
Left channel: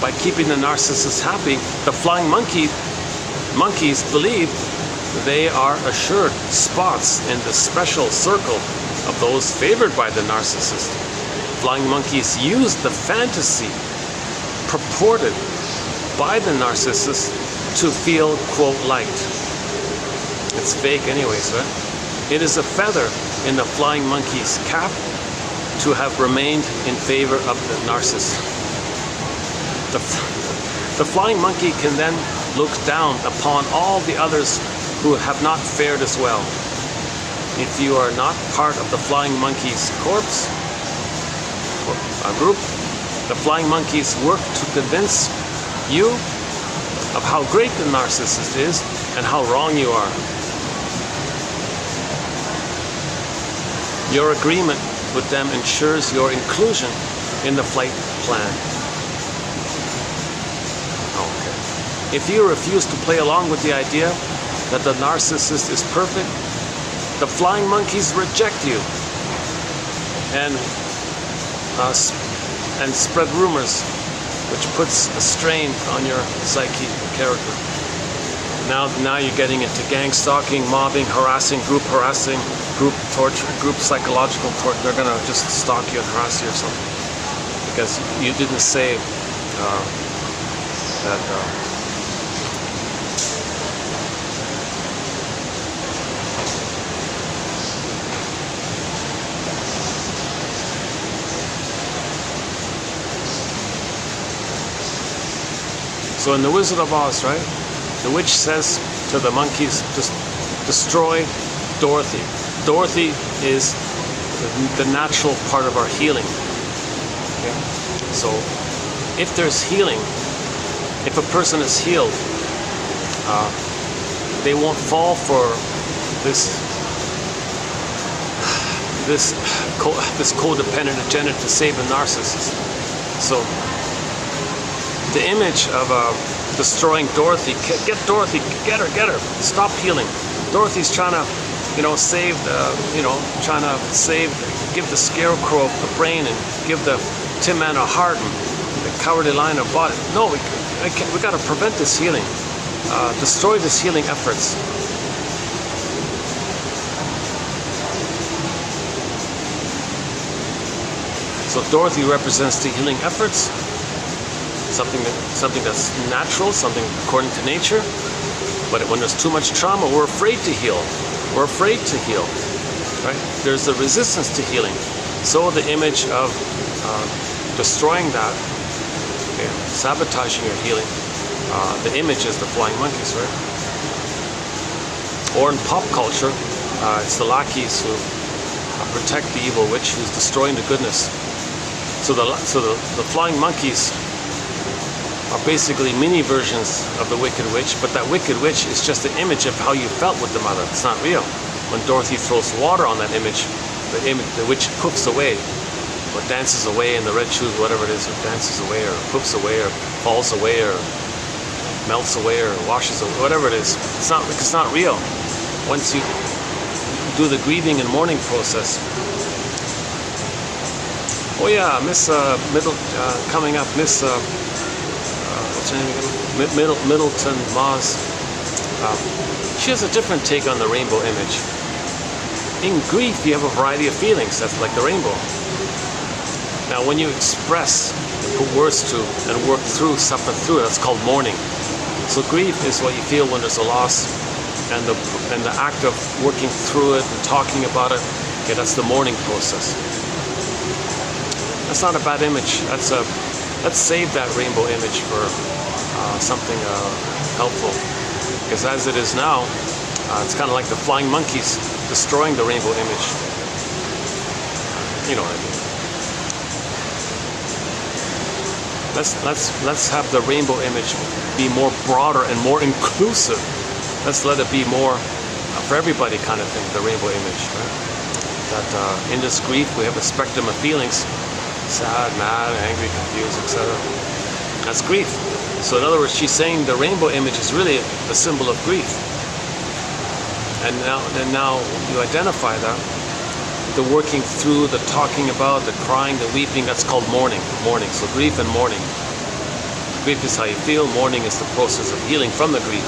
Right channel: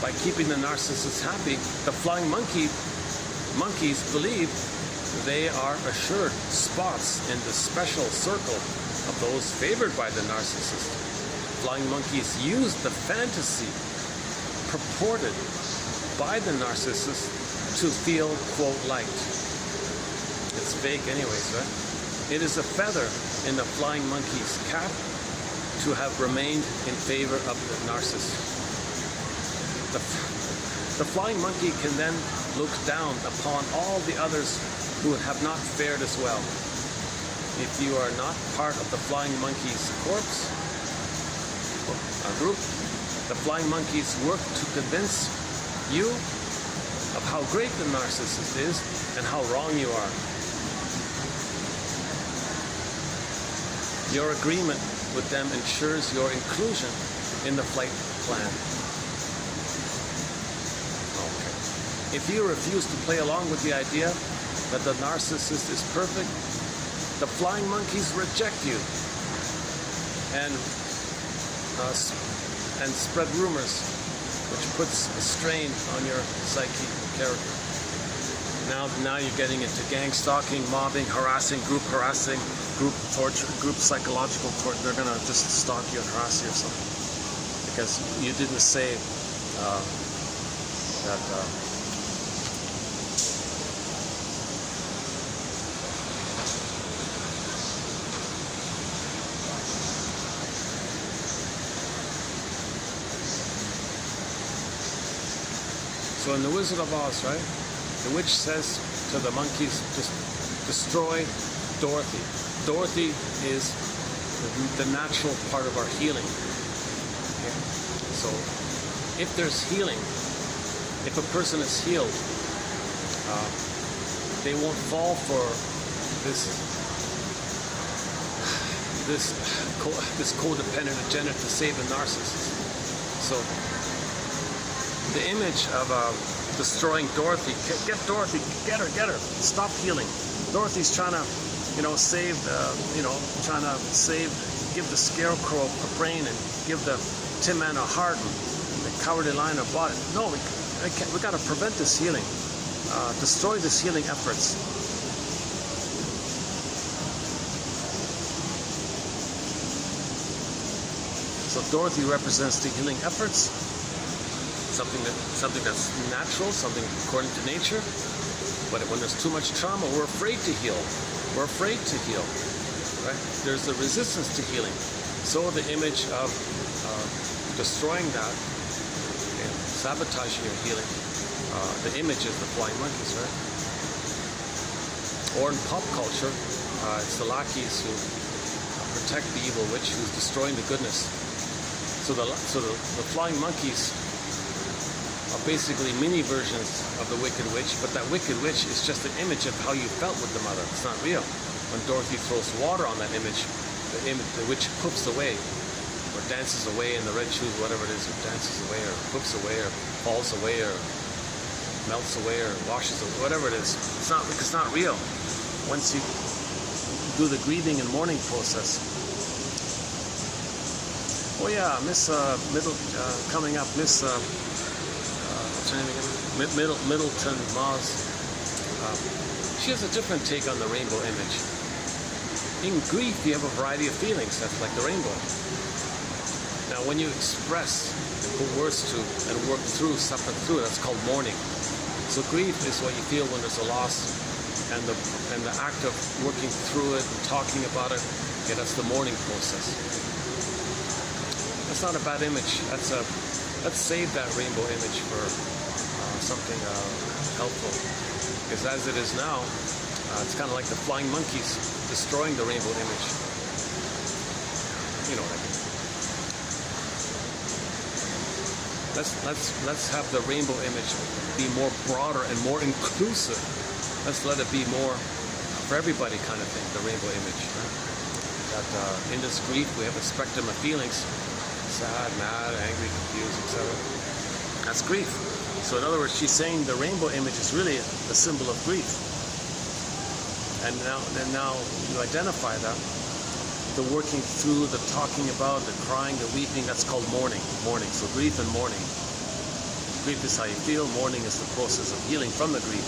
By keeping the narcissist happy, the flying monkeys believe they are assured spots in the special circle of those favored by the narcissist. Flying monkeys use the fantasy purported by the narcissist to feel, quote, liked. It's fake anyways, right? It is a feather in the flying monkey's cap to have remained in favor of the narcissist. The flying monkey can then look down upon all the others who have not fared as well. If you are not part of the flying monkey's corpse, group, the flying monkeys work to convince you of how great the narcissist is and how wrong you are. Your agreement with them ensures your inclusion in the flight plan. Okay. If you refuse to play along with the idea that the narcissist is perfect, the flying monkeys reject you and spread rumors, which puts a strain on your psyche character. Now you're getting into gang stalking, mobbing, harassing, group torture, group psychological torture. They're gonna just stalk you and harass you or something because you didn't say that. So in The Wizard of Oz, right, the witch says to the monkeys, just destroy Dorothy. Dorothy is the natural part of our healing. Okay? So if there's healing, if a person is healed, they won't fall for this codependent agenda to save the narcissist. So the image of destroying Dorothy, get Dorothy, get her, stop healing. Dorothy's trying to, save, trying to save, give the scarecrow the brain and give the Tin Man a heart and the Cowardly Lion a body. No, we got to prevent this healing, destroy this healing efforts. So Dorothy represents the healing efforts, something that's natural, something according to nature. But when there's too much trauma, we're afraid to heal. We're afraid to heal, right? There's a resistance to healing. So the image of destroying that, okay, sabotaging your healing, the image is the flying monkeys, right? Or in pop culture, it's the lackeys who protect the evil witch who's destroying the goodness. So the flying monkeys are basically mini versions of the Wicked Witch, but that Wicked Witch is just an image of how you felt with the mother. It's not real. When Dorothy throws water on that image, the witch poofs away, or dances away in the red shoes, whatever it is, or dances away, or poofs away, or falls away, or melts away, or washes away, whatever it is. It's not real. Once you do the grieving and mourning process. Oh yeah, Miss coming up, Miss what's her name again? Middleton Moss. She has a different take on the rainbow image. In grief, you have a variety of feelings. That's like the rainbow. Now, when you express, put words to, and work through, suffer through, that's called mourning. So grief is what you feel when there's a loss, and the act of working through it and talking about it. Okay, that's the mourning process. That's not a bad image. Let's save that rainbow image for something helpful. Because as it is now, it's kind of like the flying monkeys destroying the rainbow image. You know what I mean. Let's have the rainbow image be more broader and more inclusive. Let's let it be more for everybody kind of thing, the rainbow image. Right? That in this grief we have a spectrum of feelings: sad, mad, angry, confused, etc. That's grief. So in other words, she's saying the rainbow image is really a symbol of grief. And now you identify that. The working through, the talking about, the crying, the weeping, that's called mourning. Mourning. So grief and mourning. Grief is how you feel. Mourning is the process of healing from the grief.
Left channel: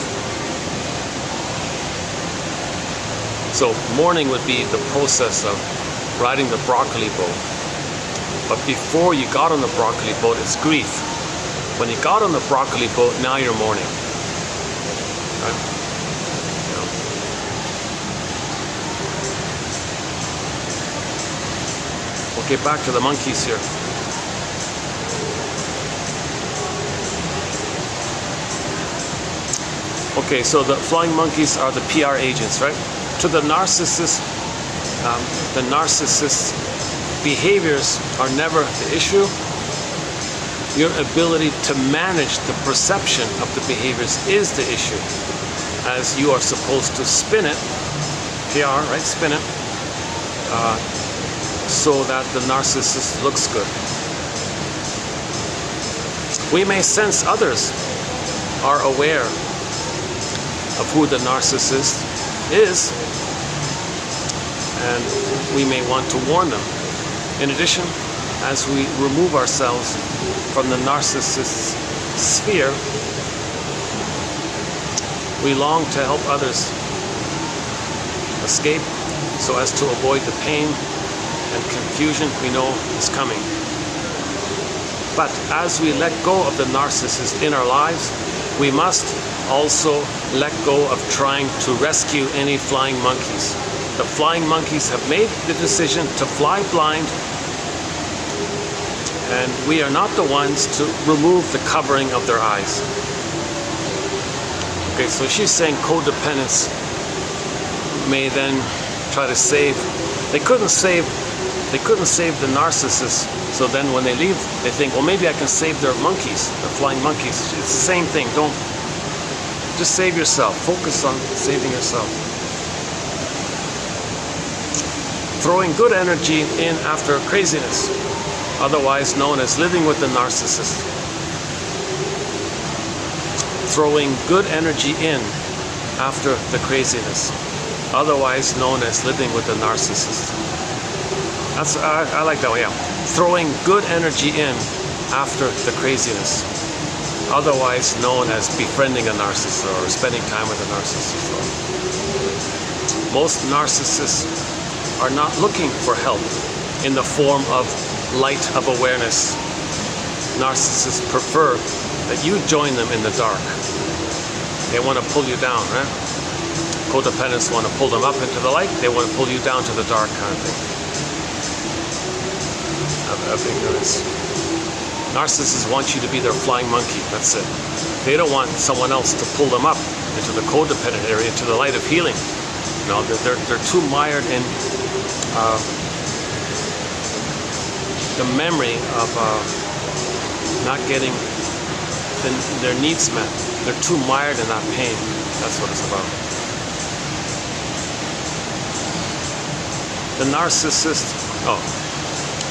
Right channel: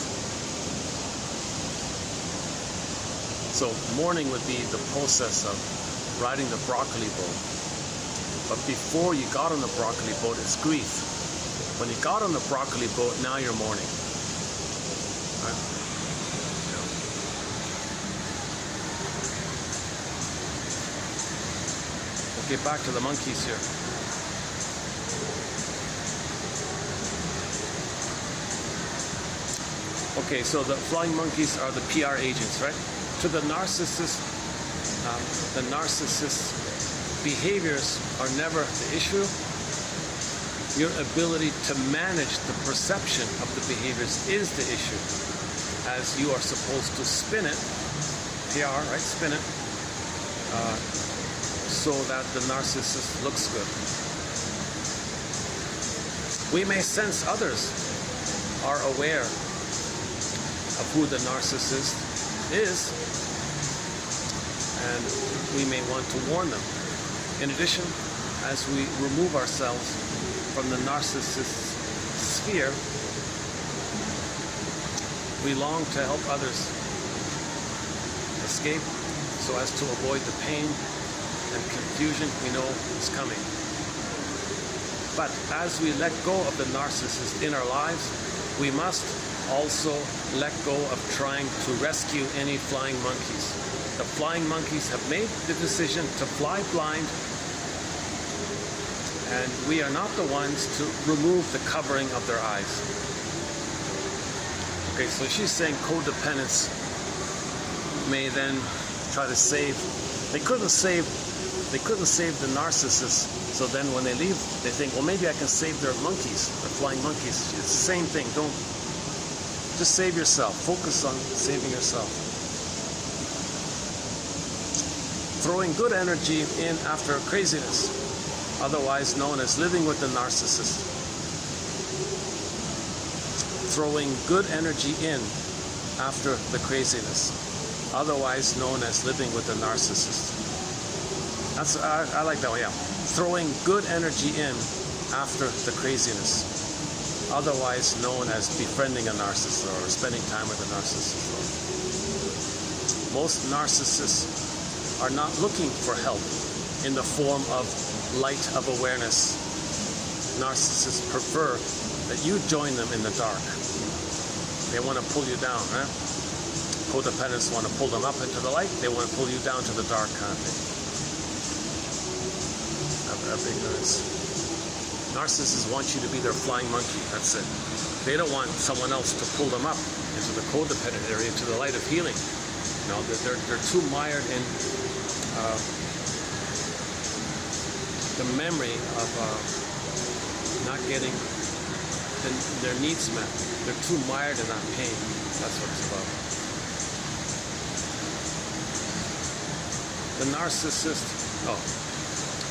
So mourning would be the process of riding the broccoli boat. But before you got on the broccoli boat, it's grief. When you got on the broccoli boat, now you're mourning. Right? We'll get back to the monkeys here. Okay, so the flying monkeys are the PR agents, right? To the narcissist, behaviors are never the issue. Your ability to manage the perception of the behaviors is the issue, as you are supposed to spin it, PR, right? Spin it, so that the narcissist looks good. We may sense others are aware of who the narcissist is, and we may want to warn them. In addition, as we remove ourselves from the narcissist's sphere, we long to help others escape so as to avoid the pain and confusion we know is coming. But as we let go of the narcissist in our lives, we must also let go of trying to rescue any flying monkeys. The flying monkeys have made the decision to fly blind, and we are not the ones to remove the covering of their eyes. Okay, so she's saying codependents may then try to save. They couldn't save the narcissist. So then when they leave, they think, well, maybe I can save their monkeys, the flying monkeys. It's the same thing. Don't just save yourself. Focus on saving yourself. Throwing good energy in after craziness, otherwise known as living with the narcissist. Throwing good energy in after the craziness, otherwise known as living with the narcissist. I like that way. Yeah. Throwing good energy in after the craziness, otherwise known as befriending a narcissist or spending time with a narcissist. Most narcissists are not looking for help in the form of light of awareness. Narcissists prefer that you join them in the dark. They want to pull you down, right? Codependents want to pull them up into the light. They want to pull you down to the dark kind of thing. Of ignorance. Narcissists want you to be their flying monkey. That's it. They don't want someone else to pull them up into the codependent area, to the light of healing. No, they're too mired in the memory of not getting their needs met. They're too mired in that pain. That's what it's about. The narcissist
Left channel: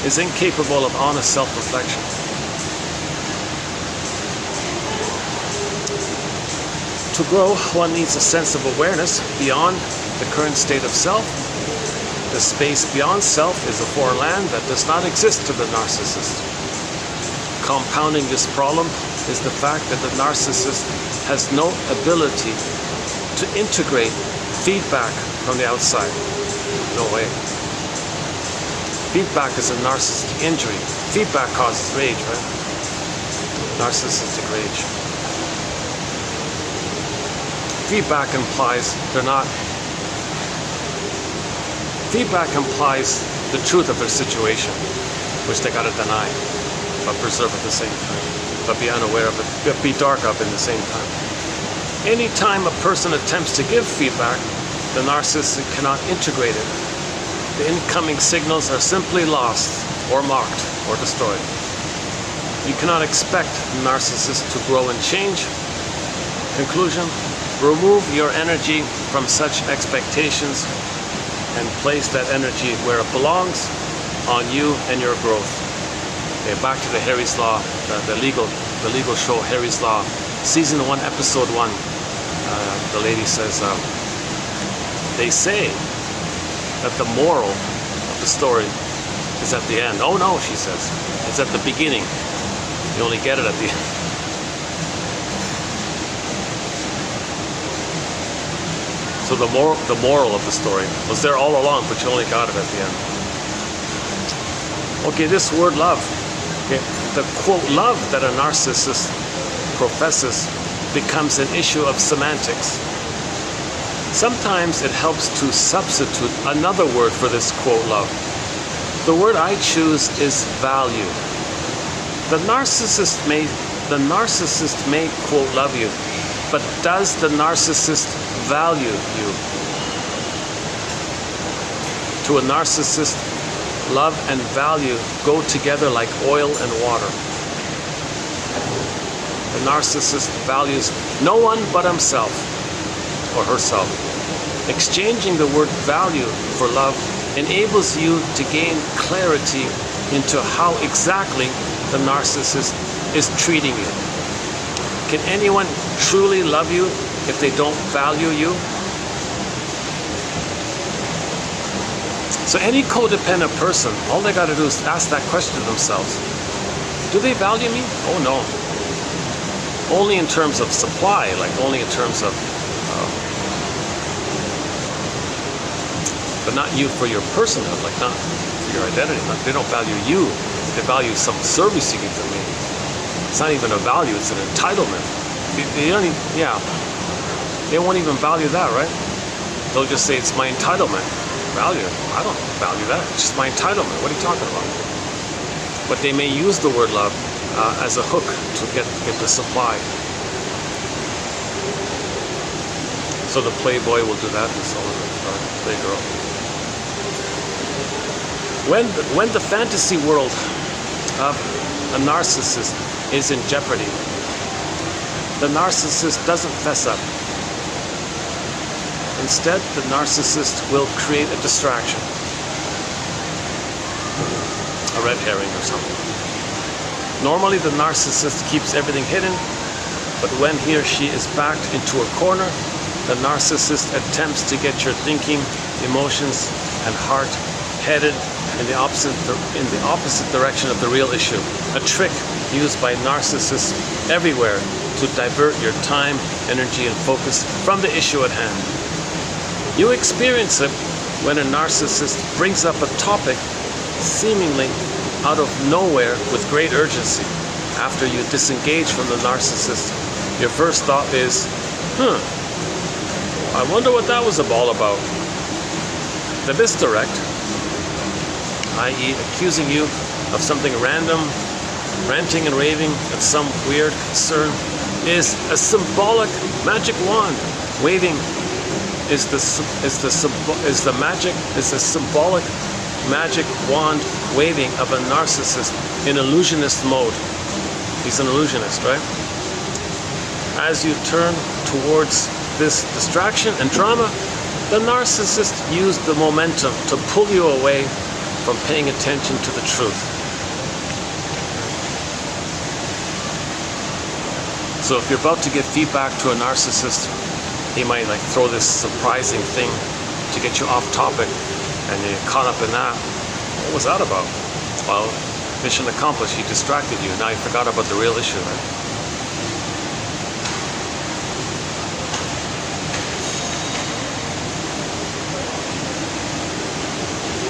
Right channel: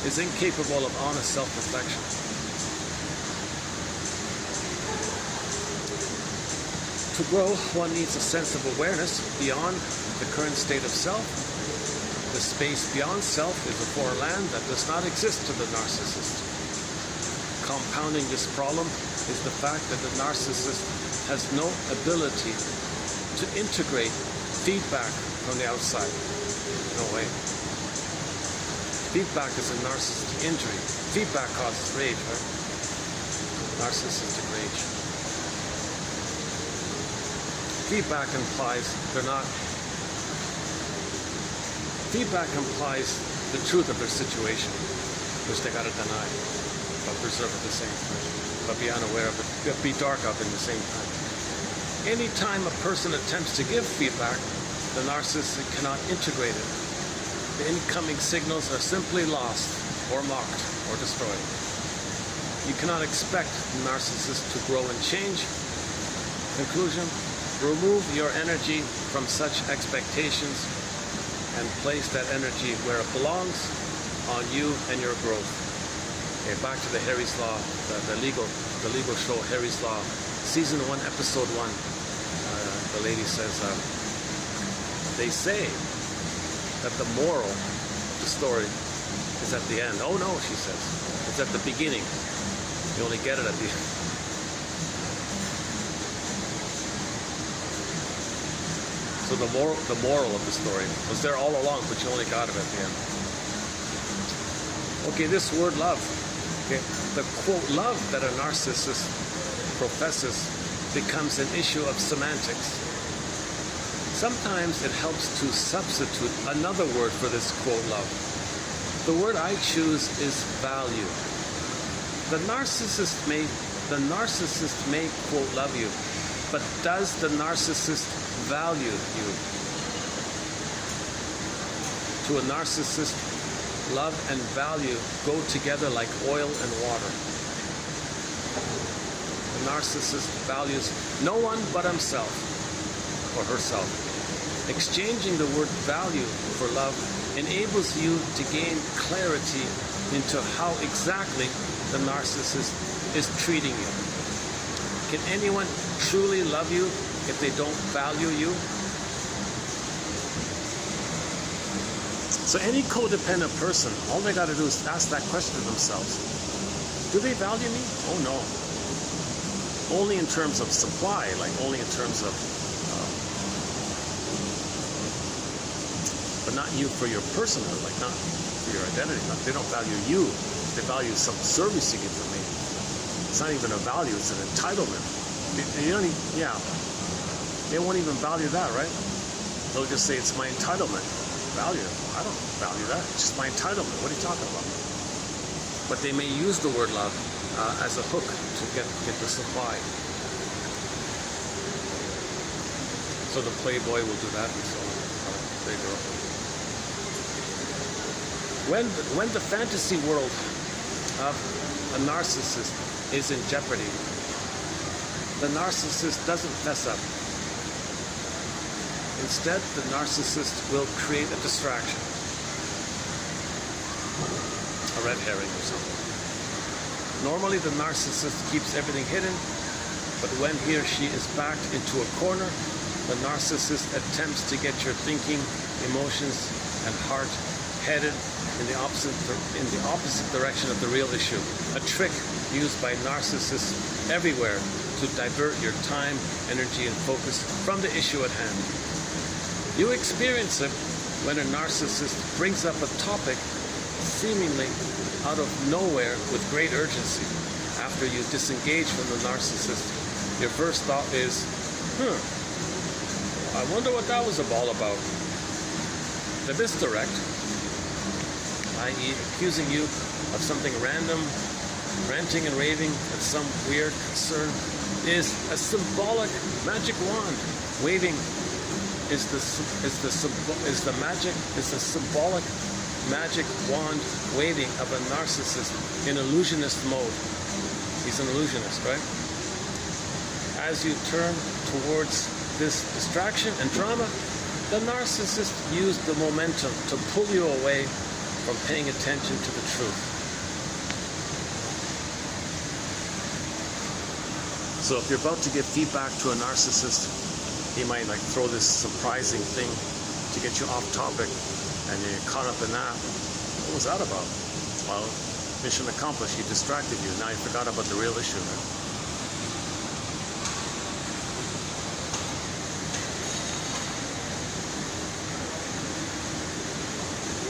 is incapable of honest self-reflection. To grow, one needs a sense of awareness beyond the current state of self. The space beyond self is a foreign land that does not exist to the narcissist. Compounding this problem is the fact that the narcissist has no ability to integrate feedback from the outside. No way. Feedback is a narcissistic injury. Feedback causes rage, right? Narcissistic rage. Feedback implies Feedback implies the truth of their situation, which they gotta deny, but preserve at the same time, but be unaware of it, but be dark of it at the same time. Anytime a person attempts to give feedback, the narcissist cannot integrate it. The incoming signals are simply lost, or mocked, or destroyed. You cannot expect the narcissist to grow and change. Conclusion: remove your energy from such expectations and place that energy where it belongs, on you and your growth. Okay, back to the Harry's Law, the legal show Harry's Law, season 1, episode 1. The lady says, they say that the moral of the story is at the end. Oh no, she says, it's at the beginning. You only get it at the end. So the moral of the story was there all along, but you only got it at the end. Okay, this word love. Okay, the quote love that a narcissist professes becomes an issue of semantics. Sometimes it helps to substitute another word for this quote love. The word I choose is value. The narcissist may quote love you, but does the narcissist value you? To a narcissist, love and value go together like oil and water. The narcissist values no one but himself or herself. Exchanging the word value for love enables you to gain clarity into how exactly the narcissist is treating you. Can anyone truly love you if they don't value you? So any codependent person, all they got to do is ask that question to themselves. Do they value me? Oh no. Only in terms of supply, like only in terms of, but not you for your personhood, like not for your identity. They don't value you. They value some service you give them. It's not even a value, it's an entitlement. They don't even, they won't even value that, right? They'll just say it's my entitlement. Value? I don't value that. It's just my entitlement. What are you talking about? But they may use the word love as a hook to get the supply. So the playboy will do that, and so on, or playgirl. When the fantasy world of a narcissist is in jeopardy, the narcissist doesn't fess up. Instead, the narcissist will create a distraction, a red herring or something. Normally, the narcissist keeps everything hidden, but when he or she is backed into a corner, the narcissist attempts to get your thinking, emotions, and heart headed in the opposite direction of the real issue. A trick used by narcissists everywhere to divert your time, energy, and focus from the issue at hand. You experience it when a narcissist brings up a topic seemingly out of nowhere with great urgency. After you disengage from the narcissist, your first thought is, I wonder what that was all about. The misdirect, i.e. accusing you of something random, ranting and raving at some weird concern, is a symbolic magic wand waving. Is the symbolic magic wand waving of a narcissist in illusionist mode. He's an illusionist, right? As you turn towards this distraction and drama, the narcissist used the momentum to pull you away from paying attention to the truth. So if you're about to give feedback to a narcissist, he might like throw this surprising thing to get you off topic, and you get caught up in that. What was that about? Well, mission accomplished. He distracted you. Now you forgot about the real issue, right?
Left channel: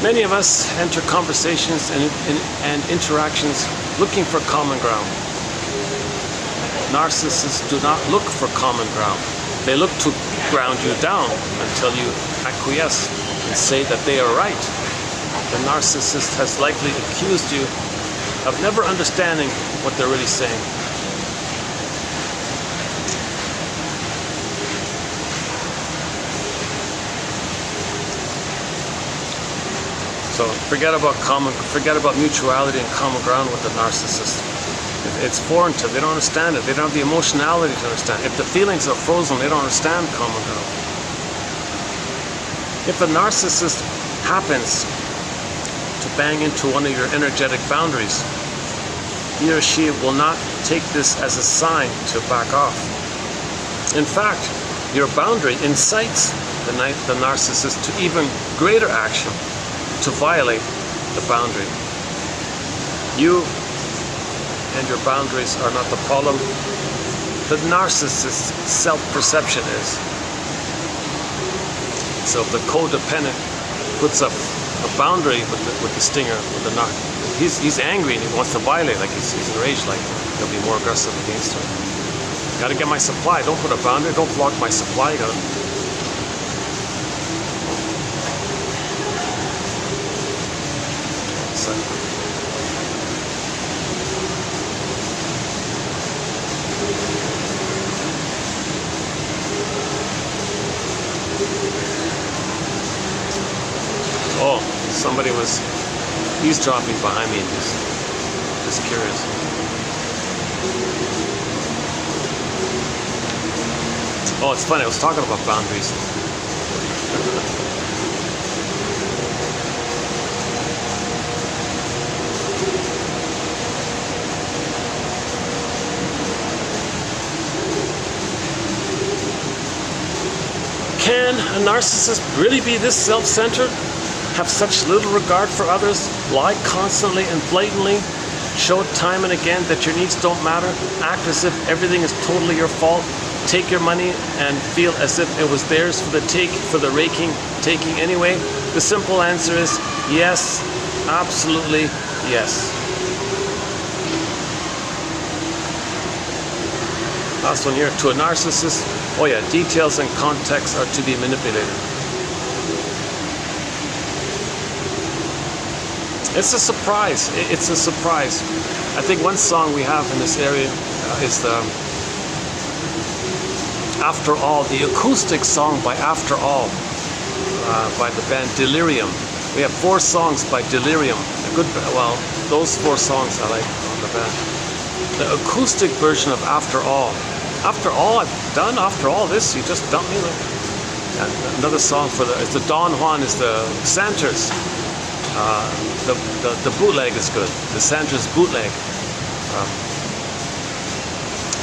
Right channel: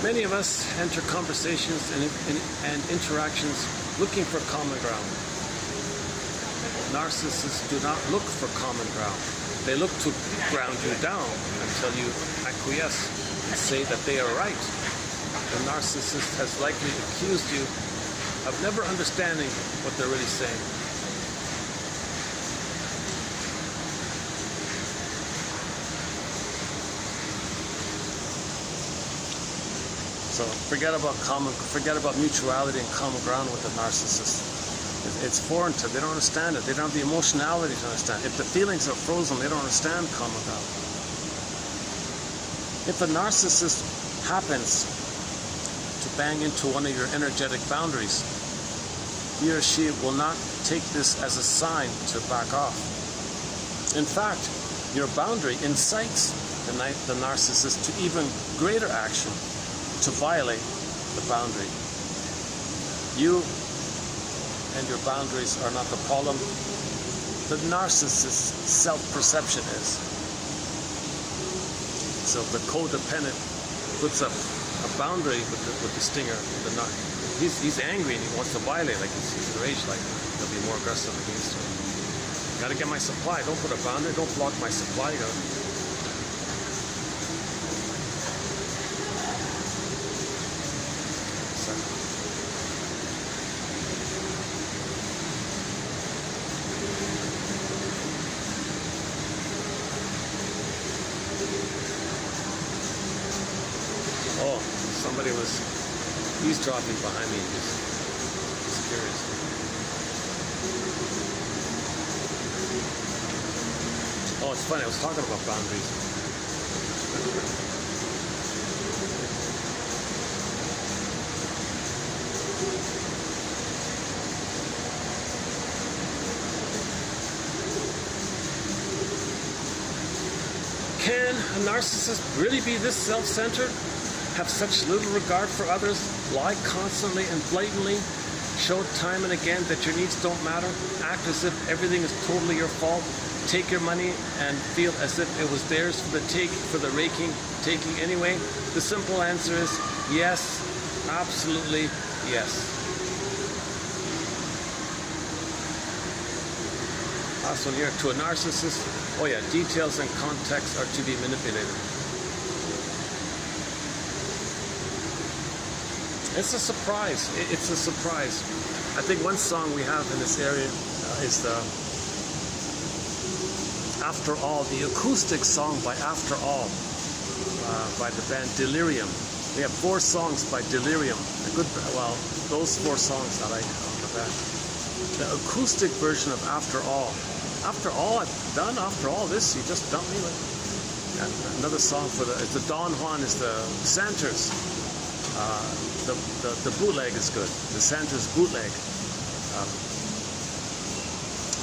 Many of us enter conversations and interactions looking for common ground. Narcissists do not look for common ground. They look to ground you down until you acquiesce and say that they are right. The narcissist has likely accused you of never understanding what they're really saying. So forget about mutuality and common ground with the narcissist. It's foreign to them. They don't understand it. They don't have the emotionality to understand. If the feelings are frozen, they don't understand common ground. If the narcissist happens to bang into one of your energetic boundaries, he or she will not take this as a sign to back off. In fact, your boundary incites the narcissist to even greater action to violate the boundary. You and your boundaries are not the problem. The narcissist's self-perception is. So if the codependent puts up a boundary with the stinger, with the knock, he's angry and he wants to violate, like he's enraged, like he'll be more aggressive against her. Gotta get my supply. Don't put a boundary. Don't block my supply. You gotta. Oh, somebody was eavesdropping behind me. Just curious. Oh, it's funny. I was talking about boundaries. Can a narcissist really be this self-centered? Have such little regard for others? Lie constantly and blatantly? Show time and again that your needs don't matter? Act as if everything is totally your fault? Take your money and feel as if it was theirs for the taking anyway? The simple answer is yes, absolutely yes. Last one here. To a narcissist, oh yeah, details and context are to be manipulated. It's a surprise. It's a surprise. I think one song we have in this area is the After All, the acoustic song by After All, by the band Delirium. We have 4 songs by Delirium. Those 4 songs I like on the band. The acoustic version of After All. After all I've done, after all this, you just dumped me. Another song for it's the Don Juan is the Santos. The bootleg is good. The Santos bootleg.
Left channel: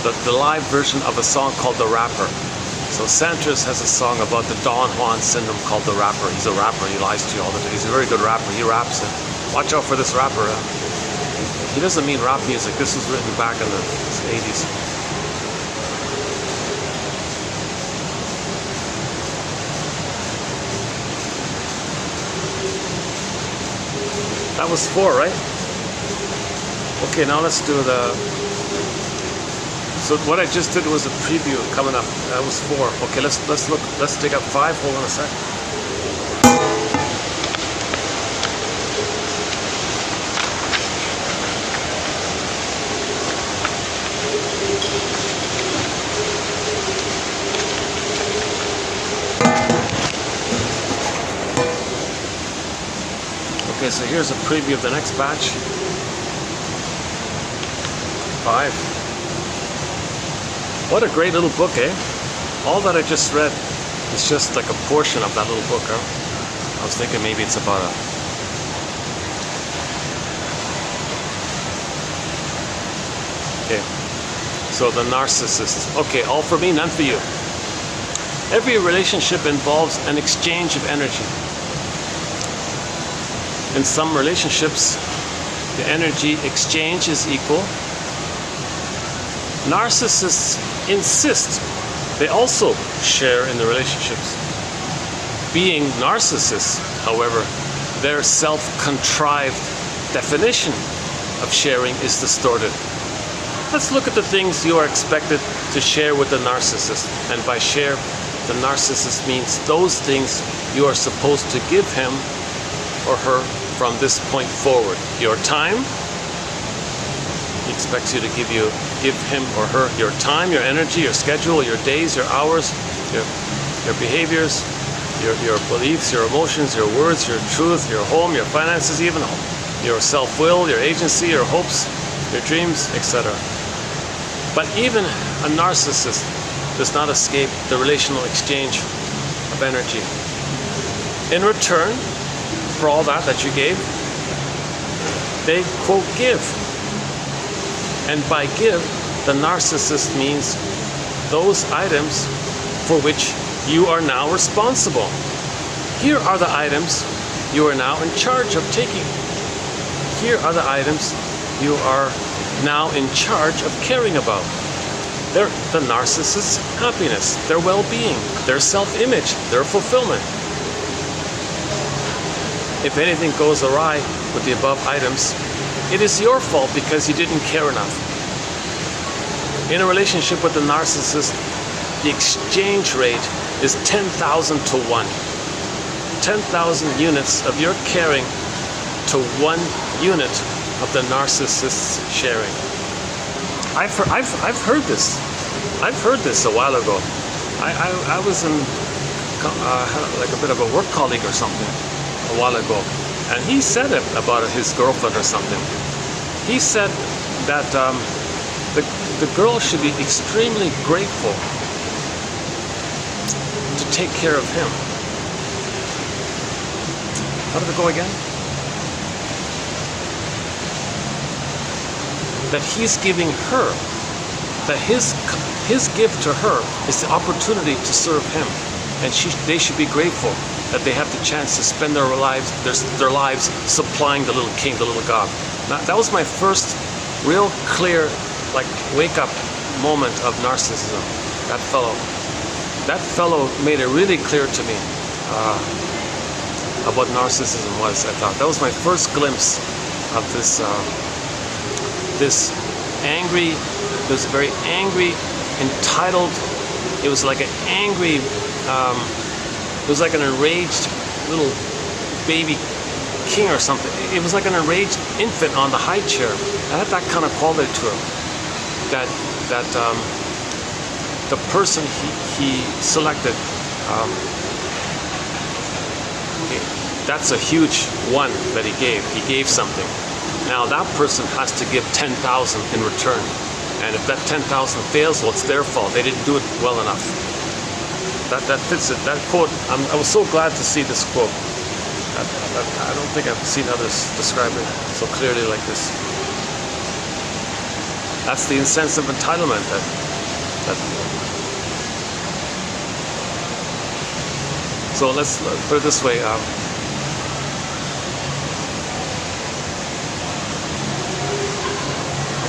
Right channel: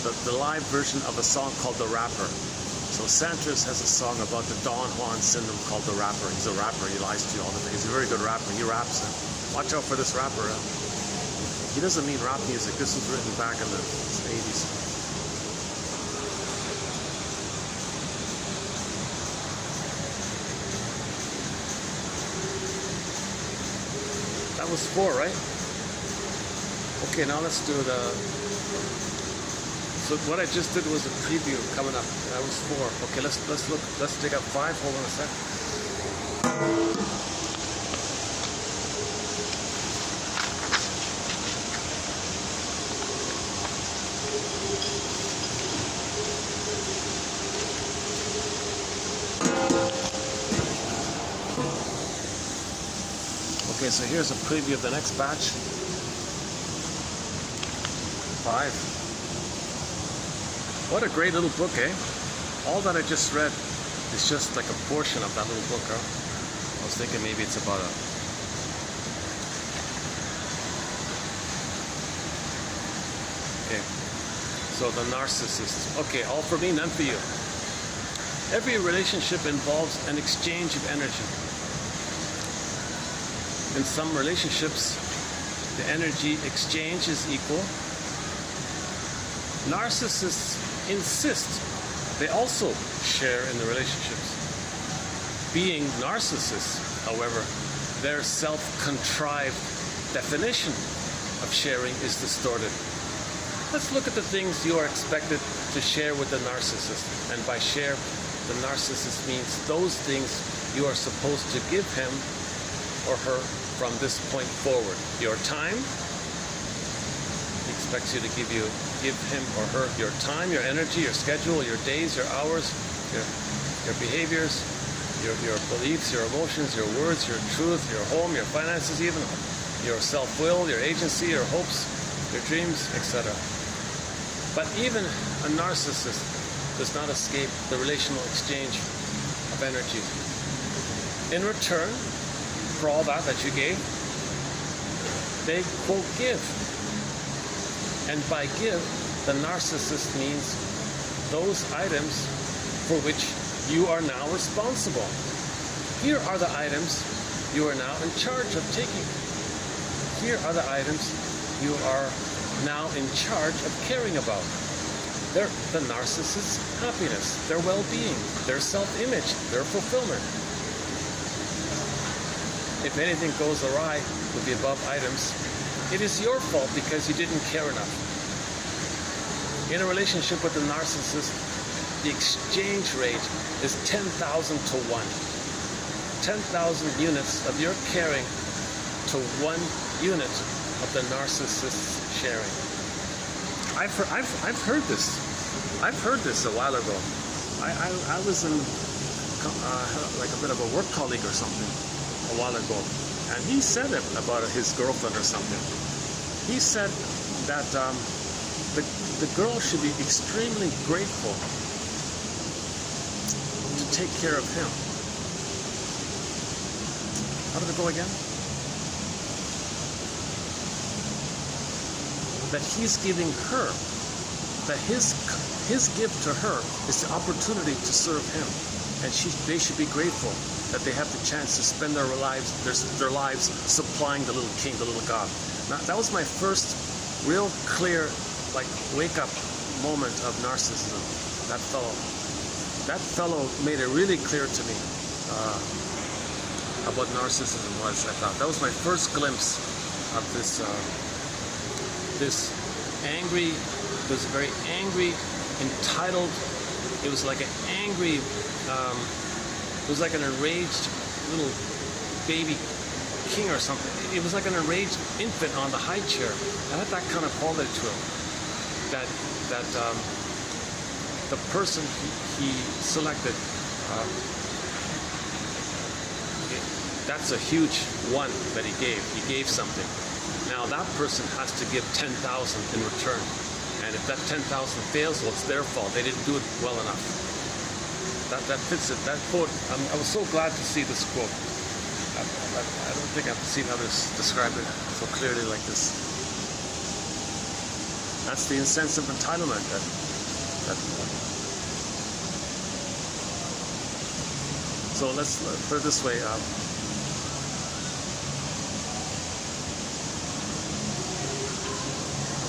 The live version of a song called The Rapper. So Santos has a song about the Don Juan syndrome called The Rapper. He's a rapper. He lies to you all the time. He's a very good rapper. He raps it. Watch out for this rapper. He doesn't mean rap music. This was written back in the 80s. That was 4, right? Okay, now let's do the. So what I just did was a preview coming up. That was 4. Okay, let's look. Let's take up 5. Hold on a sec. Okay, so here's a preview of the next batch. 5. What a great little book, eh? All that I just read is just like a portion of that little book, huh? I was thinking maybe it's about a... Okay, so the narcissist. Okay, all for me, none for you. Every relationship involves an exchange of energy. In some relationships, the energy exchange is equal. Narcissists insist they also share in the relationships. Being narcissists, however, their self-contrived definition of sharing is distorted. Let's look at the things you are expected to share with the narcissist. And by share, the narcissist means those things you are supposed to give him or her from this point forward. Your time. He expects you to give him or her your time, your energy, your schedule, your days, your hours, your behaviors, your beliefs, your emotions, your words, your truth, your home, your finances, even your self-will, your agency, your hopes, your dreams, etc. But even a narcissist does not escape the relational exchange of energy. In return for all that you gave, they, quote, give. And by give, the narcissist means those items for which you are now responsible. Here are the items you are now in charge of taking. Here are the items you are now in charge of caring about. They're the narcissist's happiness, their well-being, their self-image, their fulfillment. If anything goes awry with the above items, it is your fault because you didn't care enough. In a relationship with the narcissist, the exchange rate is 10,000 to 1. 10,000 units of your caring to 1 unit of the narcissist's sharing. I've heard this. I've heard this a while ago. I was in like a bit of a work colleague or something a while ago, and he said it about his girlfriend or something. He said that the girl should be extremely grateful to take care of him. How did it go again? That he's giving her, that his gift to her is the opportunity to serve him, and they should be grateful that they have the chance to spend their lives supplying the little king, the little god. Now, that was my first real clear, like, wake-up moment of narcissism. That fellow made it really clear to me of what narcissism was. I thought that was my first glimpse of this very angry, entitled. It was like an angry. It was like an enraged little baby king or something. It was like an enraged infant on the high chair. I had that kind of quality to him. That the person he selected. That's a huge one that he gave. He gave something. Now that person has to give 10,000 in return. And if that 10,000 fails, well, it's their fault. They didn't do it well enough. That fits it. That quote, I was so glad to see this quote. I don't think I've seen others describe it so clearly like this. That's the sense of entitlement. So let's put it this way.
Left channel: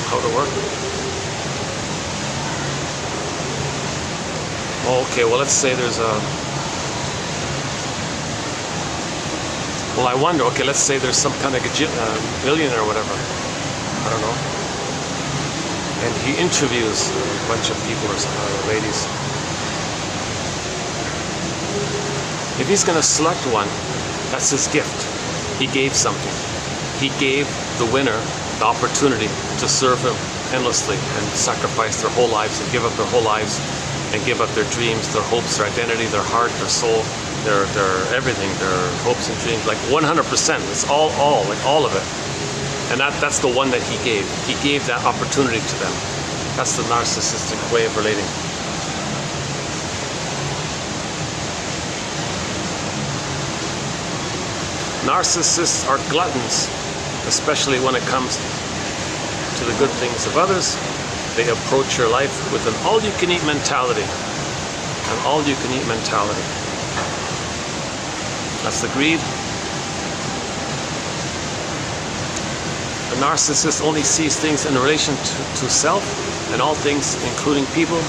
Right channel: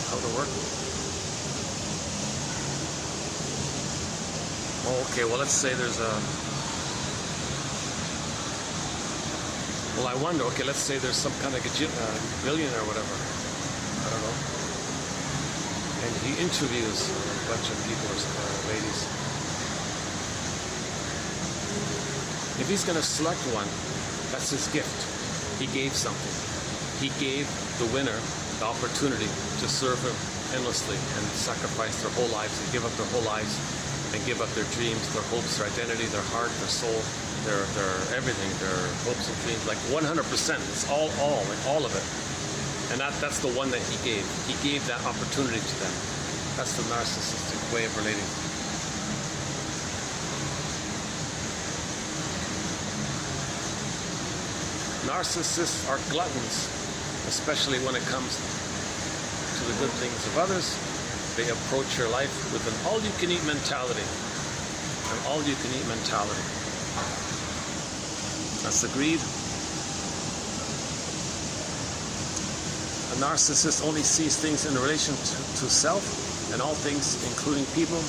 How to work? Okay, well, let's say there's a... Well, I wonder, okay, let's say there's some kind of billionaire or whatever. I don't know. And he interviews a bunch of people or ladies. If he's going to select one, that's his gift. He gave something. He gave the winner the opportunity to serve him endlessly and sacrifice their whole lives and give up their whole lives and give up their dreams, their hopes, their identity, their heart, their soul, their everything, their hopes and dreams, like 100%. It's all of it. And that's the one that he gave. He gave that opportunity to them. That's the narcissistic way of relating. Narcissists are gluttons, especially when it comes to the good things of others. They approach your life with an all-you-can-eat mentality. An all-you-can-eat mentality. That's the greed. The narcissist only sees things in relation to self, and all things, including people,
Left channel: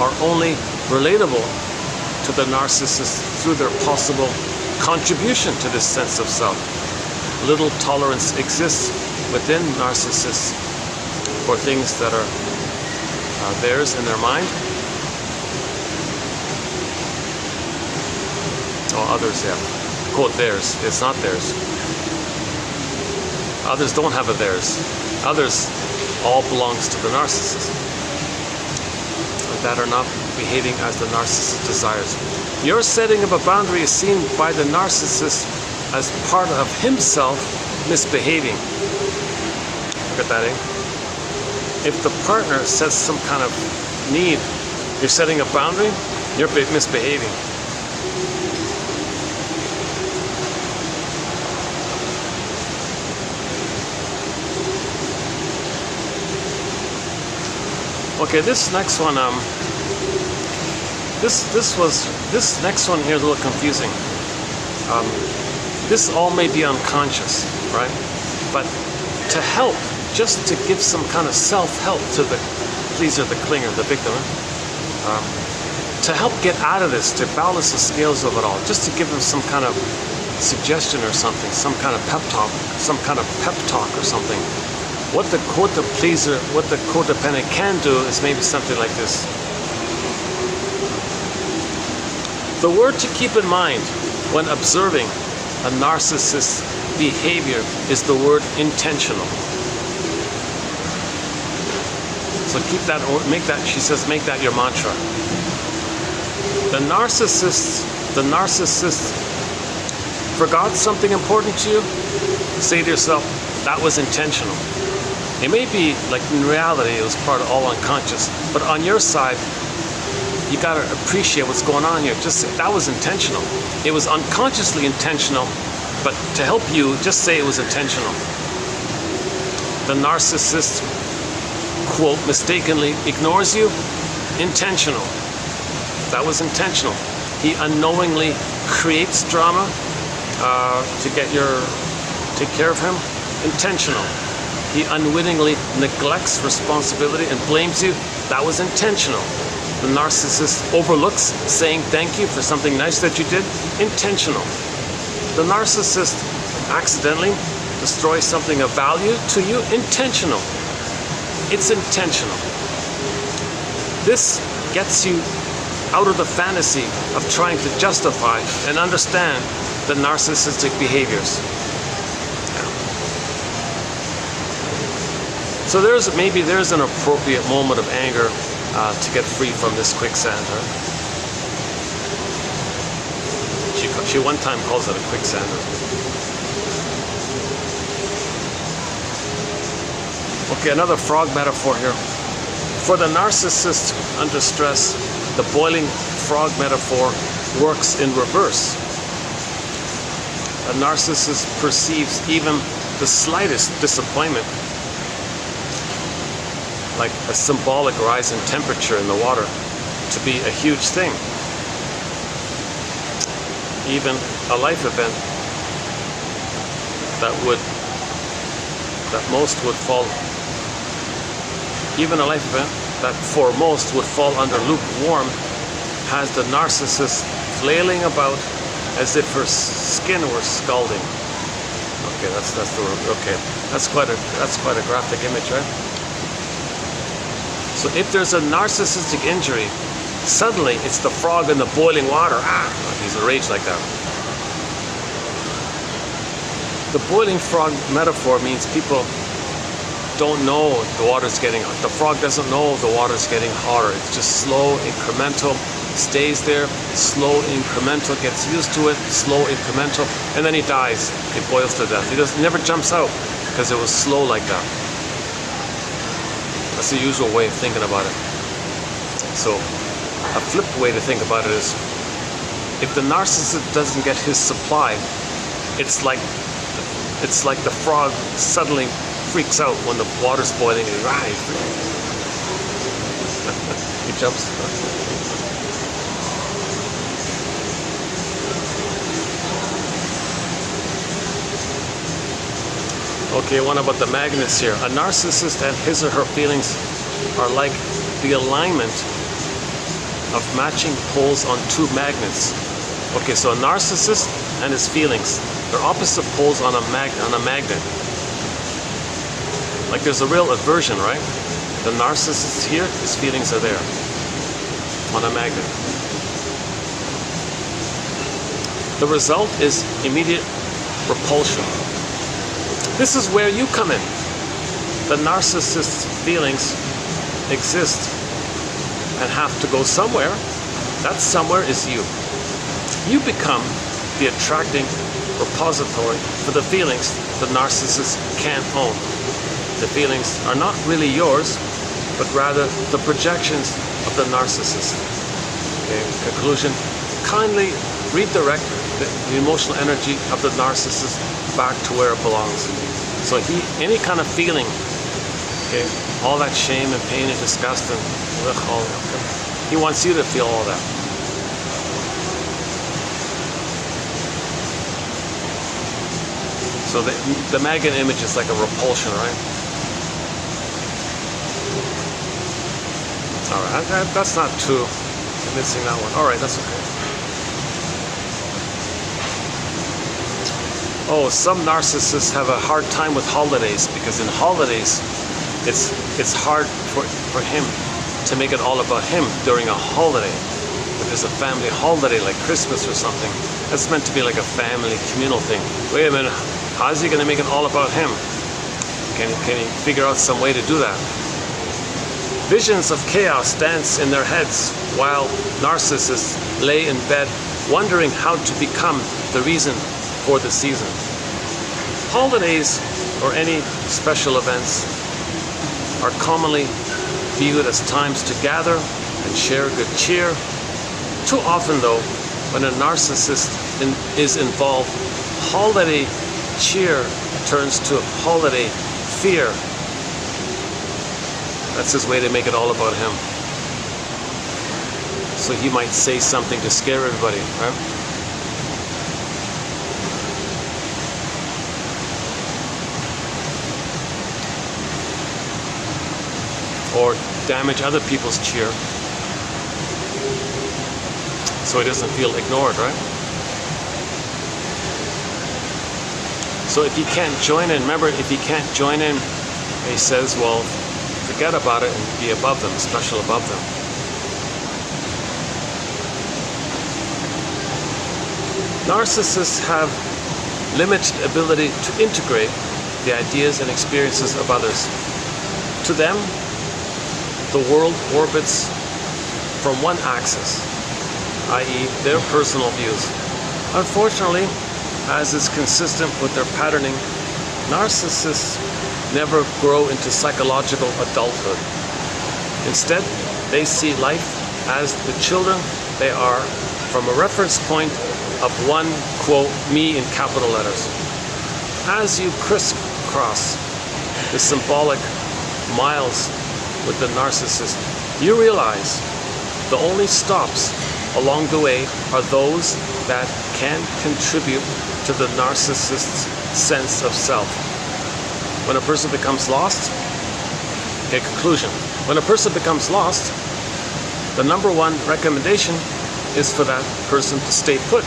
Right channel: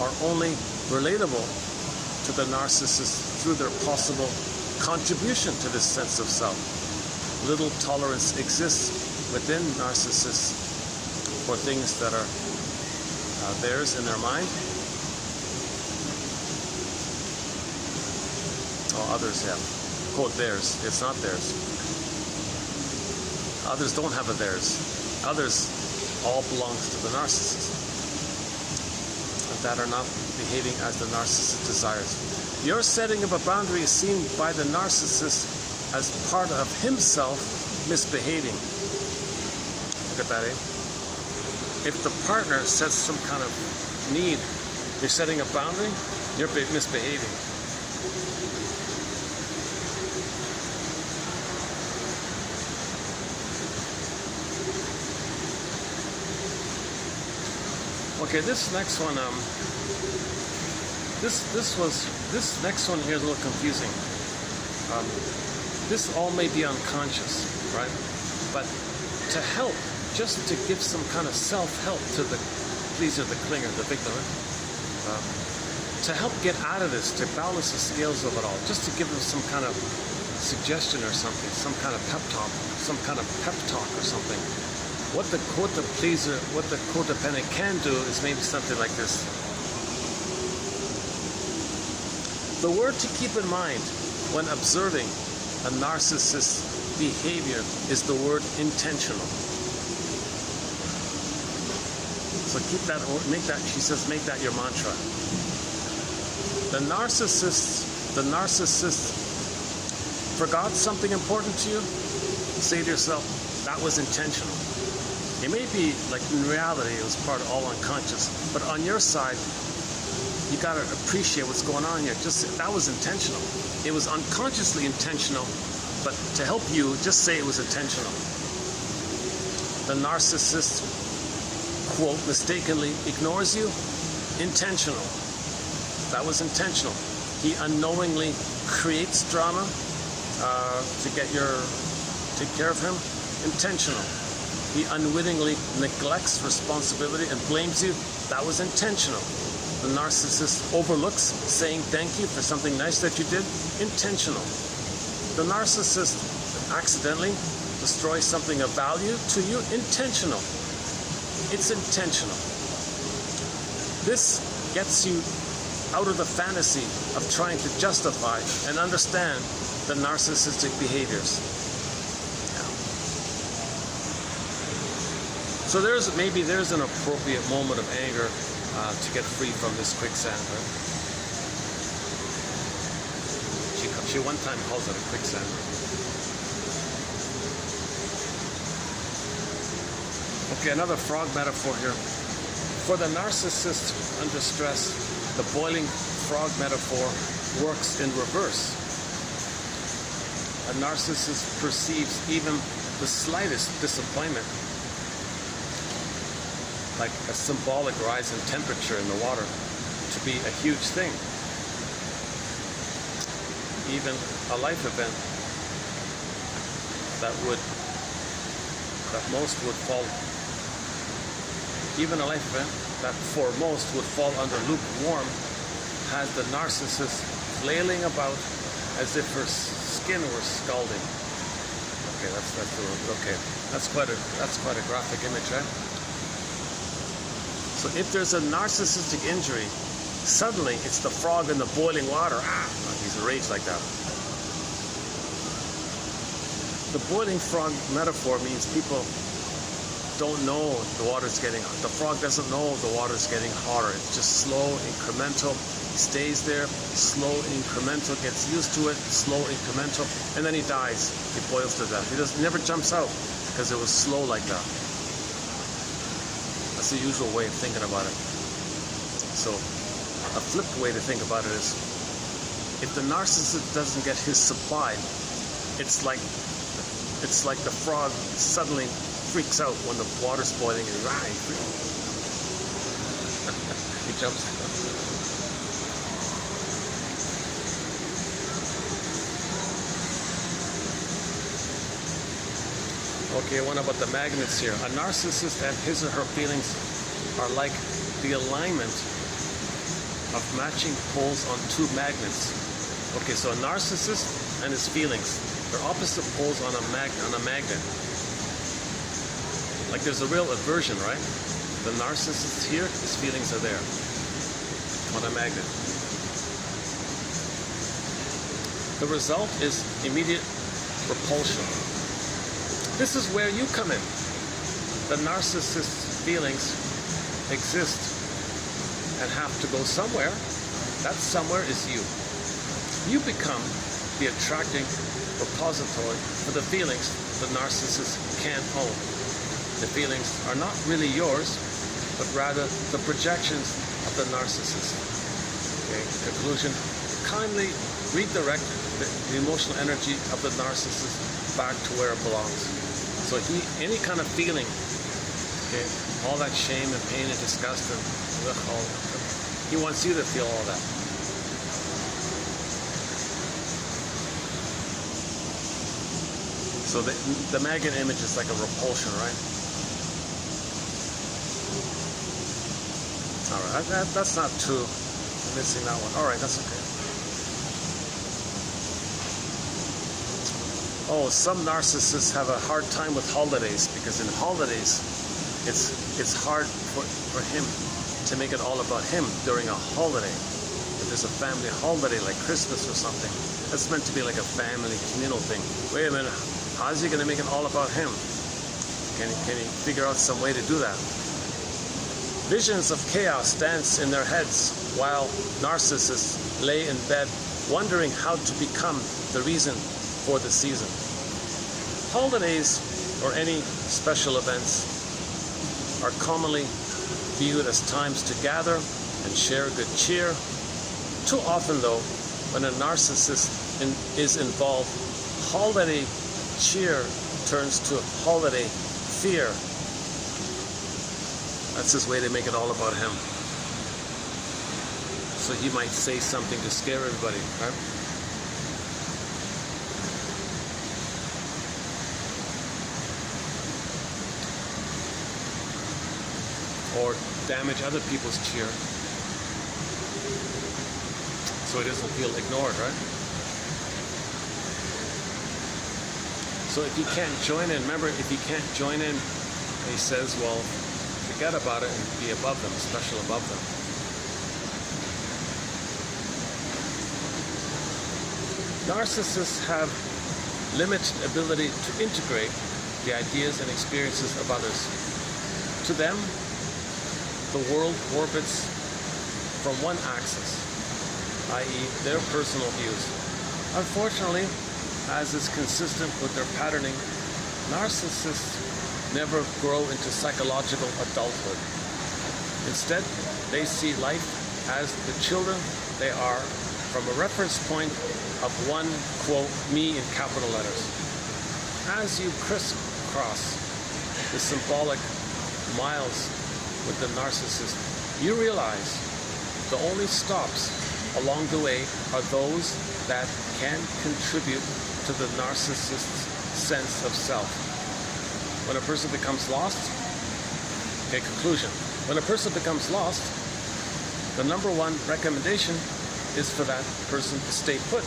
are only relatable to the narcissist through their possible contribution to this sense of self. Little tolerance exists within narcissists for things that are theirs in their mind. Oh, others, yeah. Quote, theirs. It's not theirs. Others don't have a theirs. Others all belongs to the narcissist that are not behaving as the narcissist desires. Your setting of a boundary is seen by the narcissist as part of himself misbehaving. Look at that, eh? If the partner sets some kind of need, you're setting a boundary, you're misbehaving. Okay, this next one, this next one here is a little confusing. This all may be unconscious, right? But to help, just to give some kind of self-help to the pleaser, the clinger, the victim, to help get out of this, to balance the scales of it all, just to give them some kind of suggestion or something, some kind of pep talk, or something. What the pleaser, what the codependent can do is maybe something like this. The word to keep in mind when observing a narcissist's behavior is the word intentional. So keep that, make that, she says, make that your mantra. The narcissist forgot something important to you, say to yourself, that was intentional. It may be like in reality it was part of all unconscious, but on your side, you gotta appreciate what's going on here. Just say that was intentional. It was unconsciously intentional, but to help you, just say it was intentional. The narcissist, quote, mistakenly ignores you, intentional. That was intentional. He unknowingly creates drama to take care of him, intentional. He unwittingly neglects responsibility and blames you, that was intentional. The narcissist overlooks saying thank you for something nice that you did, intentional. The narcissist accidentally destroys something of value to you, intentional. It's intentional. This gets you out of the fantasy of trying to justify and understand the narcissistic behaviors. So there's an appropriate moment of anger to get free from this quicksand. Right? She one time calls it a quicksand. Okay, another frog metaphor here. For the narcissist under stress, the boiling frog metaphor works in reverse. A narcissist perceives even the slightest disappointment like a symbolic rise in temperature in the water to be a huge thing. Even a life event that most would fall, even a life event that for most would fall under lukewarm, has the narcissist flailing about as if her skin were scalding. Okay. Okay, that's the okay. That's quite a graphic image, right? So if there's a narcissistic injury, suddenly it's the frog in the boiling water. He's enraged like that. The boiling frog metaphor means people don't know the water's getting hot. The frog doesn't know the water's getting hotter. It's just slow, incremental, stays there, slow, incremental, gets used to it, slow, incremental, and then he dies. It boils to death. He never jumps out because it was slow like that. That's the usual way of thinking about it. So a flipped way to think about it is, if the narcissist doesn't get his supply, it's like the frog suddenly freaks out when the water's boiling and he jumps. Okay, one about the magnets here. A narcissist and his or her feelings are like the alignment of matching poles on two magnets. Okay, so a narcissist and his feelings, they're opposite poles on a magnet. Like there's a real aversion, right? The narcissist is here, his feelings are there on a magnet. The result is immediate repulsion. This is where you come in. The narcissist's feelings exist and have to go somewhere. That somewhere is you. You become the attracting repository for the feelings the narcissist can't own. The feelings are not really yours, but rather the projections of the narcissist. Okay. Conclusion, kindly redirect the emotional energy of the narcissist back to where it belongs. So any kind of feeling, okay, all that shame and pain and disgust and he wants you to feel all that. So the magnet image is like a repulsion, right? All right, that's not too convincing, that one. All right, that's okay. Oh, some narcissists have a hard time with holidays because in holidays, it's hard for him to make it all about him during a holiday. If there's a family holiday like Christmas or something, that's meant to be like a family communal thing. Wait a minute, how's he going to make it all about him? Can he figure out some way to do that? Visions of chaos dance in their heads while narcissists lay in bed wondering how to become the reason for the season. Holidays or any special events are commonly viewed as times to gather and share good cheer. Too often though, when a narcissist is involved, holiday cheer turns to holiday fear. That's his way to make it all about him. So he might say something to scare everybody, right? Or damage other people's cheer so he doesn't feel ignored, right? So if he can't join in, remember, if he can't join in, he says, well, forget about it and be above them, special above them. Narcissists have limited ability to integrate the ideas and experiences of others. To them, the world orbits from one axis, i.e. their personal views. Unfortunately, as is consistent with their patterning, narcissists never grow into psychological adulthood. Instead, they see life as the children they are from a reference point of one, quote, me in capital letters. As you crisscross the symbolic miles with the narcissist, you realize the only stops along the way are those that can contribute to the narcissist's sense of self. When a person becomes lost, okay, conclusion. When a person becomes lost, the number one recommendation is for that person to stay put.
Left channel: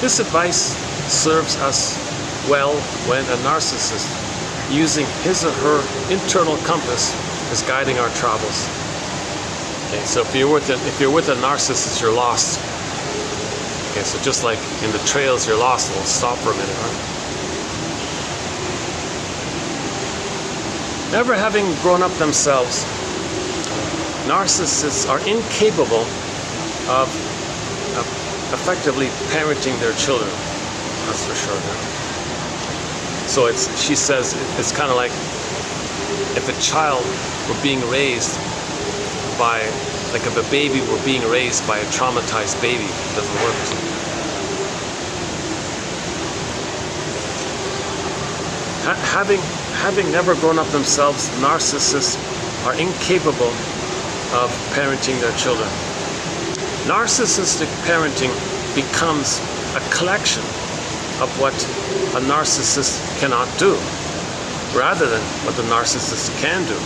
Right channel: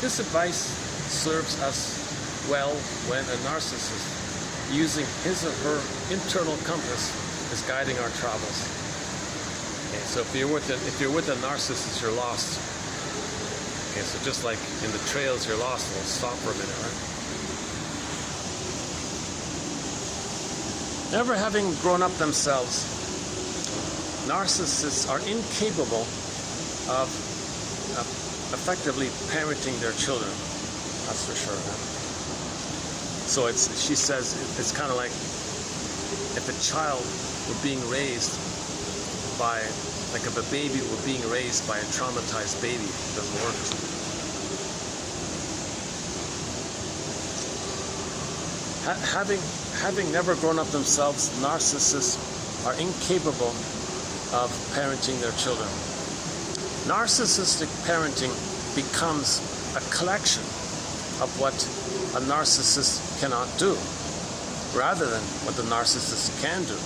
This advice serves us well when a narcissist, using his or her internal compass, is guiding our travels. Okay, so if you're with a narcissist, you're lost. Okay, so just like in the trails, you're lost. We'll stop for a minute, right? Never having grown up themselves, narcissists are incapable of effectively parenting their children. That's for sure. So she says it's kind of like if a child were being raised by, like if a baby were being raised by a traumatized baby, it doesn't work. Having never grown up themselves, narcissists are incapable of parenting their children. Narcissistic parenting becomes a collection of what a narcissist cannot do, rather than what the narcissist can do.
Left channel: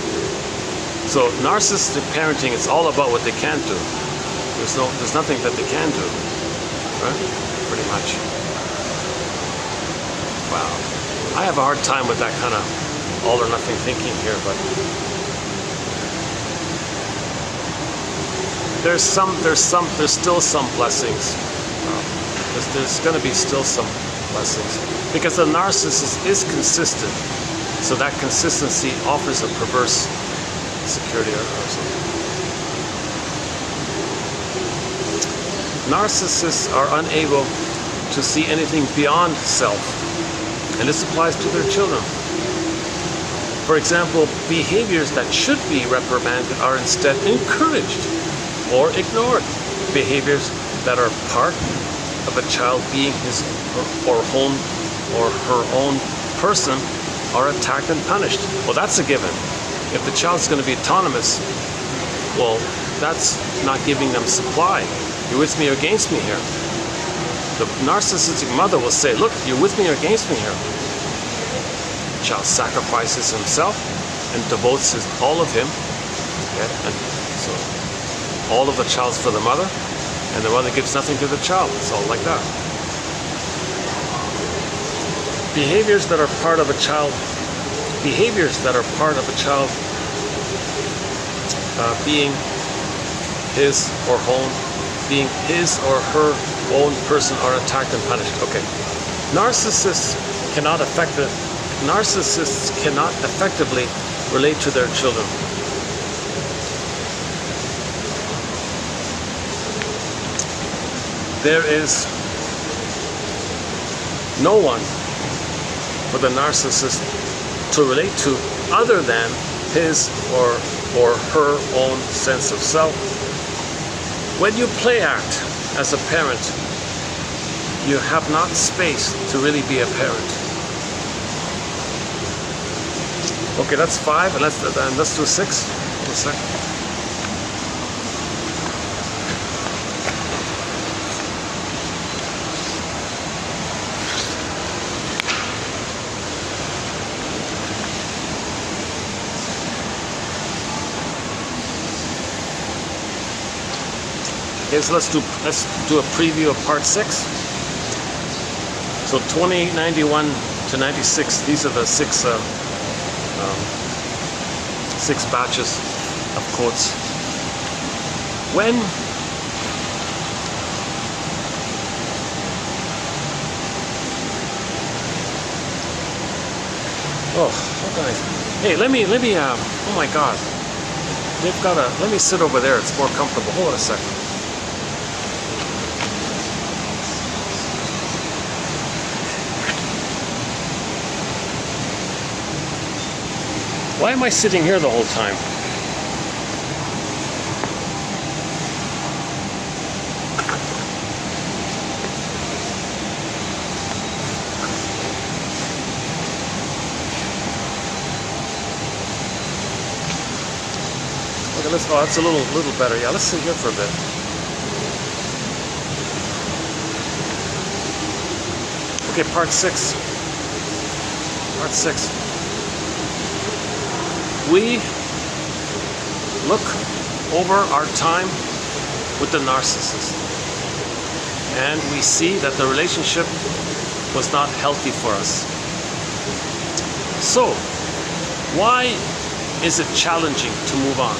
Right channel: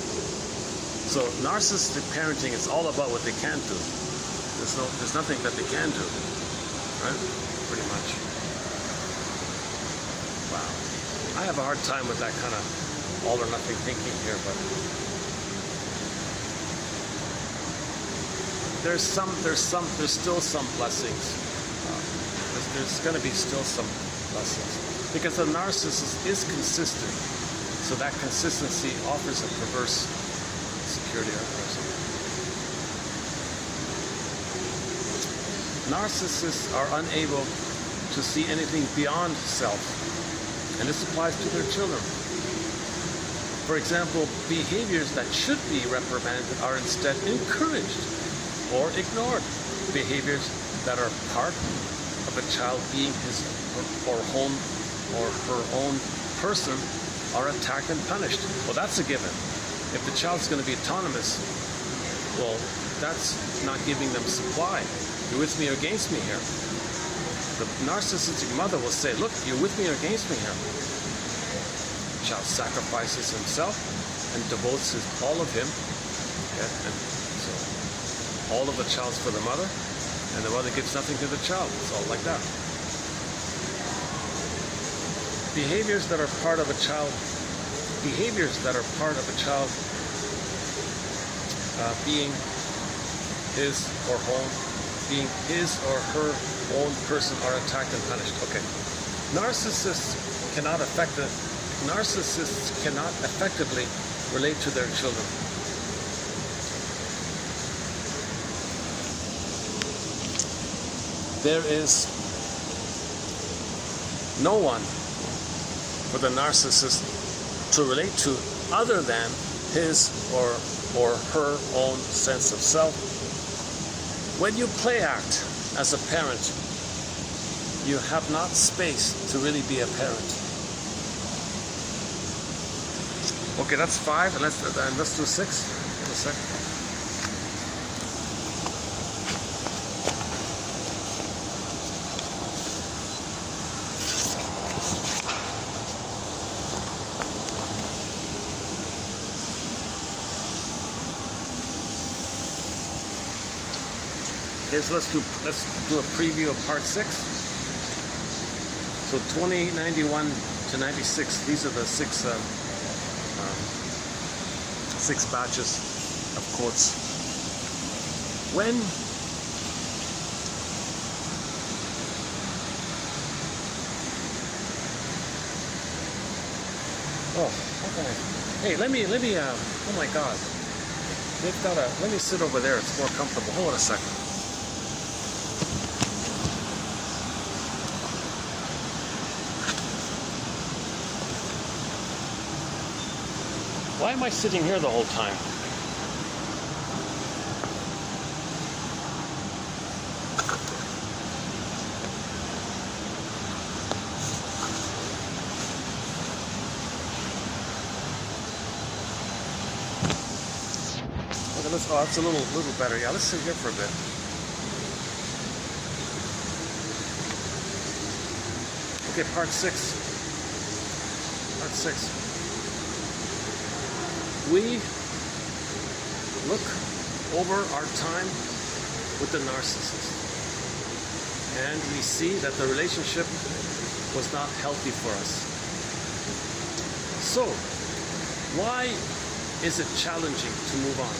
So narcissistic parenting is all about what they can't do. There's nothing that they can do, right? Pretty much. Wow. I have a hard time with that kind of all or nothing thinking here, but there's still some blessings. There's going to be still some blessings because the narcissist is consistent, so that consistency offers a perverse security or something. Narcissists are unable to see anything beyond self, and this applies to their children. For example, behaviors that should be reprimanded are instead encouraged or ignored. Behaviors that are part of a child being his or her own person are attacked and punished. Well, that's a given. If the child's going to be autonomous, well, that's not giving them supply. You're with me or against me here. The narcissistic mother will say, look, you're with me or against me here. The child sacrifices himself and devotes all of him. Okay? And so all of the child's for the mother, and the mother gives nothing to the child. It's all like that. Behaviors that are part of a child being his or her own person are attacked and punished. Okay. Narcissists cannot effectively relate to their children. There is no one for the narcissist to relate to other than his or her own sense of self. When you play act as a parent, you have not space to really be a parent. Okay, that's 5, and let's do 6. 1 second. Okay, so let's do a preview of part 6. So 2091 to 96. These are the six batches of quotes. When hey, let me oh my god, let me sit over there, it's more comfortable. Hold on a second. Why am I sitting here the whole time? Okay, that's a little better. Yeah, let's sit here for a bit. Okay, part 6. Part 6. We look over our time with the narcissist, and we see that the relationship was not healthy for us. So, why is it challenging to move on?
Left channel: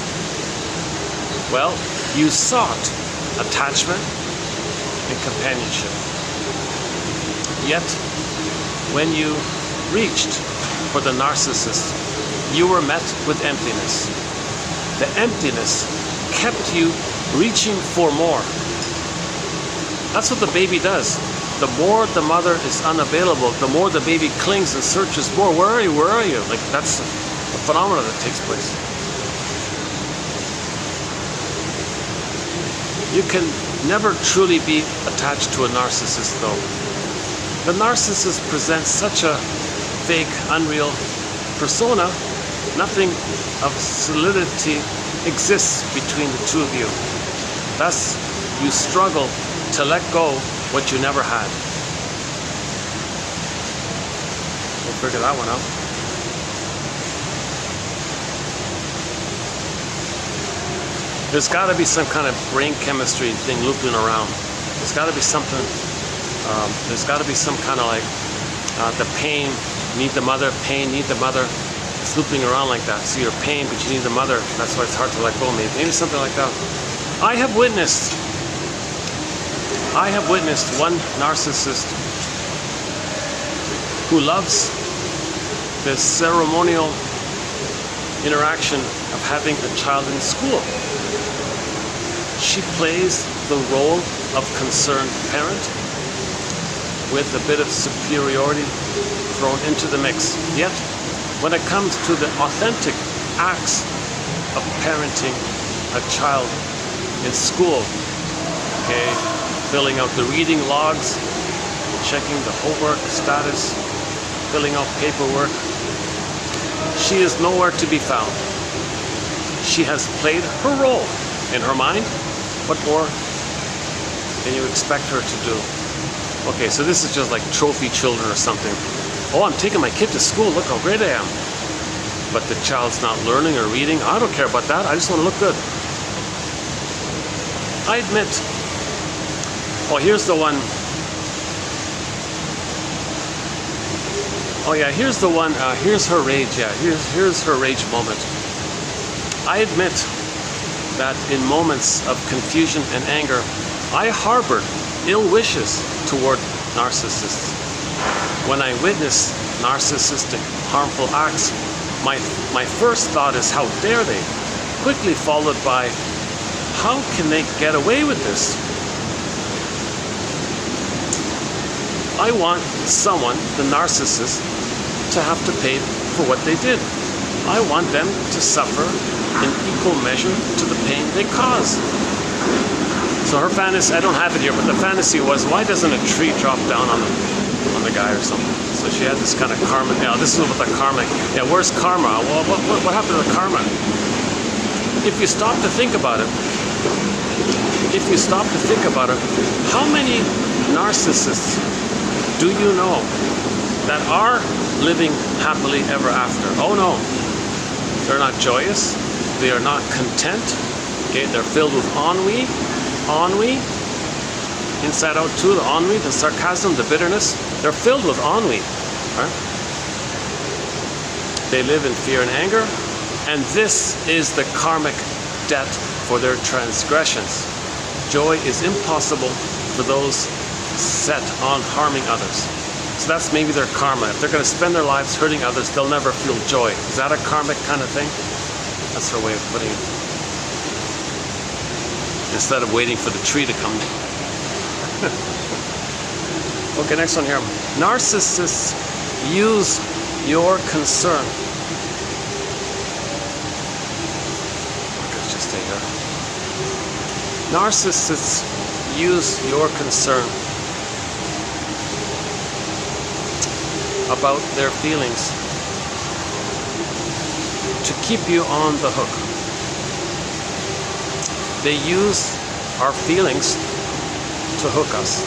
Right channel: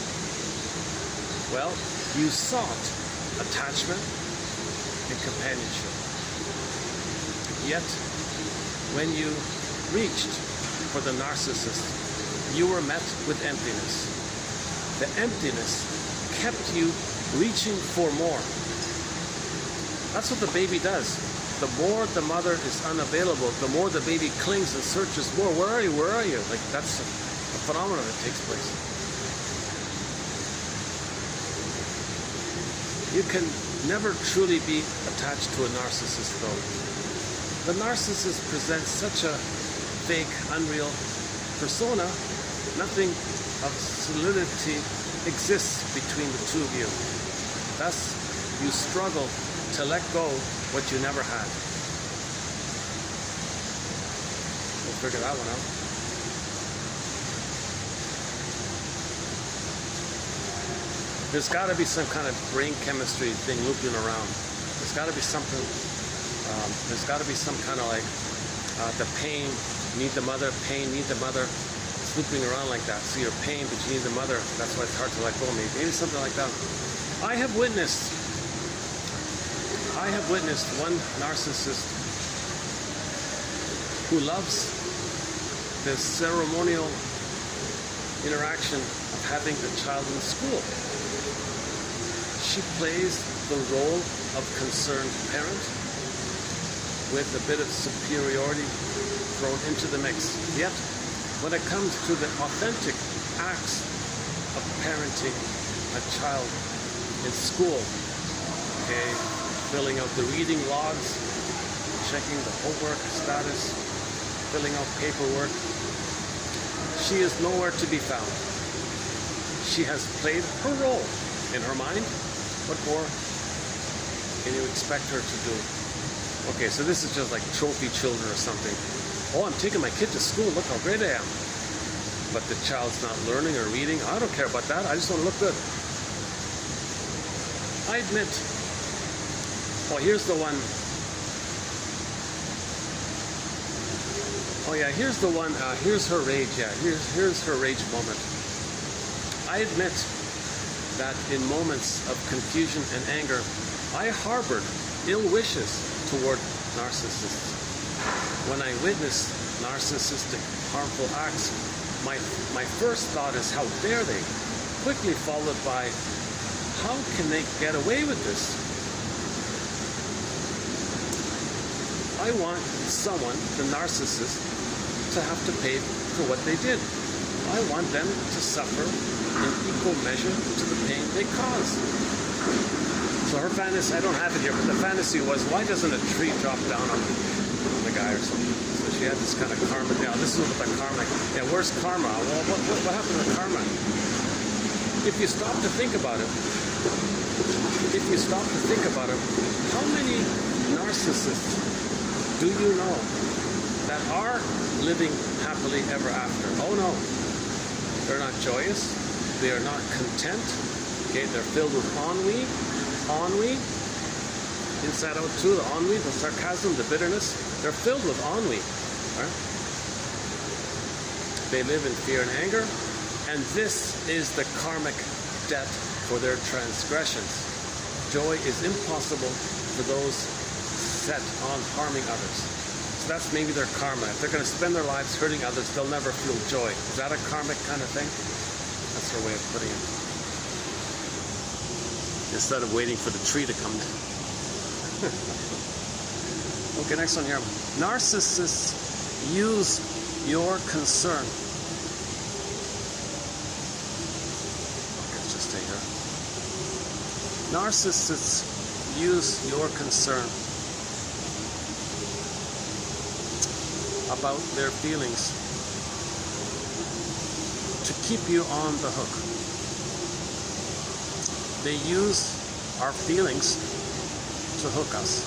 Well, you sought attachment and companionship. Yet, when you reached for the narcissist, you were met with emptiness. The emptiness kept you reaching for more. That's what the baby does. The more the mother is unavailable, the more the baby clings and searches more. Where are you? Where are you? Like, that's a phenomenon that takes place. You can never truly be attached to a narcissist, though. The narcissist presents such a fake, unreal persona. Nothing of solidity exists between the two of you. Thus, you struggle to let go what you never had. We'll figure that one out. There's got to be some kind of brain chemistry thing looping around. There's got to be something. There's got to be some kind of like the pain, need the mother, pain, need the mother. It's looping around like that. So you're pain, but you need the mother. That's why it's hard to let go. Maybe something like that. I have witnessed one narcissist who loves the ceremonial interaction of having a child in school. She plays the role of concerned parent with a bit of superiority thrown into the mix. Yet, when it comes to the authentic acts of parenting a child in school, okay, filling out the reading logs, checking the homework status, filling out paperwork, she is nowhere to be found. She has played her role. In her mind, what more can you expect her to do? Okay, so this is just like trophy children or something. Oh, I'm taking my kid to school, look how great I am. But the child's not learning or reading. I don't care about that, I just want to look good. I admit. Oh, here's the one. Oh yeah, here's the one. Here's her rage. Yeah, here's her rage moment. I admit that in moments of confusion and anger, I harbored ill wishes toward narcissists. When I witness narcissistic, harmful acts, my first thought is, how dare they? Quickly followed by, how can they get away with this? I want someone, the narcissist, to have to pay for what they did. I want them to suffer in equal measure to the pain they cause. So her fantasy, I don't have it here, but the fantasy was, why doesn't a tree drop down on the guy or something? So she had this kind of karma. Yeah, this is what the karma. Yeah, where's karma? Well, what happened to the karma? If you stop to think about it, how many narcissists do you know that are living happily ever after? Oh no, they're not joyous. They are not content. Okay, they're filled with ennui, inside out too. The ennui, the sarcasm, the bitterness. They're filled with ennui. Right? They live in fear and anger, and this is the karmic debt for their transgressions. Joy is impossible for those set on harming others. So that's maybe their karma. If they're going to spend their lives hurting others, they'll never feel joy. Is that a karmic kind of thing? That's her way of putting it. Instead of waiting for the tree to come. Okay, next one here. Narcissists use your concern. Let's just stay here. Narcissists use your concern about their feelings to keep you on the hook. They use our feelings to hook us.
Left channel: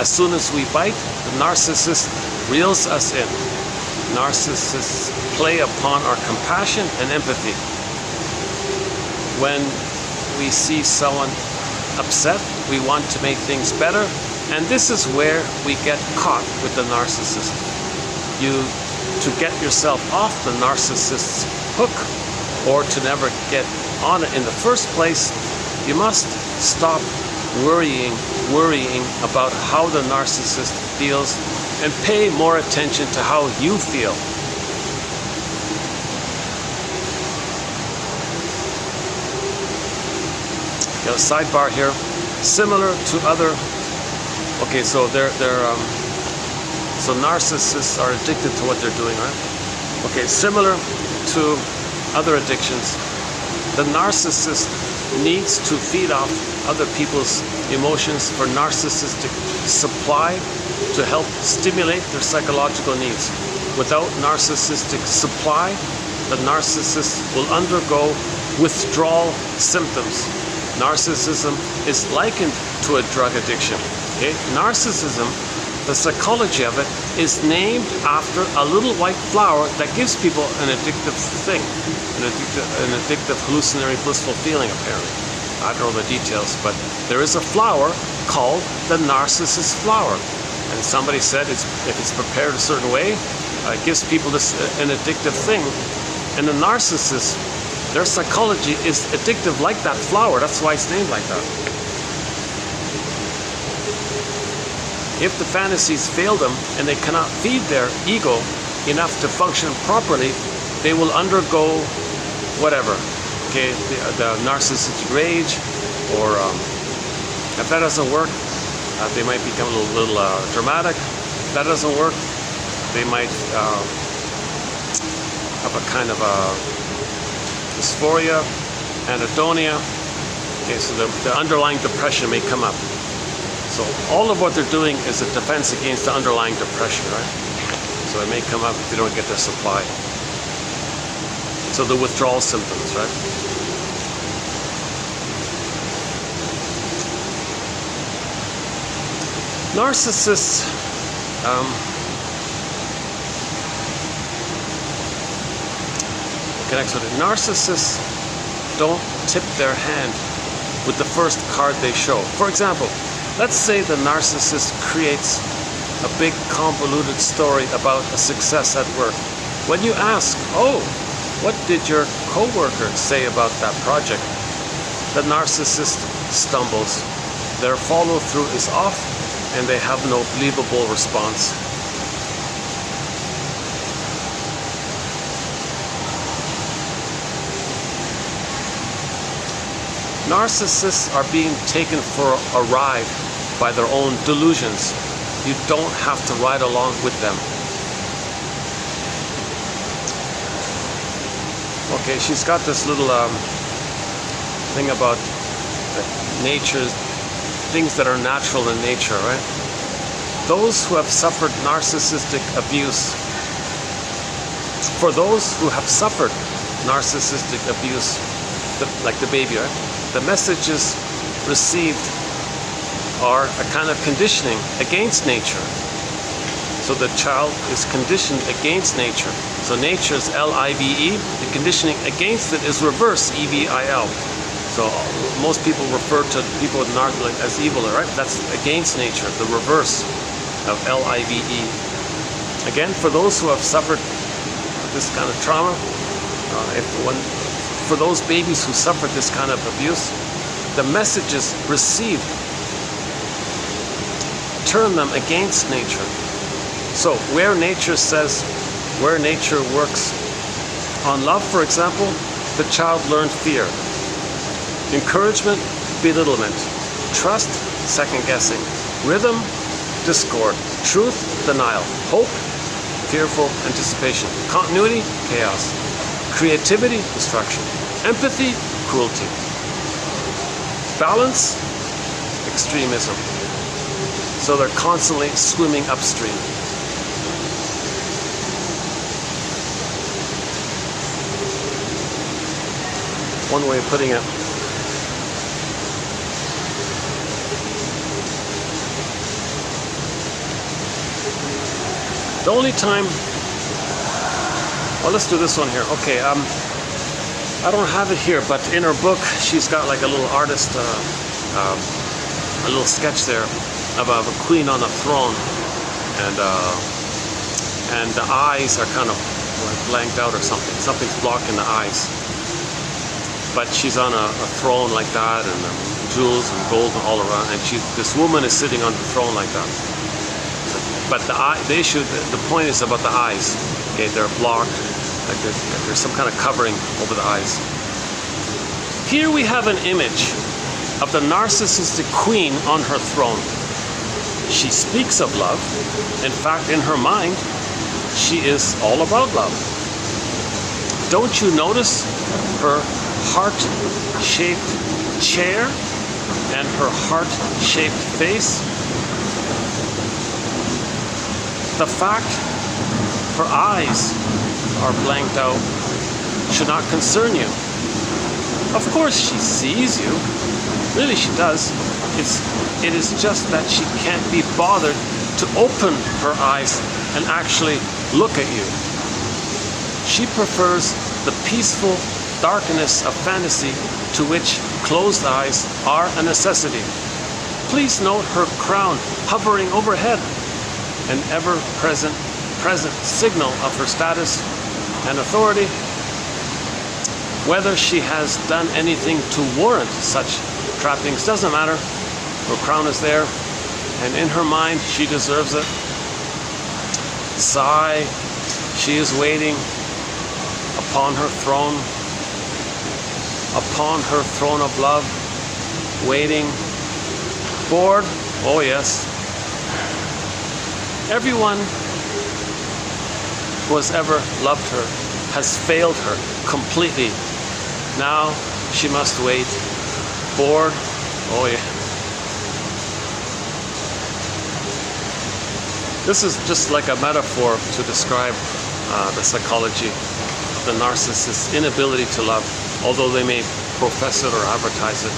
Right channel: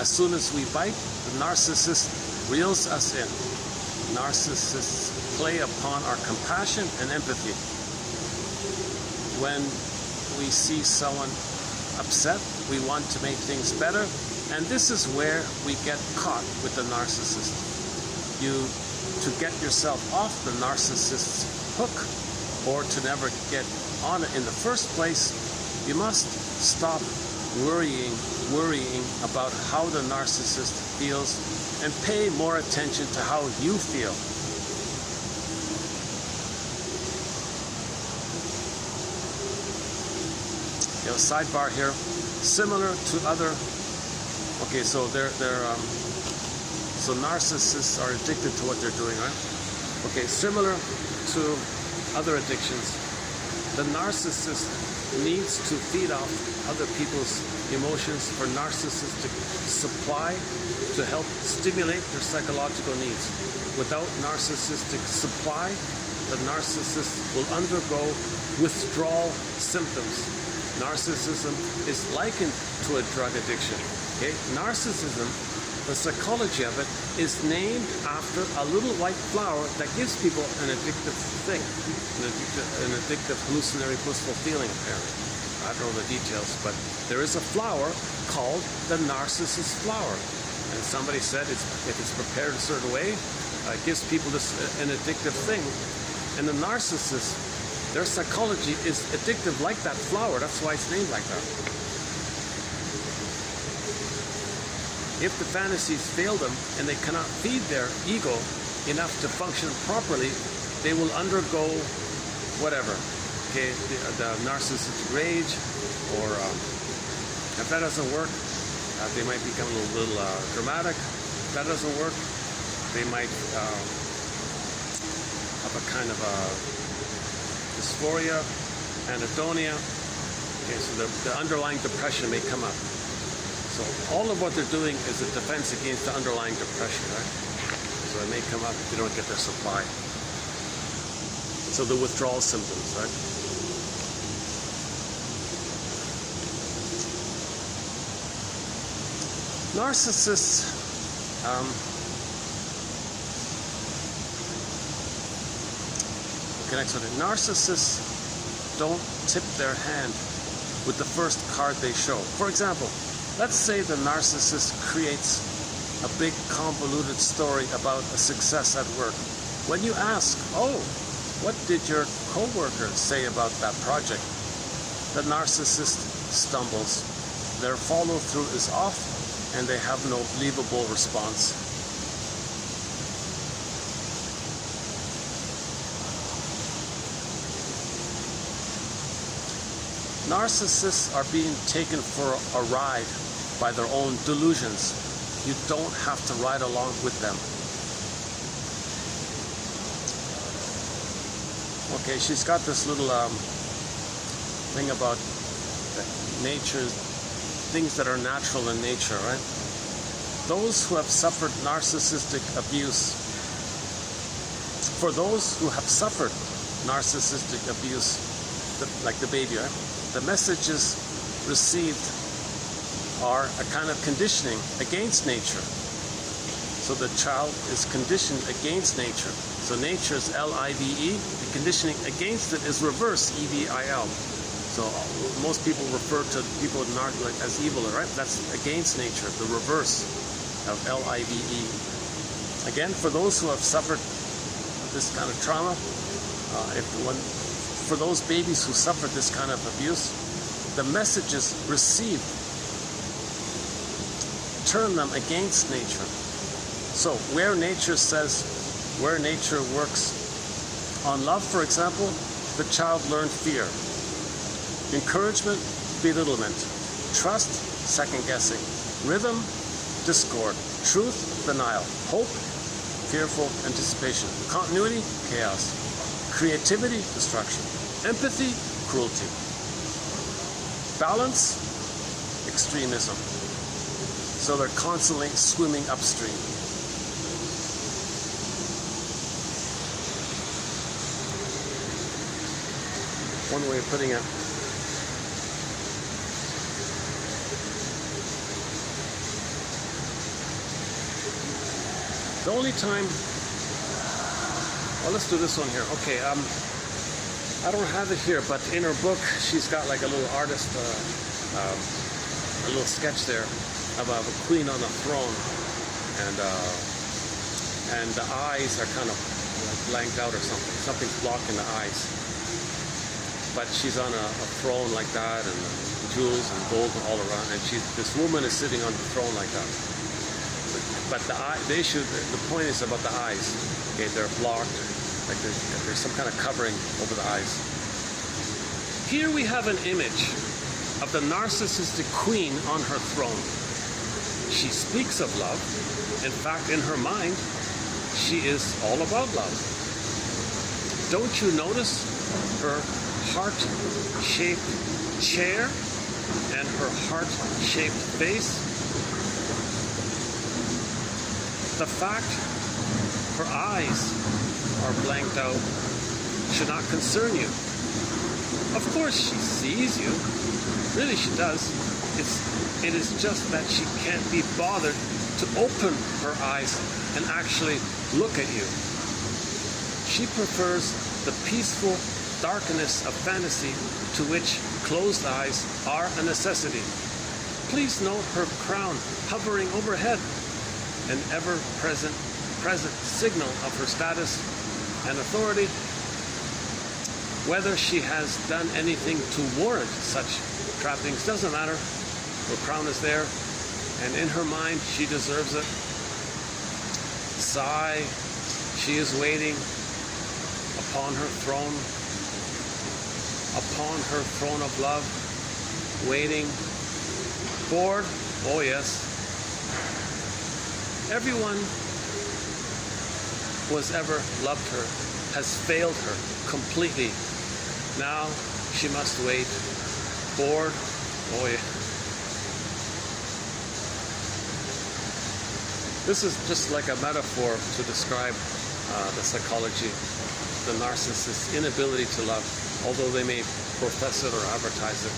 As soon as we bite, the narcissist reels us in. Narcissists play upon our compassion and empathy. When we see someone upset, we want to make things better, and this is where we get caught with the narcissist. You to get yourself off the narcissist's hook, or to never get on it in the first place, you must stop worrying about how the narcissist feels and pay more attention to how you feel. You know, sidebar here, similar to other, okay, so so narcissists are addicted to what they're doing, right? Okay, similar to other addictions, the narcissist needs to feed off other people's emotions for narcissistic supply to help stimulate their psychological needs. Without narcissistic supply, the narcissist will undergo withdrawal symptoms. Narcissism is likened to a drug addiction. Okay? Narcissism, the psychology of it, is named after a little white flower that gives people an addictive thing, an addictive hallucinatory blissful feeling, apparently. I don't know the details, but there is a flower called the narcissus flower. And somebody said if it's prepared a certain way, it gives people an addictive thing. And the narcissist, their psychology is addictive like that flower. That's why it's named like that. If the fantasies fail them and they cannot feed their ego enough to function properly, they will undergo whatever. Okay, the narcissistic rage, or if that doesn't work, they might become a little dramatic. If that doesn't work, they might have a kind of a dysphoria, anhedonia. Okay, so the underlying depression may come up. So all of what they're doing is a defense against the underlying depression, right? So it may come up if they don't get their supply. So the withdrawal symptoms, right? Narcissists connects with it. Narcissists don't tip their hand with the first card they show. For example, let's say the narcissist creates a big convoluted story about a success at work. When you ask, oh, what did your coworker say about that project? The narcissist stumbles. Their follow-through is off, and they have no believable response. Narcissists are being taken for a ride by their own delusions. You don't have to ride along with them. Okay, she's got this little thing about nature, things that are natural in nature, right? Those who have suffered narcissistic abuse, for those who have suffered narcissistic abuse, like the baby, right? The messages received are a kind of conditioning against nature. So the child is conditioned against nature. So nature is L-I-V-E, the conditioning against it is reverse, E-V-I-L. So most people refer to people with narcissism as evil, right? That's against nature, the reverse of L-I-V-E. Again, for those who have suffered this kind of trauma, for those babies who suffered this kind of abuse, the messages received turn them against nature. So where nature works on love, for example, the child learned fear. Encouragement, belittlement. Trust, second guessing. Rhythm, discord. Truth, denial. Hope, fearful anticipation. Continuity, chaos. Creativity, destruction. Empathy, cruelty. Balance, extremism. So they're constantly swimming upstream. One way of putting it. The only time, well, let's do this one here. Okay, I don't have it here, but in her book, she's got like a little artist, a little sketch there of a queen on a throne, and the eyes are kind of like blanked out or something. Something's blocking the eyes. But she's on a throne like that, and jewels and gold all around, and this woman is sitting on the throne like that. But the point is about the eyes. Okay, they're blocked, like there's some kind of covering over the eyes. Here we have an image of the narcissistic queen on her throne. She speaks of love. In fact, in her mind, she is all about love. Don't you notice her heart-shaped chair and her heart-shaped face? The fact her eyes are blanked out should not concern you. Of course she sees you. Really she does. It is just that she can't be bothered to open her eyes and actually look at you. She prefers the peaceful darkness of fantasy, to which closed eyes are a necessity. Please note her crown hovering overhead, an ever-present signal of her status and authority. Whether she has done anything to warrant such trappings doesn't matter. Her crown is there, and in her mind she deserves it. Sigh, she is waiting upon her throne of love, waiting. Bored? Oh yes. Everyone who has ever loved her has failed her completely. Now she must wait. Bored? Oh yeah. This is just like a metaphor to describe the psychology of the narcissist's inability to love, although they may profess it or advertise it.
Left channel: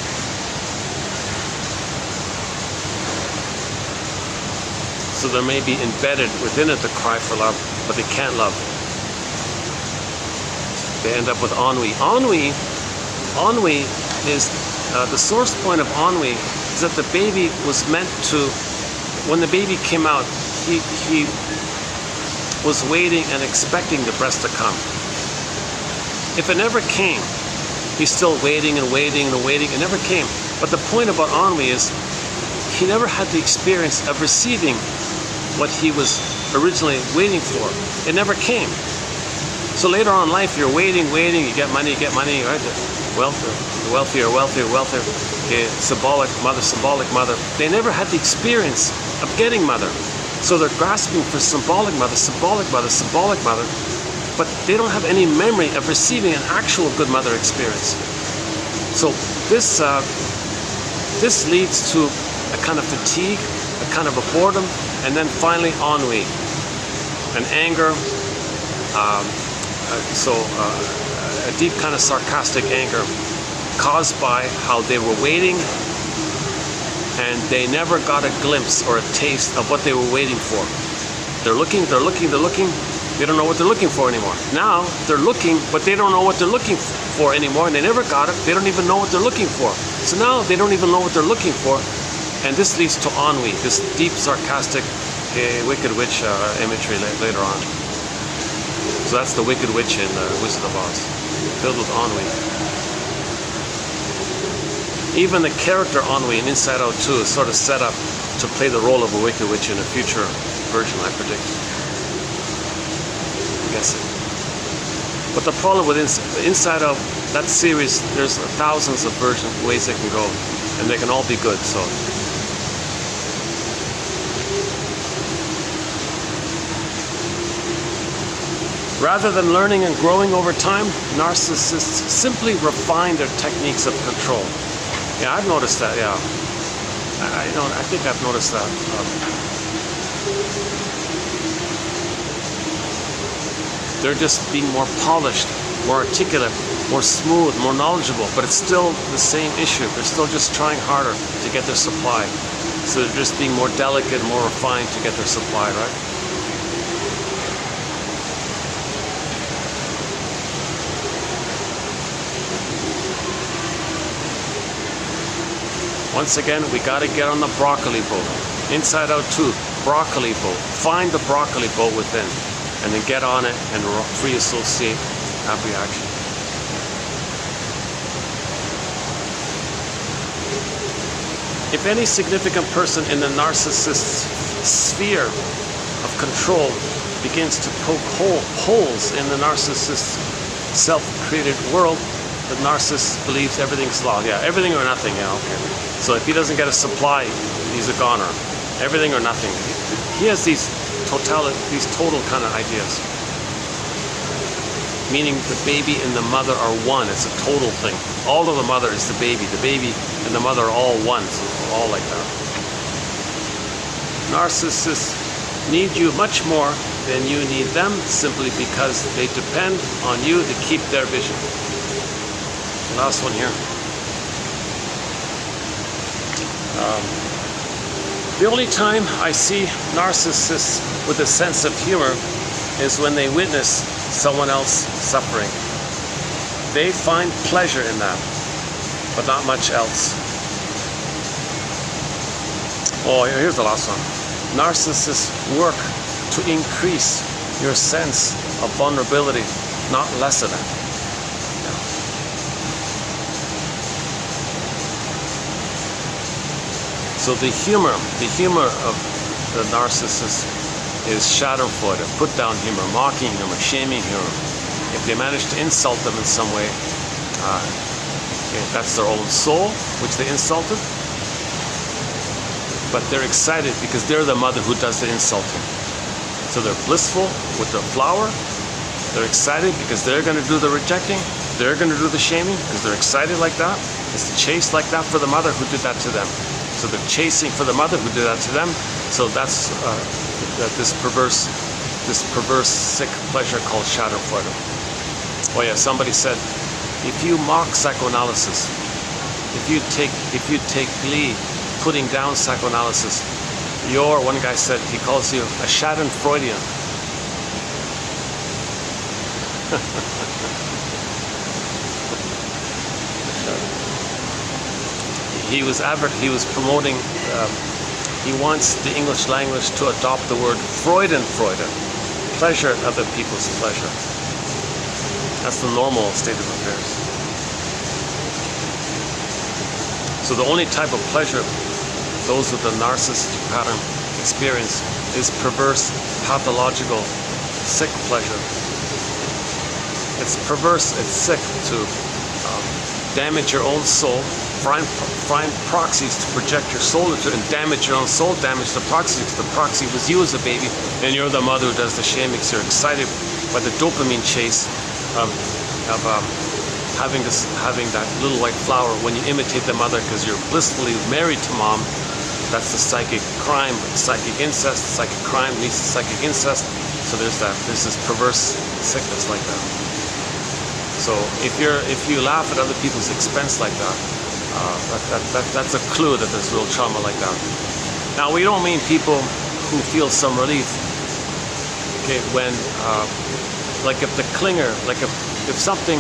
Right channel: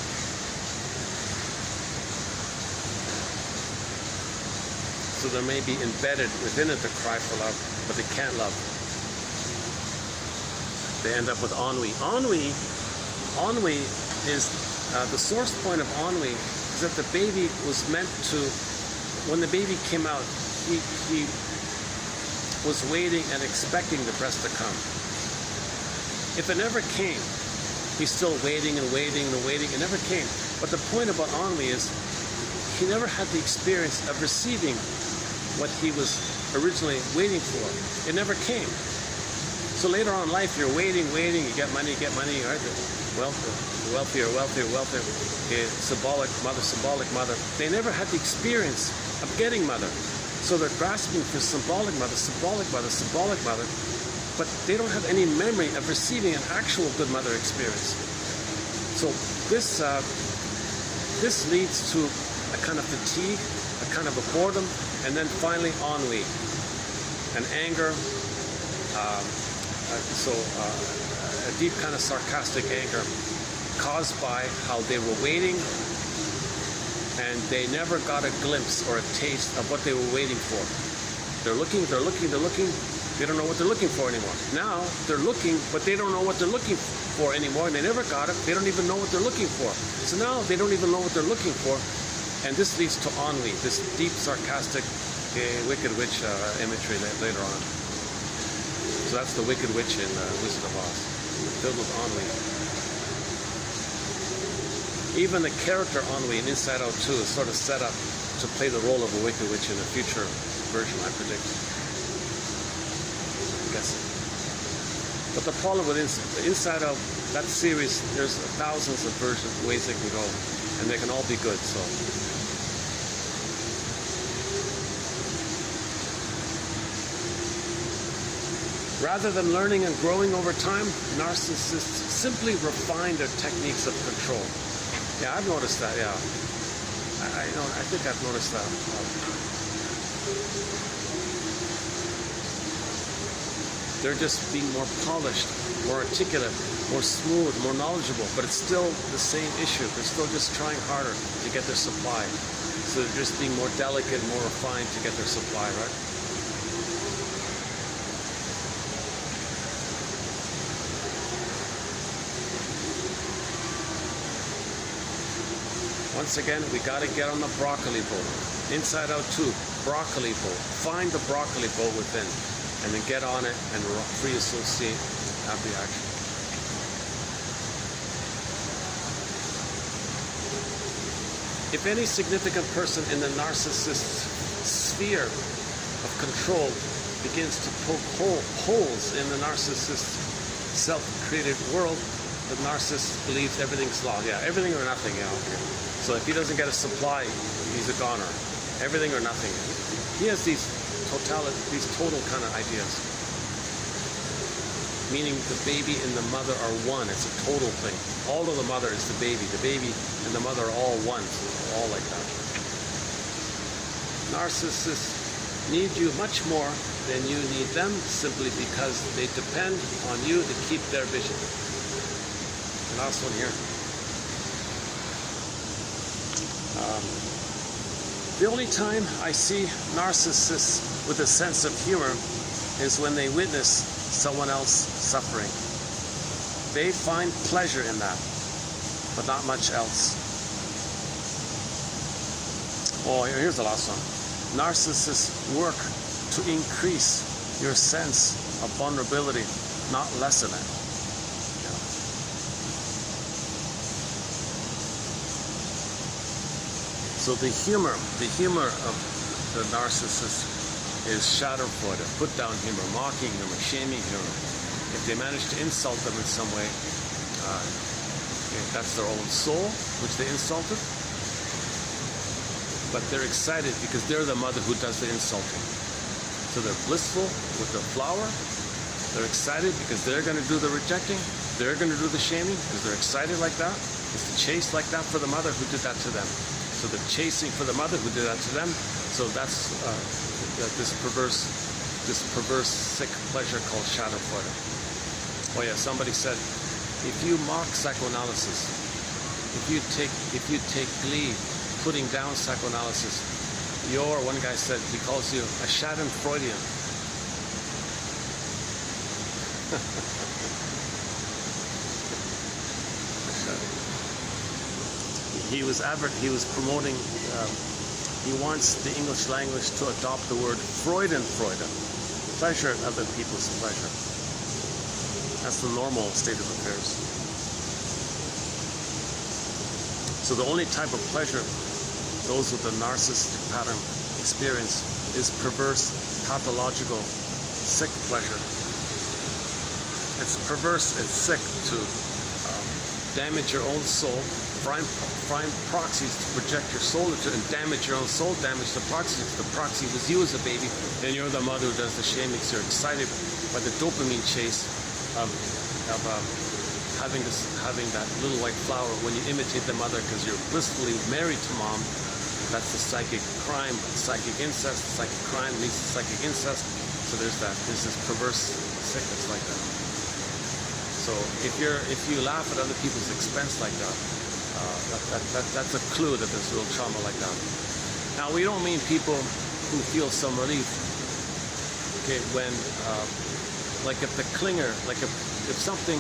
So there may be embedded within it the cry for love, but they can't love. They end up with ennui. Ennui is the source point of ennui is that the baby was meant to, when the baby came out, he was waiting and expecting the breast to come. If it never came, he's still waiting and waiting and waiting. It never came. But the point about ennui is he never had the experience of receiving what he was originally waiting for. It never came. So later on in life, you're waiting, you get money, right? Wealthier. Okay, symbolic mother. They never had the experience of getting mother. So they're grasping for symbolic mother, but they don't have any memory of receiving an actual good mother experience. So this leads to a kind of fatigue, a kind of a boredom, and then finally ennui, an anger, a deep kind of sarcastic anger caused by how they were waiting and they never got a glimpse or a taste of what they were waiting for. They're looking, they don't know what they're looking for anymore. Now they're looking, but they don't know what they're looking for anymore, and they never got it. They don't even know what they're looking for. So now they don't even know what they're looking for, and this leads to ennui, this deep sarcastic Wicked Witch imagery later on. So that's the Wicked Witch in Wizard of Oz, filled with ennui. Even the character ennui in Inside Out 2 is sort of set up to play the role of a Wicked Witch in a future version, I predict. Yes. But the problem with Inside Out, that series, there's thousands of ways they can go, and they can all be good. So. Rather than learning and growing over time, narcissists simply refine their techniques of control. Yeah, I've noticed that, yeah. I think I've noticed that. They're just being more polished, more articulate, more smooth, more knowledgeable, but it's still the same issue. They're still just trying harder to get their supply. So they're just being more delicate, more refined to get their supply, right? Once again, we got to get on the broccoli boat. Inside Out 2, broccoli boat. Find the broccoli boat within. and then get on it and free associate that reaction. If any significant person in the narcissist's sphere of control begins to poke holes in the narcissist's self-created world, the narcissist believes everything's law. Yeah, everything or nothing. Yeah, okay. So if he doesn't get a supply, he's a goner. Everything or nothing. He has these total kind of ideas. Meaning the baby and the mother are one. It's a total thing. All of the mother is the baby. The baby and the mother are all one. So all like that. Narcissists need you much more than you need them, simply because they depend on you to keep their vision. Last one here. The only time I see narcissists with a sense of humor is when they witness someone else suffering. They find pleasure in that, but not much else. Oh, here's the last one. Narcissists work to increase your sense of vulnerability, not lessen it. So the humor of the narcissist is schadenfreude, put down humor, mocking humor, shaming humor. If they manage to insult them in some way, that's their own soul, which they insulted. But they're excited because they're the mother who does the insulting. So they're blissful with the flower. They're excited because they're going to do the rejecting. They're going to do the shaming because they're excited like that. It's the chase like that for the mother who did that to them. So they're chasing for the mother who did that to them. So that's this perverse, sick pleasure called schadenfreude. Oh yeah, somebody said, if you mock psychoanalysis, if you take glee putting down psychoanalysis, one guy said, he calls you a schadenfreudian. He was promoting, he wants the English language to adopt the word Freudenfreude, pleasure at other people's pleasure. That's the normal state of affairs. So the only type of pleasure those with the narcissistic pattern experience is perverse, pathological, sick pleasure. It's perverse, it's sick to damage your own soul, find proxies to project your soul into and damage your own soul, damage the proxy, because the proxy was you as a baby, and you're the mother who does the shaming, because you're excited by the dopamine chase of having that little white flower when you imitate the mother because you're blissfully married to mom. That's the psychic crime, psychic incest. Psychic crime leads to psychic incest. So there's this perverse sickness like that. So if you laugh at other people's expense like that, that's a clue that there's real trauma like that. Now we don't mean people who feel some relief. Okay, when like if the clinger, like if something.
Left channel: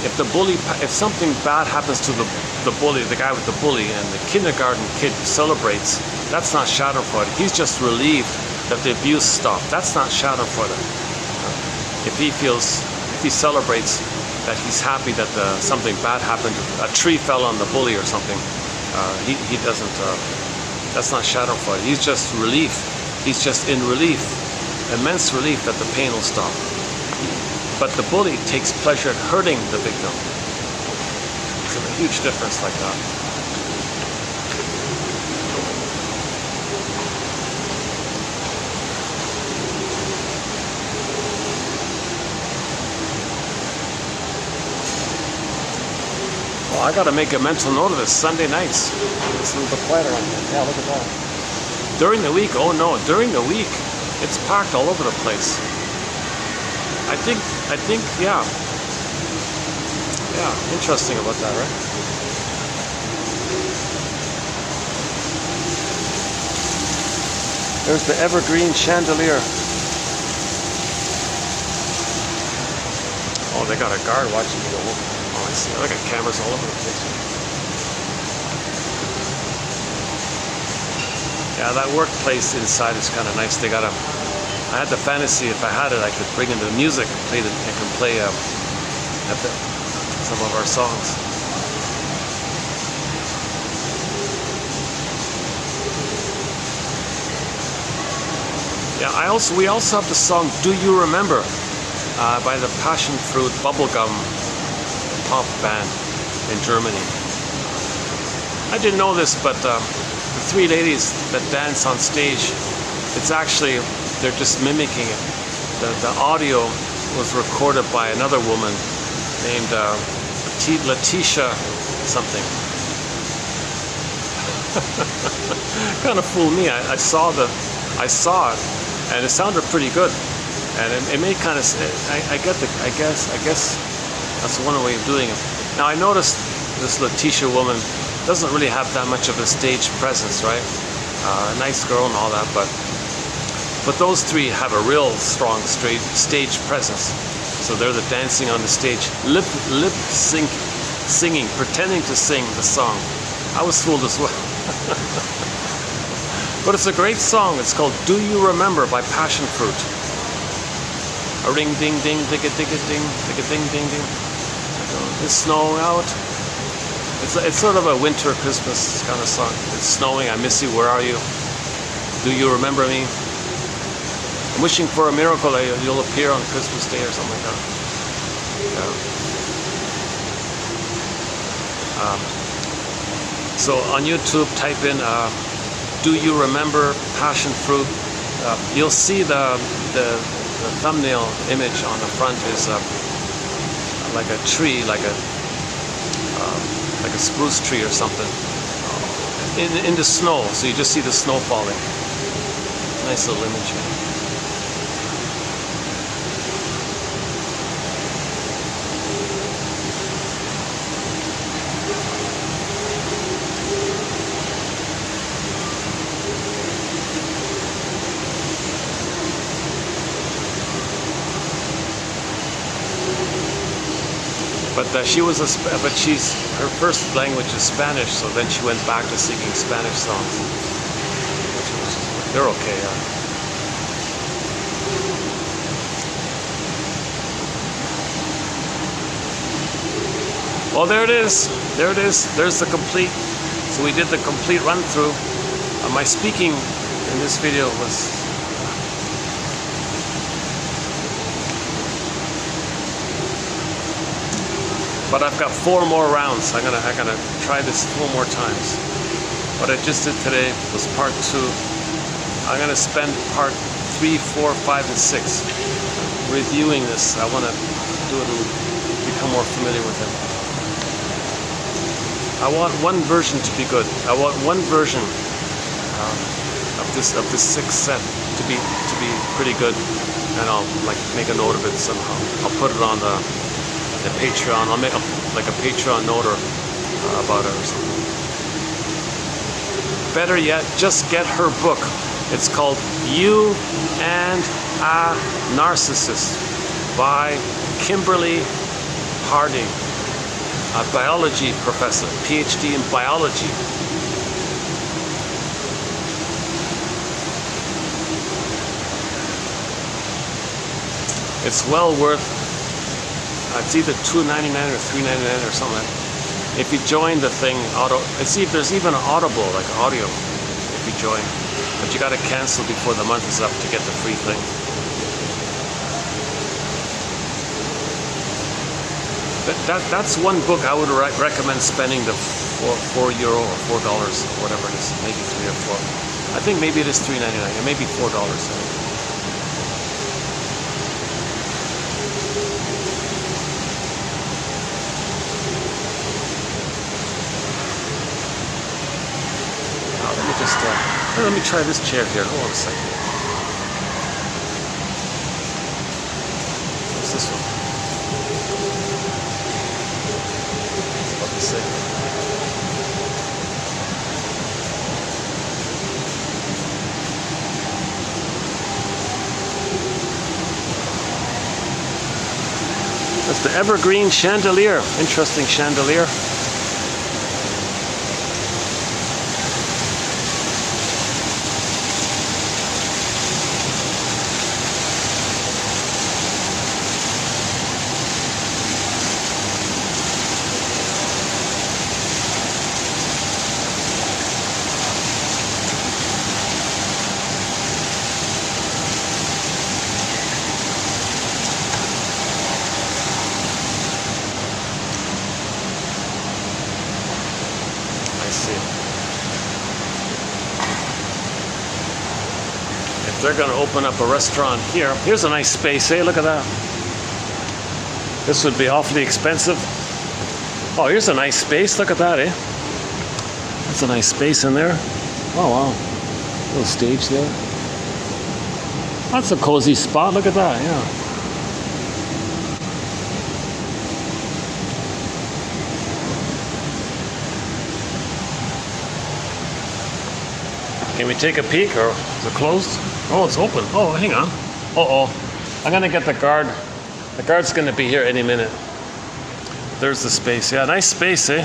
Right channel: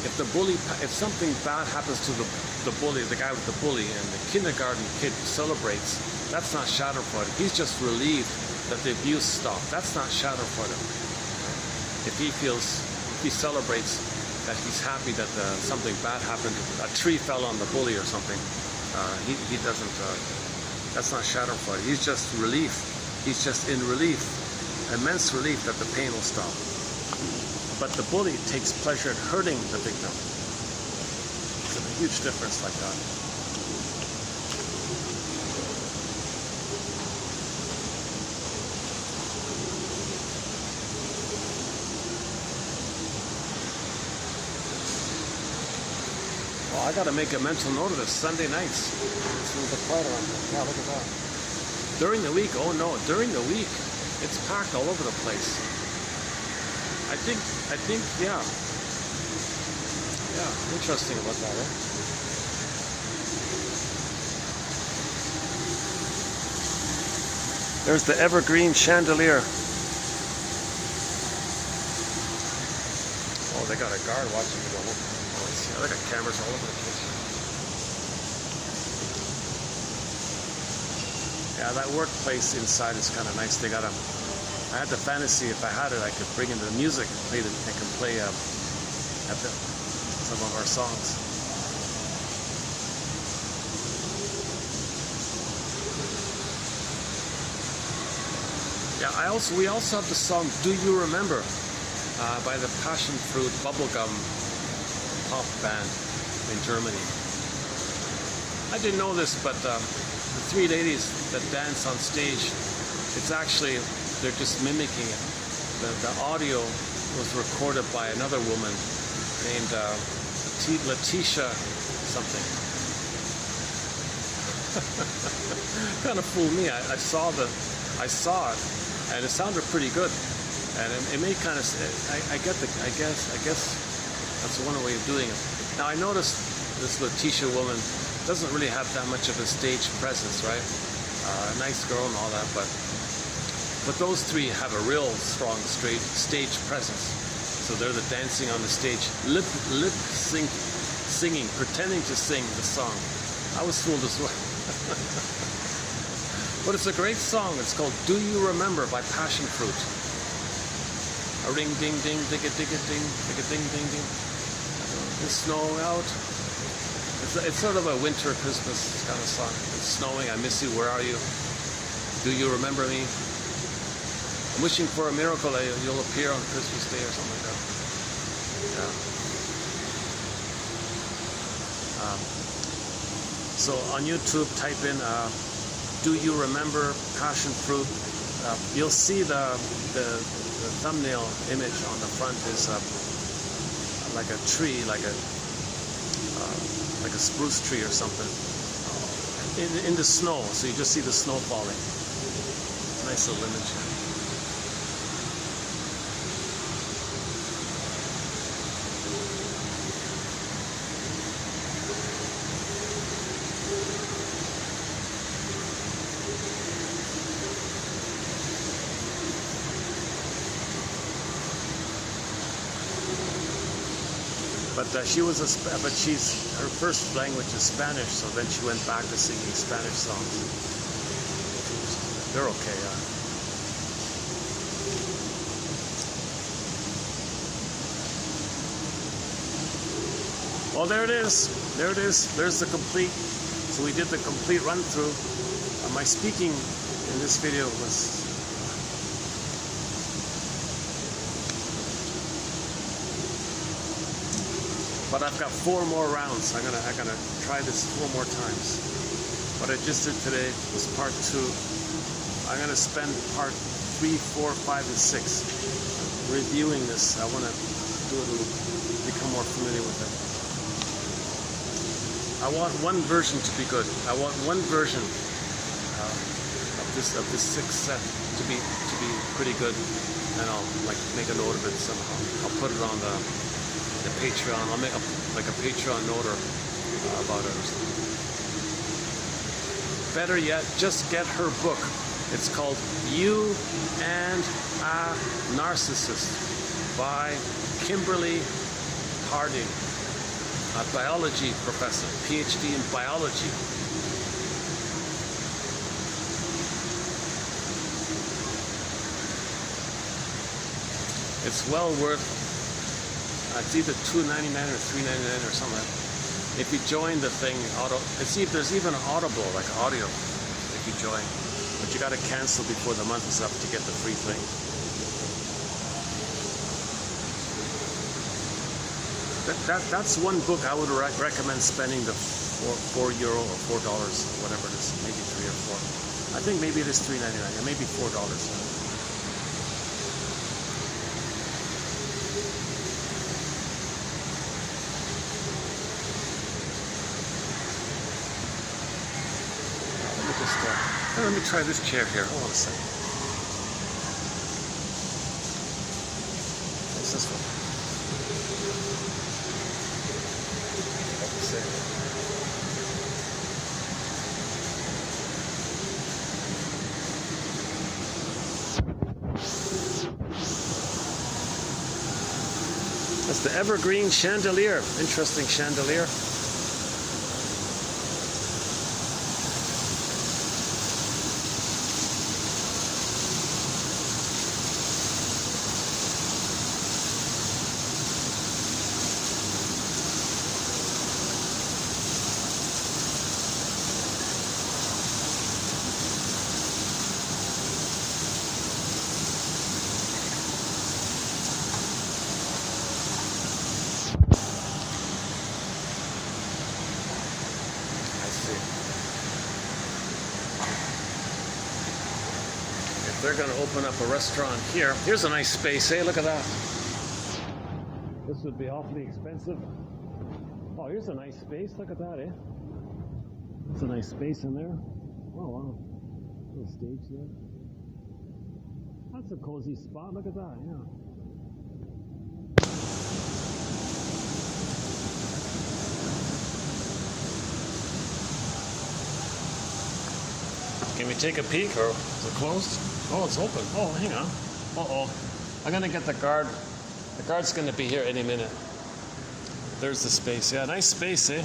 If something bad happens to the bully, the guy with the bully, and the kindergarten kid celebrates, that's not schadenfreude. He's just relieved that the abuse stopped. That's not schadenfreude. If he celebrates that he's happy that something bad happened, a tree fell on the bully or something, he doesn't. That's not schadenfreude. He's just relief. He's just in relief, immense relief that the pain will stop. But the bully takes pleasure in hurting the victim. It's a huge difference like that. Well, I gotta make a mental note of this. Sunday nights. It's a little bit quieter on here. Yeah, look at that. During the week, oh no, during the week, it's packed all over the place. I think, yeah. Yeah, interesting about that, right? There's the evergreen chandelier. Oh, they got a guard watching me. Oh, I see. I got cameras all over the place. Yeah, that workplace inside is kind of nice. They got a. I had the fantasy if I had it, I could bring in the music, play the, I can play some of our songs. Yeah, we also have the song "Do You Remember" by the Passion Fruit bubblegum pop band in Germany. I didn't know this, but the three ladies that dance on stage, it's actually, they're just mimicking it. The audio was recorded by another woman named Letitia something. Kind of fooled me. I saw it, and it sounded pretty good, and it made kind of. I guess that's one way of doing it. Now I noticed this Letitia woman doesn't really have that much of a stage presence, right? Nice girl and all that, but those three have a real strong stage presence. So they're the dancing on the stage, lip sync, singing, pretending to sing the song. I was fooled as well. But it's a great song. It's called "Do You Remember" by Passion Fruit. A ring ding ding, dig a ding, dig a ding ding ding. It's snowing out. It's sort of a winter Christmas kind of song. It's snowing. I miss you. Where are you? Do you remember me? I'm wishing for a miracle that you'll appear on Christmas Day or something like that. So on YouTube, type in "Do You Remember Passion Fruit." You'll see the thumbnail image on the front is like a tree, like a spruce tree or something in the snow. So you just see the snow falling. Nice little image. But her first language is Spanish, so then she went back to singing Spanish songs. They're okay, yeah. Well, there it is. There it is. There's the complete. So we did the complete run through. My speaking in this video was. But I've got 4 more rounds. I'm gonna try this 4 more times. What I just did today was part 2. I'm gonna spend part 3, 4, 5, and 6 reviewing this. I want to do it and become more familiar with it. I want one version to be good. I want one version of this 6th set to be pretty good, and I'll make a note of it somehow. I'll put it on the Patreon. I'll make a Patreon note about it or something. Better yet, just get her book. It's called "You and a Narcissist" by Kimberly Harding, a biology professor, PhD in biology. It's well worth. It's either $2.99 or $3.99 or something like that. If you join the thing, there's even an Audible, like audio, if you join. But you got to cancel before the month is up to get the free thing. That's one book I would recommend spending the €4 or $4 or whatever it is, maybe 3 or 4. I think maybe it is $3.99. It may be $4. Let me try this chair here. Hold on a second. What's this one? It's about the same. That's the evergreen chandelier. Interesting chandelier. they're going to open up a restaurant here. Here's a nice space, hey, look at that. This would be awfully expensive. Oh, here's a nice space, look at that, eh? That's a nice space in there. Oh, wow. Little stage there. That's a cozy spot, look at that, yeah. Can we take a peek, or is it closed? Oh, it's open. Oh, hang on. Uh-oh. I'm gonna get the guard. The guard's gonna be here any minute. There's the space. Yeah, nice space, eh?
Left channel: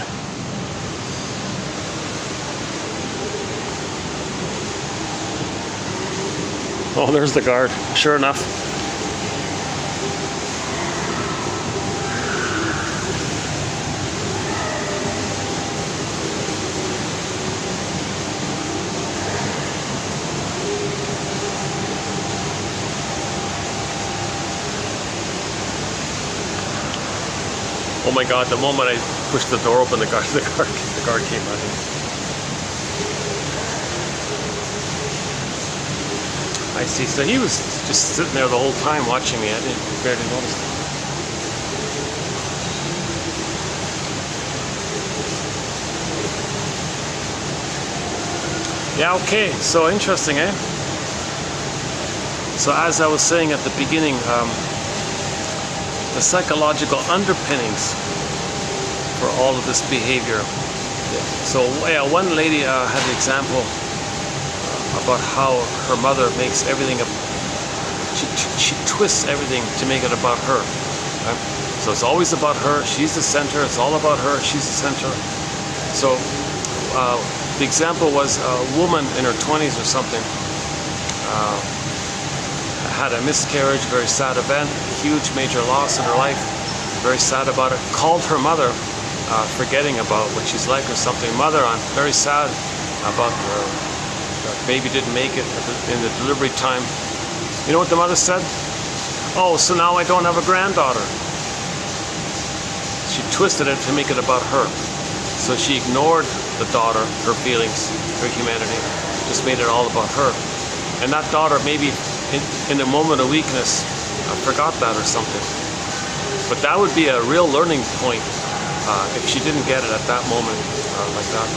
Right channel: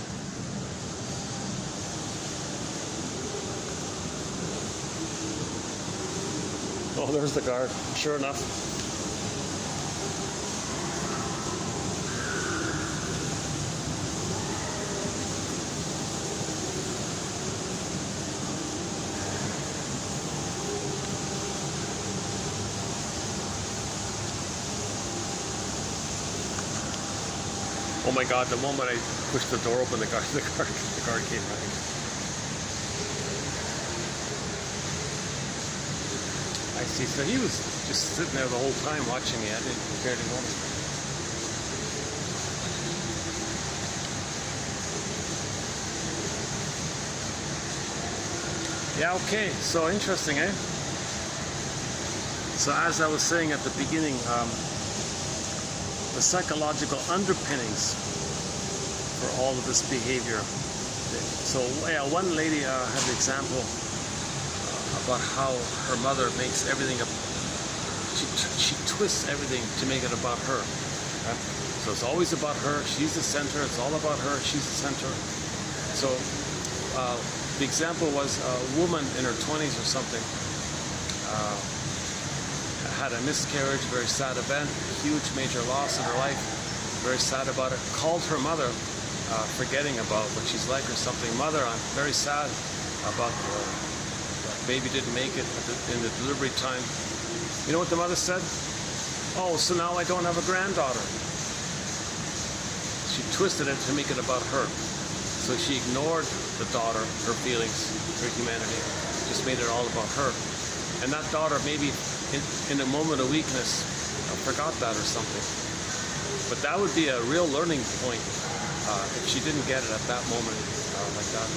Oh, there's the guard. Sure enough. Oh my God, the moment I pushed the door open, the guard came running. I see, so he was just sitting there the whole time watching me. I didn't barely notice. Yeah, okay, so interesting, eh? So as I was saying at the beginning, the psychological underpinnings for all of this behavior. So yeah, one lady had an example about how her mother makes everything she twists everything to make it about her. Right? So it's always about her. She's the center. It's all about her. She's the center. So the example was a woman in her 20s or something. Had a miscarriage, very sad event, huge major loss in her life, very sad about it. Called her mother, forgetting about what she's like or something. Mother, I'm very sad about her baby didn't make it in the delivery time. You know what the mother said? Oh, so now I don't have a granddaughter. She twisted it to make it about her. So she ignored the daughter, her feelings, her humanity, just made it all about her. And that daughter maybe in a moment of weakness, I forgot that or something. But that would be a real learning point if she didn't get it at that moment like that.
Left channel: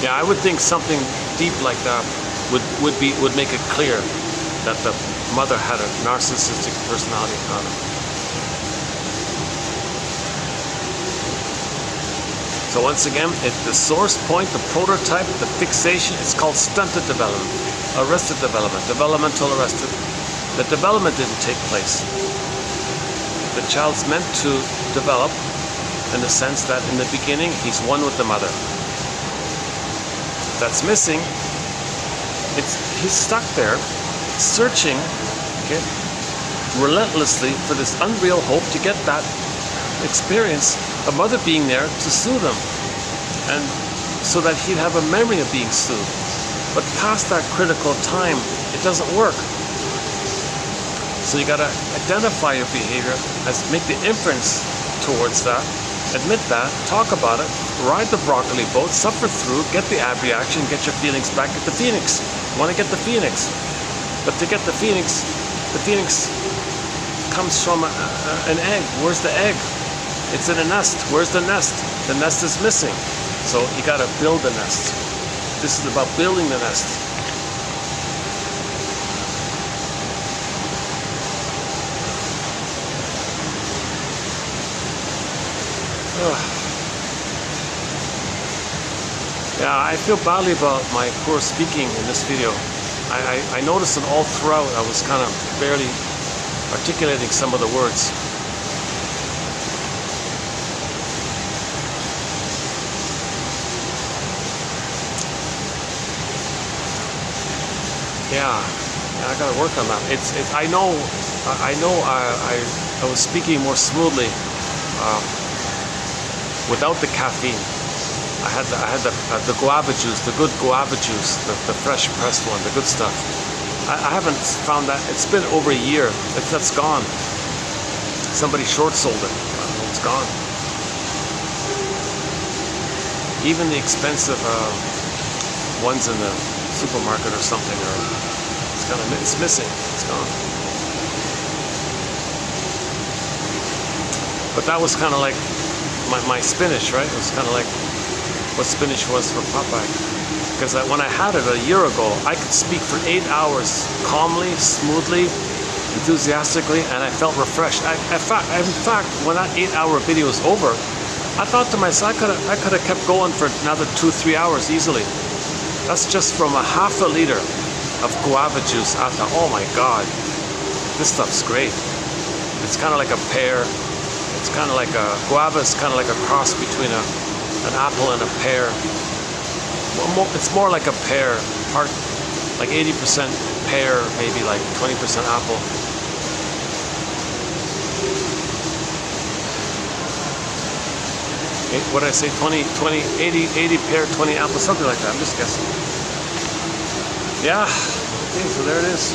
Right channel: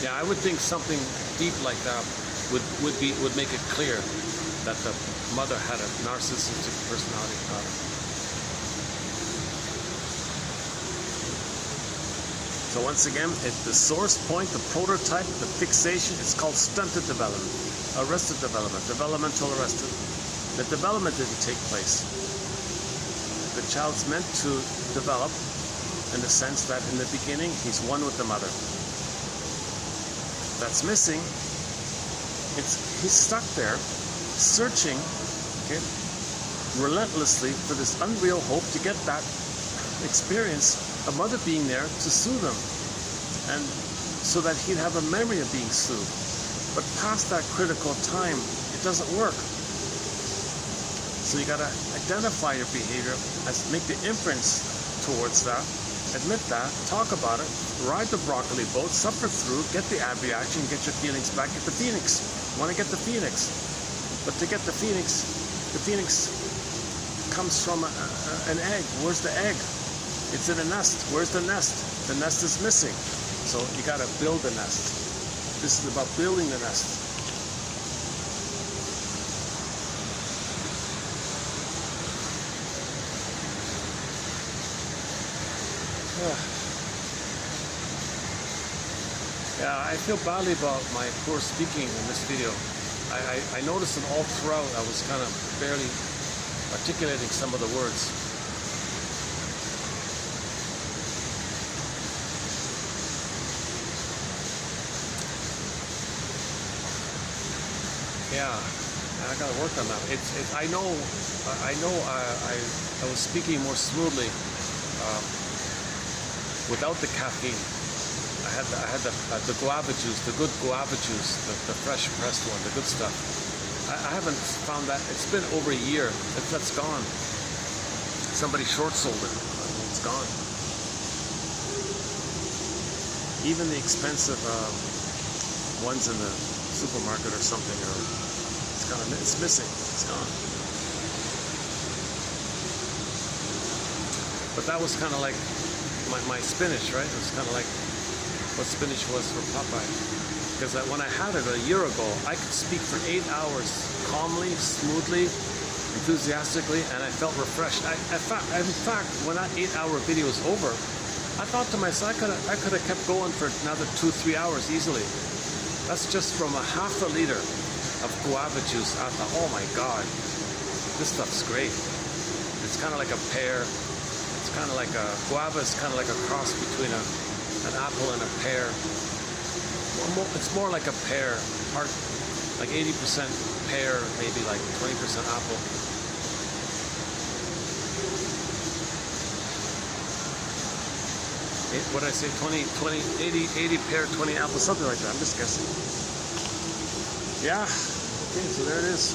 Yeah, I would think something deep like that would make it clear that the mother had a narcissistic personality. So once again, the source point, the prototype, the fixation, it's called stunted development, arrested development, developmental arrested. The development didn't take place. The child's meant to develop in the sense that in the beginning, he's one with the mother. That's missing. He's stuck there, searching, okay, relentlessly for this unreal hope to get that experience, a mother being there to soothe him, and so that he'd have a memory of being soothed. But past that critical time, it doesn't work. So you gotta identify your behavior, make the inference towards that, admit that, talk about it, ride the broccoli boat, suffer through, get the ab reaction, get your feelings back, get the phoenix. Want to get the phoenix. But to get the phoenix comes from an egg. Where's the egg? It's in a nest. Where's the nest? The nest is missing. So you got to build the nest. This is about building the nest. Yeah, I feel badly about my poor speaking in this video. I noticed that all throughout I was kind of barely articulating some of the words. Yeah, I gotta work on that. I know I was speaking more smoothly without the caffeine. I had the guava juice, the good guava juice, the fresh pressed one, the good stuff. I haven't found that. It's been over a year. That's gone. Somebody short sold it. It's gone. Even the expensive One's in the supermarket or something, or it's missing. It's gone. But that was kind of like my spinach, right? It was kind of like what spinach was for Popeye. Because when I had it a year ago, I could speak for 8 hours calmly, smoothly, enthusiastically, and I felt refreshed. In fact, when that 8-hour video was over, I thought to myself, I could have kept going for another 2-3 hours easily. That's just from a half a liter of guava juice. I thought, oh my God, this stuff's great. It's kind of like a pear. It's kind of like guava is kind of like a cross between an apple and a pear. It's more like a pear, like 80% pear, maybe like 20% apple. What did I say? 80 pear, 20 apple, something like that. I'm just guessing. Yeah. Okay, so there it is.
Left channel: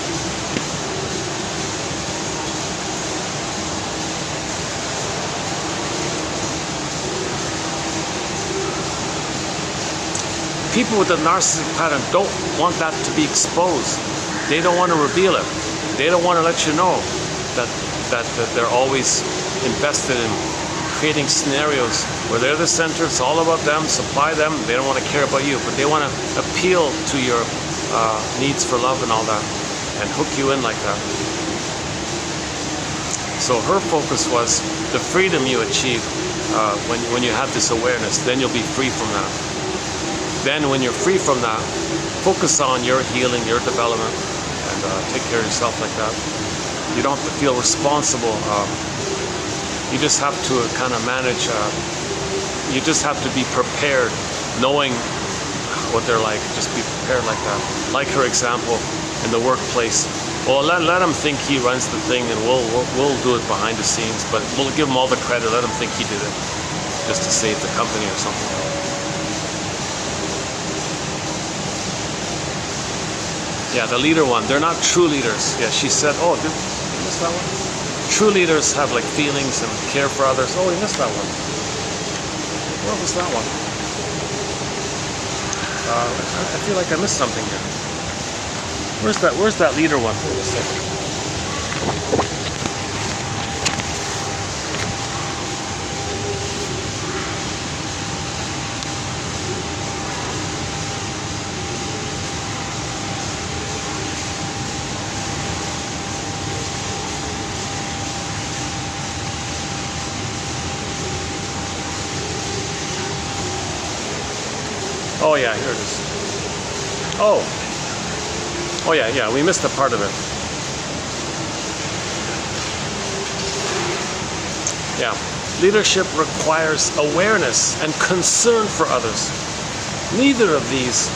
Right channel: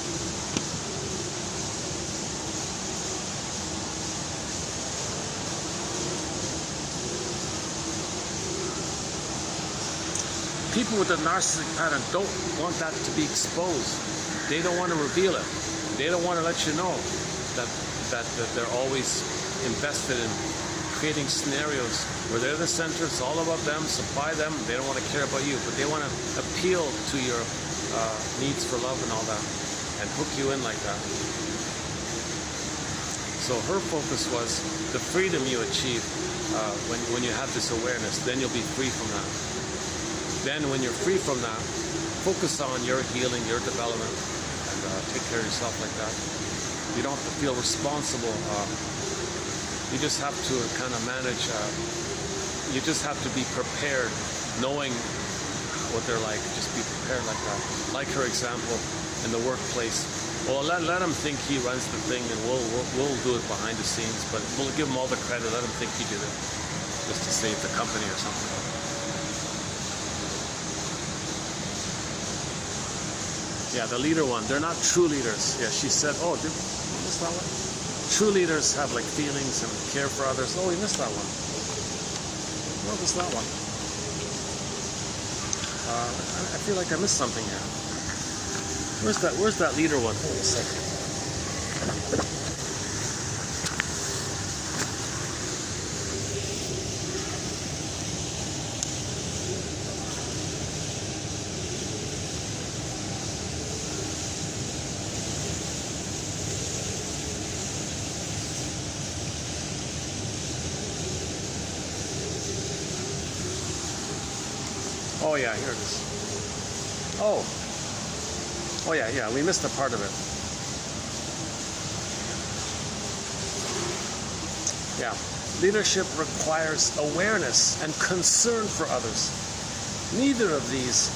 People with the narcissistic pattern don't want that to be exposed. They don't want to reveal it. They don't want to let you know that they're always invested in creating scenarios where they're the center, it's all about them, supply them, they don't want to care about you, but they want to appeal to your needs for love and all that, and hook you in like that. So her focus was the freedom you achieve when you have this awareness, then you'll be free from that. Then when you're free from that, focus on your healing, your development, and take care of yourself like that. You don't have to feel responsible. You just have to kind of manage, you just have to be prepared, knowing what they're like. Just be prepared like that. Like her example in the workplace. Well, let him think he runs the thing, and we'll do it behind the scenes, but we'll give him all the credit. Let him think he did it, just to save the company or something. Yeah, the leader one. They're not true leaders. Yeah, she said, oh, did you miss that one? True leaders have like feelings and care for others. Oh, we missed that one. What was that one? I feel like I missed something there. Where's that leader one? Wait a second. Oh yeah, here it is. Oh yeah, we missed a part of it. Yeah, leadership requires awareness and concern for others. Neither of these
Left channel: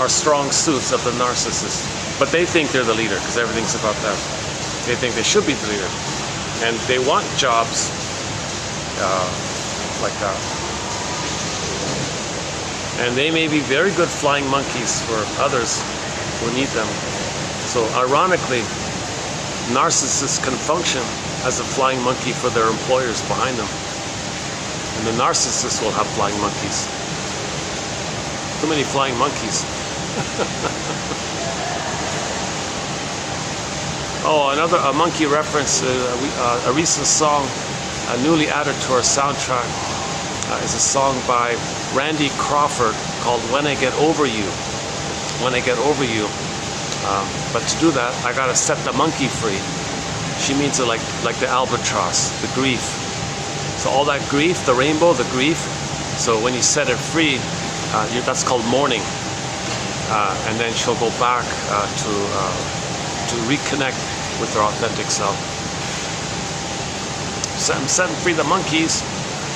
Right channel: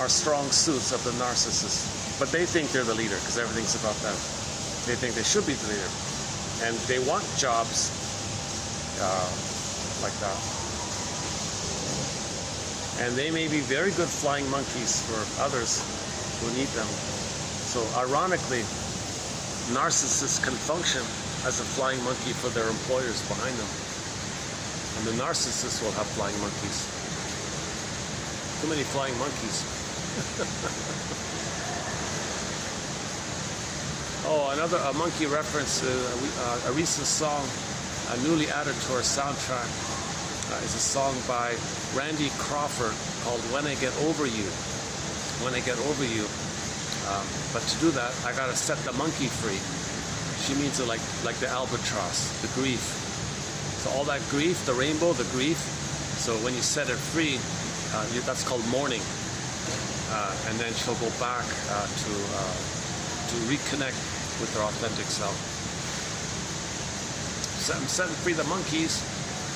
are strong suits of the narcissist, but they think they're the leader because everything's about them. They think they should be the leader, and they want jobs like that. And they may be very good flying monkeys for others who need them. So ironically, narcissists can function as a flying monkey for their employers behind them. And the narcissists will have flying monkeys. Too many flying monkeys. Oh, a monkey reference, a recent song newly added to our soundtrack is a song by Randy Crawford called When I Get Over You. When I Get Over You. But to do that, I gotta set the monkey free. She means it like the albatross, the grief. So all that grief, the rainbow, the grief. So when you set it free, that's called mourning. And then she'll go back to reconnect with her authentic self. So I'm setting free the monkeys.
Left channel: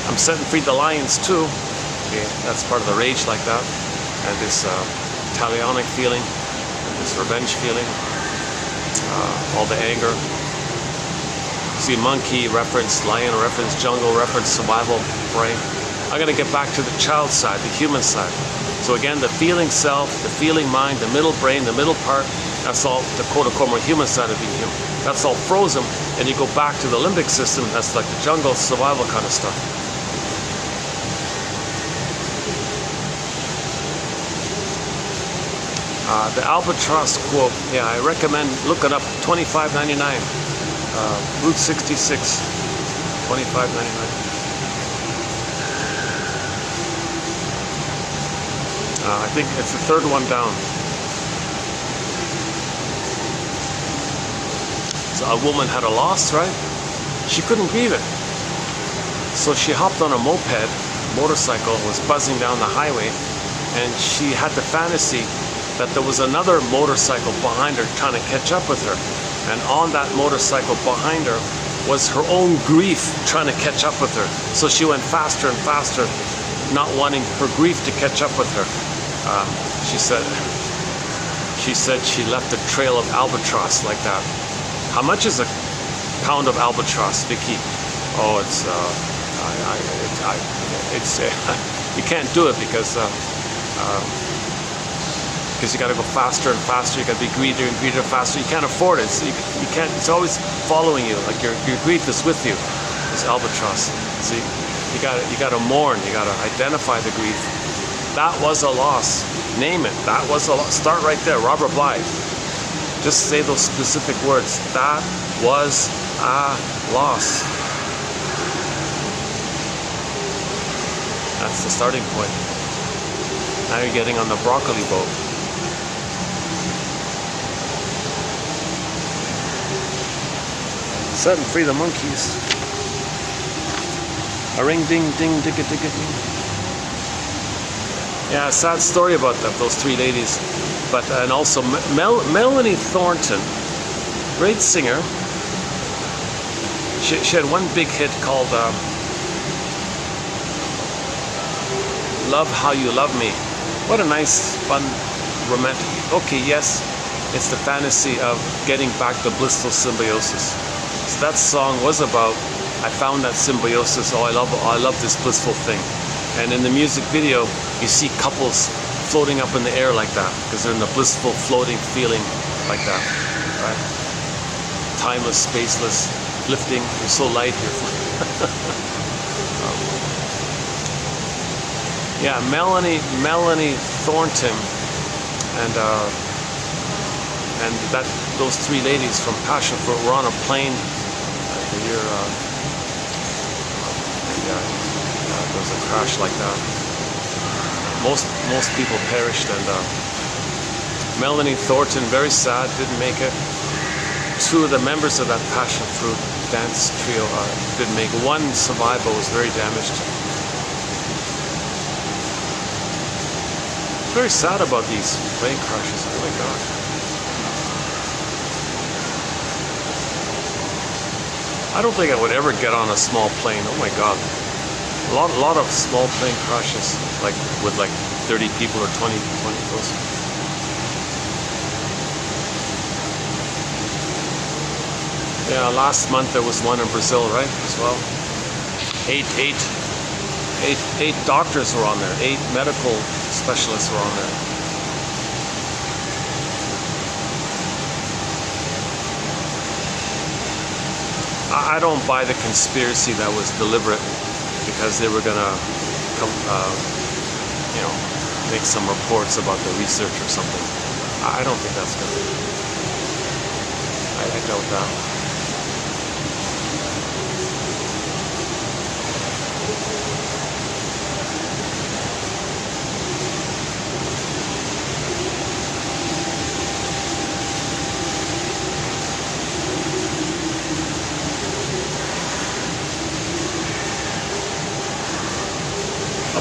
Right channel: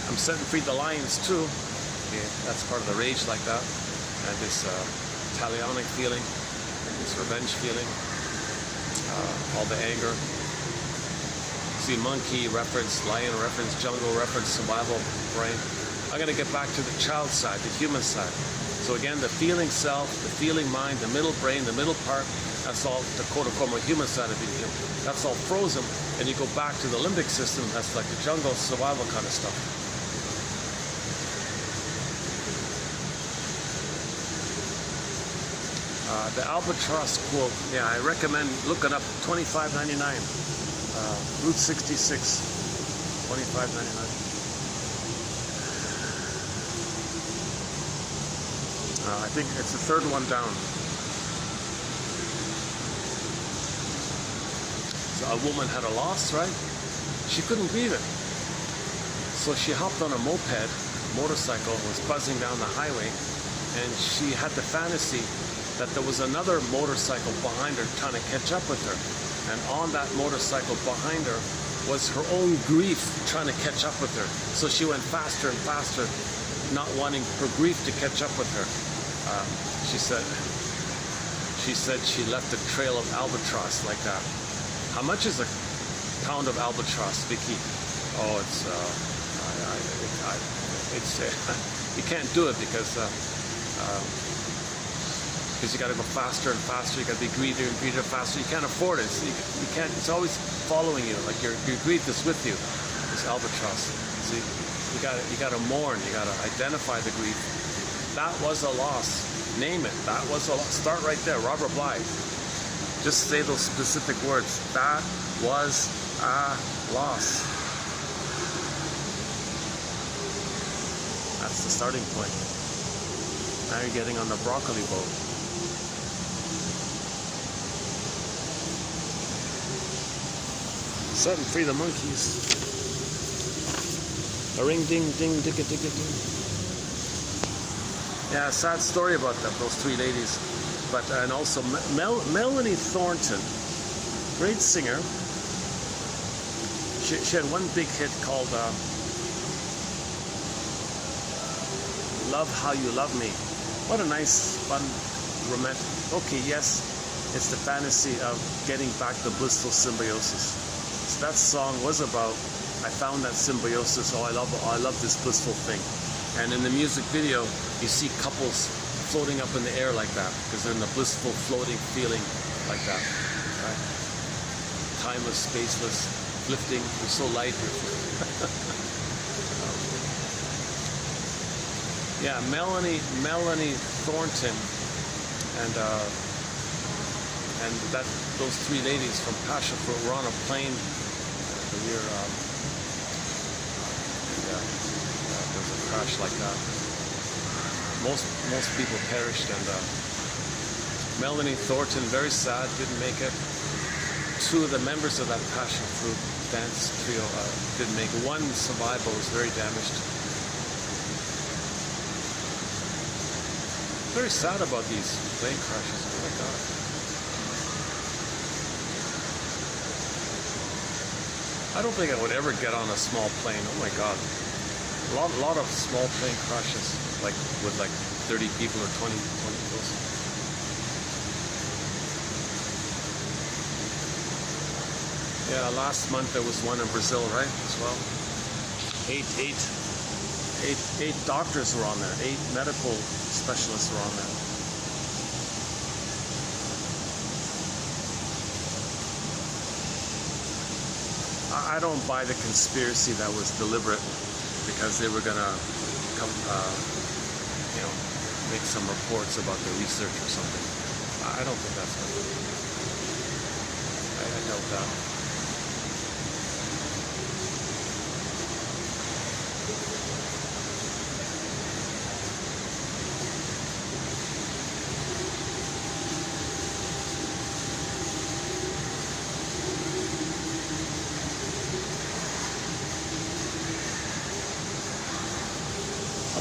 I'm setting free the lions too. Okay, that's part of the rage like that. And this talionic feeling, and this revenge feeling, all the anger. See, monkey reference, lion reference, jungle reference, survival brain. I'm gonna get back to the child side, the human side. So again, the feeling self, the feeling mind, the middle brain, the middle part, that's all the quote-unquote more human side of being human. That's all frozen, and you go back to the limbic system, that's like the jungle survival kind of stuff. The albatross quote, yeah, I recommend, look it up, $25.99. Route 66, $25.99. I think it's the third one down. So a woman had a loss, right? She couldn't grieve it. So she hopped on a motorcycle, was buzzing down the highway, and she had the fantasy that there was another motorcycle behind her trying to catch up with her. And on that motorcycle behind her was her own grief trying to catch up with her. So she went faster and faster, not wanting her grief to catch up with her. She said she left a trail of albatross like that. How much is a pound of albatross, Vicky? Oh, it's you can't do it because you got to go faster and faster. You got to be greedier and greedier faster. You can't afford it. So you can't. It's always following you. Like your grief is with you. This albatross. See, you got to mourn. You got to identify the grief. That was a loss. Name it. That was a loss. Start right there. Robert Blythe. Just say those specific words. That was a loss. That's the starting point. Now you're getting on the broccoli boat. Setting free the monkeys. A ring ding ding digga digga ding. Yeah, sad story about them, those three ladies. But and also Melanie Thornton, great singer. She had one big hit called Love How You Love Me. What a nice, fun, romantic. Okay, yes, it's the fantasy of getting back the blissful symbiosis. So that song was about, I found that symbiosis. Oh, I love this blissful thing. And in the music video, you see couples floating up in the air like that because they're in the blissful, floating feeling like that, right? Timeless, spaceless, lifting. You're so light here. Yeah, Melanie Thornton, and those three ladies from Passion Fruit were on a plane the year there was a crash like that. Most people perished, and Melanie Thornton, very sad, didn't make it. Two of the members of that Passion Fruit dance trio didn't make it. One survived but was very damaged. Very sad about these plane crashes. Oh my God. I don't think I would ever get on a small plane. Oh my God. A lot of small plane crashes, like with like 30 people or 20 those. Yeah, last month there was one in Brazil, right? As well. Eight doctors were on there. 8 medical specialists were on there. I don't buy the conspiracy that was deliberate because they were gonna come, make some reports about the research or something. I don't think that's gonna. I doubt that.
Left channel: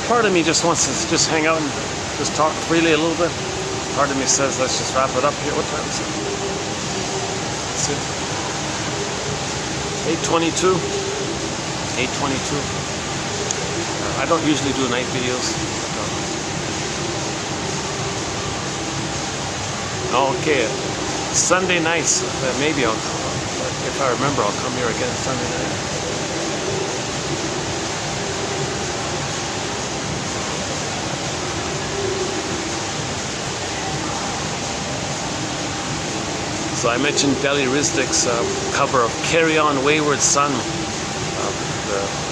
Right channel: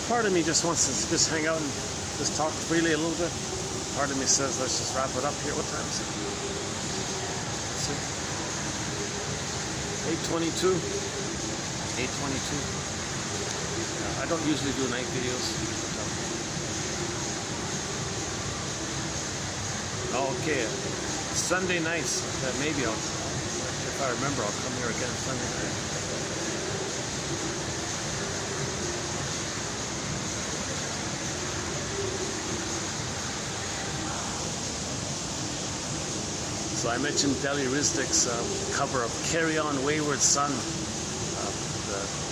Part of me just wants to just hang out and just talk freely a little bit. Part of me says, let's just wrap it up here. What time is it? Let's see. 8:22. 8:22. I don't usually do night videos. Okay. Sunday nights. Maybe I'll, if I remember, I'll come here again Sunday night. So I mentioned Deli Rizdick's cover of Carry On Wayward Son.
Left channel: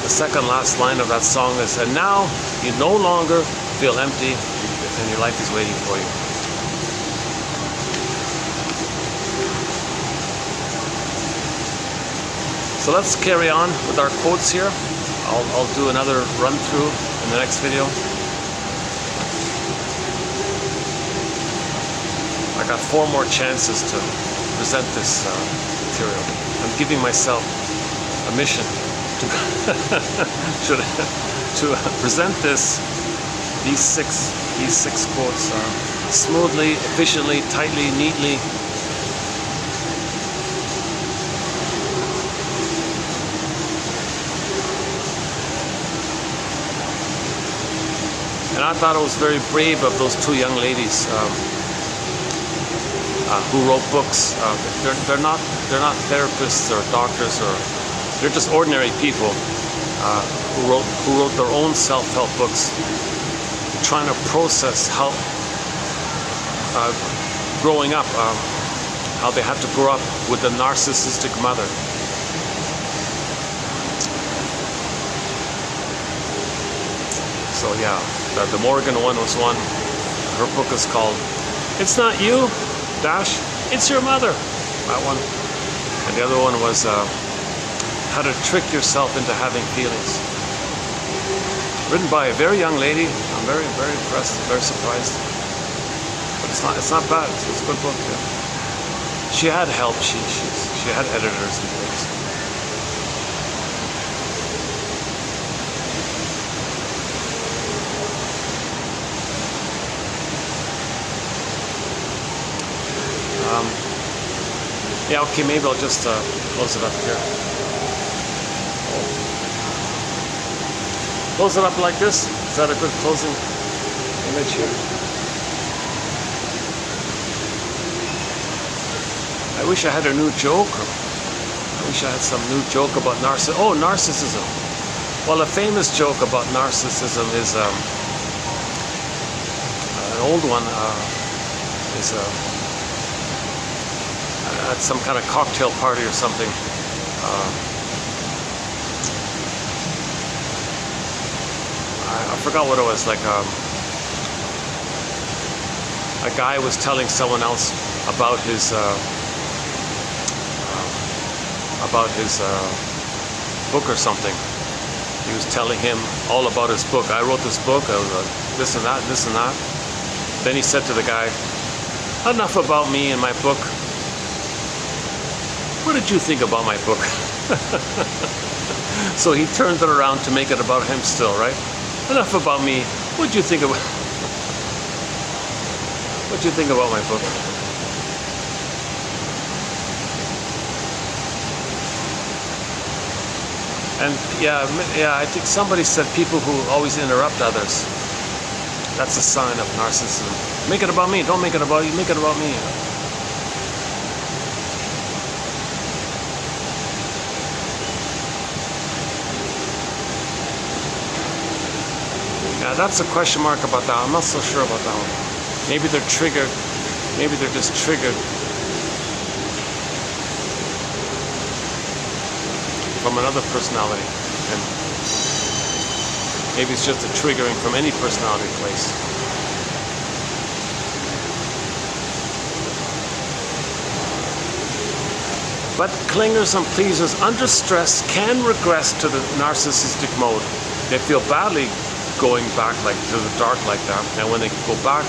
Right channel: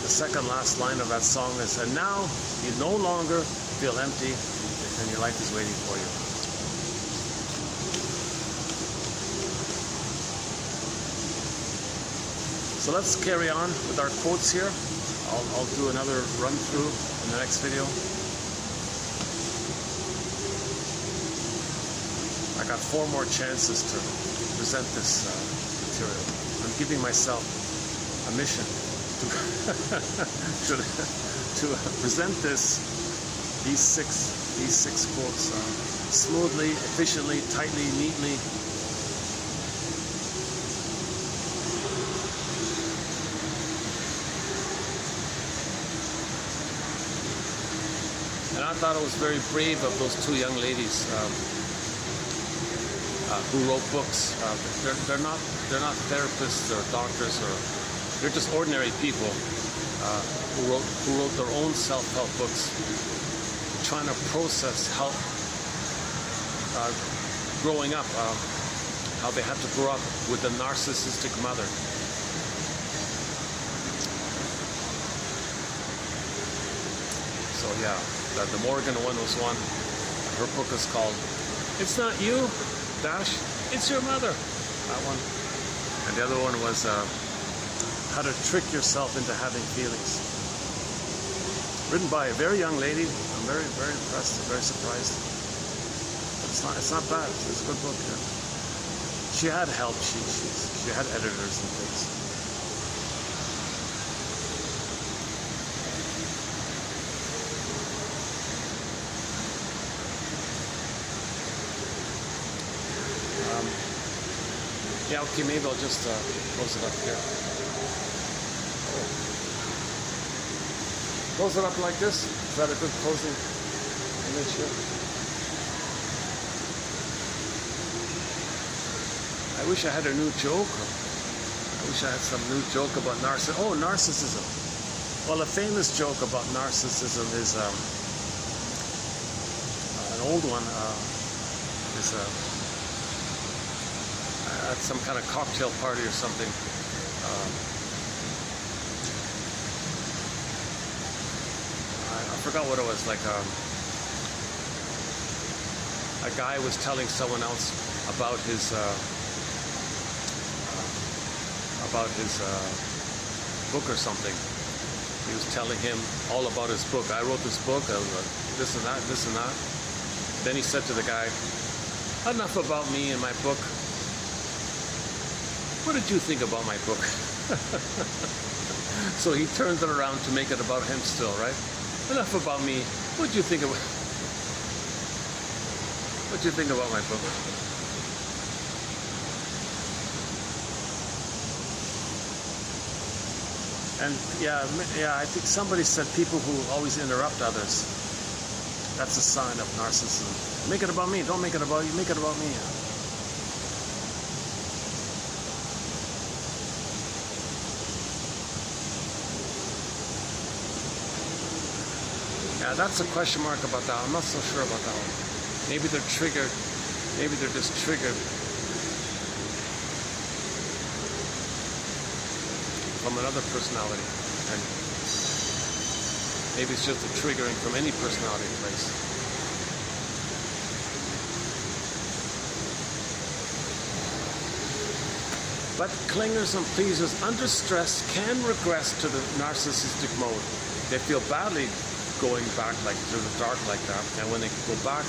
The second last line of that song is, and now you no longer feel empty and your life is waiting for you. So let's carry on with our quotes here. I'll do another run through in the next video. I got 4 more chances to present this material. I'm giving myself a mission to present these six quotes smoothly, efficiently, tightly, neatly. And I thought it was very brave of those 2 young ladies who wrote books. They're not therapists or doctors, or they're just ordinary people who wrote their own self-help books, trying to process how growing up, how they had to grow up with a narcissistic mother. So yeah, the Morgan one was one. Her book is called "It's Not You, Dash, It's Your Mother." That one. And the other one was "How to Trick Yourself into Having Feelings." Written by a very young lady. I'm very, very impressed, very surprised. But it's not bad. It's a good book. Yeah. She had help. She had editors and things. Yeah, okay, maybe I'll just close it up here. Close it up like this. Is that a good closing image here? I wish I had a new joke. I wish I had some new joke about narcissism. Oh, narcissism. Well, a famous joke about narcissism is an old one. Is at some kind of cocktail party or something. I forgot what it was. Like a guy was telling someone else about his book or something. He was telling him all about his book. I wrote this book. This and that, this and that. Then he said to the guy, "Enough about me and my book. What did you think about my book?" So he turned it around to make it about him still, right? "Enough about me. What'd you think about my book?" And yeah, I think somebody said people who always interrupt others, that's a sign of narcissism. Make it about me. Don't make it about you. Make it about me. Yeah, that's a question mark about that. I'm not so sure about that one. Maybe they're triggered. Maybe they're just triggered from another personality. And maybe it's just a triggering from any personality place. But clingers and pleasers under stress can regress to the narcissistic mode. They feel badly going back like to the dark like that, and when they go back,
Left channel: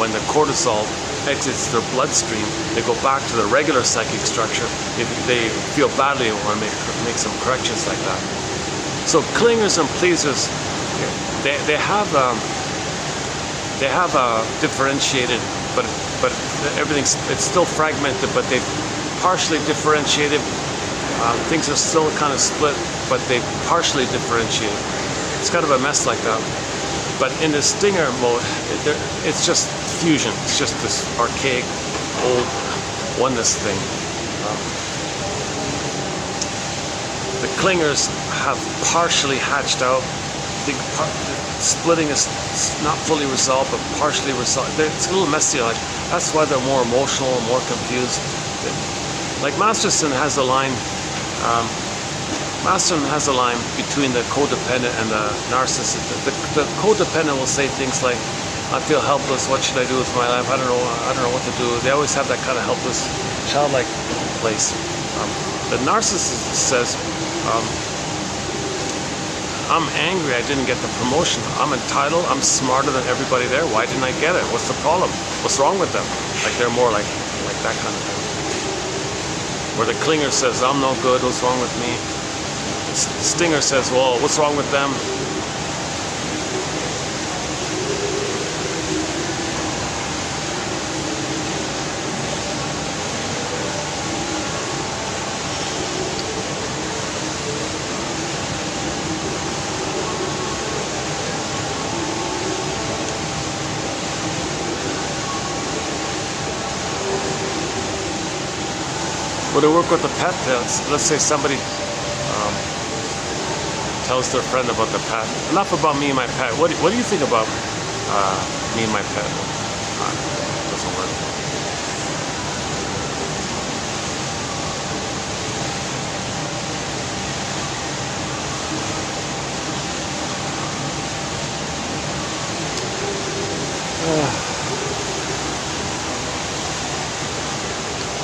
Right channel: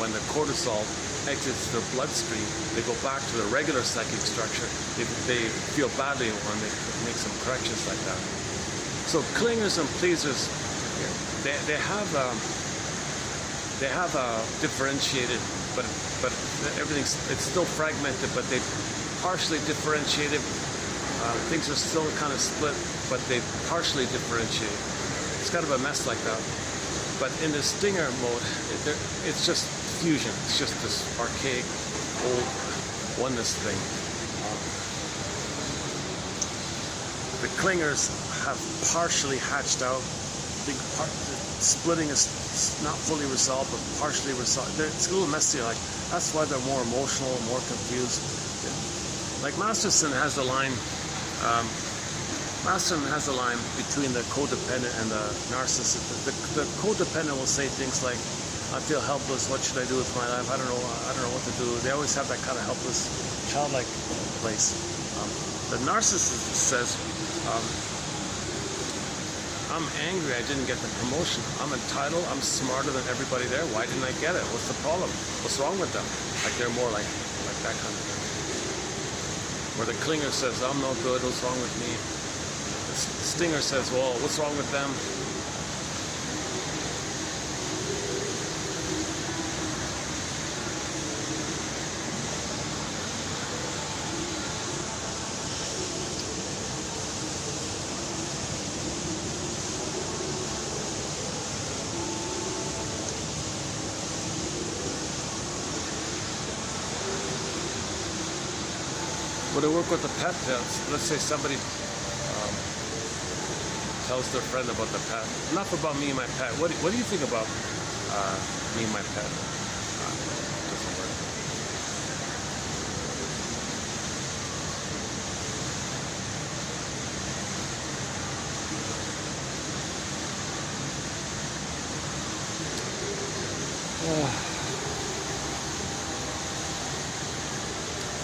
when the cortisol exits their bloodstream, they go back to the regular psychic structure. They feel badly and want to make some corrections like that. So clingers and pleasers, they have differentiated, but it's still fragmented, but they've partially differentiated. Things are still kind of split, but they've partially differentiated. It's kind of a mess like that. But in the stinger mode, it's just fusion. It's just this archaic, old oneness thing. The clingers have partially hatched out. Splitting is not fully resolved, but partially resolved. It's a little messy. Like that's why they're more emotional, more confused. Like Masterson has a line. Masterson has a line between the codependent and the narcissist. The codependent will say things like, "I feel helpless. What should I do with my life? I don't know what to do." They always have that kind of helpless, childlike place. The narcissist says, I'm angry I didn't get the promotion. I'm entitled, I'm smarter than everybody there. Why didn't I get it? What's the problem? What's wrong with them? Like they're more like that kind of thing. Where the clinger says, I'm no good, what's wrong with me? Stinger says, well, what's wrong with them? Would it work with the pet? Let's say somebody tells their friend about the pet. Enough about me and my pet. What do you think about me and my pet? Doesn't work.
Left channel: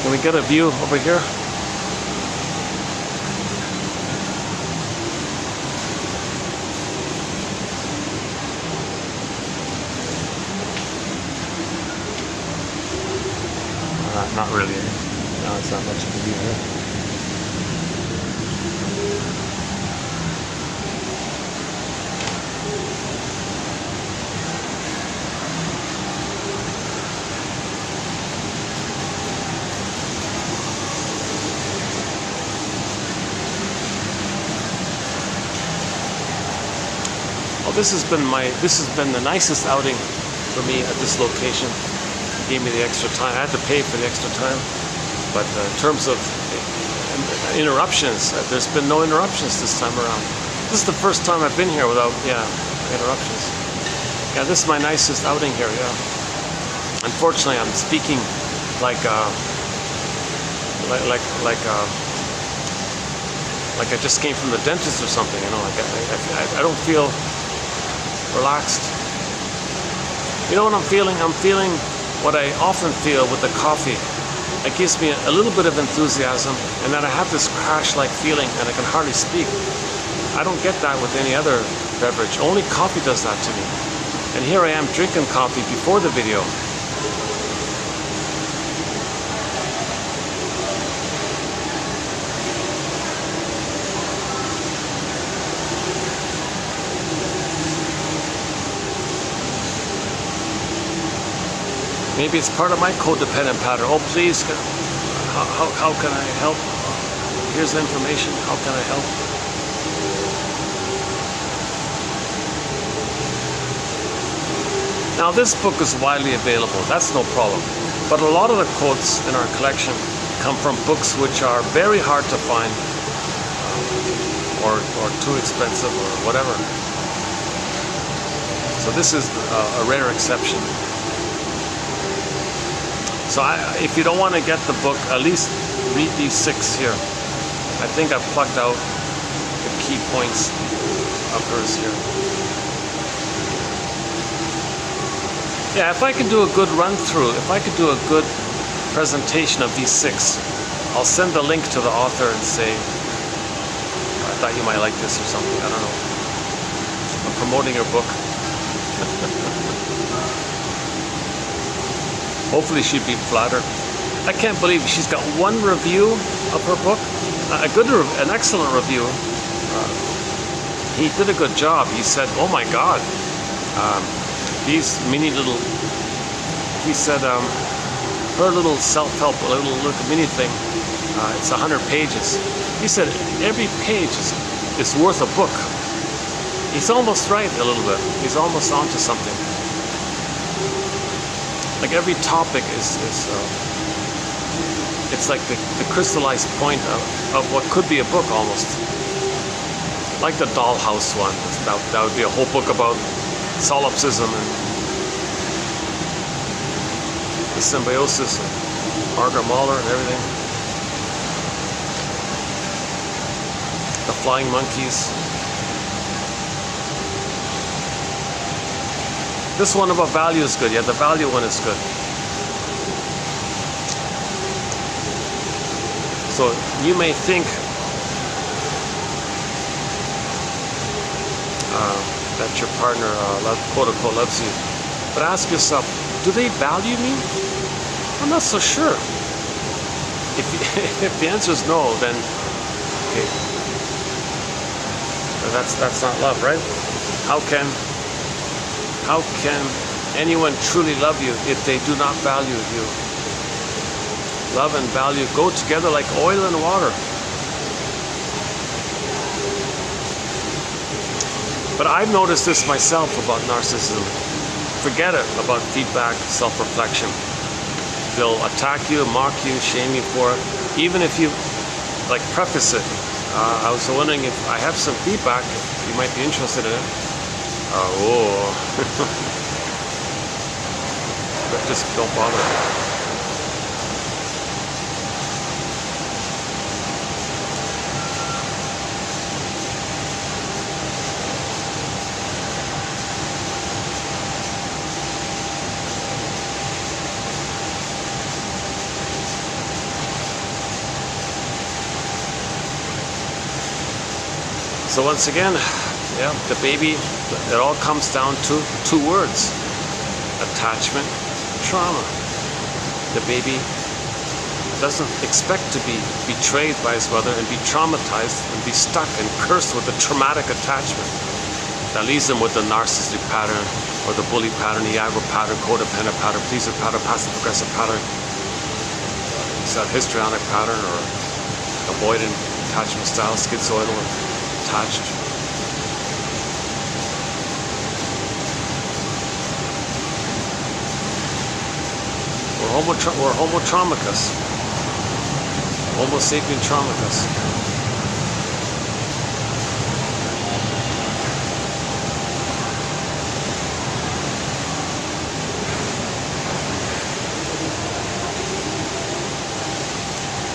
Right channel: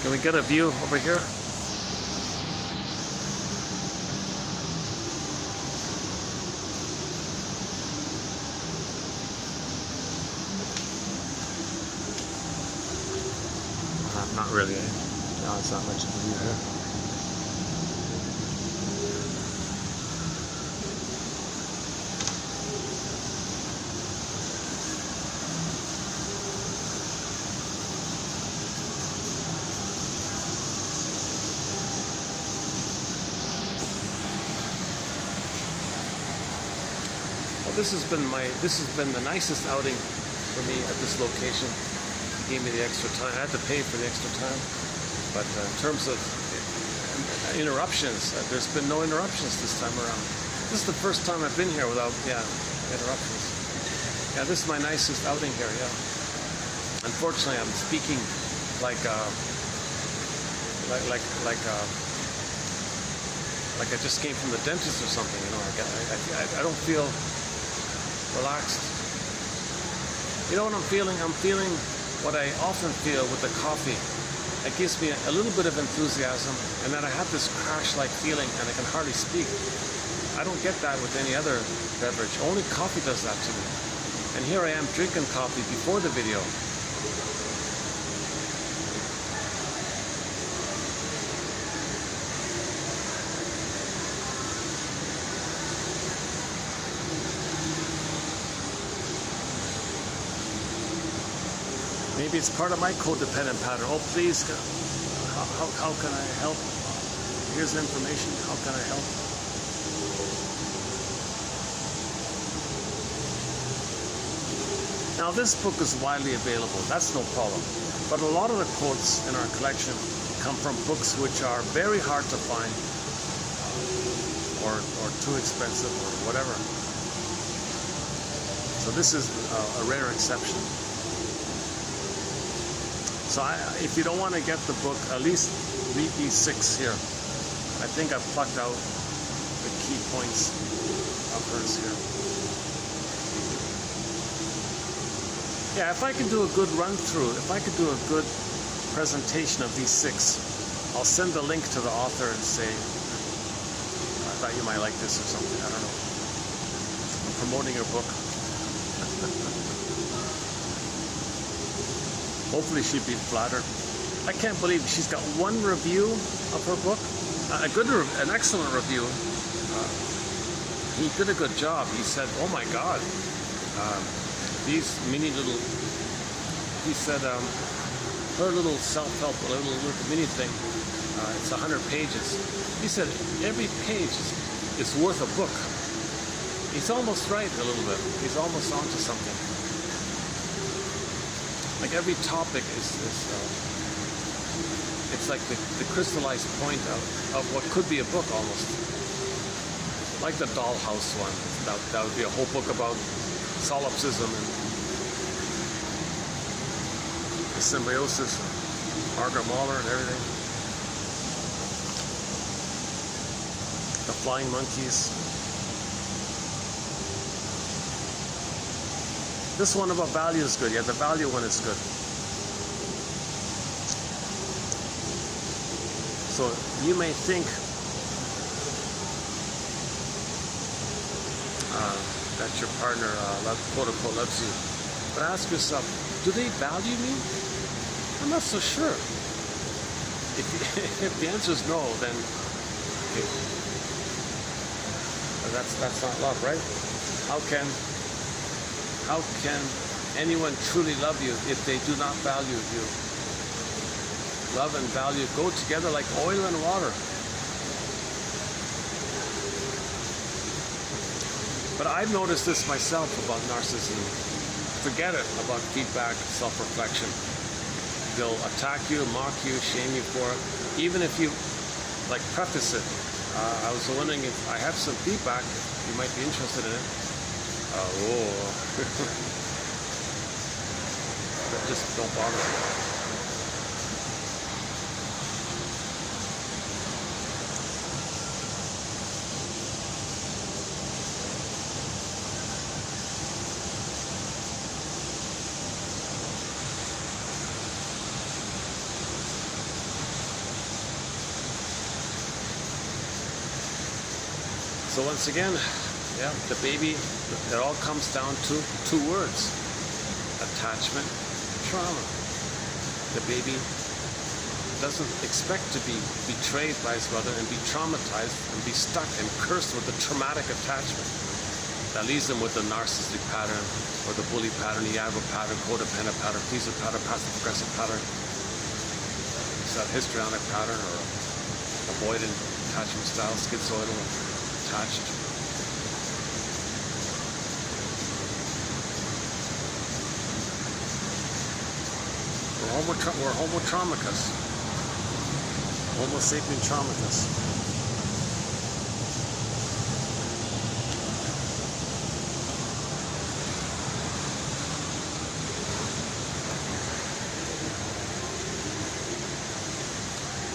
Can we get a view over here? Not really. No, it's not much of a view here. This has been the nicest outing for me at this location. It gave me the extra time. I had to pay for the extra time, but in terms of interruptions, there's been no interruptions this time around. This is the first time I've been here without interruptions. Yeah, this is my nicest outing here. Yeah. Unfortunately, I'm speaking like I just came from the dentist or something. You know, I don't feel relaxed. You know what I'm feeling? I'm feeling what I often feel with the coffee. It gives me a little bit of enthusiasm, and then I have this crash-like feeling, and I can hardly speak. I don't get that with any other beverage. Only coffee does that to me. And here I am drinking coffee before the video. Maybe it's part of my codependent pattern. Oh, please, how can I help? Here's the information. How can I help? Now, this book is widely available. That's no problem. But a lot of the quotes in our collection come from books which are very hard to find, or too expensive, or whatever. So this is a rare exception. So if you don't want to get the book, at least read these 6 here. I think I've plucked out the key points of hers here. Yeah, if I could do a good run through, if I could do a good presentation of these 6, I'll send the link to the author and say, I thought you might like this or something, I don't know. I'm promoting your book. Hopefully she'd be flattered. I can't believe she's got 1 review of her book, an excellent review. He did a good job. He said, "Oh my God, these mini little." He said, "Her little self-help, little mini thing. It's 100 pages." He said, "Every page is worth a book." He's almost right a little bit. He's almost onto something. Like every topic it's like the crystallized point of what could be a book almost. Like the dollhouse one. That would be a whole book about solipsism and the symbiosis of Margaret Mahler and everything. The flying monkeys. This one about value is good. Yeah, the value one is good. So you may think that your partner, quote unquote, loves you, but ask yourself, do they value me? I'm not so sure. If the answer is no, then okay, that's not love, right? How can anyone truly love you if they do not value you? Love and value go together like oil and water. But I've noticed this myself about narcissism. Forget it about feedback, self-reflection. They'll attack you, mock you, shame you for it. Even if you like preface it. I was wondering if I have some feedback, if you might be interested in it. But just don't bother. So once again, yeah, the baby, it all comes down to two words: attachment, trauma. The baby doesn't expect to be betrayed by his mother and be traumatized and be stuck and cursed with a traumatic attachment that leaves him with the narcissistic pattern or the bully pattern, the aggro pattern, codependent pattern, pleaser pattern, passive aggressive pattern. It's that histrionic pattern or avoidant attachment style, schizoidal, attached. We're homo traumicus. Homo sapien traumicus.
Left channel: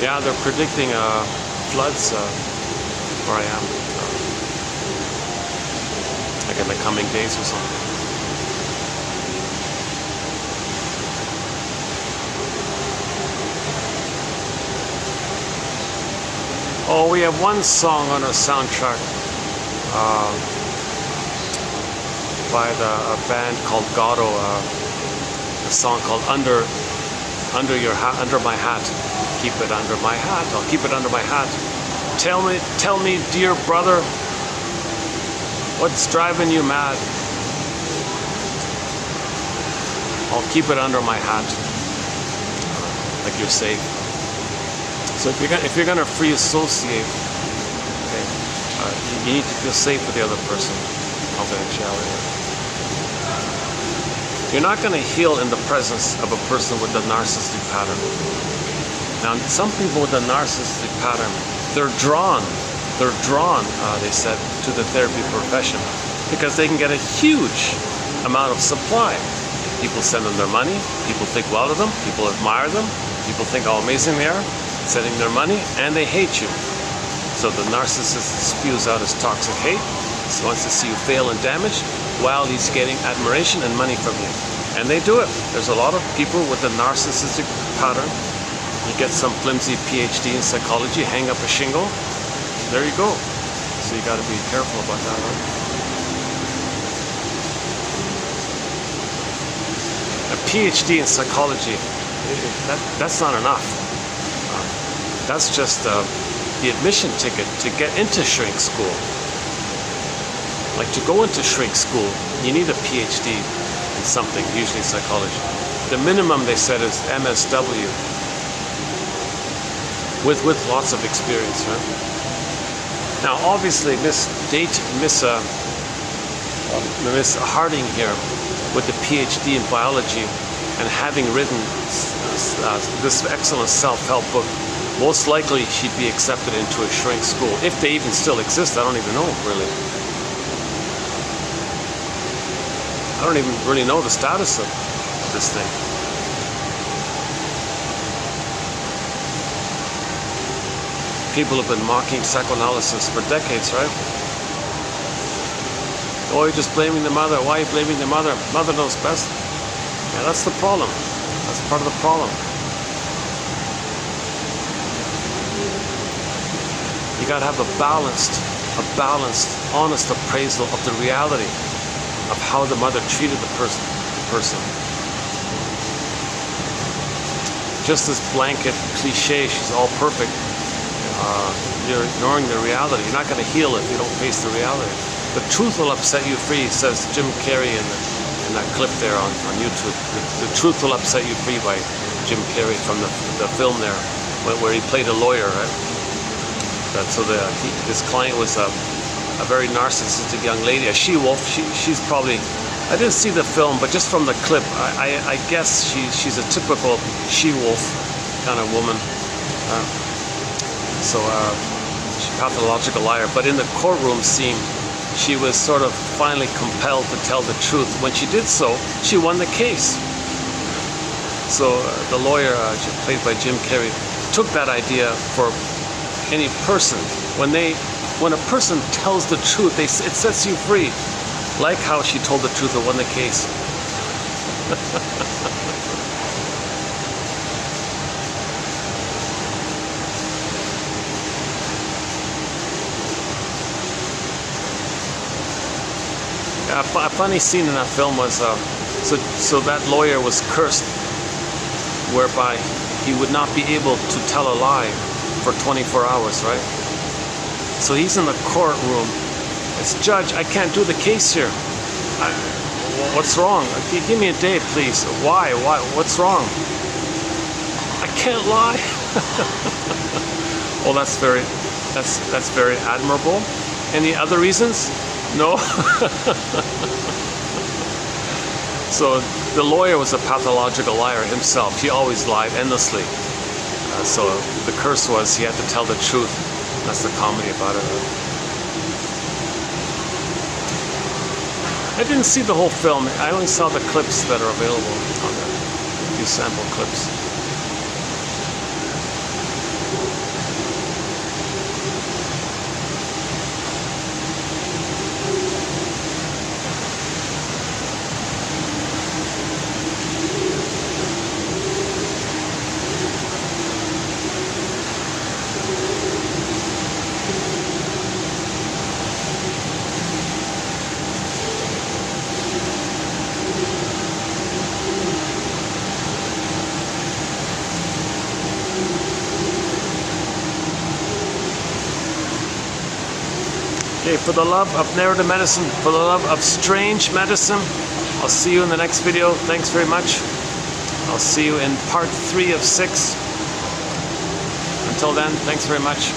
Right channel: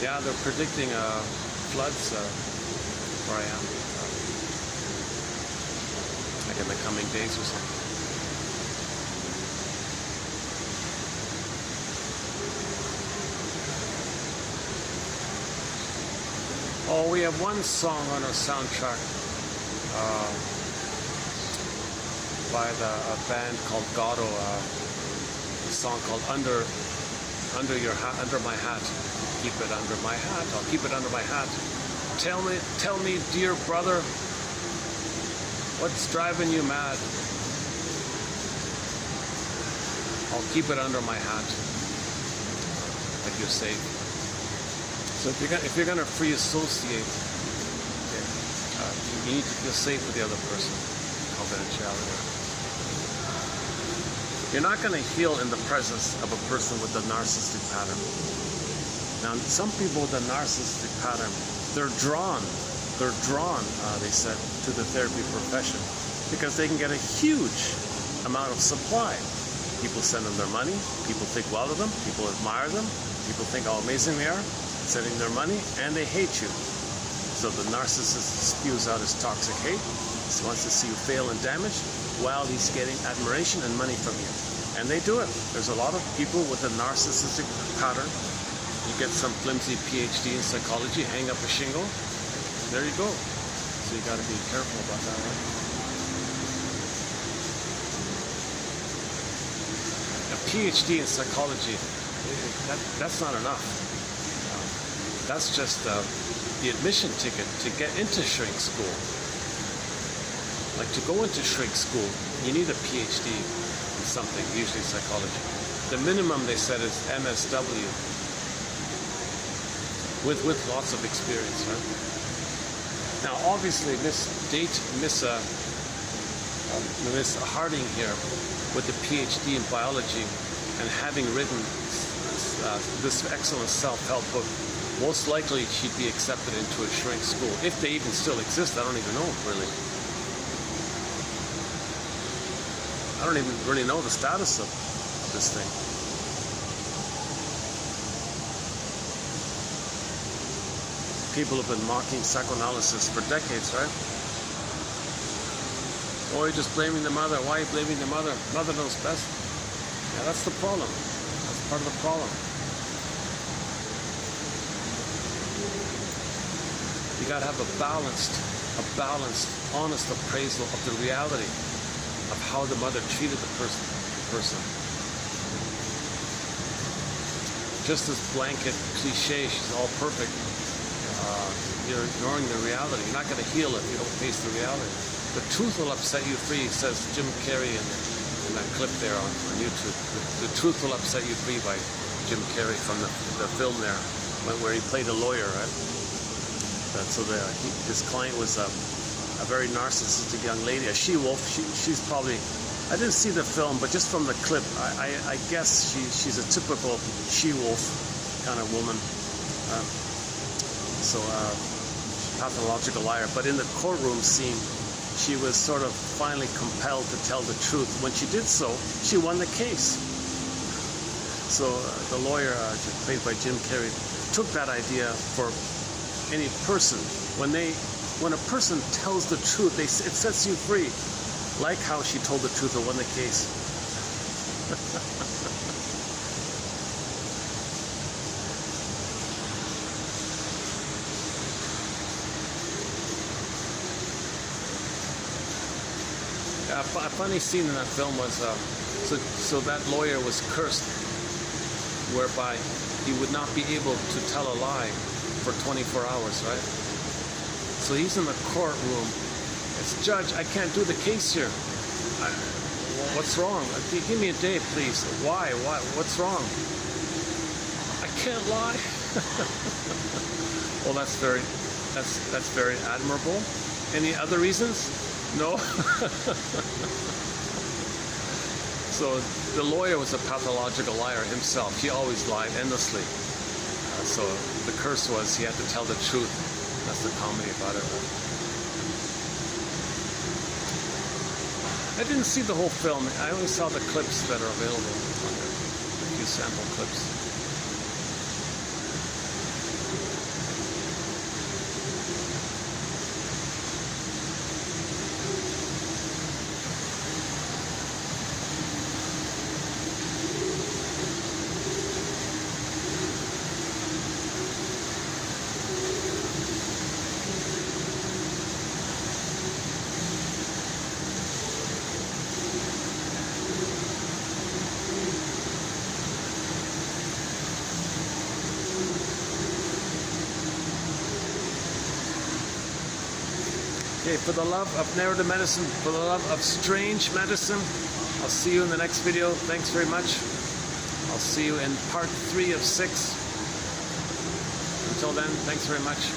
Yeah, they're predicting floods where I am. Like in the coming days or something. Oh, we have one song on our soundtrack by a band called Gato, a song called Under My Hat. Keep it under my hat. I'll keep it under my hat. Tell me, dear brother, what's driving you mad? I'll keep it under my hat. Like you're safe. So if you're gonna free associate, okay, you need to feel safe with the other person. Confidentiality. You're not gonna heal in the presence of a person with a narcissistic pattern. Now, some people with a narcissistic pattern, they're drawn, they said, to the therapy profession because they can get a huge amount of supply. People send them their money, people think well of them, people admire them, people think how amazing they are, sending their money, and they hate you. So the narcissist spews out his toxic hate. He wants to see you fail and damage while he's getting admiration and money from you. And they do it. There's a lot of people with a narcissistic pattern. You get some flimsy PhD in psychology, hang up a shingle, there you go. So you got to be careful about that, right? A PhD in psychology, that's not enough. That's just the admission ticket to get into shrink school. Like to go into shrink school, you need a PhD in something, usually psychology. The minimum they said is MSW, with lots of experience. Right? Now, obviously, Miss Harding here, with the PhD in biology and having written this excellent self-help book, most likely she'd be accepted into a shrink school. If they even still exist, I don't even know, really. I don't even really know the status of this thing. People have been mocking psychoanalysis for decades, right? Oh, you're just blaming the mother. Why are you blaming the mother? Mother knows best. Yeah, that's the problem. That's part of the problem. gotta have a balanced, honest appraisal of the reality of how the mother treated the person. Just this blanket cliche, she's all perfect. You're ignoring the reality. You're not going to heal if you don't face the reality. The truth will upset you free, says Jim Carrey in that clip there on YouTube. The truth will upset you free by Jim Carrey from the film there, where he played a lawyer. Right? So his client was a very narcissistic young lady, a she-wolf. She's probably, I didn't see the film, but just from the clip, I guess she's a typical she-wolf kind of woman. She's a pathological liar. But in the courtroom scene, she was sort of finally compelled to tell the truth. When she did so, she won the case. So the lawyer, played by Jim Carrey, took that idea for any person. When a person tells the truth, it sets you free. Like how she told the truth and won the case. A funny scene in that film was, so that lawyer was cursed, whereby he would not be able to tell a lie for 24 hours, right? So he's in the courtroom. It's, "Judge, I can't do the case here. What's wrong? Give me a day, please." Why? What's wrong? "I can't lie." Well, that's very admirable. Any other reasons? No. So the lawyer was a pathological liar himself. He always lied endlessly. So the curse was he had to tell the truth. That's the comedy about it. I didn't see the whole film. I only saw the clips that are available on there. A few sample clips. Okay, for the love of narrative medicine, for the love of strange medicine, I'll see you in the next video. Thanks very much. I'll see you in part 3 of 6. Until then, thanks very much.